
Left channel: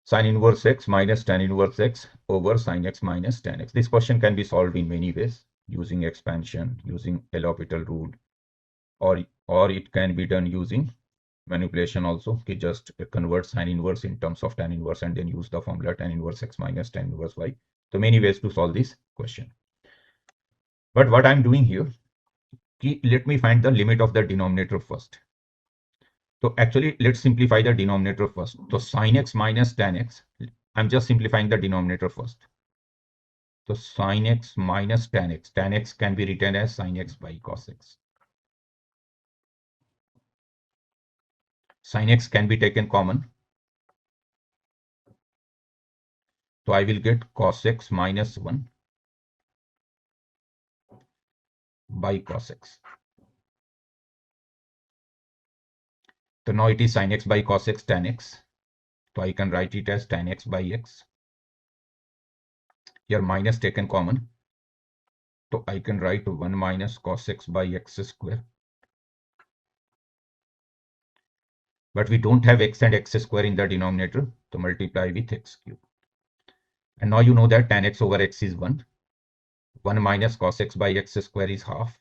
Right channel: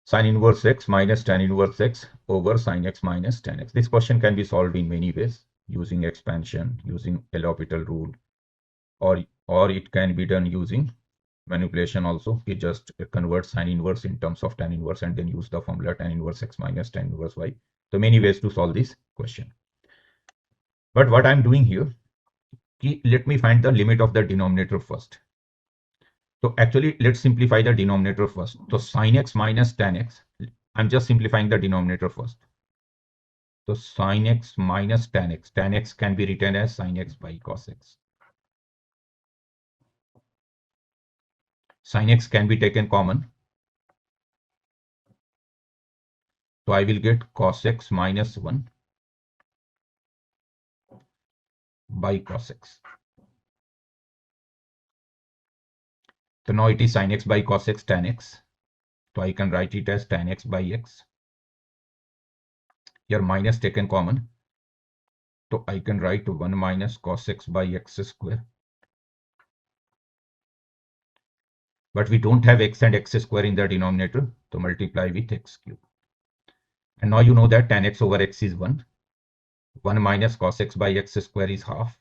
Sin inverse x minus tan inverse x over sin x minus tan x. This question can be solved in many ways, using expansion, using L'Hopital rule, or it can be done using manipulation also. Okay, just convert sin inverse in terms of tan inverse and then use the formula tan inverse x minus tan inverse y. So many ways to solve this question. But what I'm doing here, let me find the limit of the denominator first. So actually, let's simplify the denominator first. So sin x minus tan x, I'm just simplifying the denominator first. So sin x minus tan x can be written as sin x by cos x. Sin x can be taken common. So I will get cos x minus 1 by cos x. So now it is sin x by cos x tan x. So I can write it as tan x by x. Here minus taken common. So I can write 1 minus cos x by x square. But we don't have x and x square in the denominator. So multiply with x cube. And now you know that tan x over x is 1. 1 minus cos x by x square is half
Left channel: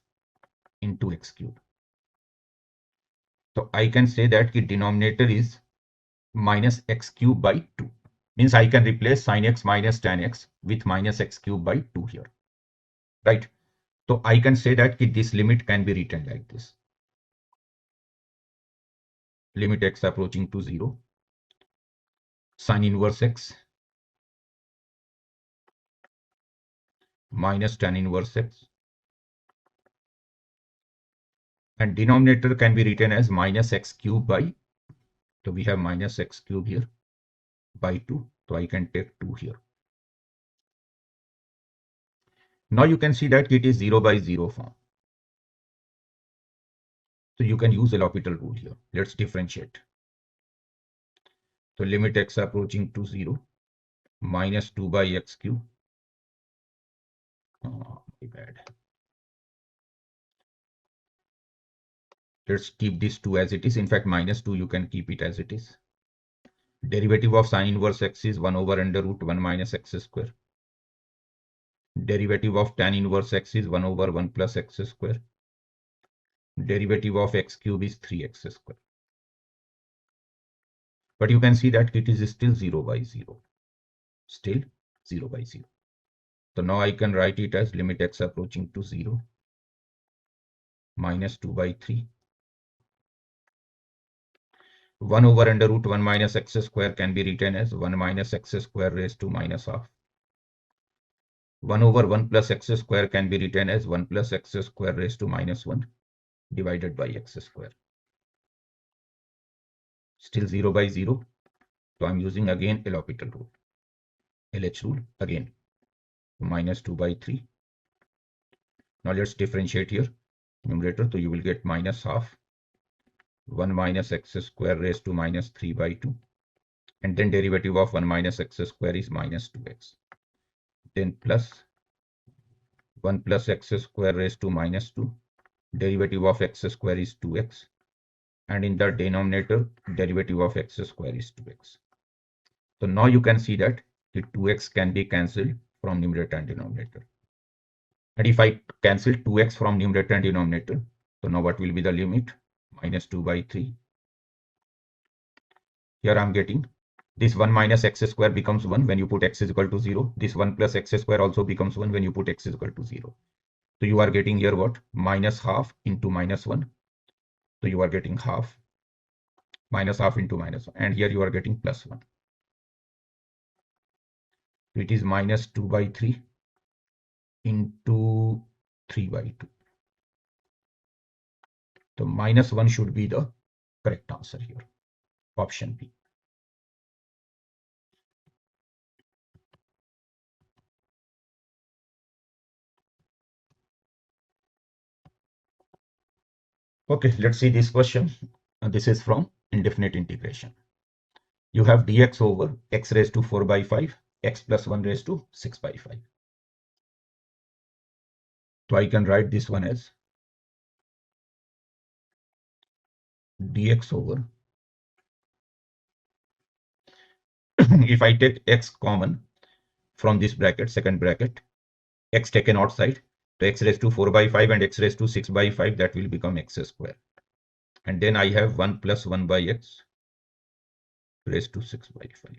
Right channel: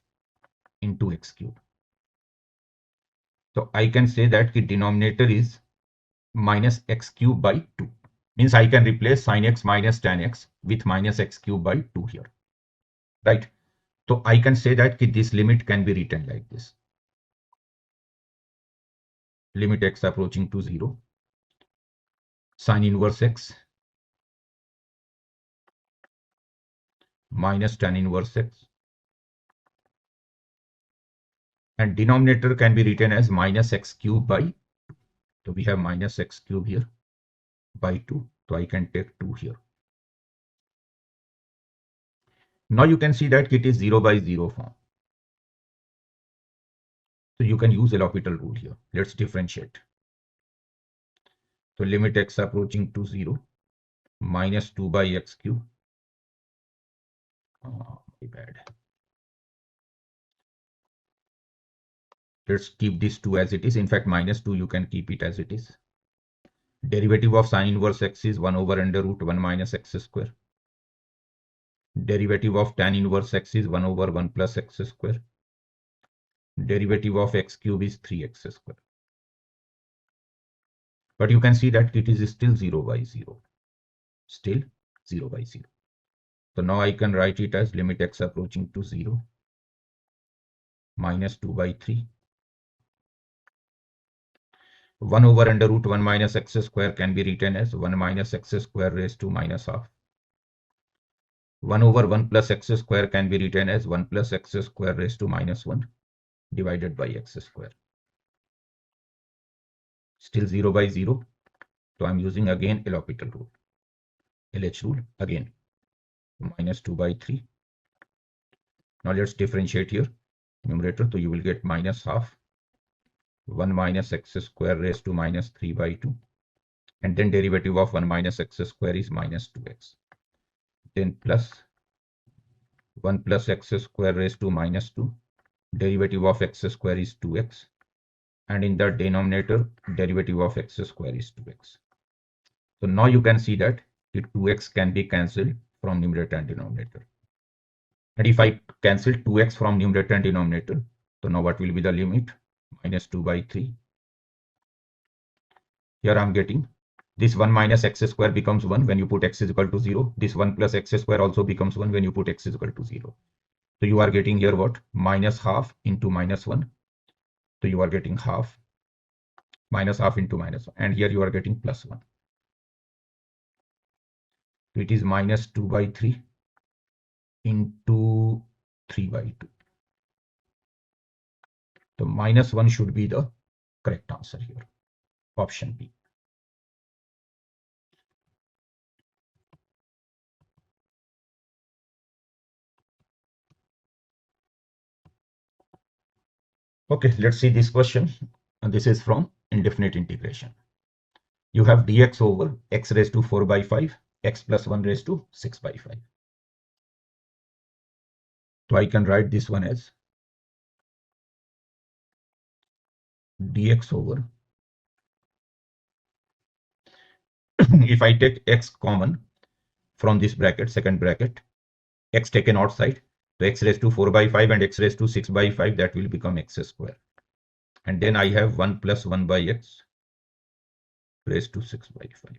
into x cube. So I can say that the denominator is minus x cube by 2. Means I can replace sin x minus tan x with minus x cube by 2 here. Right? So I can say that this limit can be written like this. Limit x approaching to 0. Sin inverse x minus tan inverse x. And denominator can be written as minus x cube by, so we have minus x cube here by 2. So I can take 2 here. Now you can see that it is 0 by 0 form. So you can use L'Hopital rule here. Let's differentiate. So limit x approaching to 0 minus 2 by x cube. Oh, bad. Let's keep this 2 as it is. In fact, minus 2 you can keep it as it is. Derivative of sin inverse x is 1 over under root 1 minus x square. Derivative of tan inverse x is 1 over 1 plus x square. Derivative of x cube is 3x square. But you can see that it is still 0 by 0. Still 0 by 0. So now I can write it as limit x approaching to 0 minus 2 by 3. 1 over under root 1 minus x square can be written as 1 minus x square raised to minus half. 1 over 1 plus x square can be written as 1 plus x square raised to minus 1 divided by x square. Still 0 by 0. So I'm using again L'Hopital rule. LH rule again. Minus 2 by 3. Now let's differentiate here. Numerator, so you will get minus half. 1 minus x square raised to minus 3 by 2. And then derivative of 1 minus x square is minus 2x. Then plus 1 plus x square raised to minus 2. Derivative of x square is 2x. And in the denominator, derivative of x square is 2x. So now you can see that the 2x can be cancelled from numerator and denominator. And if I cancel 2x from numerator and denominator, so now what will be the limit? Minus 2 by 3. Here I'm getting this 1 minus x square becomes 1 when you put x is equal to 0. This 1 plus x square also becomes 1 when you put x is equal to 0. So you are getting here what? Minus half into minus 1. So you are getting half. Minus half into minus 1. And here you are getting plus 1. So it is minus 2 by 3 into 3 by 2. So minus 1 should be the correct answer here. Option B. Okay, let's see this question. And this is from indefinite integration. You have dx over x raised to 4 by 5, x plus 1 raised to 6 by 5. So I can write this one as dx over, if I take x common from this bracket, second bracket, x taken outside, so x raised to 4 by 5 and x raised to 6 by 5, that will become x square. And then I have 1 plus 1 by x raised to 6 by 5.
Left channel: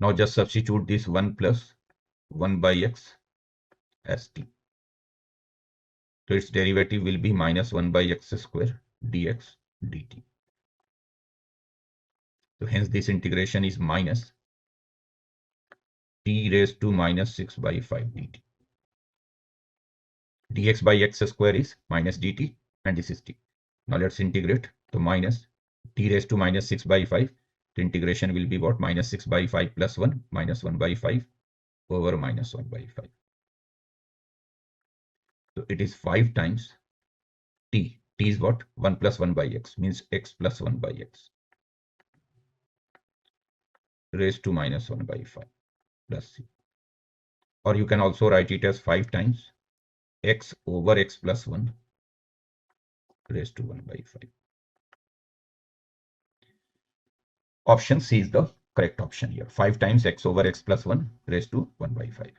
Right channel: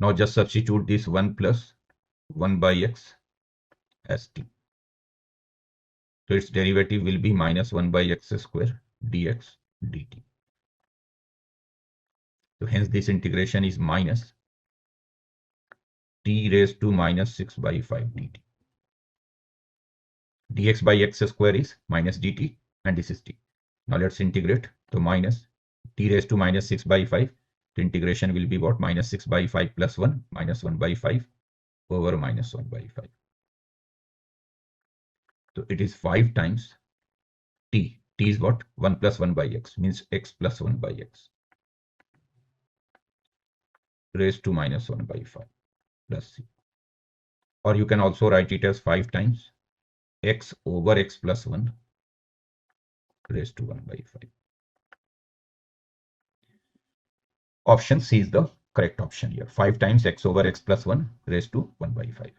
Now just substitute this 1 plus 1 by x as t. So its derivative will be minus 1 by x square dx dt. So hence this integration is minus t raised to minus 6 by 5 dt. Dx by x square is minus dt and this is t. Now let's integrate. So minus t raised to minus 6 by 5. The integration will be what? Minus 6 by 5 plus 1 minus 1 by 5 over minus 1 by 5. So it is 5 times t. T is what? 1 plus 1 by x, means x plus 1 by x raised to minus 1 by 5 plus c. Or you can also write it as 5 times x over x plus 1 raised to 1 by 5. Option C is the correct option here. 5 times x over x plus 1 raised to 1 by 5.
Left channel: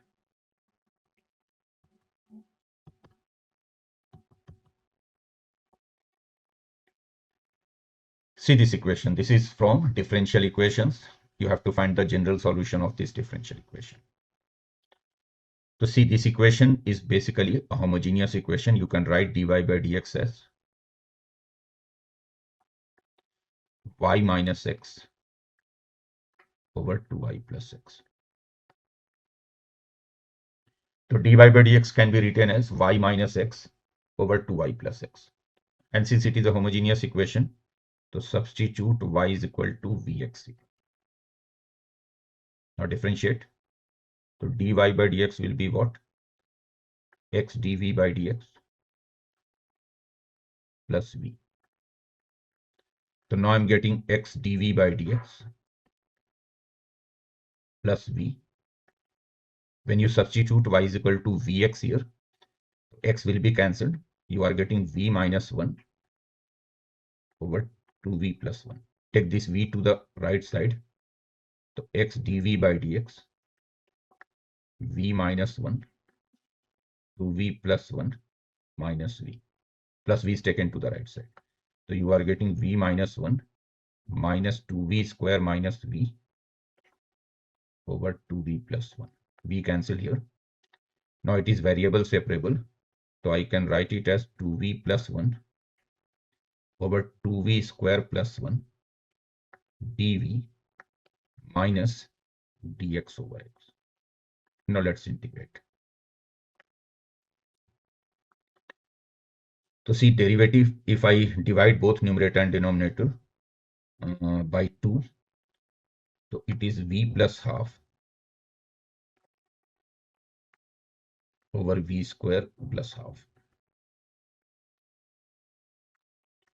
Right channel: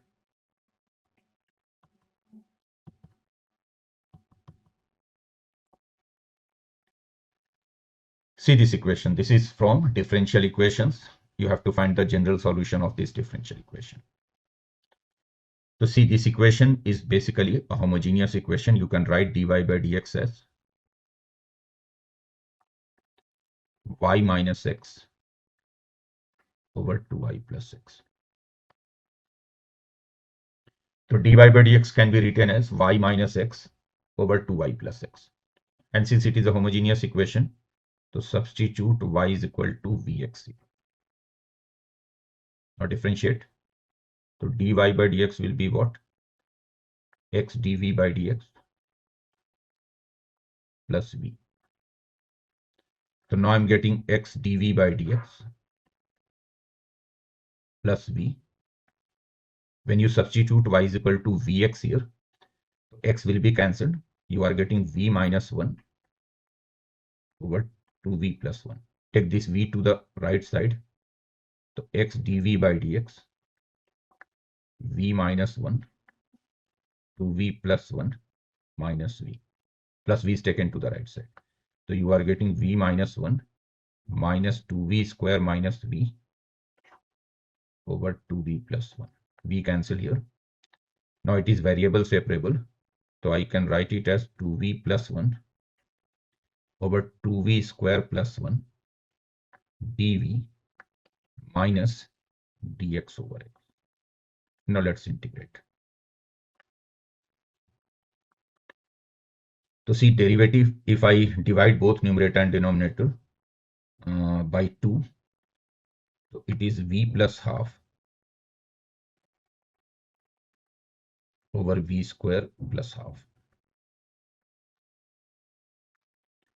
See this equation. This is from differential equations. You have to find the general solution of this differential equation. So see, this equation is basically a homogeneous equation. You can write dy by dx as y minus x over 2y plus x. So dy by dx can be written as y minus x over 2y plus x. And since it is a homogeneous equation, so substitute y is equal to vx. Now differentiate. So dy by dx will be what? X dv by dx plus v. So now I'm getting x dv by dx plus v. When you substitute y is equal to vx here, x will be cancelled. You are getting v minus 1 over 2v plus 1. Take this v to the right side. So x dv by dx, v minus 1, 2v plus 1 minus v. Plus v is taken to the right side. So you are getting v minus 1 minus 2v square minus v over 2v plus 1. V cancel here. Now it is variable separable. So I can write it as 2v plus 1 over 2v square plus 1 dv minus dx over x. Now let's integrate. To see derivative, if I divide both numerator and denominator by 2, so it is v plus half over v square plus half.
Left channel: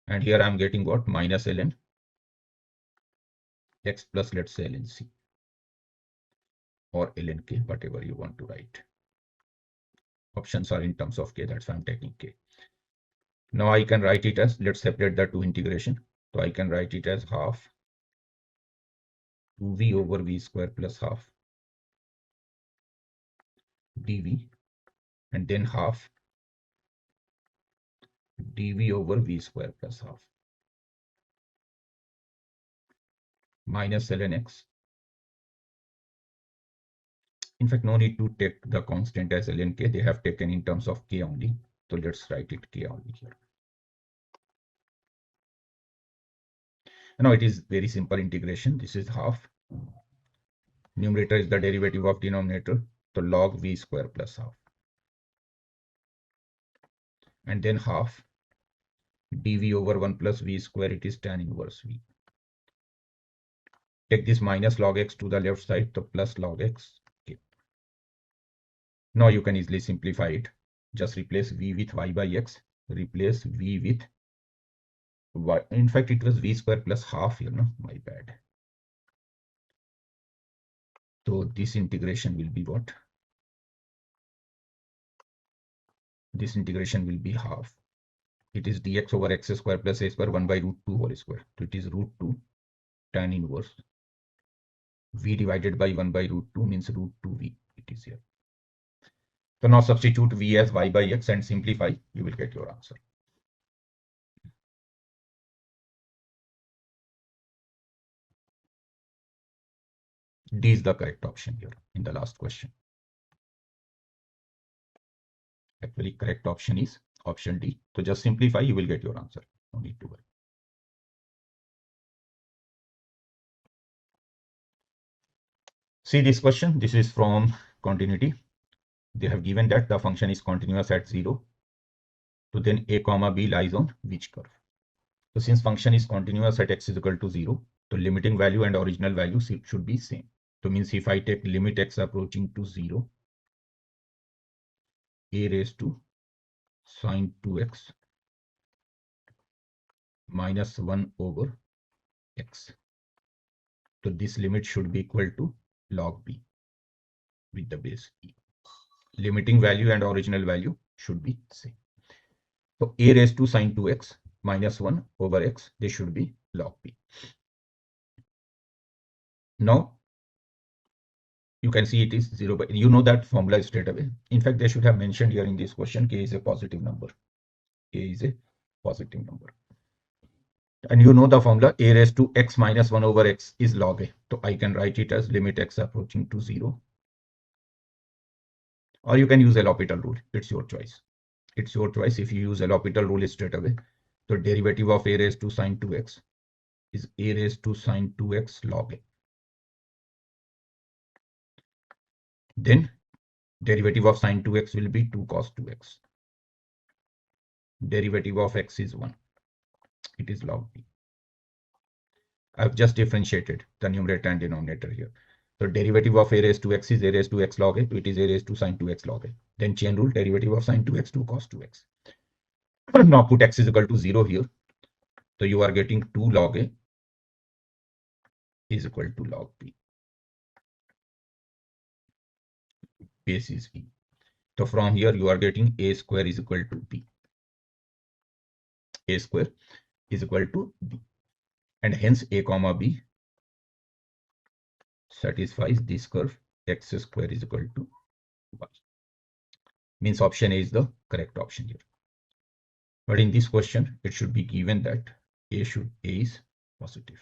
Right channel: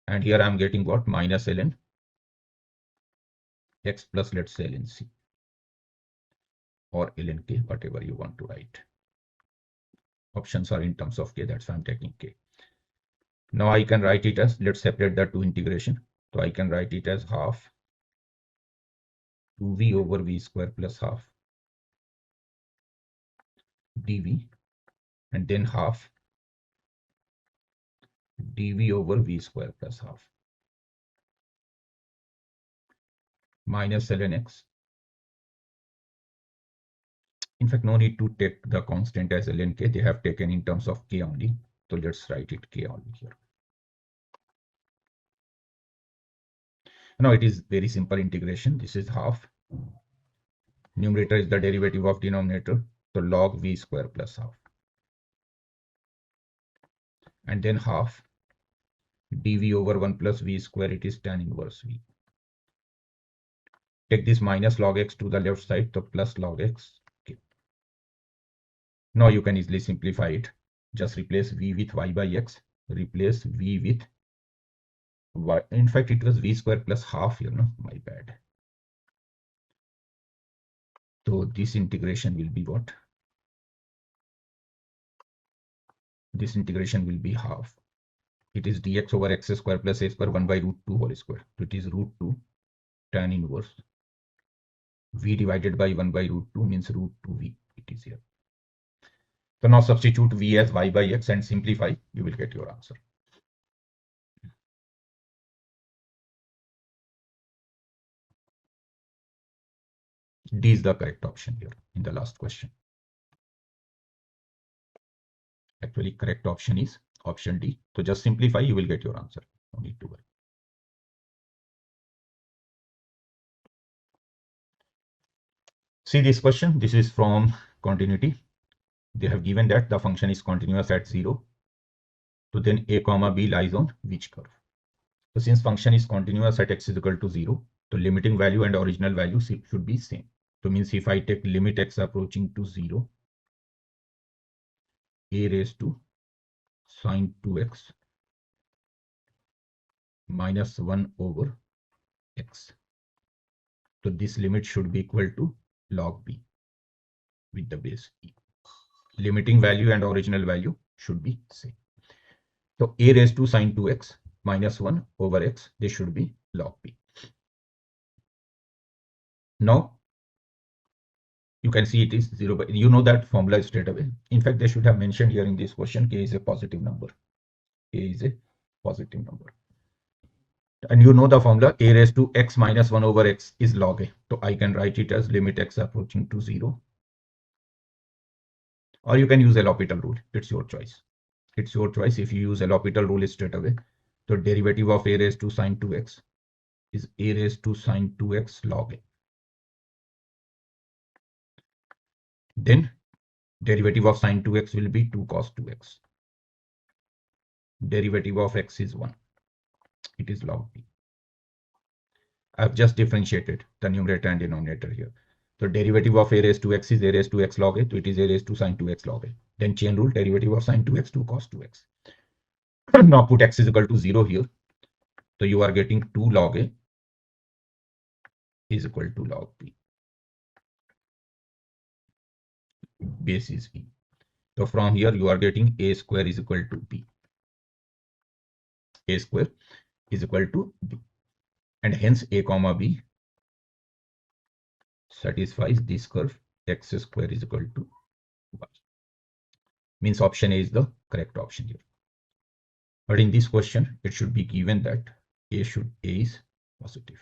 And here I'm getting what? Minus ln x plus, let's say, ln c or ln k, whatever you want to write. Options are in terms of k, that's why I'm taking k. Now I can write it as, let's separate the two integration. So I can write it as half 2v over v square plus half dv, and then half dv over v square plus half minus ln x. In fact, no need to take the constant as ln k. They have taken in terms of k only. So let's write it k only here. Now it is very simple integration. This is half. Numerator is the derivative of denominator. So log v square plus half. And then half dv over 1 plus v square, it is tan inverse v. Take this minus log x to the left side, so plus log x. Okay. Now you can easily simplify it. Just replace v with y by x, replace v with y. In fact, it was v square plus half, my bad. So this integration will be what? This integration will be half. It is dx over x square plus a square 1 by root 2 whole square. So it is root 2 tan inverse v divided by 1 by root 2 means root 2v. It is here. So now substitute v as y by x and simplify. You will get your answer. D is the correct option here in the last question. Actually, correct option is option D. So just simplify, you will get your answer. No need to worry. See this question. This is from continuity. They have given that the function is continuous at 0. So then a comma b lies on which curve? So since function is continuous at x is equal to 0, So limiting value and original value should be same. So means if I take limit x approaching to 0, a raised to sine 2x minus 1 over x. So this limit should be equal to log b with the base e. Limiting value and original value should be same. So a raised to sine 2x minus 1 over x, this should be log b. Now you can see it is 0, but you know that formula straight away. In fact, they should have mentioned here in this question k is a positive number. K is a positive number. And you know the formula a raised to x minus 1 over x is log a. So I can write it as limit x approaching to 0. Or you can use L'Hopital rule. It's your choice. It's your choice if you use L'Hopital rule straight away. So derivative of a raised to sine 2x is a raised to sine 2x log a. Then derivative of sine 2x will be 2 cos 2x. Derivative of x is 1. It is log b. I've just differentiated the numerator and denominator here. So derivative of a raised to x is a raised to x log a. So it is a raised to sine 2x log a. Then chain rule, derivative of sine 2x 2 cos 2x. Now put x is equal to 0 here. So you are getting 2 log a is equal to log b. Base is e. So from here you are getting a square is equal to b. A square is equal to b. And hence a comma b satisfies this curve x square is equal to y. Means option A is the correct option here. But in this question, it should be given that A is positive.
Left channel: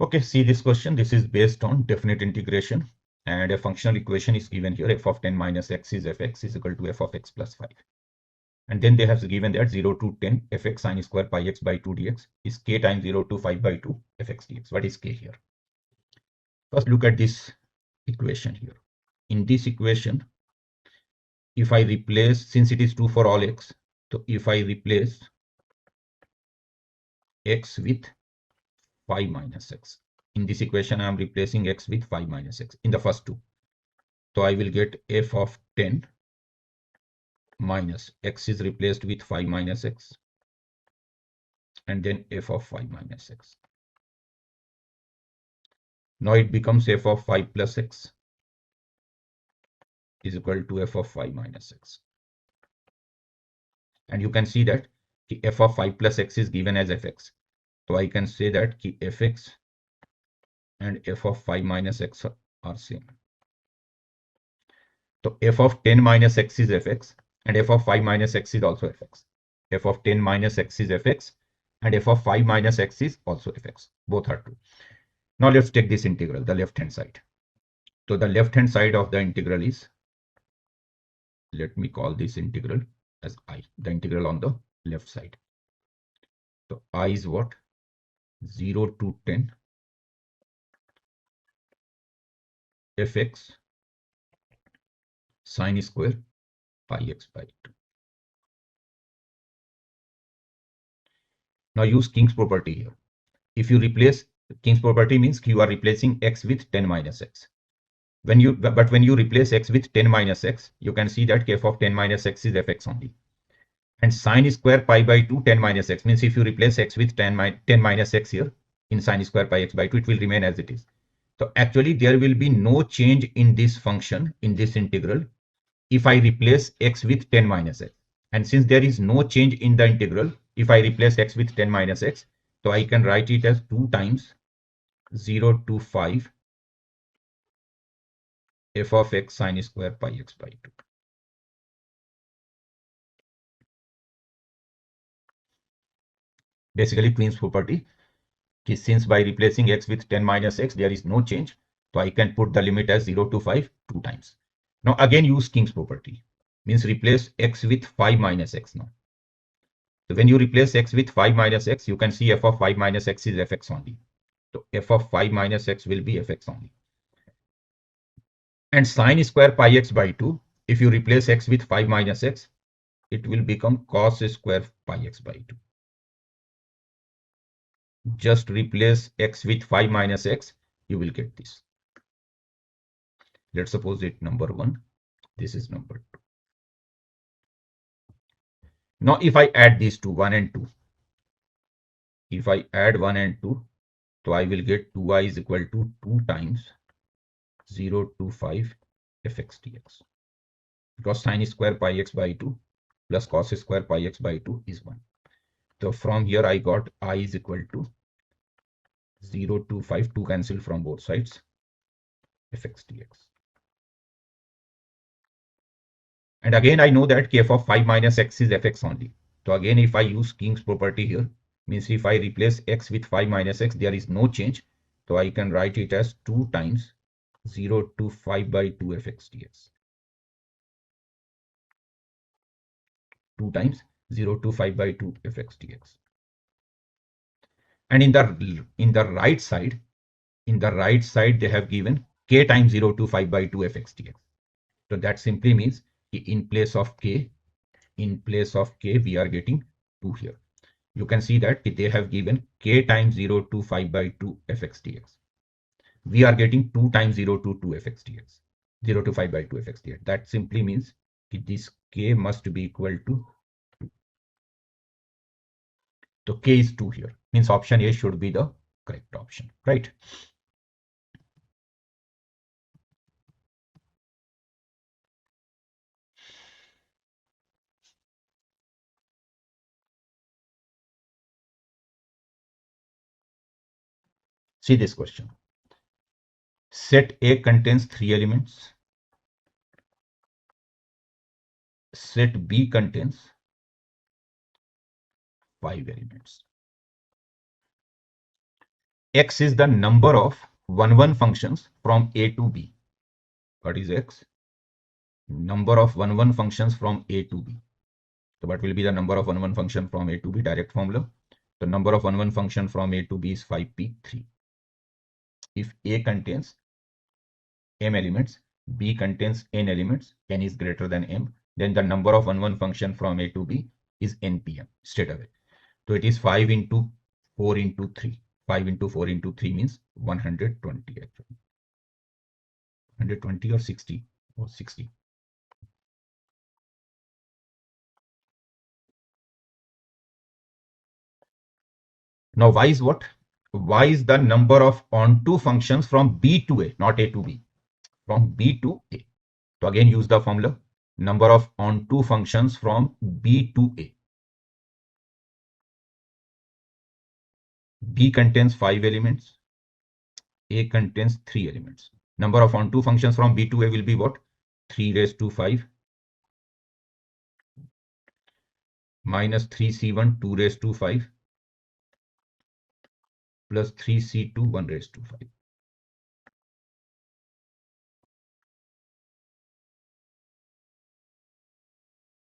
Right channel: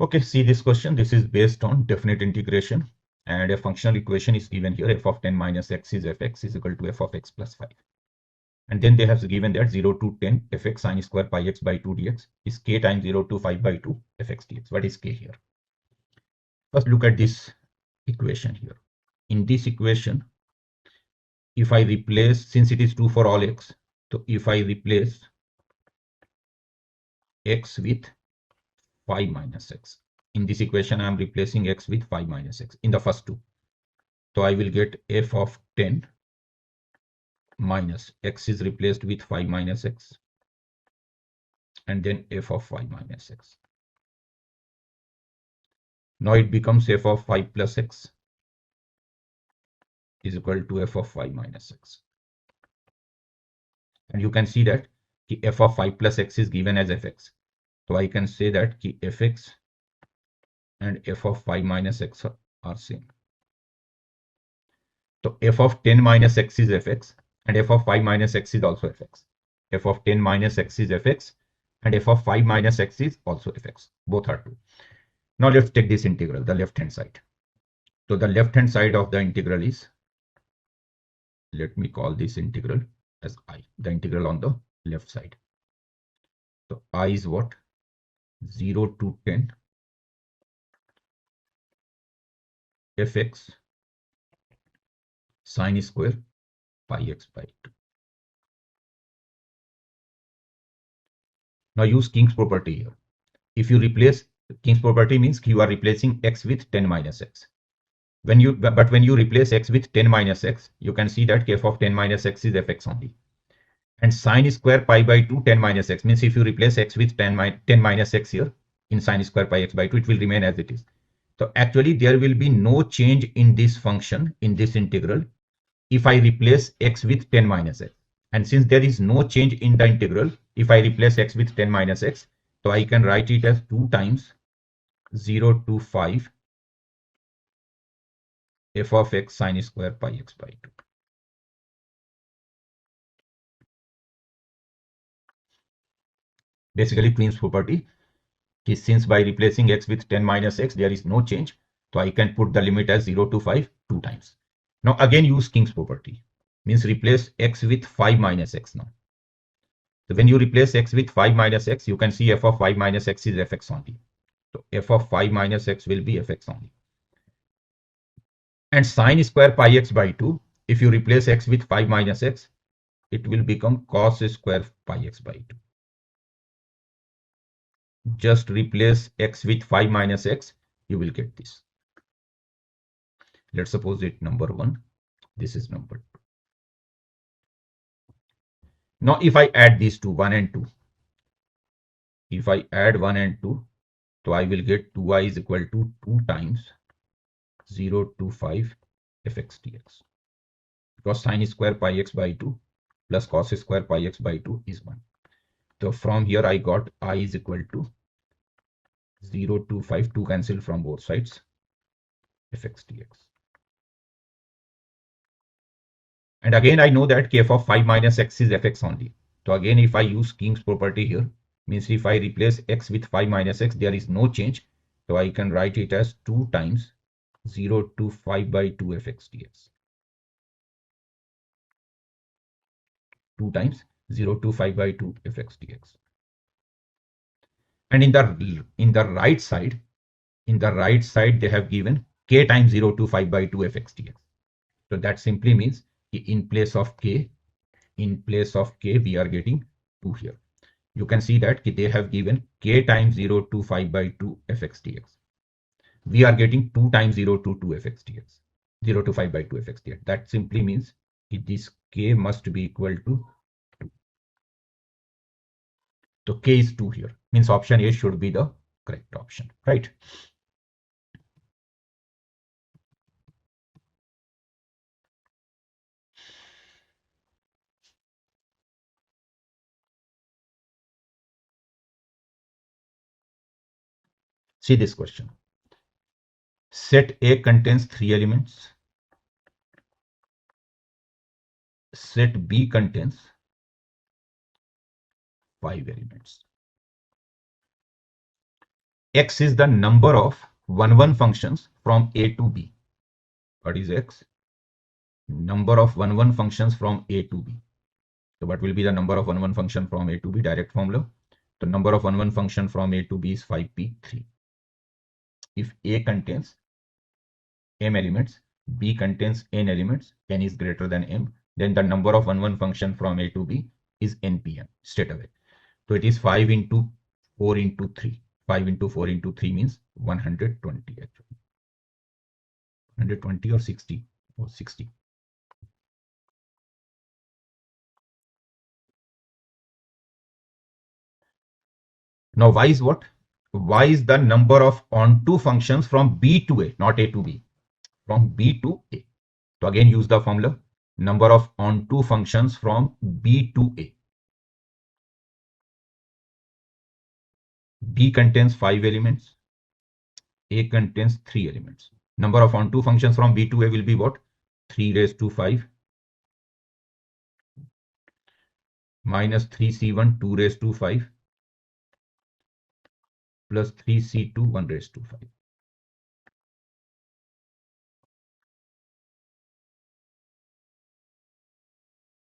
Okay, see this question. This is based on definite integration, and a functional equation is given here. F of 10 minus x is fx is equal to f of x plus 5. And then they have given that 0 to 10 fx sine square pi x by 2 dx is k times 0 to 5 by 2 fx dx. What is k here? First look at this equation here. In this equation, if I replace, since it is 2 for all x, so if I replace x with 5 minus x. In this equation, I am replacing x with 5 minus x in the first two. So I will get f of 10 minus x is replaced with 5 minus x. And then f of 5 minus x. Now it becomes f of 5 plus x is equal to f of 5 minus x. And you can see that f of 5 plus x is given as fx. So I can say that fx and f of 5 minus x are same. So f of 10 minus x is fx and f of 5 minus x is also fx. F of 10 minus x is fx and f of 5 minus x is also fx. Both are true. Now let's take this integral, the left hand side. So the left hand side of the integral is, let me call this integral as I, the integral on the left side. So I is what? 0 to 10 fx sine square pi x by 2. Now use King's property here. If you replace, King's property means you are replacing x with 10 minus x. When you replace x with 10 minus x, you can see that f of 10 minus x is fx only. And sine square pi by 2 10 minus x means if you replace x with 10 minus x here in sine square pi x by 2, it will remain as it is. So actually there will be no change in this function, in this integral, if I replace x with 10 minus x. And since there is no change in the integral, if I replace x with 10 minus x, so I can write it as 2 times 0 to 5 f of x sine square pi x by 2. Basically Queen's property is, since by replacing x with 10 minus x there is no change, so I can put the limit as 0 to 5 2 times. Now again use King's property, means replace x with 5 minus x now. So when you replace x with 5 minus x, you can see f of 5 minus x is fx only. So f of 5 minus x will be fx only. And sine square pi x by 2, if you replace x with 5 minus x, it will become cos square pi x by 2. Just replace x with 5 minus x, you will get this. Let's suppose it number 1, this is number 2. Now if I add these two, 1 and 2, if I add 1 and 2, so I will get 2y is equal to 2 times 0 to 5 fx dx. Because sine square pi x by 2 plus cos square pi x by 2 is 1. So from here I got I is equal to 0 to 5, 2 cancel from both sides, fx dx. And again I know that kf of 5 minus x is fx only. So again if I use King's property here, means if I replace x with 5 minus x, there is no change. So I can write it as 2 times 0 to 5 by 2 fx dx. 2 times 0 to 5 by 2 fx dx. And in the right side, they have given k times 0 to 5 by 2 fx dx. So that simply means in place of k, we are getting 2 here. You can see that they have given k times 0 to 5 by 2 fx dx. We are getting 2 times 0 to 2 fx dx, 0 to 5 by 2 fx dx. That simply means this k must be equal to 2. So k is 2 here, means option A should be the correct option, right? See this question. Set A contains 3 elements. Set B contains 5 elements. X is the number of 1-1 functions from A to B. What is X? Number of 1-1 functions from A to B. So what will be the number of 1-1 function from A to B? Direct formula. The number of 1-1 function from A to B is 5p3. If A contains m elements, B contains n elements, n is greater than m, then the number of 1-1 function from A to B is npm straight away. So it is 5 into 4 into 3. 5 into 4 into 3 means 120 actually. 120 or 60 or 60. Now y is what? Y is the number of onto functions from B to A, not A to B. From B to A. So again use the formula. Number of onto functions from B to A. B contains 5 elements. A contains 3 elements. Number of onto functions from B to A will be what? 3 raised to 5 minus 3c1 2 raised to 5 plus 3c2 1 raised to 5.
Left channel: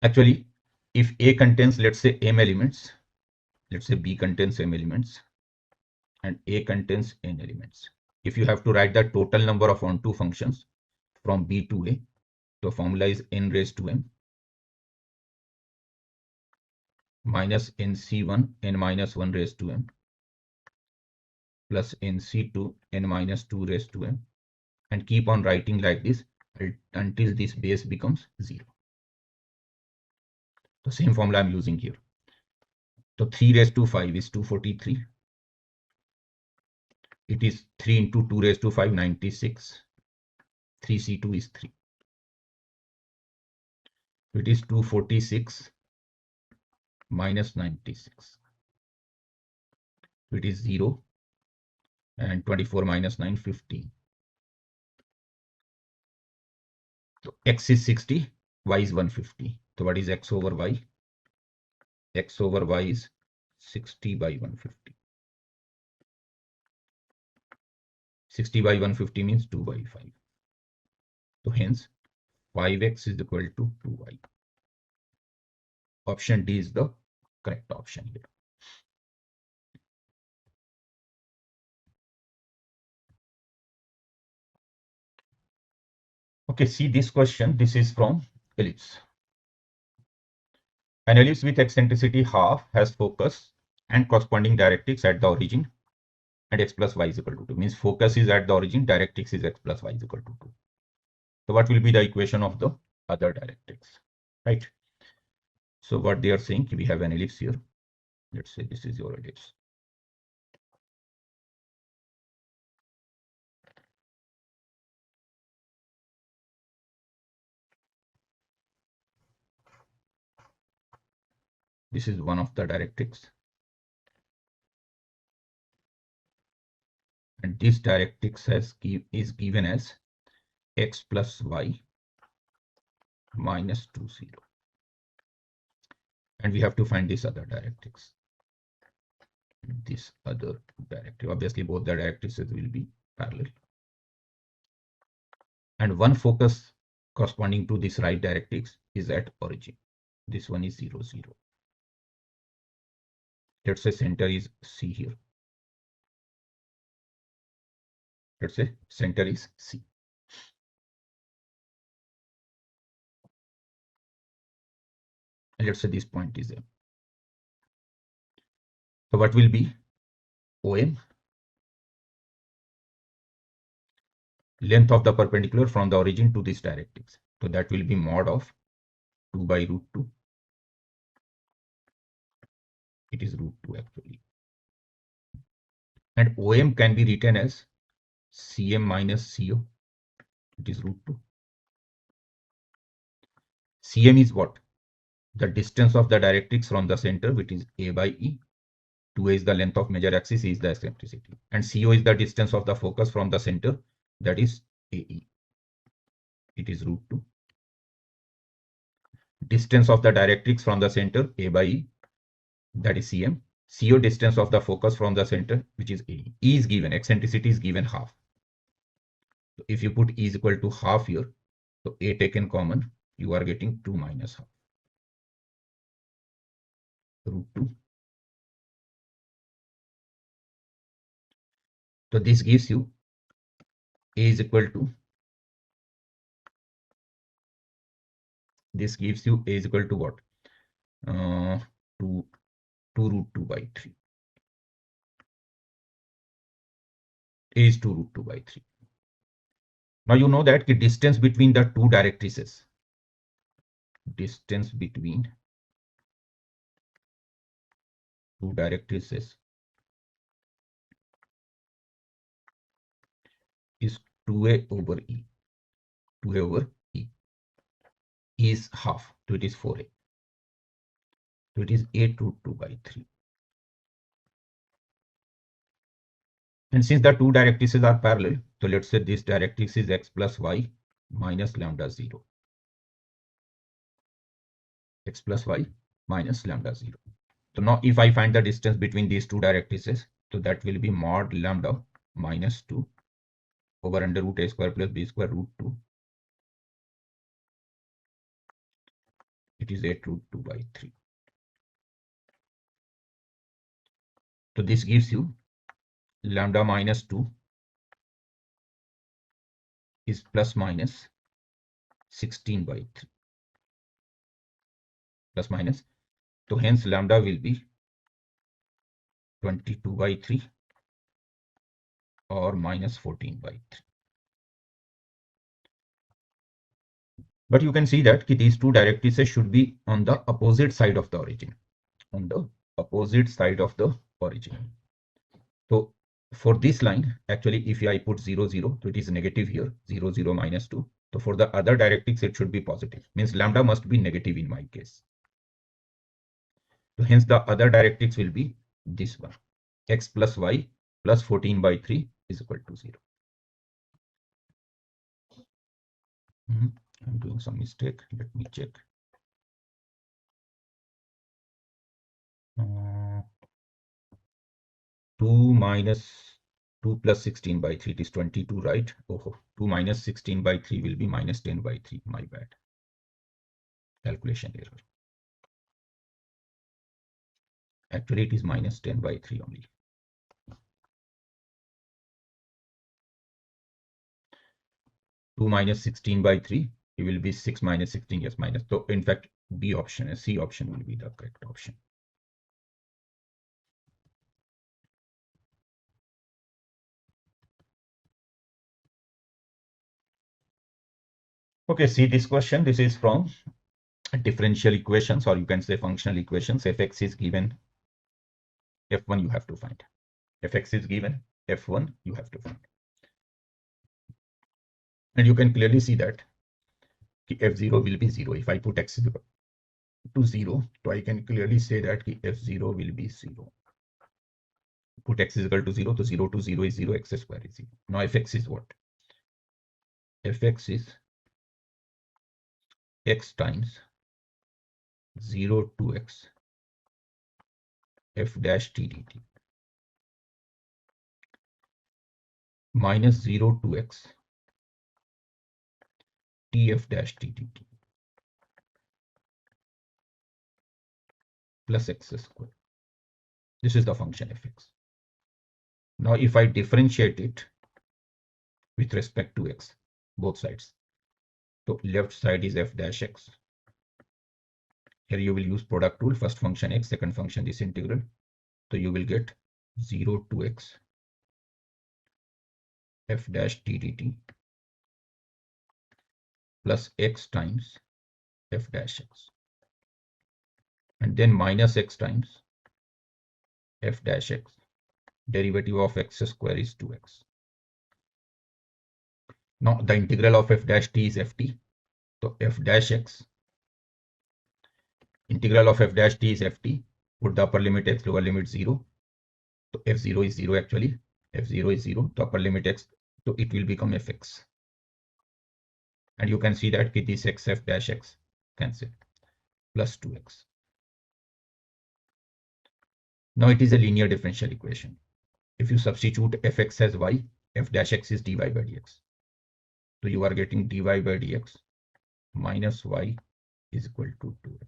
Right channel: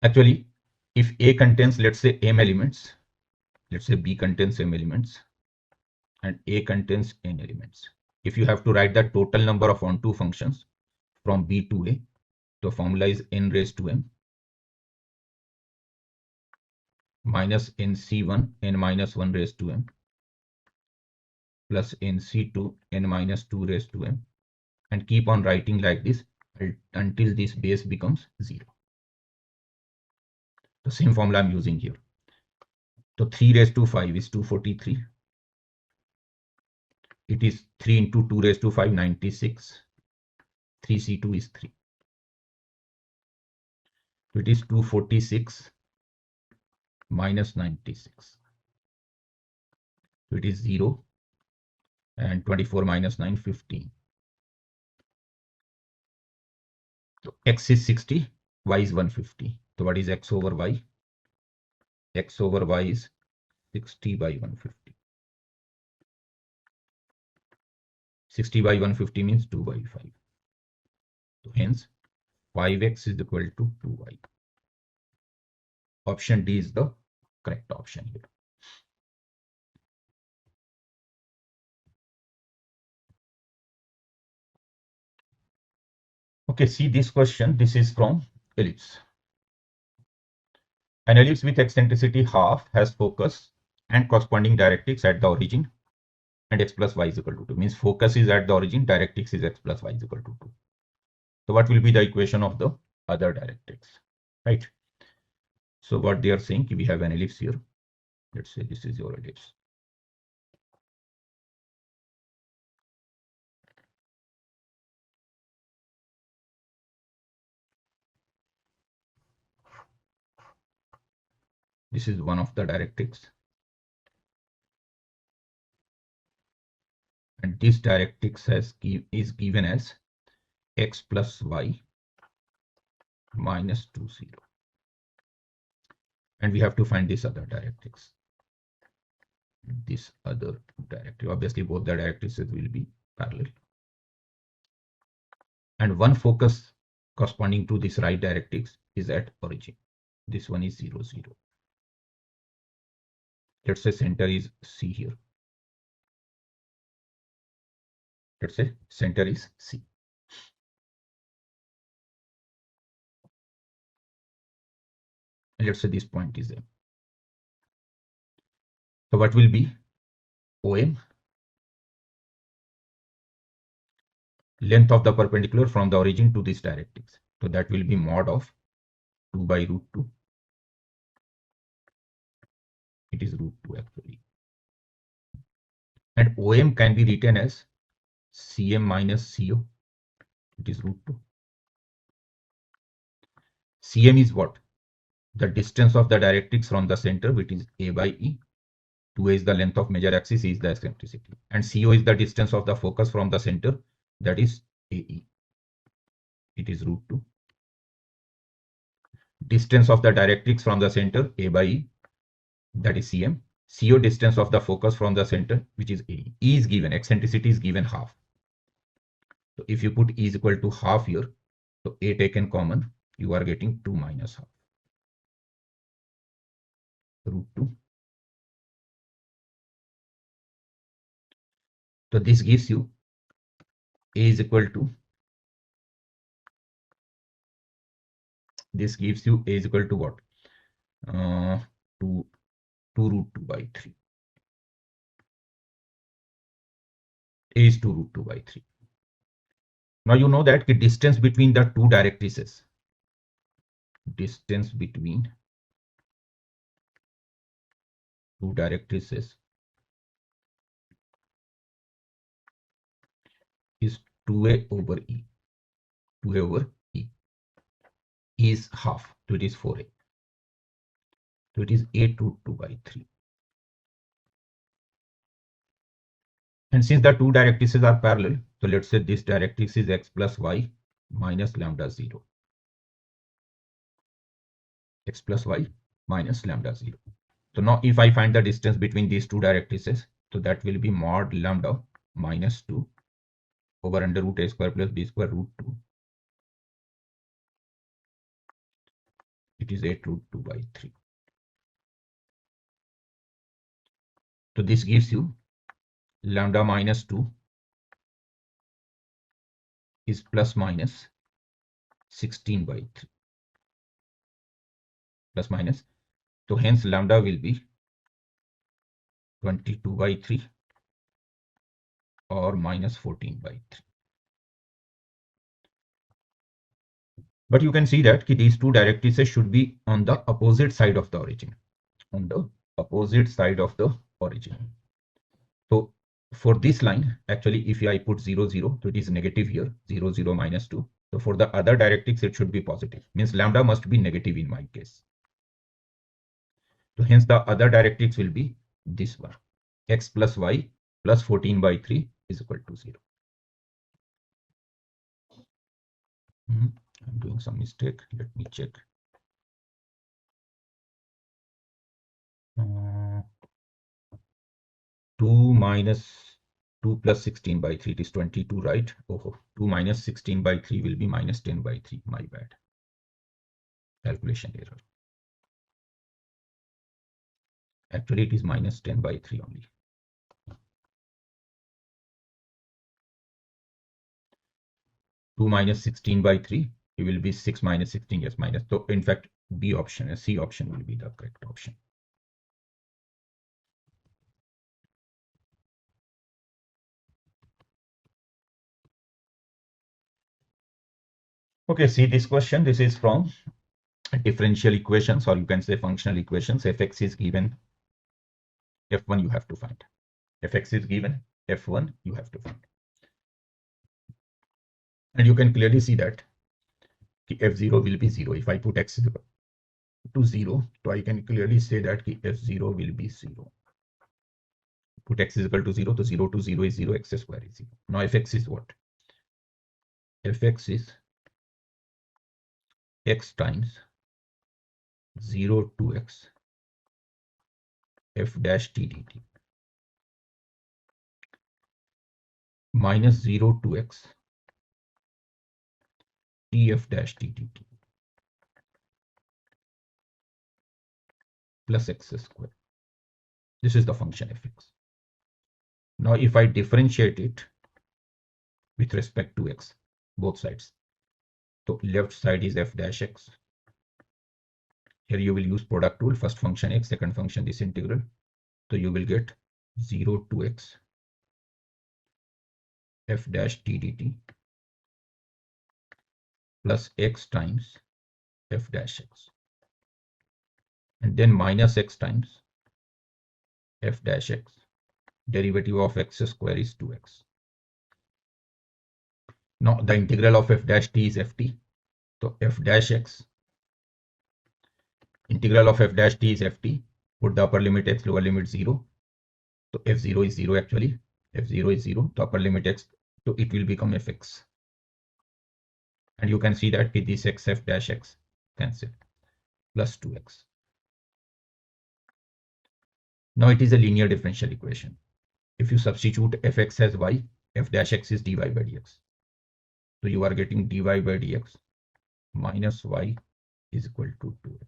Actually, if A contains, let's say, m elements, let's say B contains m elements and A contains n elements. If you have to write the total number of onto functions from B to A, the formula is n raised to m minus nc1 n minus 1 raised to m plus nc2 n minus 2 raised to m, and keep on writing like this until this base becomes 0. The same formula I'm using here. So 3 raised to 5 is 243. It is 3 into 2 raised to 5, 96. 3c2 is 3. So it is 246 minus 96. So it is 0 and 24 minus 9, 15. So x is 60, y is 150. So what is x over y? X over y is 60 by 150. 60 by 150 means 2 by 5. So hence 5x is equal to 2y. Option D is the correct option here. Okay, see this question. This is from ellipse. An ellipse with eccentricity half has focus and corresponding directrix at the origin, and x plus y is equal to 2. Means focus is at the origin, directrix is x plus y is equal to 2. So what will be the equation of the other directrix, right? So what they are saying, we have an ellipse here. Let's say this is your ellipse. This is one of the directrix, and this directrix is given as x plus y minus 2, 0. And we have to find this other directrix. This other directrix. Obviously, both the directrices will be parallel. And one focus corresponding to this right directrix is at origin. This one is 0, 0. Let's say center is C here. Let's say center is C. And let's say this point is M. So what will be OM? Length of the perpendicular from the origin to this directrix. So that will be mod of 2 by root 2. It is root 2 actually. And OM can be written as CM minus CO. It is root 2. CM is what? The distance of the directrix from the center, which is A by E. 2A is the length of major axis, A is the eccentricity. And CO is the distance of the focus from the center, that is AE. It is root 2. Distance of the directrix from the center, A by E, that is CM. CO distance of the focus from the center, which is AE. E is given, eccentricity is given half. So if you put E is equal to half here, so A taken common, you are getting 2 minus half. Root 2. So this gives you A is equal to, this gives you A is equal to what? 2 root 2 by 3. A is 2 root 2 by 3. Now you know that the distance between the two directrices, distance between two directrices is 2A over E. 2A over E. E is half, so it is 4A. So it is 8 root 2 by 3. And since the two directrices are parallel, so let's say this directrix is x plus y minus lambda 0. X plus y minus lambda 0. So now if I find the distance between these two directrices, so that will be mod lambda minus 2 over under root a square plus b square root 2. It is 8 root 2 by 3. So this gives you lambda minus 2 is plus minus 16 by 3. Plus minus. So hence lambda will be 22 by 3 or minus 14 by 3. But you can see that these two directrices should be on the opposite side of the origin. On the opposite side of the origin. So for this line, actually, if I put 0, 0, so it is negative here, 0, 0, minus 2. So for the other directrix, it should be positive. Means lambda must be negative in my case. So hence the other directrix will be this one. X plus y plus 14 by 3 is equal to 0. I'm doing some mistake. Let me check. 2 minus 2 plus 16 by 3, it is 22, right? Oh, 2 minus 16 by 3 will be minus 10 by 3. My bad. Calculation error. Actually, it is minus 10 by 3 only. 2 minus 16 by 3, it will be 6 minus 16, yes, minus. So in fact, B option, C option will be the correct option. Okay, see this question. This is from differential equations, or you can say functional equations. Fx is given, F1 you have to find. Fx is given, F1 you have to find. And you can clearly see that F0 will be 0. If I put x to 0, so I can clearly say that F0 will be 0. Put x is equal to 0, so 0 to 0 is 0, x square is 0. Now Fx is what? Fx is x times 0 to x f dash t dt minus 0 to x tf dash t dt plus x square. This is the function fx. Now if I differentiate it with respect to x, both sides, so left side is f dash x. Here you will use product rule, first function x, second function this integral. So you will get 0 to x f dash t dt plus x times f dash x, and then minus x times f dash x. Derivative of x square is 2x. Now the integral of f dash t is ft. So f dash x, integral of f dash t is ft. Put the upper limit x, lower limit 0. So f0 is 0 actually. F0 is 0. The upper limit x, so it will become fx. And you can see that this x f dash x cancel, plus 2x. Now it is a linear differential equation. If you substitute fx as y, f dash x is dy by dx. So you are getting dy by dx minus y is equal to 2x.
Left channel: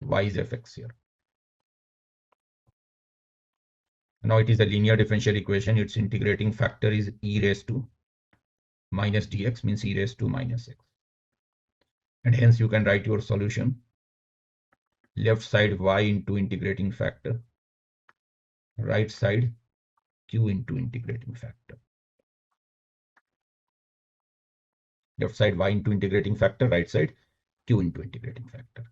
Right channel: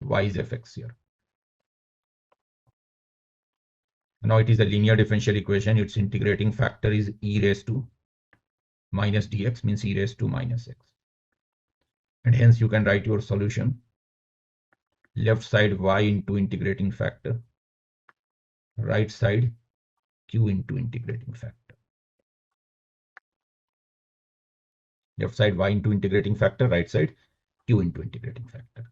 Y is fx here. Now it is a linear differential equation. Its integrating factor is e raised to minus dx, means e raised to minus x. And hence you can write your solution. Left side y into integrating factor, right side q into integrating factor. Left side y into integrating factor, right side q into integrating factor.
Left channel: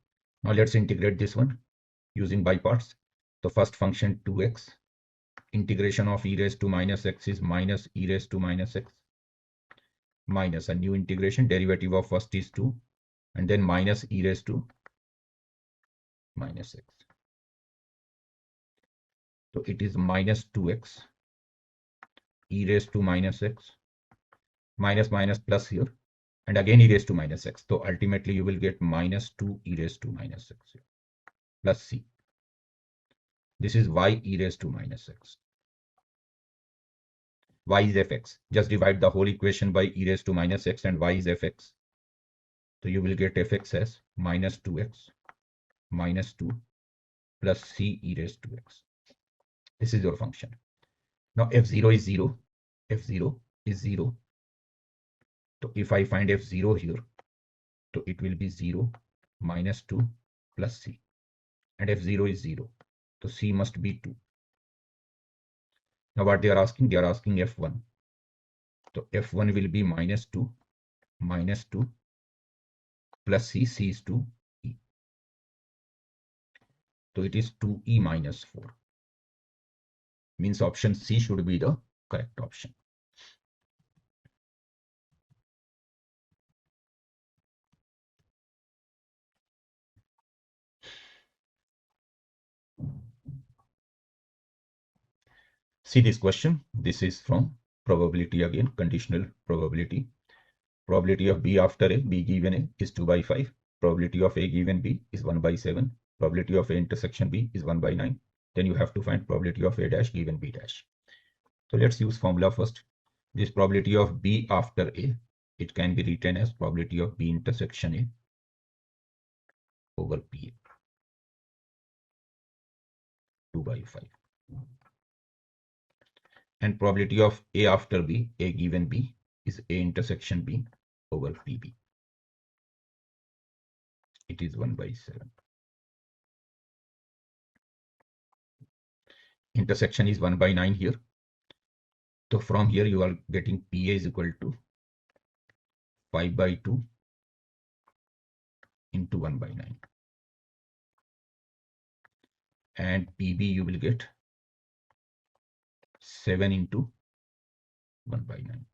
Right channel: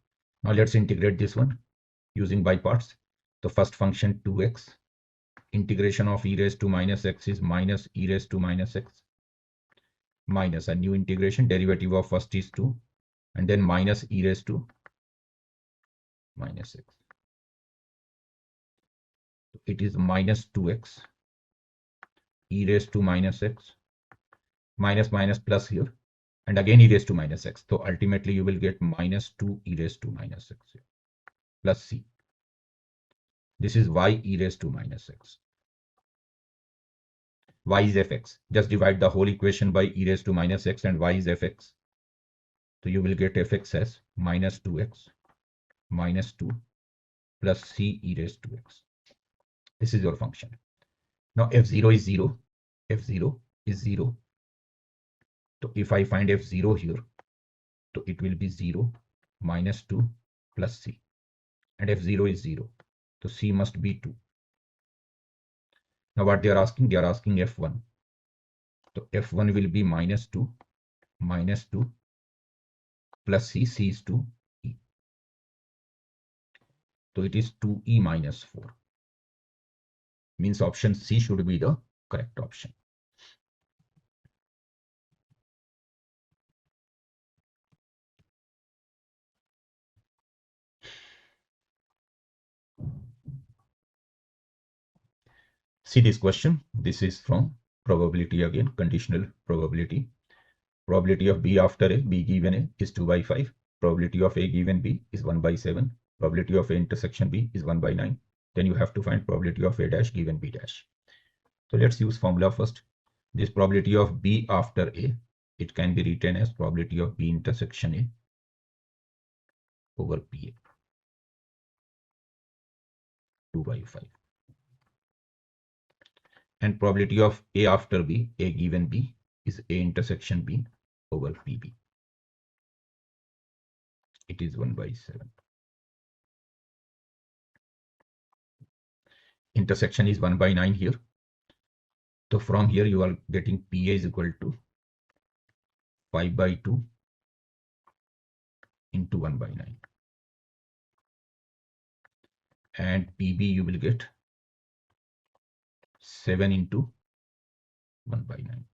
Now let's integrate this one using by parts. The first function 2x, integration of e raised to minus x is minus e raised to minus x, minus a new integration, derivative of first is 2, and then minus e raised to minus x. So it is minus 2x e raised to minus x, minus minus plus here, and again e raised to minus x. So ultimately you will get minus 2 e raised to minus x here, plus c. This is y e raised to minus x. Y is fx. Just divide the whole equation by e raised to minus x, and y is fx. So you will get fx as minus 2x minus 2 plus c e raised to x. This is your function. Now f0 is 0. F0 is 0. So if I find f0 here, so it will be 0 minus 2 plus c. And f0 is 0. So c must be 2. Now what they are asking? They are asking f1. So f1 will be minus 2 plus c. C is 2e. So it is 2e minus 4. Means option C should be the correct option. See this question. This is from probability again, conditional probability. Probability of B after A, B given A is 2 by 5. Probability of A given B is 1 by 7. Probability of A intersection B is 1 by 9. Then you have to find probability of A dash given B dash. So let's use formula first. This probability of B after A, it can be written as probability of B intersection A over PA, 2 by 5. And probability of A after B, A given B, is A intersection B over PB. It is 1 by 7. Intersection is 1 by 9 here. So from here you are getting PA is equal to 5 by 2 into 1 by 9. And PB you will get 7 into 1 by 9.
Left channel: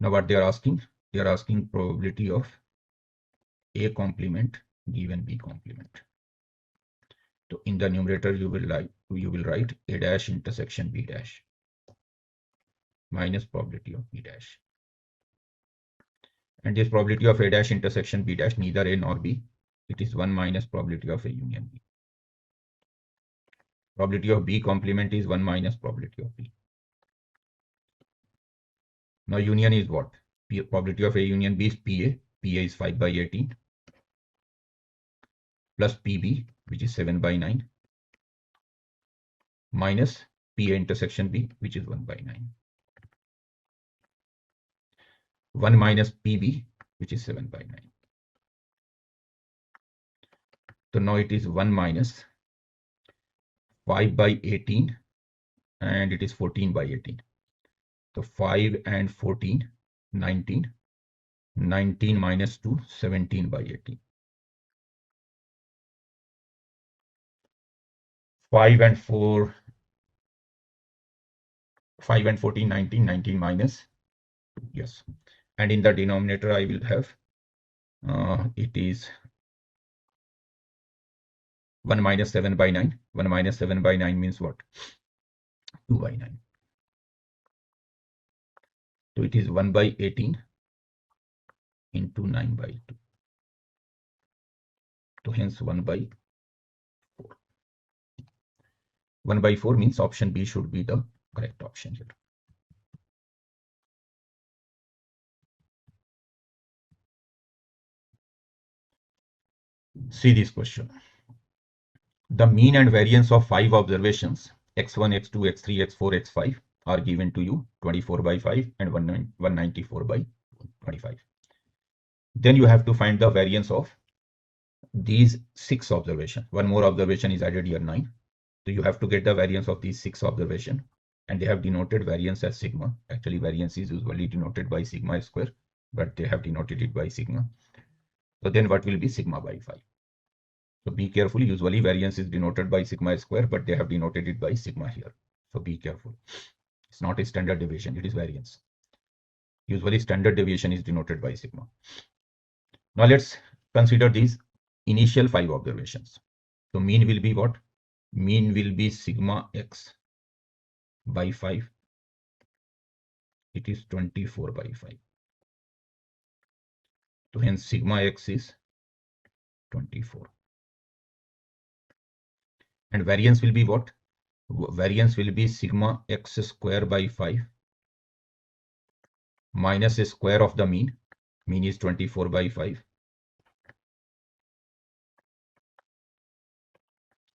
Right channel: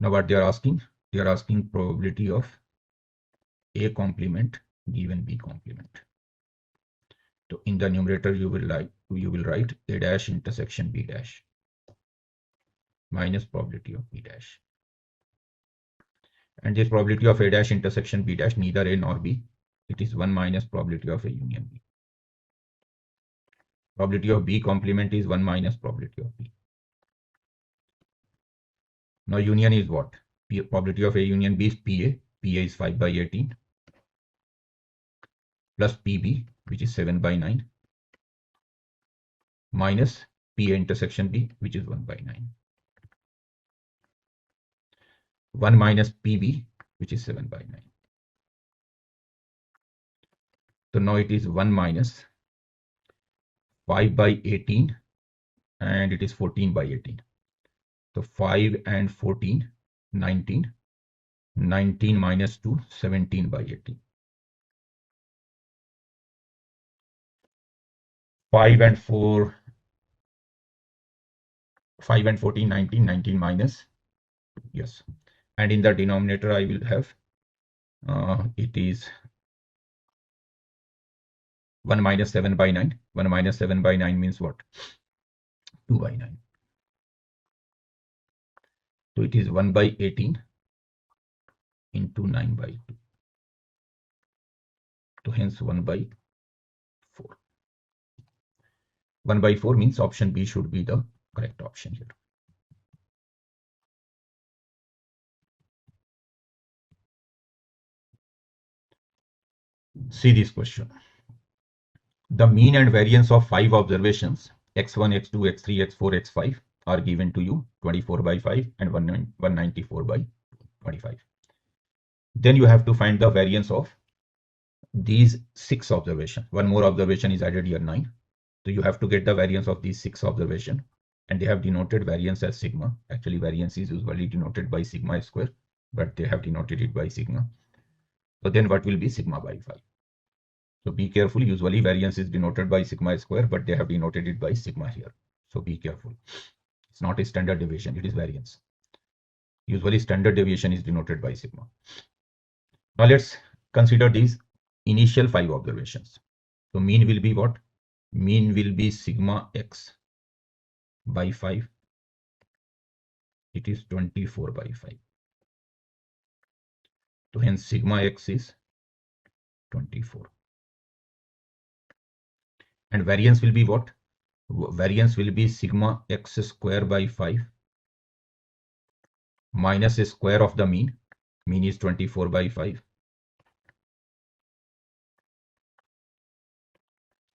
Now what they are asking? They are asking probability of A complement given B complement. So in the numerator you will write A dash intersection B dash minus probability of B dash. And this probability of A dash intersection B dash neither A nor B. It is 1 minus probability of A union B. Probability of B complement is 1 minus probability of B. Now union is what? Probability of A union B is PA. PA is 5 by 18 plus PB, which is 7 by 9, minus PA intersection B, which is 1 by 9. 1 minus PB, which is 7 by 9. So now it is 1 minus 5 by 18 and it is 14 by 18. So 5 and 14, 19. 19 minus 2, 17 by 18. 5 and 4, 5 and 14, 19, 19 minus, yes. And in the denominator, I will have, it is 1 minus 7 by 9. 1 minus 7 by 9 means what? 2 by 9. So it is 1 by 18 into 9 by 2. So hence 1 by 4. 1 by 4 means option B should be the correct option here. See this question. The mean and variance of 5 observations x1, x2, x3, x4, x5 are given to you 24 by 5 and 194 by 25. Then you have to find the variance of these 6 observations. One more observation is added here, 9. So you have to get the variance of these 6 observations, and they have denoted variance as sigma. Actually, variance is usually denoted by sigma square, but they have denoted it by sigma. So then what will be sigma by 5? So be careful. Usually variance is denoted by sigma square, but they have denoted it by sigma here. So be careful. It's not a standard deviation, it is variance. Usually standard deviation is denoted by sigma. Now let's consider these initial 5 observations. So mean will be what? Mean will be sigma x by 5. It is 24 by 5. So hence sigma x is 24. And variance will be what? Variance will be sigma x square by 5 minus the square of the mean. Mean is 24 by 5.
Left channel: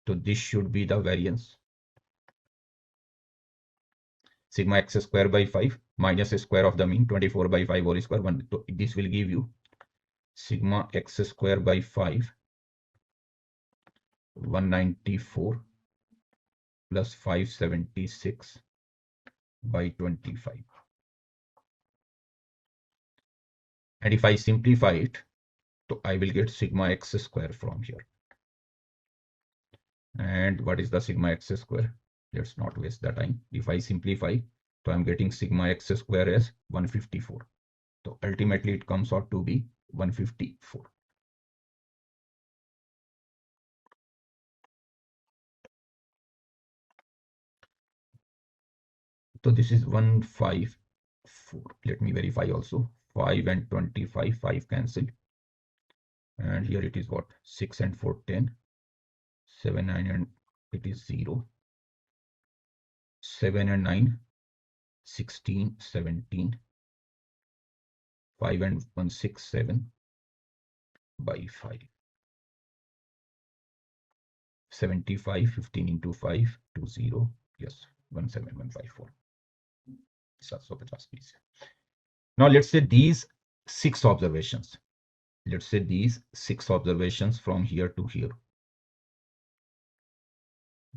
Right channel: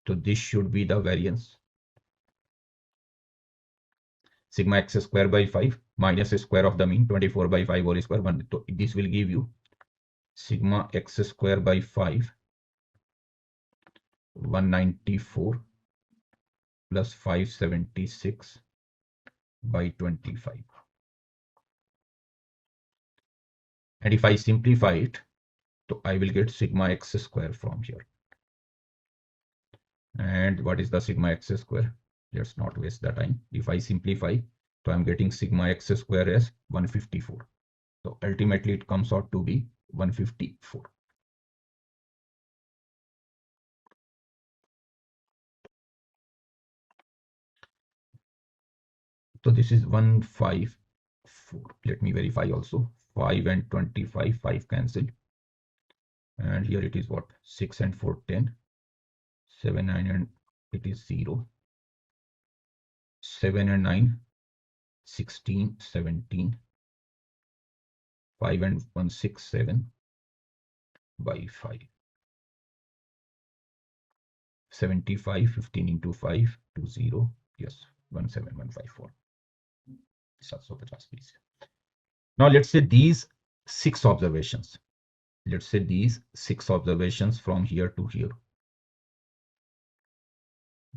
So this should be the variance. Sigma x square by 5 minus the square of the mean, 24 by 5 whole square 1. So this will give you sigma x square by 5, 194 plus 576 by 25. And if I simplify it, so I will get sigma x square from here. And what is the sigma x square? Let's not waste the time. If I simplify, so I'm getting sigma x square as 154. So ultimately it comes out to be 154. So this is 154. Let me verify also. 5 and 25, 5 cancel. And here it is what? 6 and 4, 10. 7, 9 and it is 0. 7 and 9, 16, 17. 5 and 1, 6, 7 by 5. 75, 15 into 5 to 0. Yes, 17154. 720. Now let's say these 6 observations. Let's say these 6 observations from here to here.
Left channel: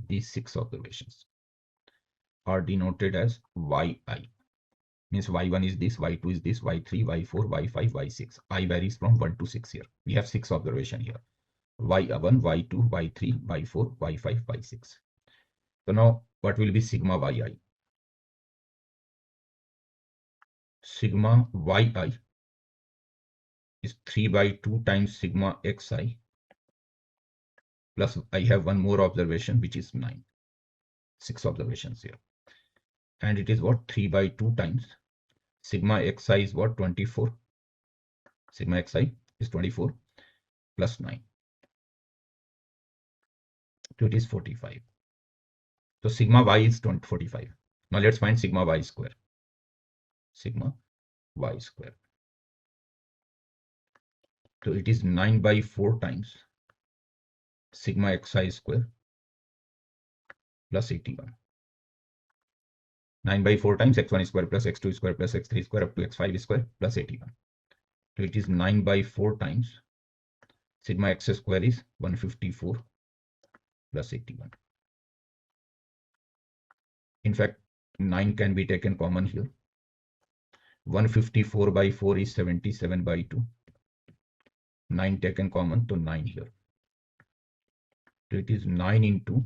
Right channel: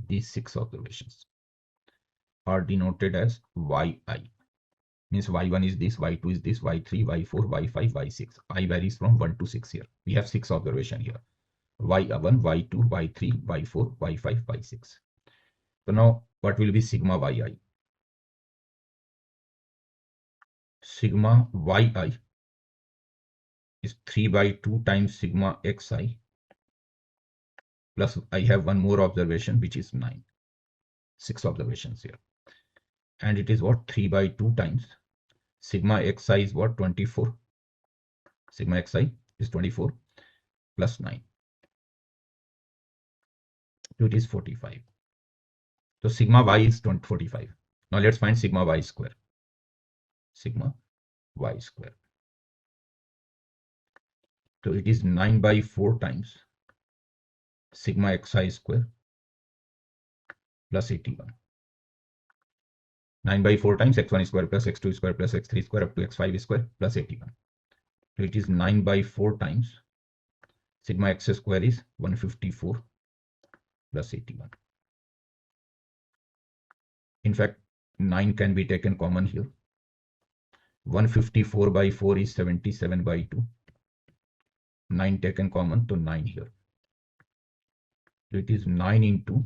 These 6 observations are denoted as yi. Means y1 is this, y2 is this, y3, y4, y5, y6. I varies from 1 to 6 here. We have 6 observations here. y1, y2, y3, y4, y5, y6. So now what will be sigma yi? Sigma yi is 3 by 2 times sigma xi plus I have one more observation which is 9. 6 observations here. And it is what? 3 by 2 times sigma xi is what? 24. Sigma xi is 24 plus 9. So it is 45. So sigma y is 45. Now let's find sigma y square. Sigma y square. So it is 9 by 4 times sigma xi square plus 81. 9 by 4 times x1 square plus x2 square plus x3 square up to x5 square plus 81. So it is 9 by 4 times sigma x square is 154 plus 81. In fact, 9 can be taken common here. 154 by 4 is 77 by 2. 9 taken common, to 9 here. So it is 9 into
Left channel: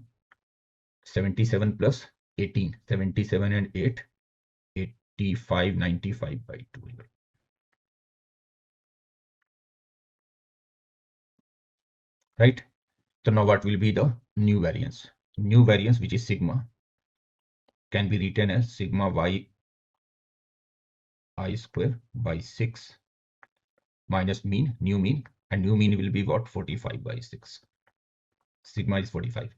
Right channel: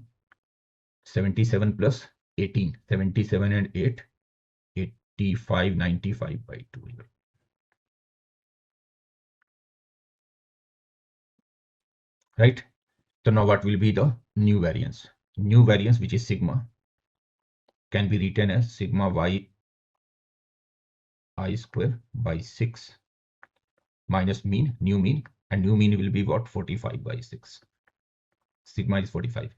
77 plus 18. 77 and 8, 85, 95 by 2 here. Right? So now what will be the new variance? New variance, which is sigma, can be written as sigma y I square by 6 minus mean, new mean, and new mean will be what? 45 by 6. Sigma is 45.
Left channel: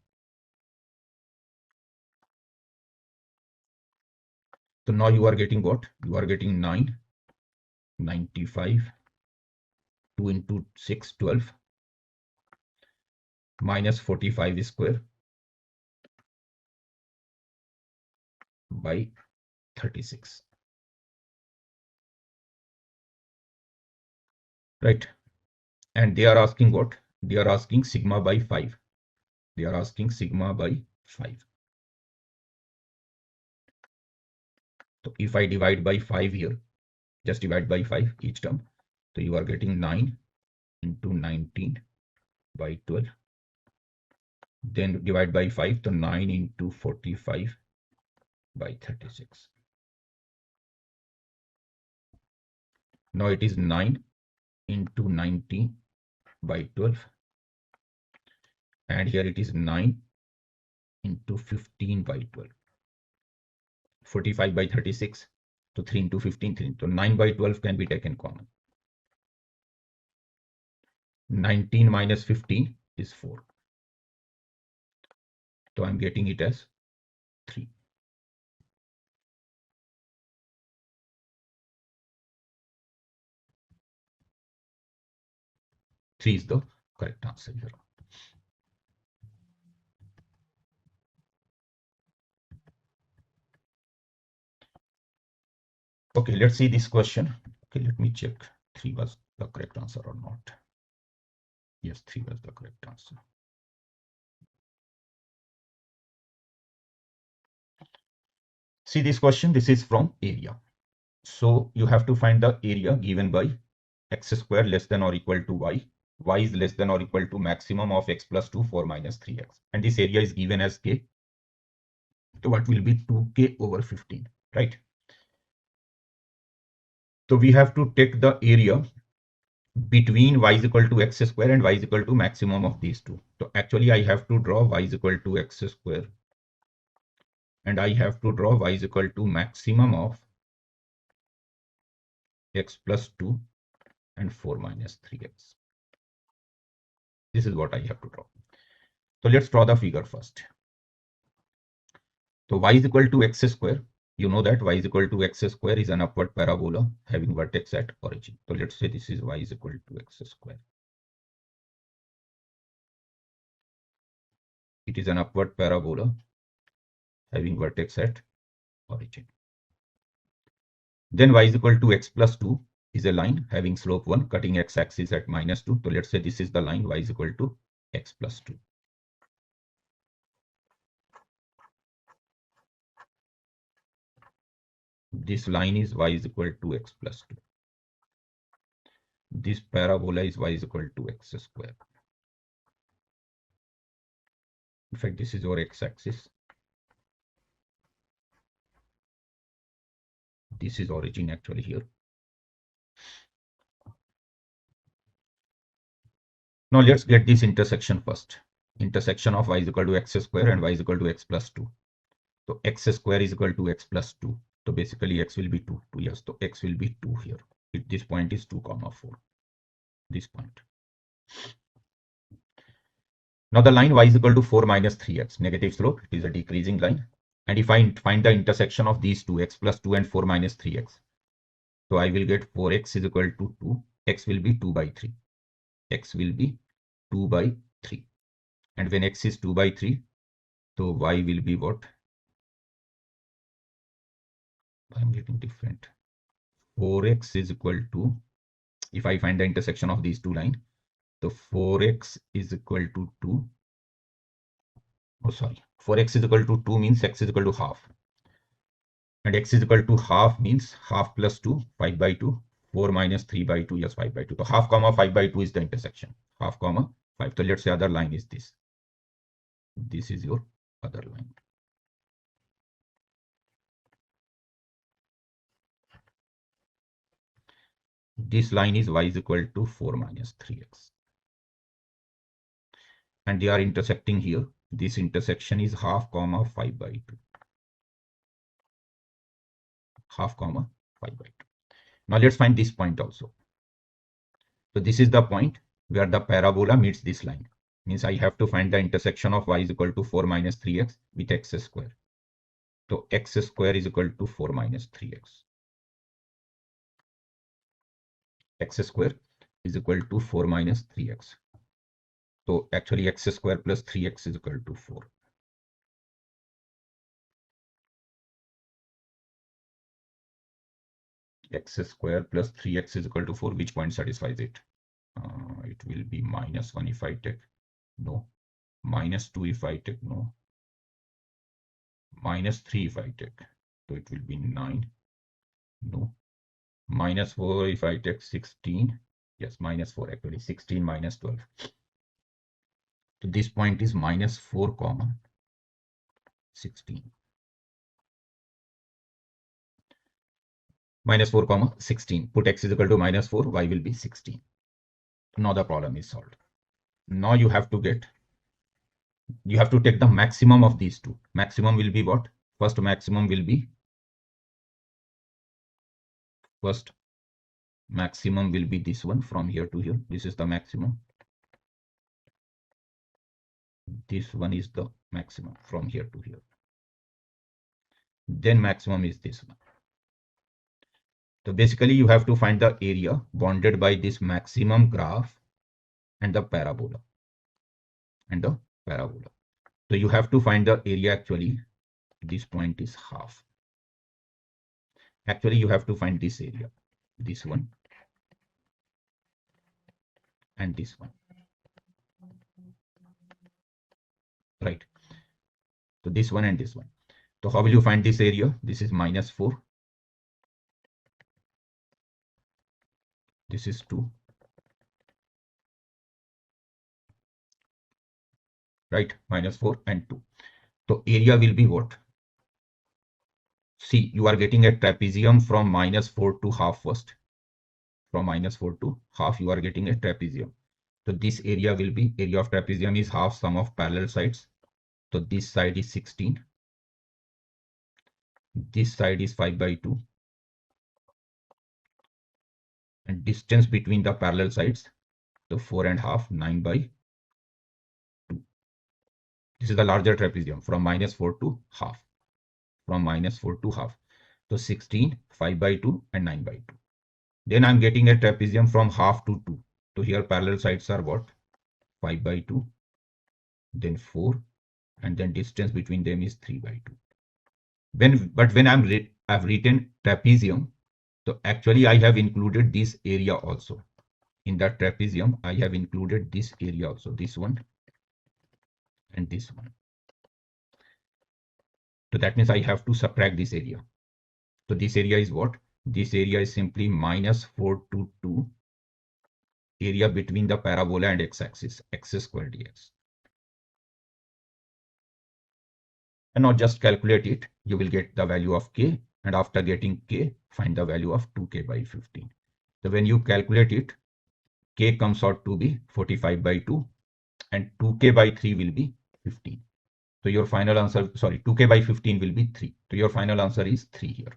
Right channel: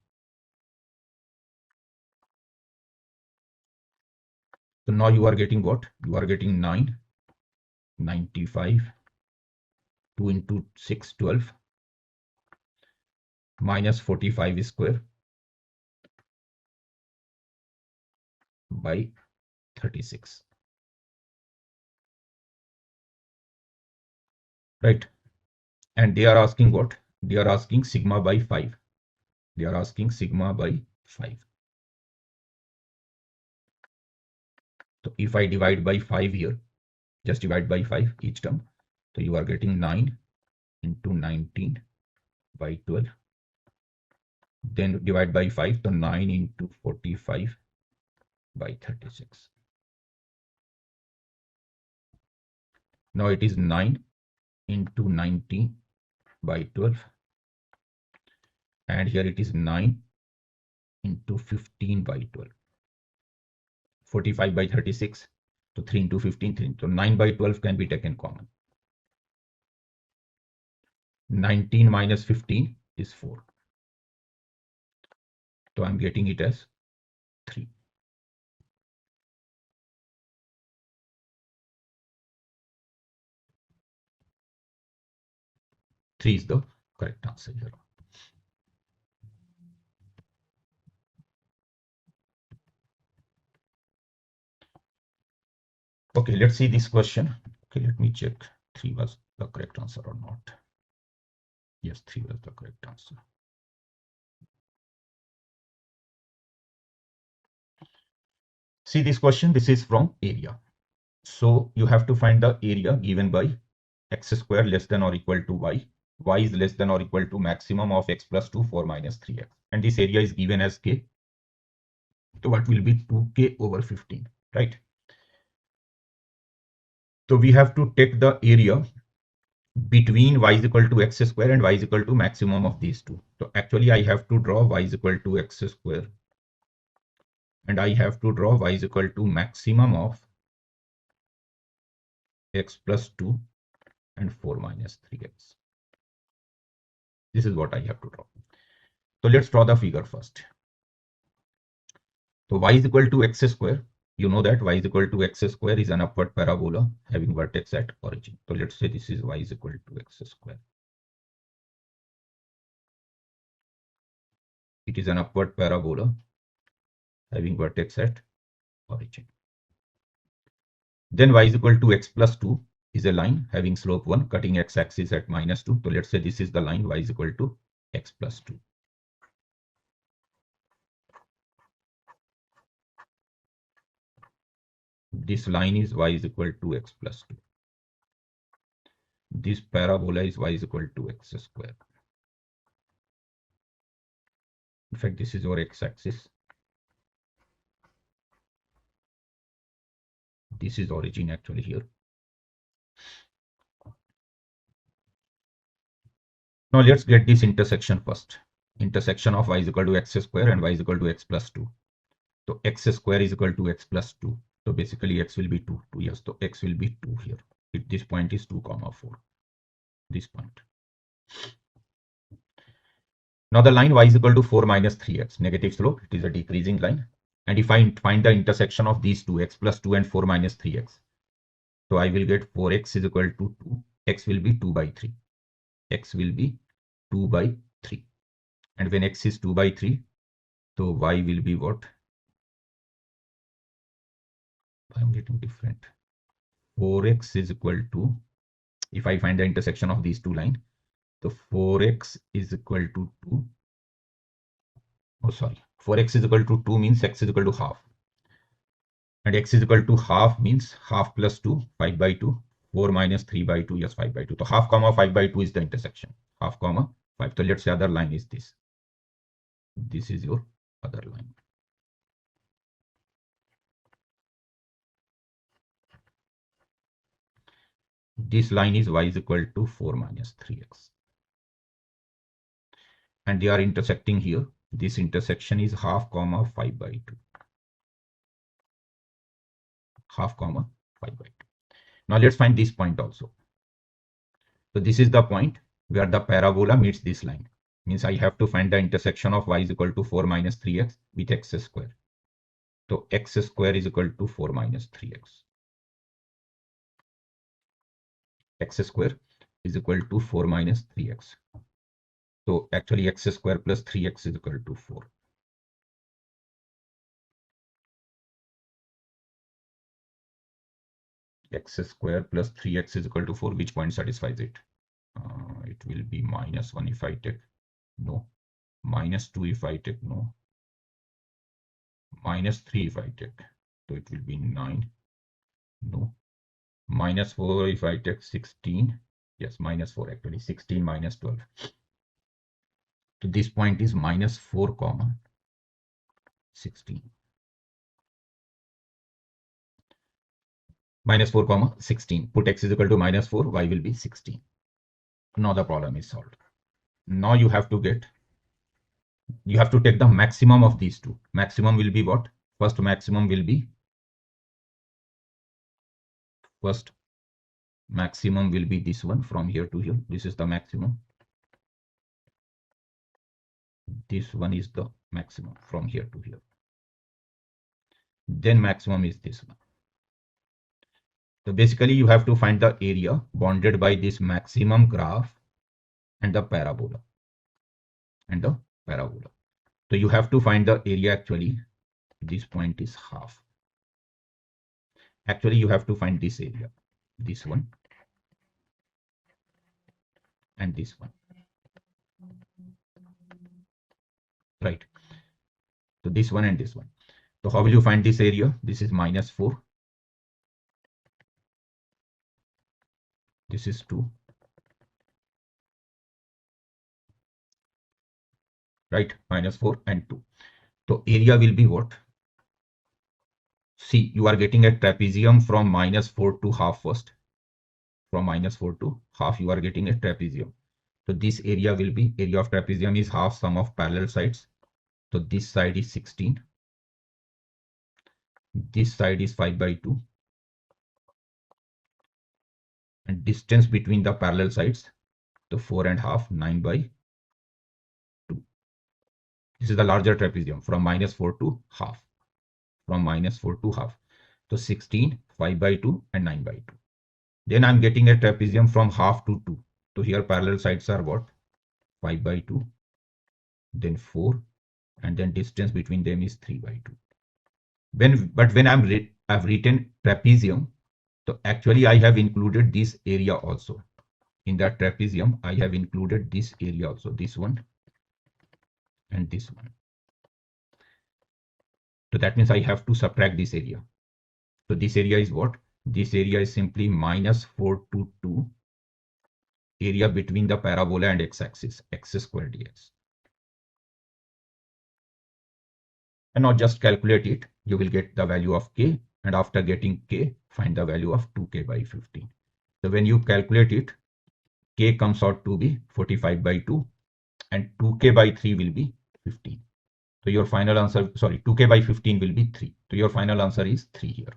So now you are getting what? You are getting 9, 95, 2 into 6, 12, minus 45 square by 36. Right? And they are asking what? They are asking sigma by 5. They are asking sigma by 5. So if I divide by 5 here, just divide by 5 each term. So you are getting 9 into 19 by 12. Then divide by 5, so 9 into 45 by 36. Now it is 9 into 19 by 12. And here it is 9 into 15 by 12. 45 by 36. So 3 into 15, 3. So 9 by 12 can be taken common. 19 minus 15 is 4. So I'm getting it as 3. Three is the correct answer here. Okay, let's see this question. Okay, let me check 3 was the correct answer or not. Yes, 3 was the correct answer. See this question, this is from area. So you have to find the area given by x square less than or equal to y is less than or equal to maximum of x plus 2, 4 minus 3x. And this area is given as k. So what will be 2k over 15, right? So we have to take the area between y is equal to x square and y is equal to maximum of these two. So actually I have to draw y is equal to x square and I have to draw y is equal to maximum of x plus 2 and 4 minus 3x. This is what I have to draw. So let's draw the figure first. So y is equal to x square. You know that y is equal to x square is an upward parabola having vertex at origin. So let's say this is y is equal to x square. It is an upward parabola having vertex at origin. Then y is equal to x plus 2 is a line having slope 1 cutting x-axis at -2. So let's say this is the line y is equal to x plus 2. This line is y is equal to x plus 2. This parabola is y is equal to x square. In fact, this is our x-axis. This is origin actually here. Now let's get this intersection first. Intersection of y is equal to x square and y is equal to x plus 2. So x square is equal to x plus 2. So basically x will be 2. Yes, so x will be 2 here. If this point is 2, 4. This point. Now the line y is equal to 4 minus 3x. Negative slope. It is a decreasing line. And if I find the intersection of these two, x plus 2 and 4 minus 3x. So I will get 4x is equal to 2. X will be 2 by 3. X will be 2 by 3. And when x is 2 by 3, so y will be what? I'm getting different. 4x is equal to, if I find the intersection of these two lines, so 4x is equal to 2. Oh, sorry. 4x is equal to 2 means x is equal to half. And x is equal to half means half plus 2, 5 by 2. 4 minus 3 by 2, yes, 5 by 2. So half comma 5 by 2 is the intersection. Half comma 5. So let's say other line is this. This is your other line. This line is y is equal to 4 minus 3x. And they are intersecting here. This intersection is half comma 5 by 2. Half comma 5 by 2. Now let's find this point also. So this is the point where the parabola meets this line. Means I have to find the intersection of y is equal to 4 minus 3x with x square. So x square is equal to 4 minus 3x. X square is equal to 4 minus 3x. So actually x square plus 3x is equal to 4. X square plus 3x is equal to 4. Which point satisfies it? It will be -1 if I take no. -2 if I take no. -3 if I take. So it will be 9. No. -4 if I take 16. Yes, -4 actually. 16 minus 12. So this point is -4 comma 16. -4 comma 16. Put x is equal to -4, y will be 16. Now the problem is solved. Now you have to take the maximum of these two. Maximum will be what? First maximum will be this one from here to here. This is the maximum. This one is the maximum from here to here. Then maximum is this one. So basically you have to find the area bounded by this maximum graph and the parabola. So you have to find the area actually. This point is half. Actually you have to find this area. This one and this one. Right. So this one and this one. So how will you find this area? This is -4. This is 2. Right? -4 and 2. So area will be what? See, you are getting a trapezium from -4 to half first. From -4 to half, you are getting a trapezium. So this area will be, area of trapezium is half sum of parallel sides. So this side is 16. This side is 5 by 2. And distance between the parallel sides, so 4.5, 9 by 2. This is the larger trapezium from -4 to half. From -4 to half. So 16, 5 by 2 and 9 by 2. Then I'm getting a trapezium from half to 2. So here parallel sides are what? 5 by 2, then 4, and then distance between them is 3 by 2. But when I've written trapezium, So actually I have included this area also. In that trapezium, I have included this area also, this one and this one. So that means I have to subtract this area. So this area is what? This area is simply minus 422 area between the parabola and x-axis, x squared dx. And now just calculate it. You will get the value of k, and after getting k, find the value of 2k by 15. So when you calculate it, k comes out to be 45 by 2, and 2k by 3 will be 15. So your final answer, sorry, 2k by 15 will be 3. So your final answer is 3 here.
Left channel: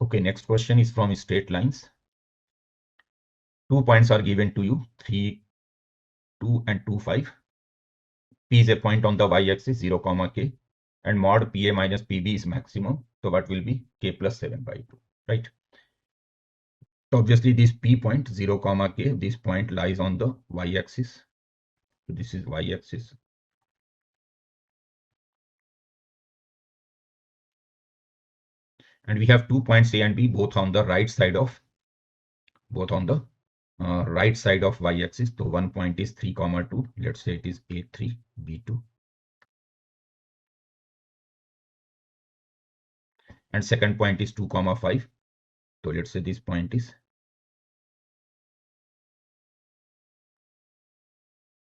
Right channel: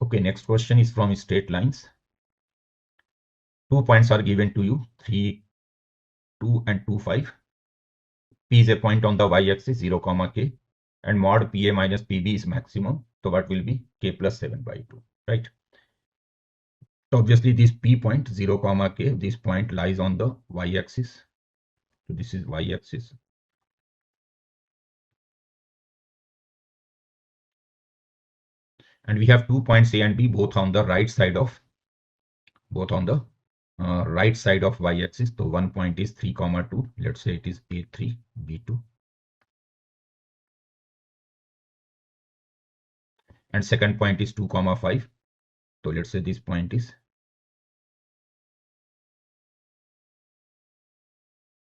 Okay, next question is from straight lines. 2 points are given to you, 3, 2 and 2, 5. P is a point on the y-axis, 0, k, and mod PA minus PB is maximum. So what will be k plus 7 by 2, right? So obviously this P point, 0, k, this point lies on the y-axis. So this is y-axis. And we have 2 points A and B, both on the right side of y-axis. So one point is 3, 2. Let's say it is A3, B2. And second point is 2, 5. So let's say this point is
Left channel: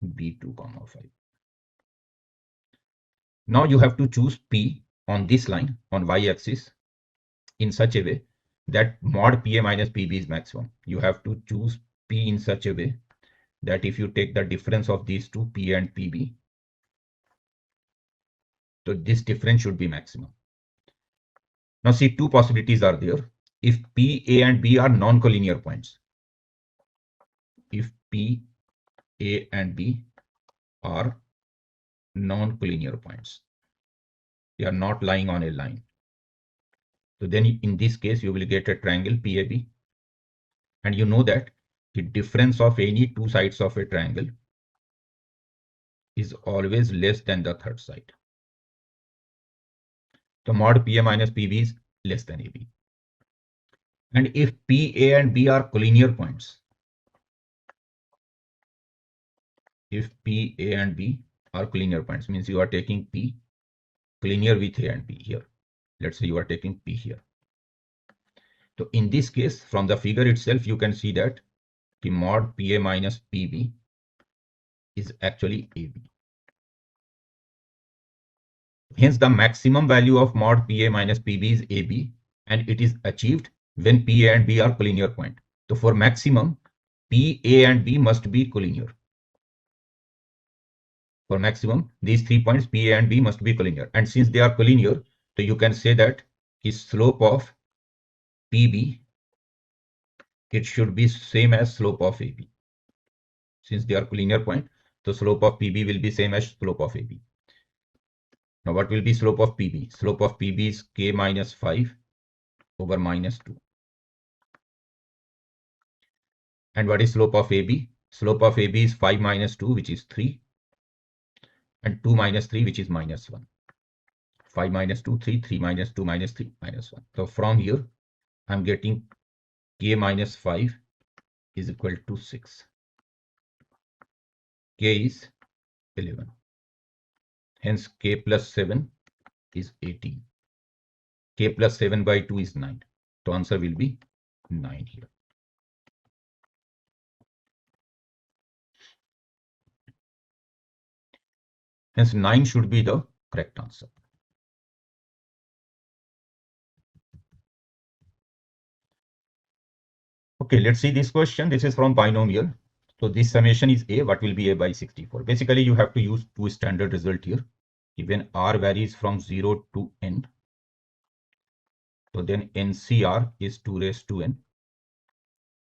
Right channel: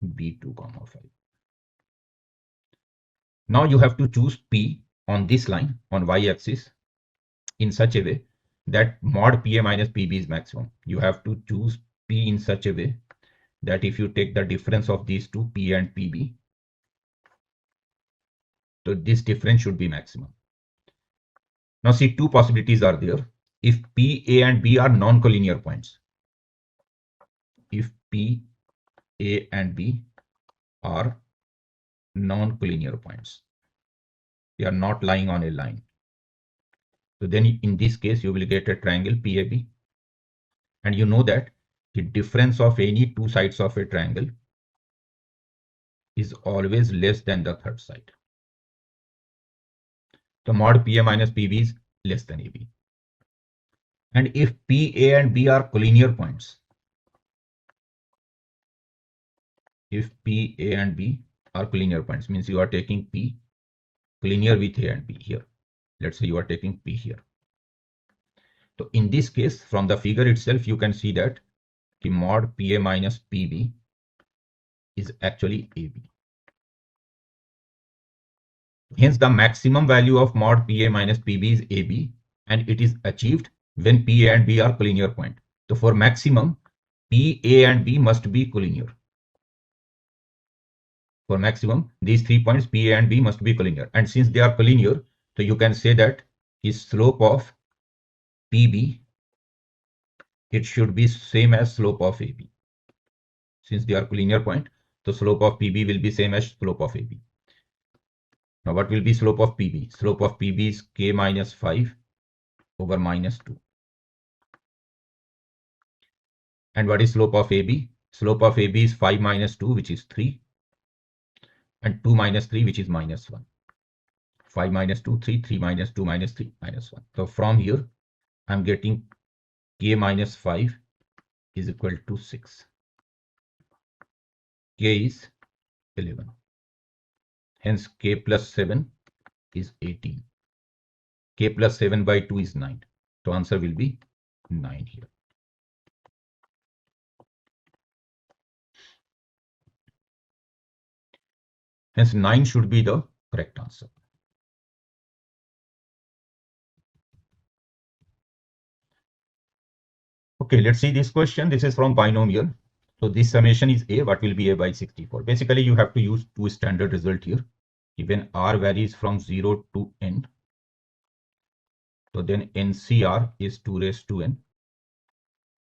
B2, 5. Now you have to choose P on this line on y-axis in such a way that mod PA minus PB is maximum. You have to choose P in such a way that if you take the difference of these two, P and PB, so this difference should be maximum. Now see, two possibilities are there. If P, A and B are non-collinear points, if P, A and B are non-collinear points, they are not lying on a line. So then in this case, you will get a triangle PAB. And you know that the difference of any two sides of a triangle is always less than the third side. So mod PA minus PB is less than AB. And if P, A and B are collinear points, if P, A and B are collinear points, means you are taking P collinear with A and B here. Let's say you are taking P here. So in this case, from the figure itself, you can see that the mod PA minus PB is actually AB. Hence, the maximum value of mod PA minus PB is AB, and it is achieved when P, A and B are collinear point. So for maximum, P, A and B must be collinear. For maximum, these 3 points P, A and B must be collinear. And since they are collinear, so you can say that his slope of PB, it should be same as slope of AB. Since they are collinear point, the slope of PB will be same as slope of AB. Now what will be slope of PB? Slope of PB is k minus 5 over minus 2. And what is slope of AB? Slope of AB is 5 minus 2, which is 3. And 2 minus 3, which is minus 1. 5 minus 2, 3. 3 minus 2 minus 3, minus 1. So from here, I'm getting k minus 5 is equal to 6. K is 11. Hence, k plus 7 is 18. K plus 7 by 2 is 9. So answer will be 9 here. Hence, 9 should be the correct answer. Okay, let's see this question. This is from binomial. So this summation is A. What will be A by 64? Basically, you have to use two standard result here. When R varies from 0 to N, so then NCR is 2 raised to N.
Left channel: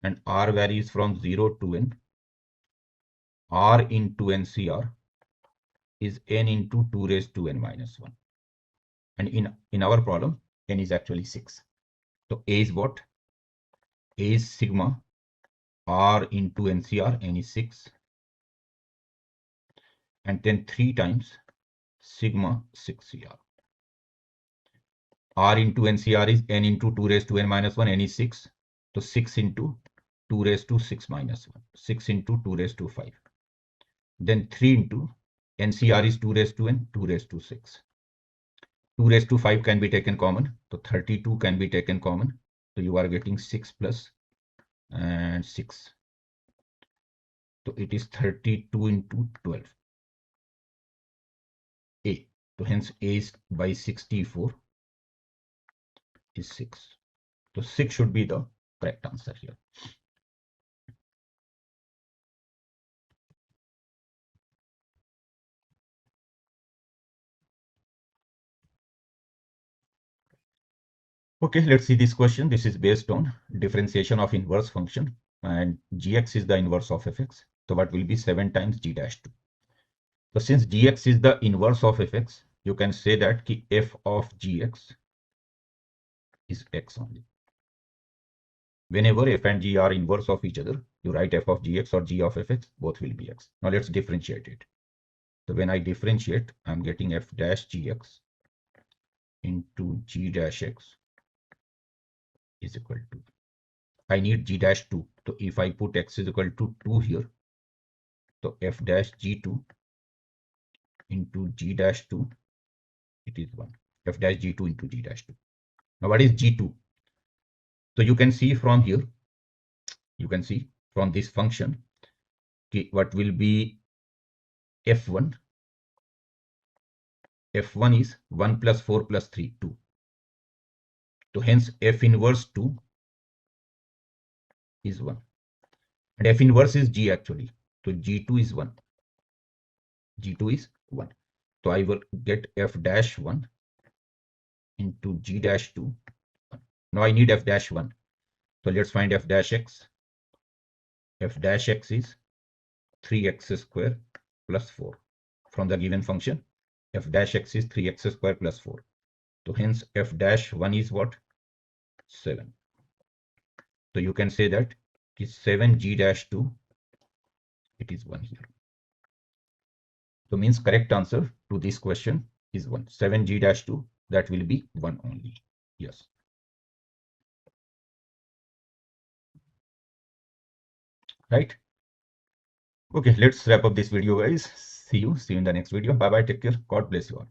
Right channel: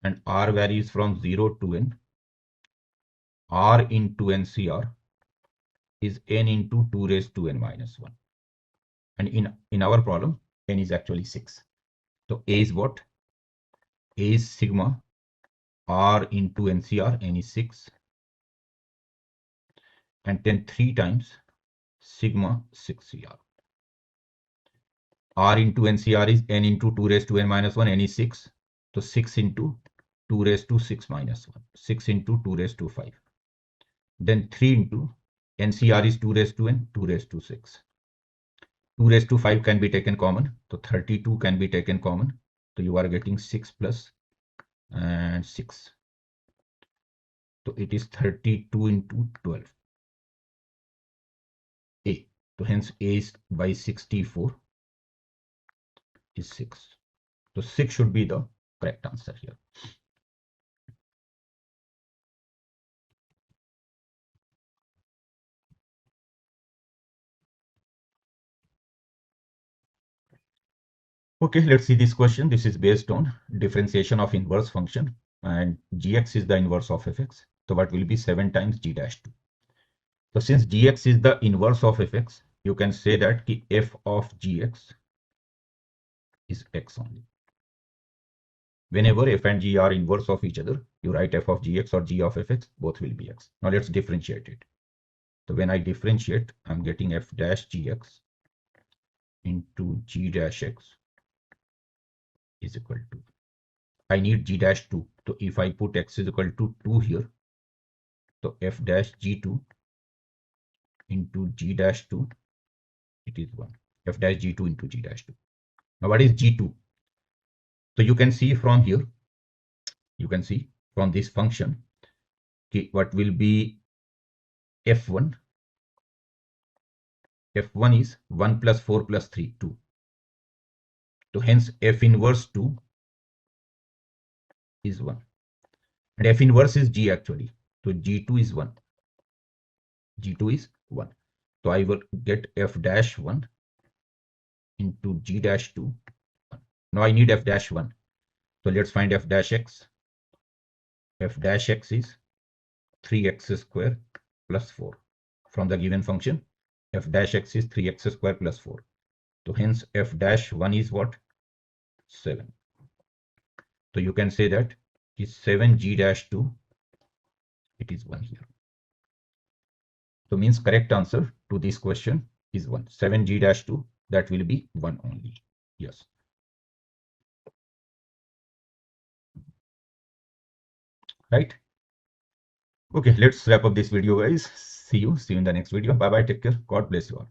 And R varies from 0 to N. R into NCR is N into 2 raised to N minus 1. And in our problem, N is actually 6. So A is what? A is sigma R into NCR, N is 6. And then 3 times sigma 6CR. R into NCR is n into 2 raised to n minus 1, n is 6. So 6 into 2 raised to 6 minus 1, 6 into 2 raised to 5. Then 3 into NCR is 2 raised to n, 2 raised to 6. 2 raised to 5 can be taken common. So 32 can be taken common. So you are getting 6 plus and 6. So it is 32 into 12. A. So hence A is by 64 is 6. So 6 should be the correct answer here. Okay, let's see this question. This is based on differentiation of inverse function, and gx is the inverse of fx. So what will be 7 times g dash 2? So since gx is the inverse of fx, you can say that f of gx is x only. Whenever f and g are inverse of each other, you write f of gx or g of fx, both will be x. Now let's differentiate it. So when I differentiate, I'm getting f dash gx into g dash x is equal to, I need g dash 2. So if I put x is equal to 2 here, so f dash g2 into g dash 2, it is 1. F dash g2 into g dash 2. Now what is g2? So you can see from here, you can see from this function, what will be f1? f1 is 1 plus 4 plus 3, 2. So hence f inverse 2 is 1. And f inverse is g actually. So g2 is 1. g2 is 1. So I will get f dash 1 into g dash 2. Now I need f dash 1. So let's find f dash x. F dash x is 3x square plus 4. From the given function, f dash x is 3x square plus 4. So hence f dash 1 is what? 7. So you can say that is 7 g dash 2. It is 1 here. So means correct answer to this question is 1. 7 g dash 2, that will be 1 only. Yes. Right? Okay, let's wrap up this video, guys. See you in the next video. Bye bye. Take care. God bless you all.